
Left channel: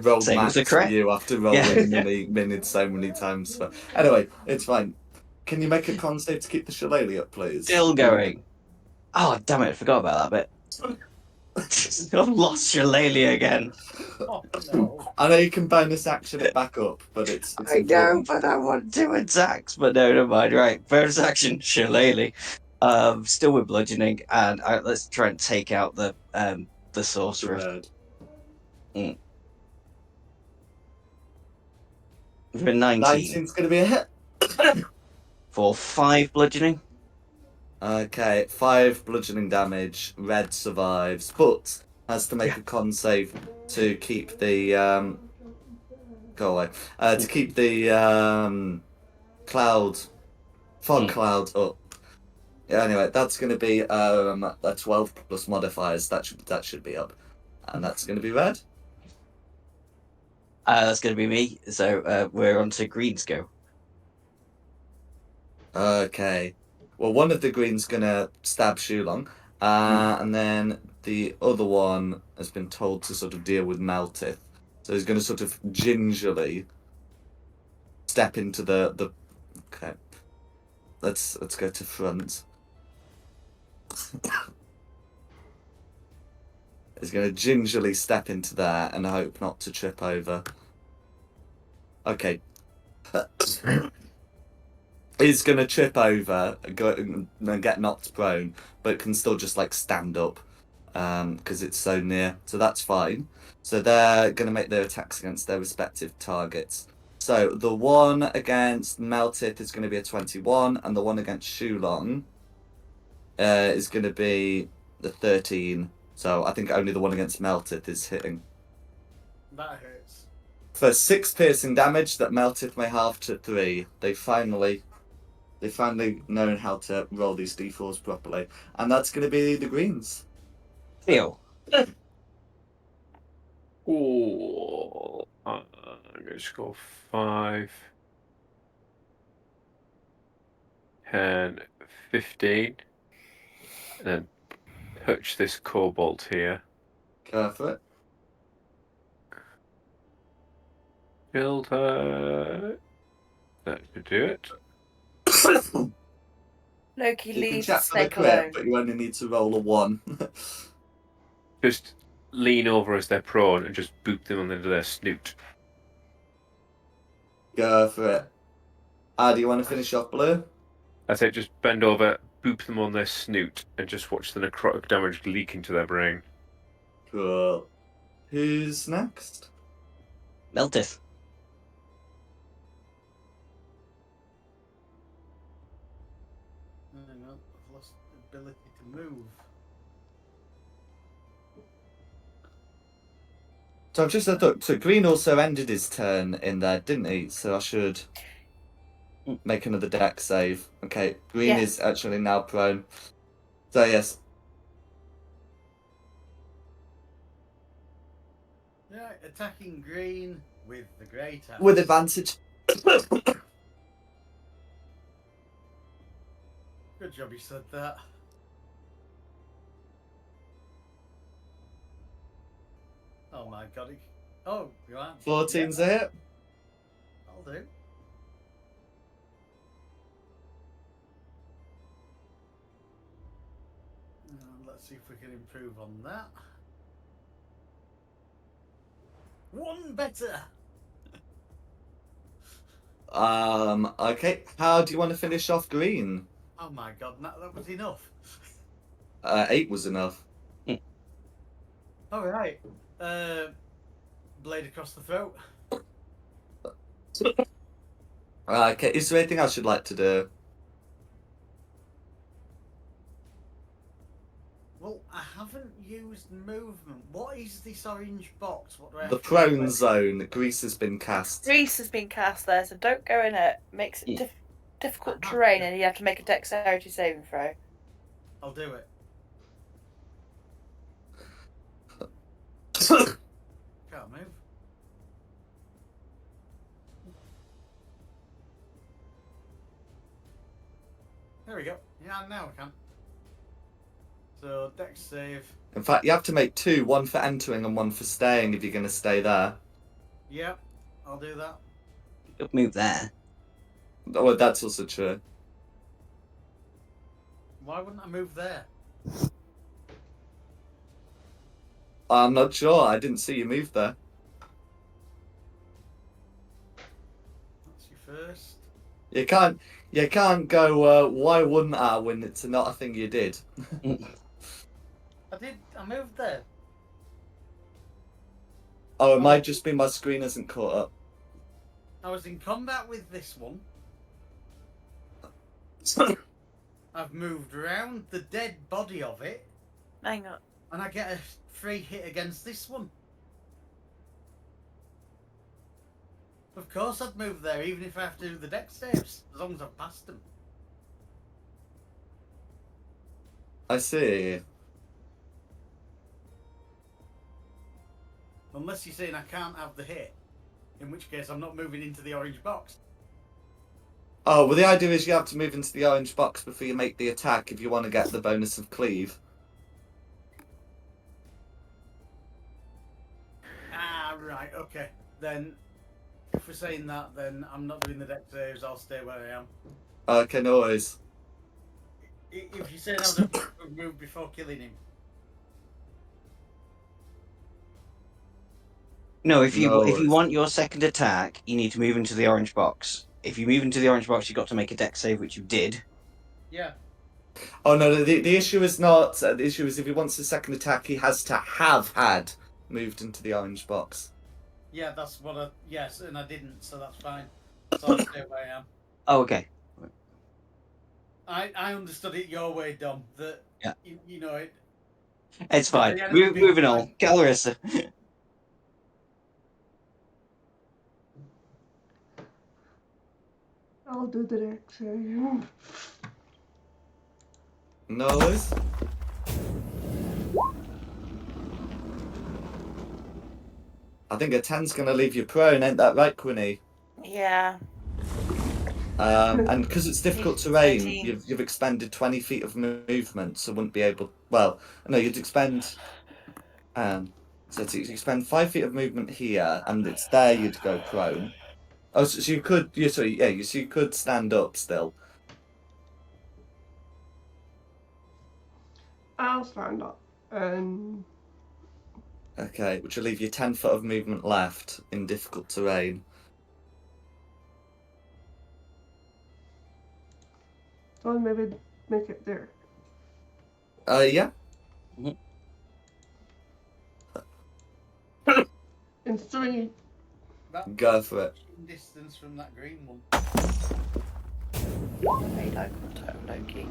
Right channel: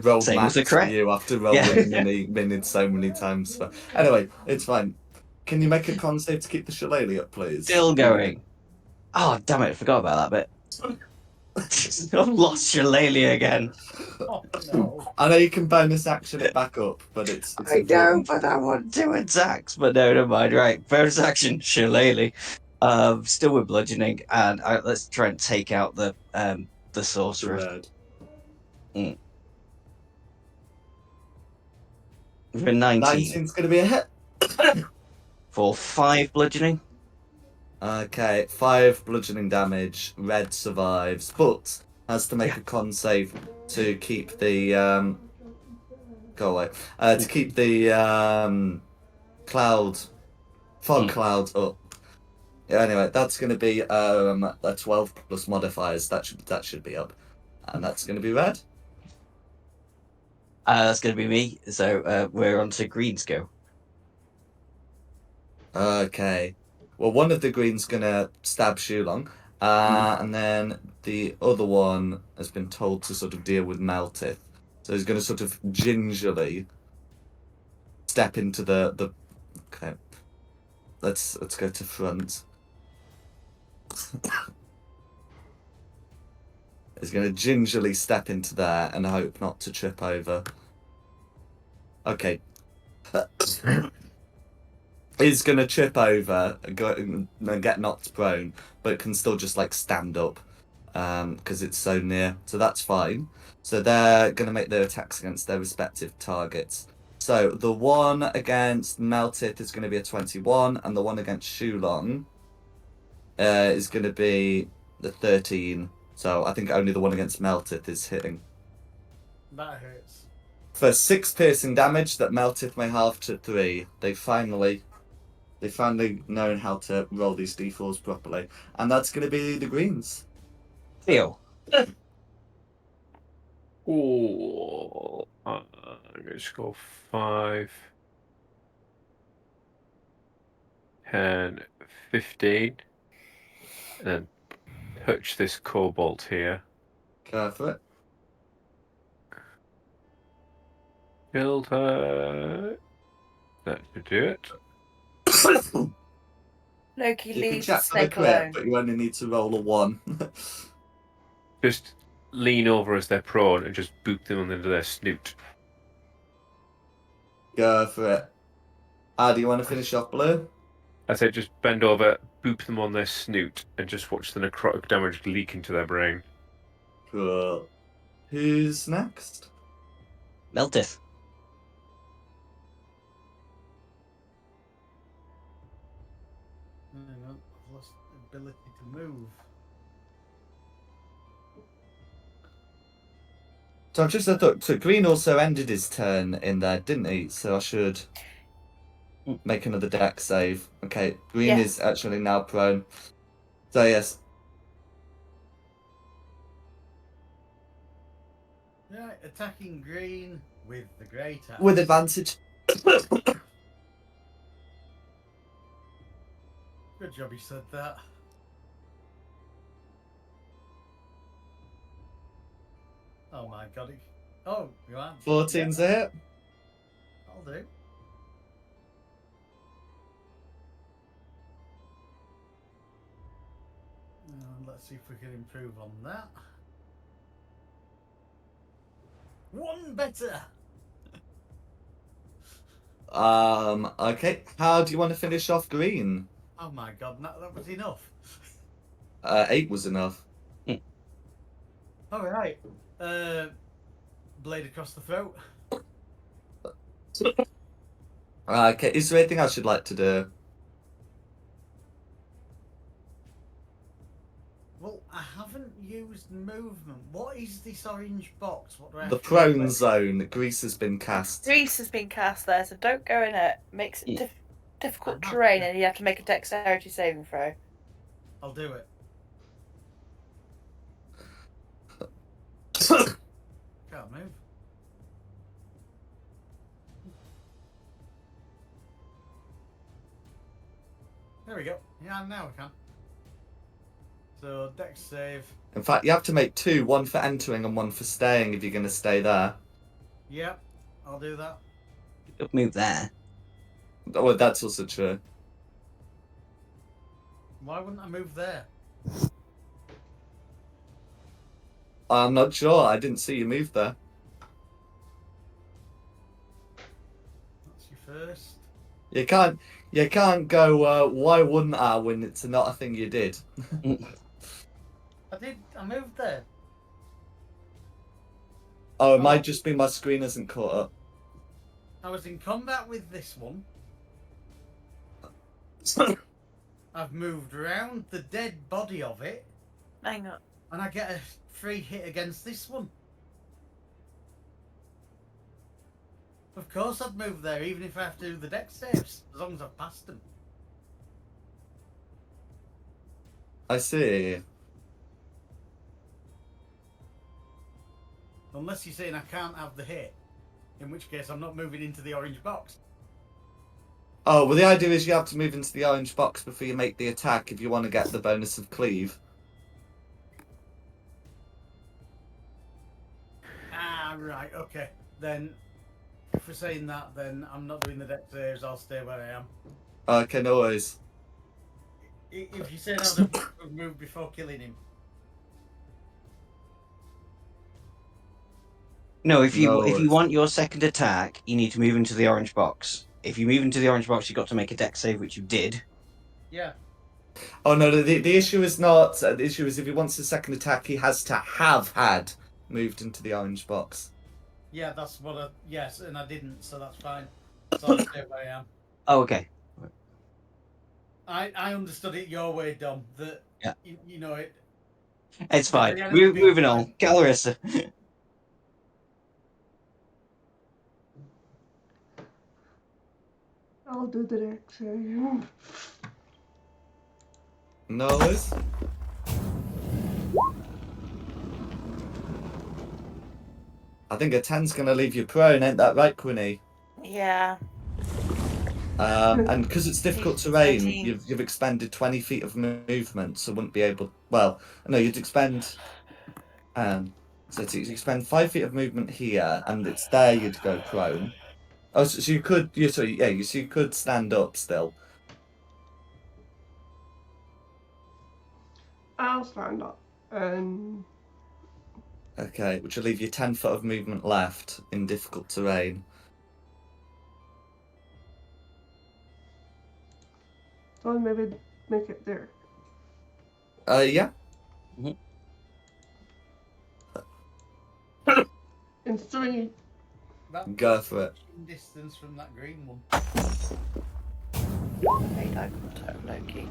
rolled same as max the for crit. you after rolling mini so many times. Anyway, it's fine. Can you make a con save to keep the shillelagh up, please? Still going. Oh, damn it. I forgot about that bit. I've lost Shillelagh again. Oh no. I know you can bonus action it back up, but it's I know, important. but I want 2 attacks. But no, never mind. Right, bonus action, Shillelagh. Still with bludgeoning, and let's try and take out the sorcerer. Dread. For a 19. 19's going to be a hit. For 5 bludgeoning. Okay, 5 bludgeoning damage. Red survives, but has to make a con save to keep the go away. To keep the fog cloud up. Yeah, anyway, that's going to be a 12 plus modifiers. That should be up, and that's going to be red. That's going to be me. So we're on to Green's go. Okay. Well, one of the green's gonna stab Shulong, and then the other one has been told to sort of deal with Meltith. So he's gonna sort of gingerly step into the. Okay. Let's go to front. He's gonna gingerly step into there and hope not to trip over. Okay. He's gonna trip over and get knocked prone, but can still just like stand up, because it's so near. So that's fine. So they're gonna make their attacks against their respective targets. So the one against Meltith is gonna be a 21, and the one against Shulong is gonna be the 13. So I think only the one against Meltith is hitting. That hurts. For 6 piercing damage that Meltith may halve to 3. They finally known how to roll these d4s properly. And that's going to be the greens. Theo. Oh, I'm going to go 5, 10, 15, and then touch this cobalt here. Go for it. Killed her. That should do it. Loki You can leaves check for the Snake crit, alone. but you only need to roll a 1. Just lean over as they're prone and just boot them under their snoot. Go for it. Do you want to finish off blue? I say just bend over, boop them on their snoot, and just watch the necrotic damage leak into their brain. Cool. Who's next? Meltith. I've lost the ability to move. So I've just had a look. So Green also ended his turn in there, didn't he? So I should make another deck save. Okay, Green Yes. is actually now prone. So yes. Right, attacking green with the great axe. With advantage. Good job you said that. Oh my god. Oh, you are. 14's a hit. I'll do. Let's see if we can improve on that. 1 better. Okay. How do you want to finish off Green? Oh my god, that was enough. 8 was enough. All right. Blade across the throat. Okay, is there anything else you'd like to do? Well, I haven't used movement. What is this orange box? What do I have The to prone do? zone. Grease has been cast. Grease has been cast there, so don't go in it. Makes it difficult I'm not- terrain, and you have to make a dexterity saving throw. I'll do it. Can't move. There we go. Yeah, now I can. So, dex save. In fact, you have to make 2, one for entering and one for staying if you're going to stay there. Yep, I'll do that. Good move there. Well, that's also true. Why wouldn't I move there? I'm not sure. I didn't see you move there. That's your first. You can't go, why wouldn't I, when it's not a thing you did. I moved there. Oh, it might just be my screen isn't caught up. I was in combat with this one. I've moved around the dead body of it, Hang on. and I get a free hit against this one. Of course I'd move there, even if I have to do the deck saves, as long as I've passed them. I see. Unless you're saying I can't have the hit, in which case I'm not moving into the orange box. Oh, well, the idea is you have to move into the orange box before you make the attack if you want to get the bonus of cleave. Ah, right, okay. Then, if we're saying that, then I'm not doing the deck saves, I'll stay where I am. Okay, no worries. If you're saying I would have moved before killing him. No, if No you worries. want your second attack, you need to move into the orange box. If you move into the orange box, you've got to make a deck save, which you did. Yeah. Oh no, the issue is not. The issue is if he wants a second attack, he has to have had moved into the orange box. Yeah, that's what I... Yes, and I didn't, so that's fine. So I'll stay where I am. Oh, okay. I understood it your way, Dom. That, Yeah. you know, it... It's fine. The enemy being Moving on. fine. Calorissa. I'll do the deck save. No worries. I think a 10's gonna leave you prone, ain't that right, Quinny? Yeah. And because it's difficult terrain, 13. you've expended 20 feet of movement, so wouldn't be able. Well, no, you'd expend. So you expend 5 feet of movement here, and it's there you'd go prone. Oh, so you could. So you could stand up still. I'll stand up and Okay, which will leave you 10 foot of movement left in difficult terrain. so I'll maybe make it there. Yeah. In 3. That Go for it. distance from that green one. Made eye contact, Loki.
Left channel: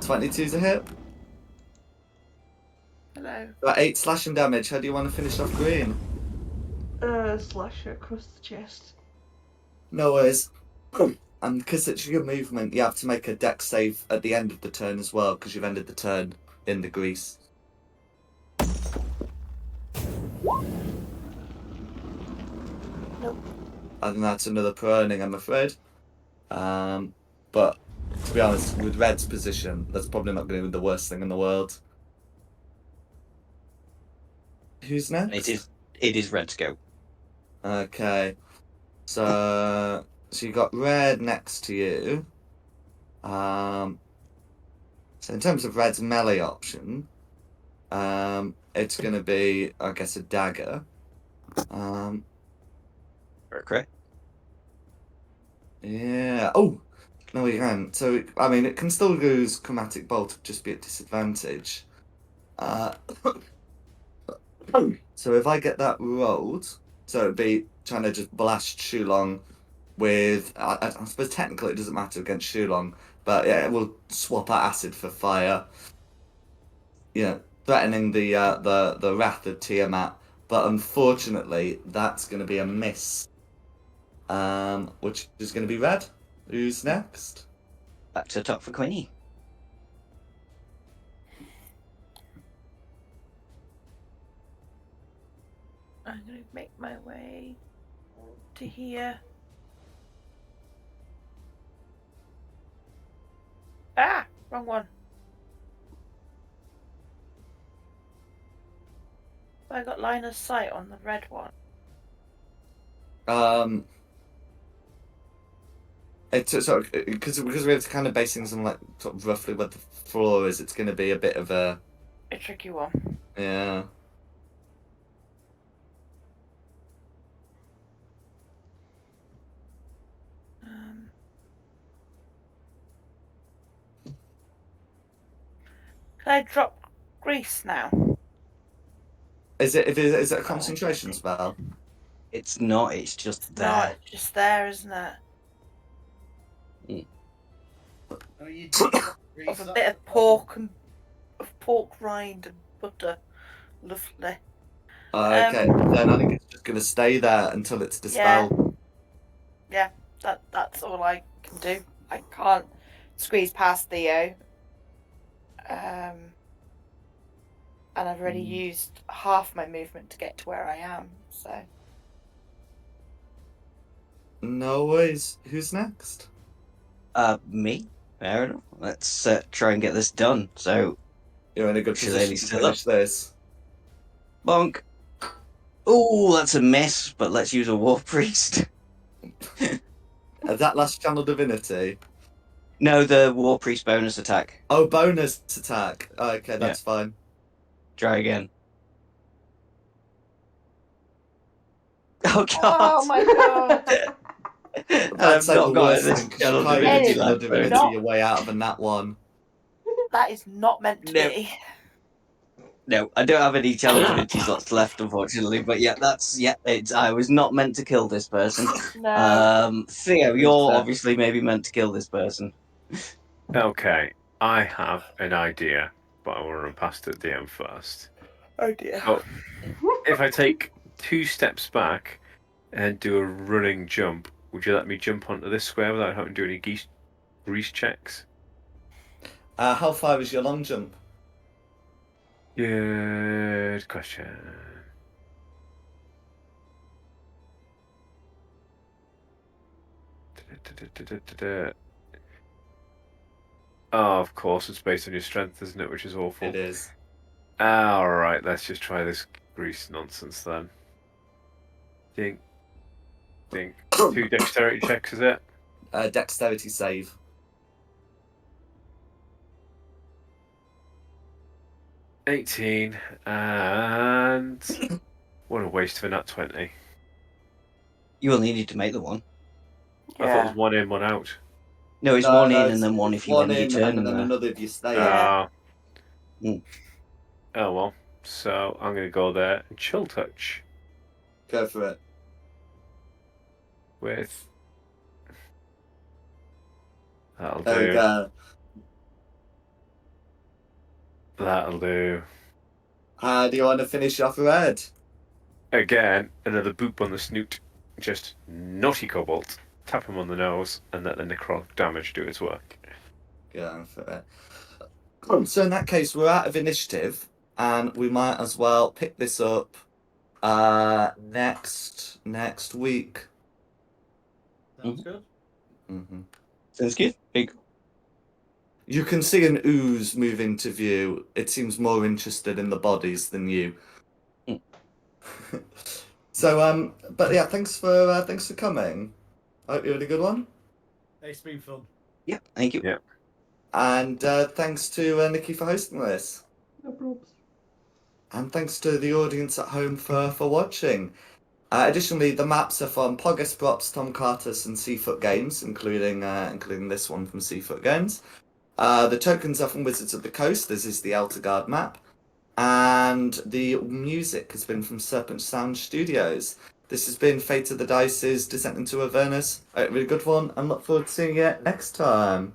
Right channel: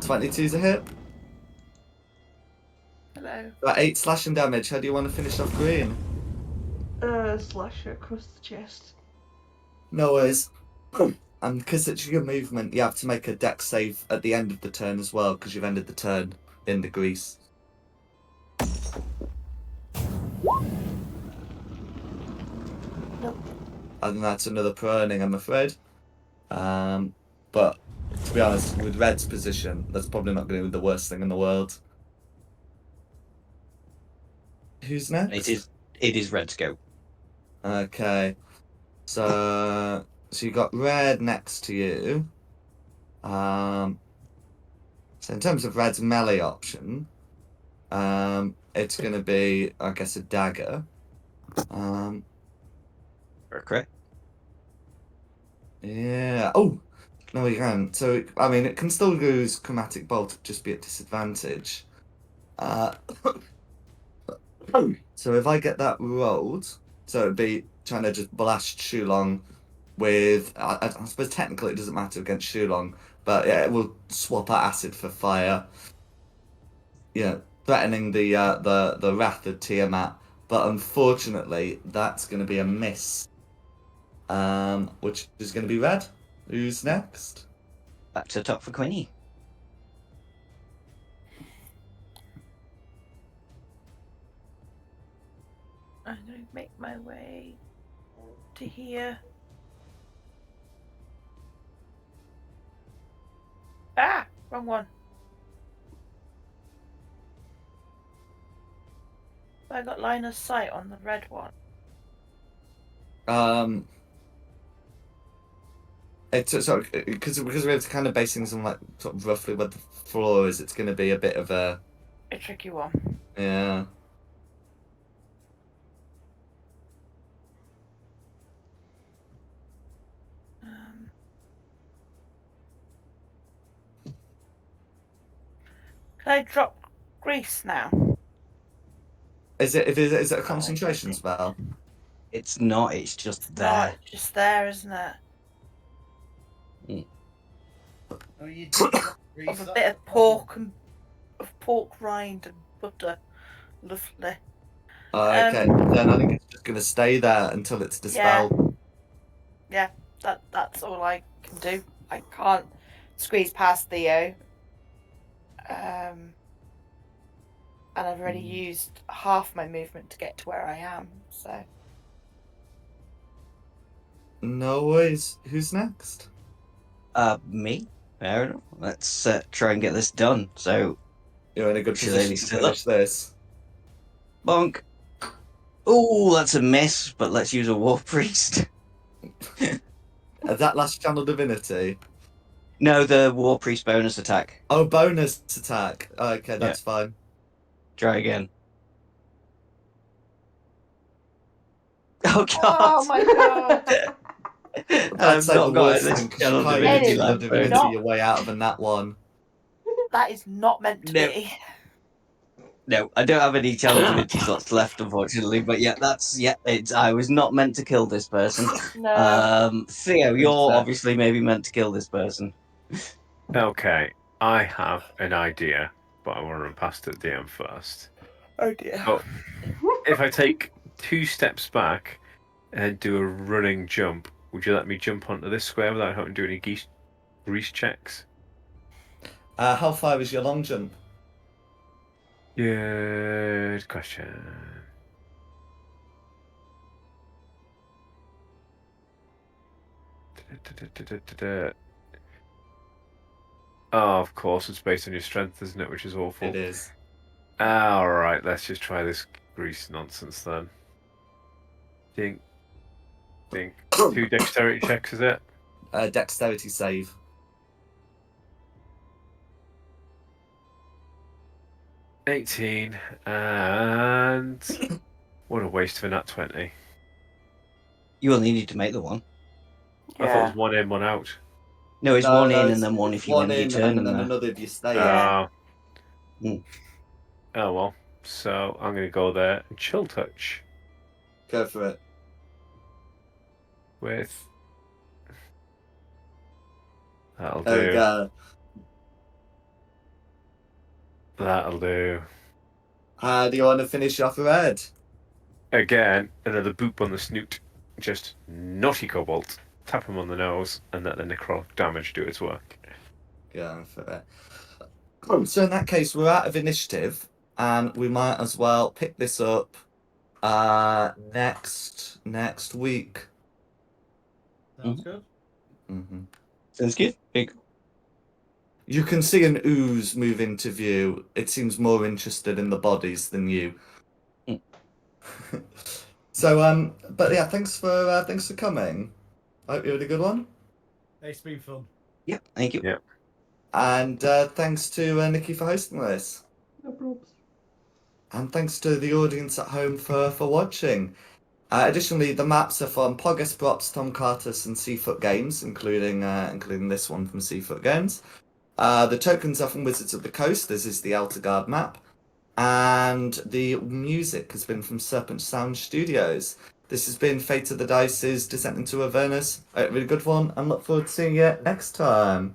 22's a hit. Hello. Got 8 slashing damage. How do you want to finish off green? Slash it across the chest. No worries. And because it's your movement, you have to make a dex save at the end of the turn as well, because you've ended the turn in the grease. Nope. And that's another proning, I'm afraid. But to be honest, with Red's position, that's probably not going to be the worst thing in the world. Who's next? It is Red's go. Okay. So you got Red next to you. So in terms of Red's melee option, it's going to be, I guess, a dagger. Okay. Yeah. Oh, no, we can. So, I mean, it can still use Chromatic Bolt, just be at disadvantage. So if I get that rolled, so it'd be trying to just blast Shulong with. I suppose technically it doesn't matter against Shulong, but yeah, it will swap out acid for fire. Yeah, threatening the wrath of Tiamat. But unfortunately, that's going to be a miss. Which is going to be Red. Who's next? Back to the top for Queenie. I'm going to make my way to here. Ah! Wrong one. I got line of sight on the red one. It's so because we're kind of basing some like sort of roughly where the floor is. It's going to be a bit of a tricky one. yeah. Can I drop grease now? Is it a concentration spell? It's not. It's just It's there. not. It's just there, isn't it? Oh, you did Of grease a that bit of bottom. pork rind and butter. Lovely. Okay, then I think it's just going to stay there until it's dispelled. Yeah. That's all I can do. I can't squeeze past Theo. And I've already used half my movement to get to where I am. So No worries. Who's next? Me. Fair enough. Let's try and get this done. So, You're in a good Shillelagh's position to still up. finish this. Bonk. Oh, that's a miss. But let's use a war priest. That last channel divinity. No, the war priest bonus attack. Oh, bonus attack. Okay, that's fine. Try again. Oh god! oh my god. And I'd I've say the not got worst this thing because you channel can't It use divinity is channel left. divinity not- your way out of a nat one. That is not meant to No. be. No, I don't have any channel divinity slots left, unfortunately. But yeah, it's. I was not meant to kill this person. No. Theo, you're obviously maybe meant to kill this person. Okay, I have an idea, but I want to run past the DM first. Oh dear. Oh, if I take 2 steps back and do a running jump, would you let me jump onto this square without having to do any grease checks? How far is your long jump? Good question. Oh, of course, it's based on your strength, isn't it? Which is awful. It is. Alright, let's just try this grease nonsense then. Dink. Dink. 2 dexterity checks, is it? Dexterity save. 18, and what a waste of a nat 20. You only need to make the one. I thought it was 1 in, 1 out. No, it's No, one no, in it's- and then one it's if you one end your in turn and then there. another if you stay. Yeah. Mm. Oh well. So I'm going to go there and chill touch Go for it. with. That'll There we do. go. That'll do. Do you want to finish off red? Again, another boop on the snoot. Just naughty cobalt. Tap him on the nose and let the necro damage do its work. Go for it. So in that case, we're out of initiative, and we might as well pick this up next week. Sounds good. Mm-hmm. Sounds good. Big. You can see an ooze move into view. It seems more interested in the bodies than you. Mm. So but yeah, thanks for coming. I hope you had a good one. It's been fun. Yeah, thank you. Yeah. And thanks to Nikki for hosting this. No probs. And thanks to the audience at home for watching. Additionally, the maps are from Pogus Props, Tom Cartus, and Seafoot Games, including this one from Seafoot Games. The tokens are from Wizards of the Coast. This is the Eltergard map. And the music has been from Serpent Sound Studios. This has been Fate of the Dice's Descent into Avernus. A really good one, and look forward to seeing you next time.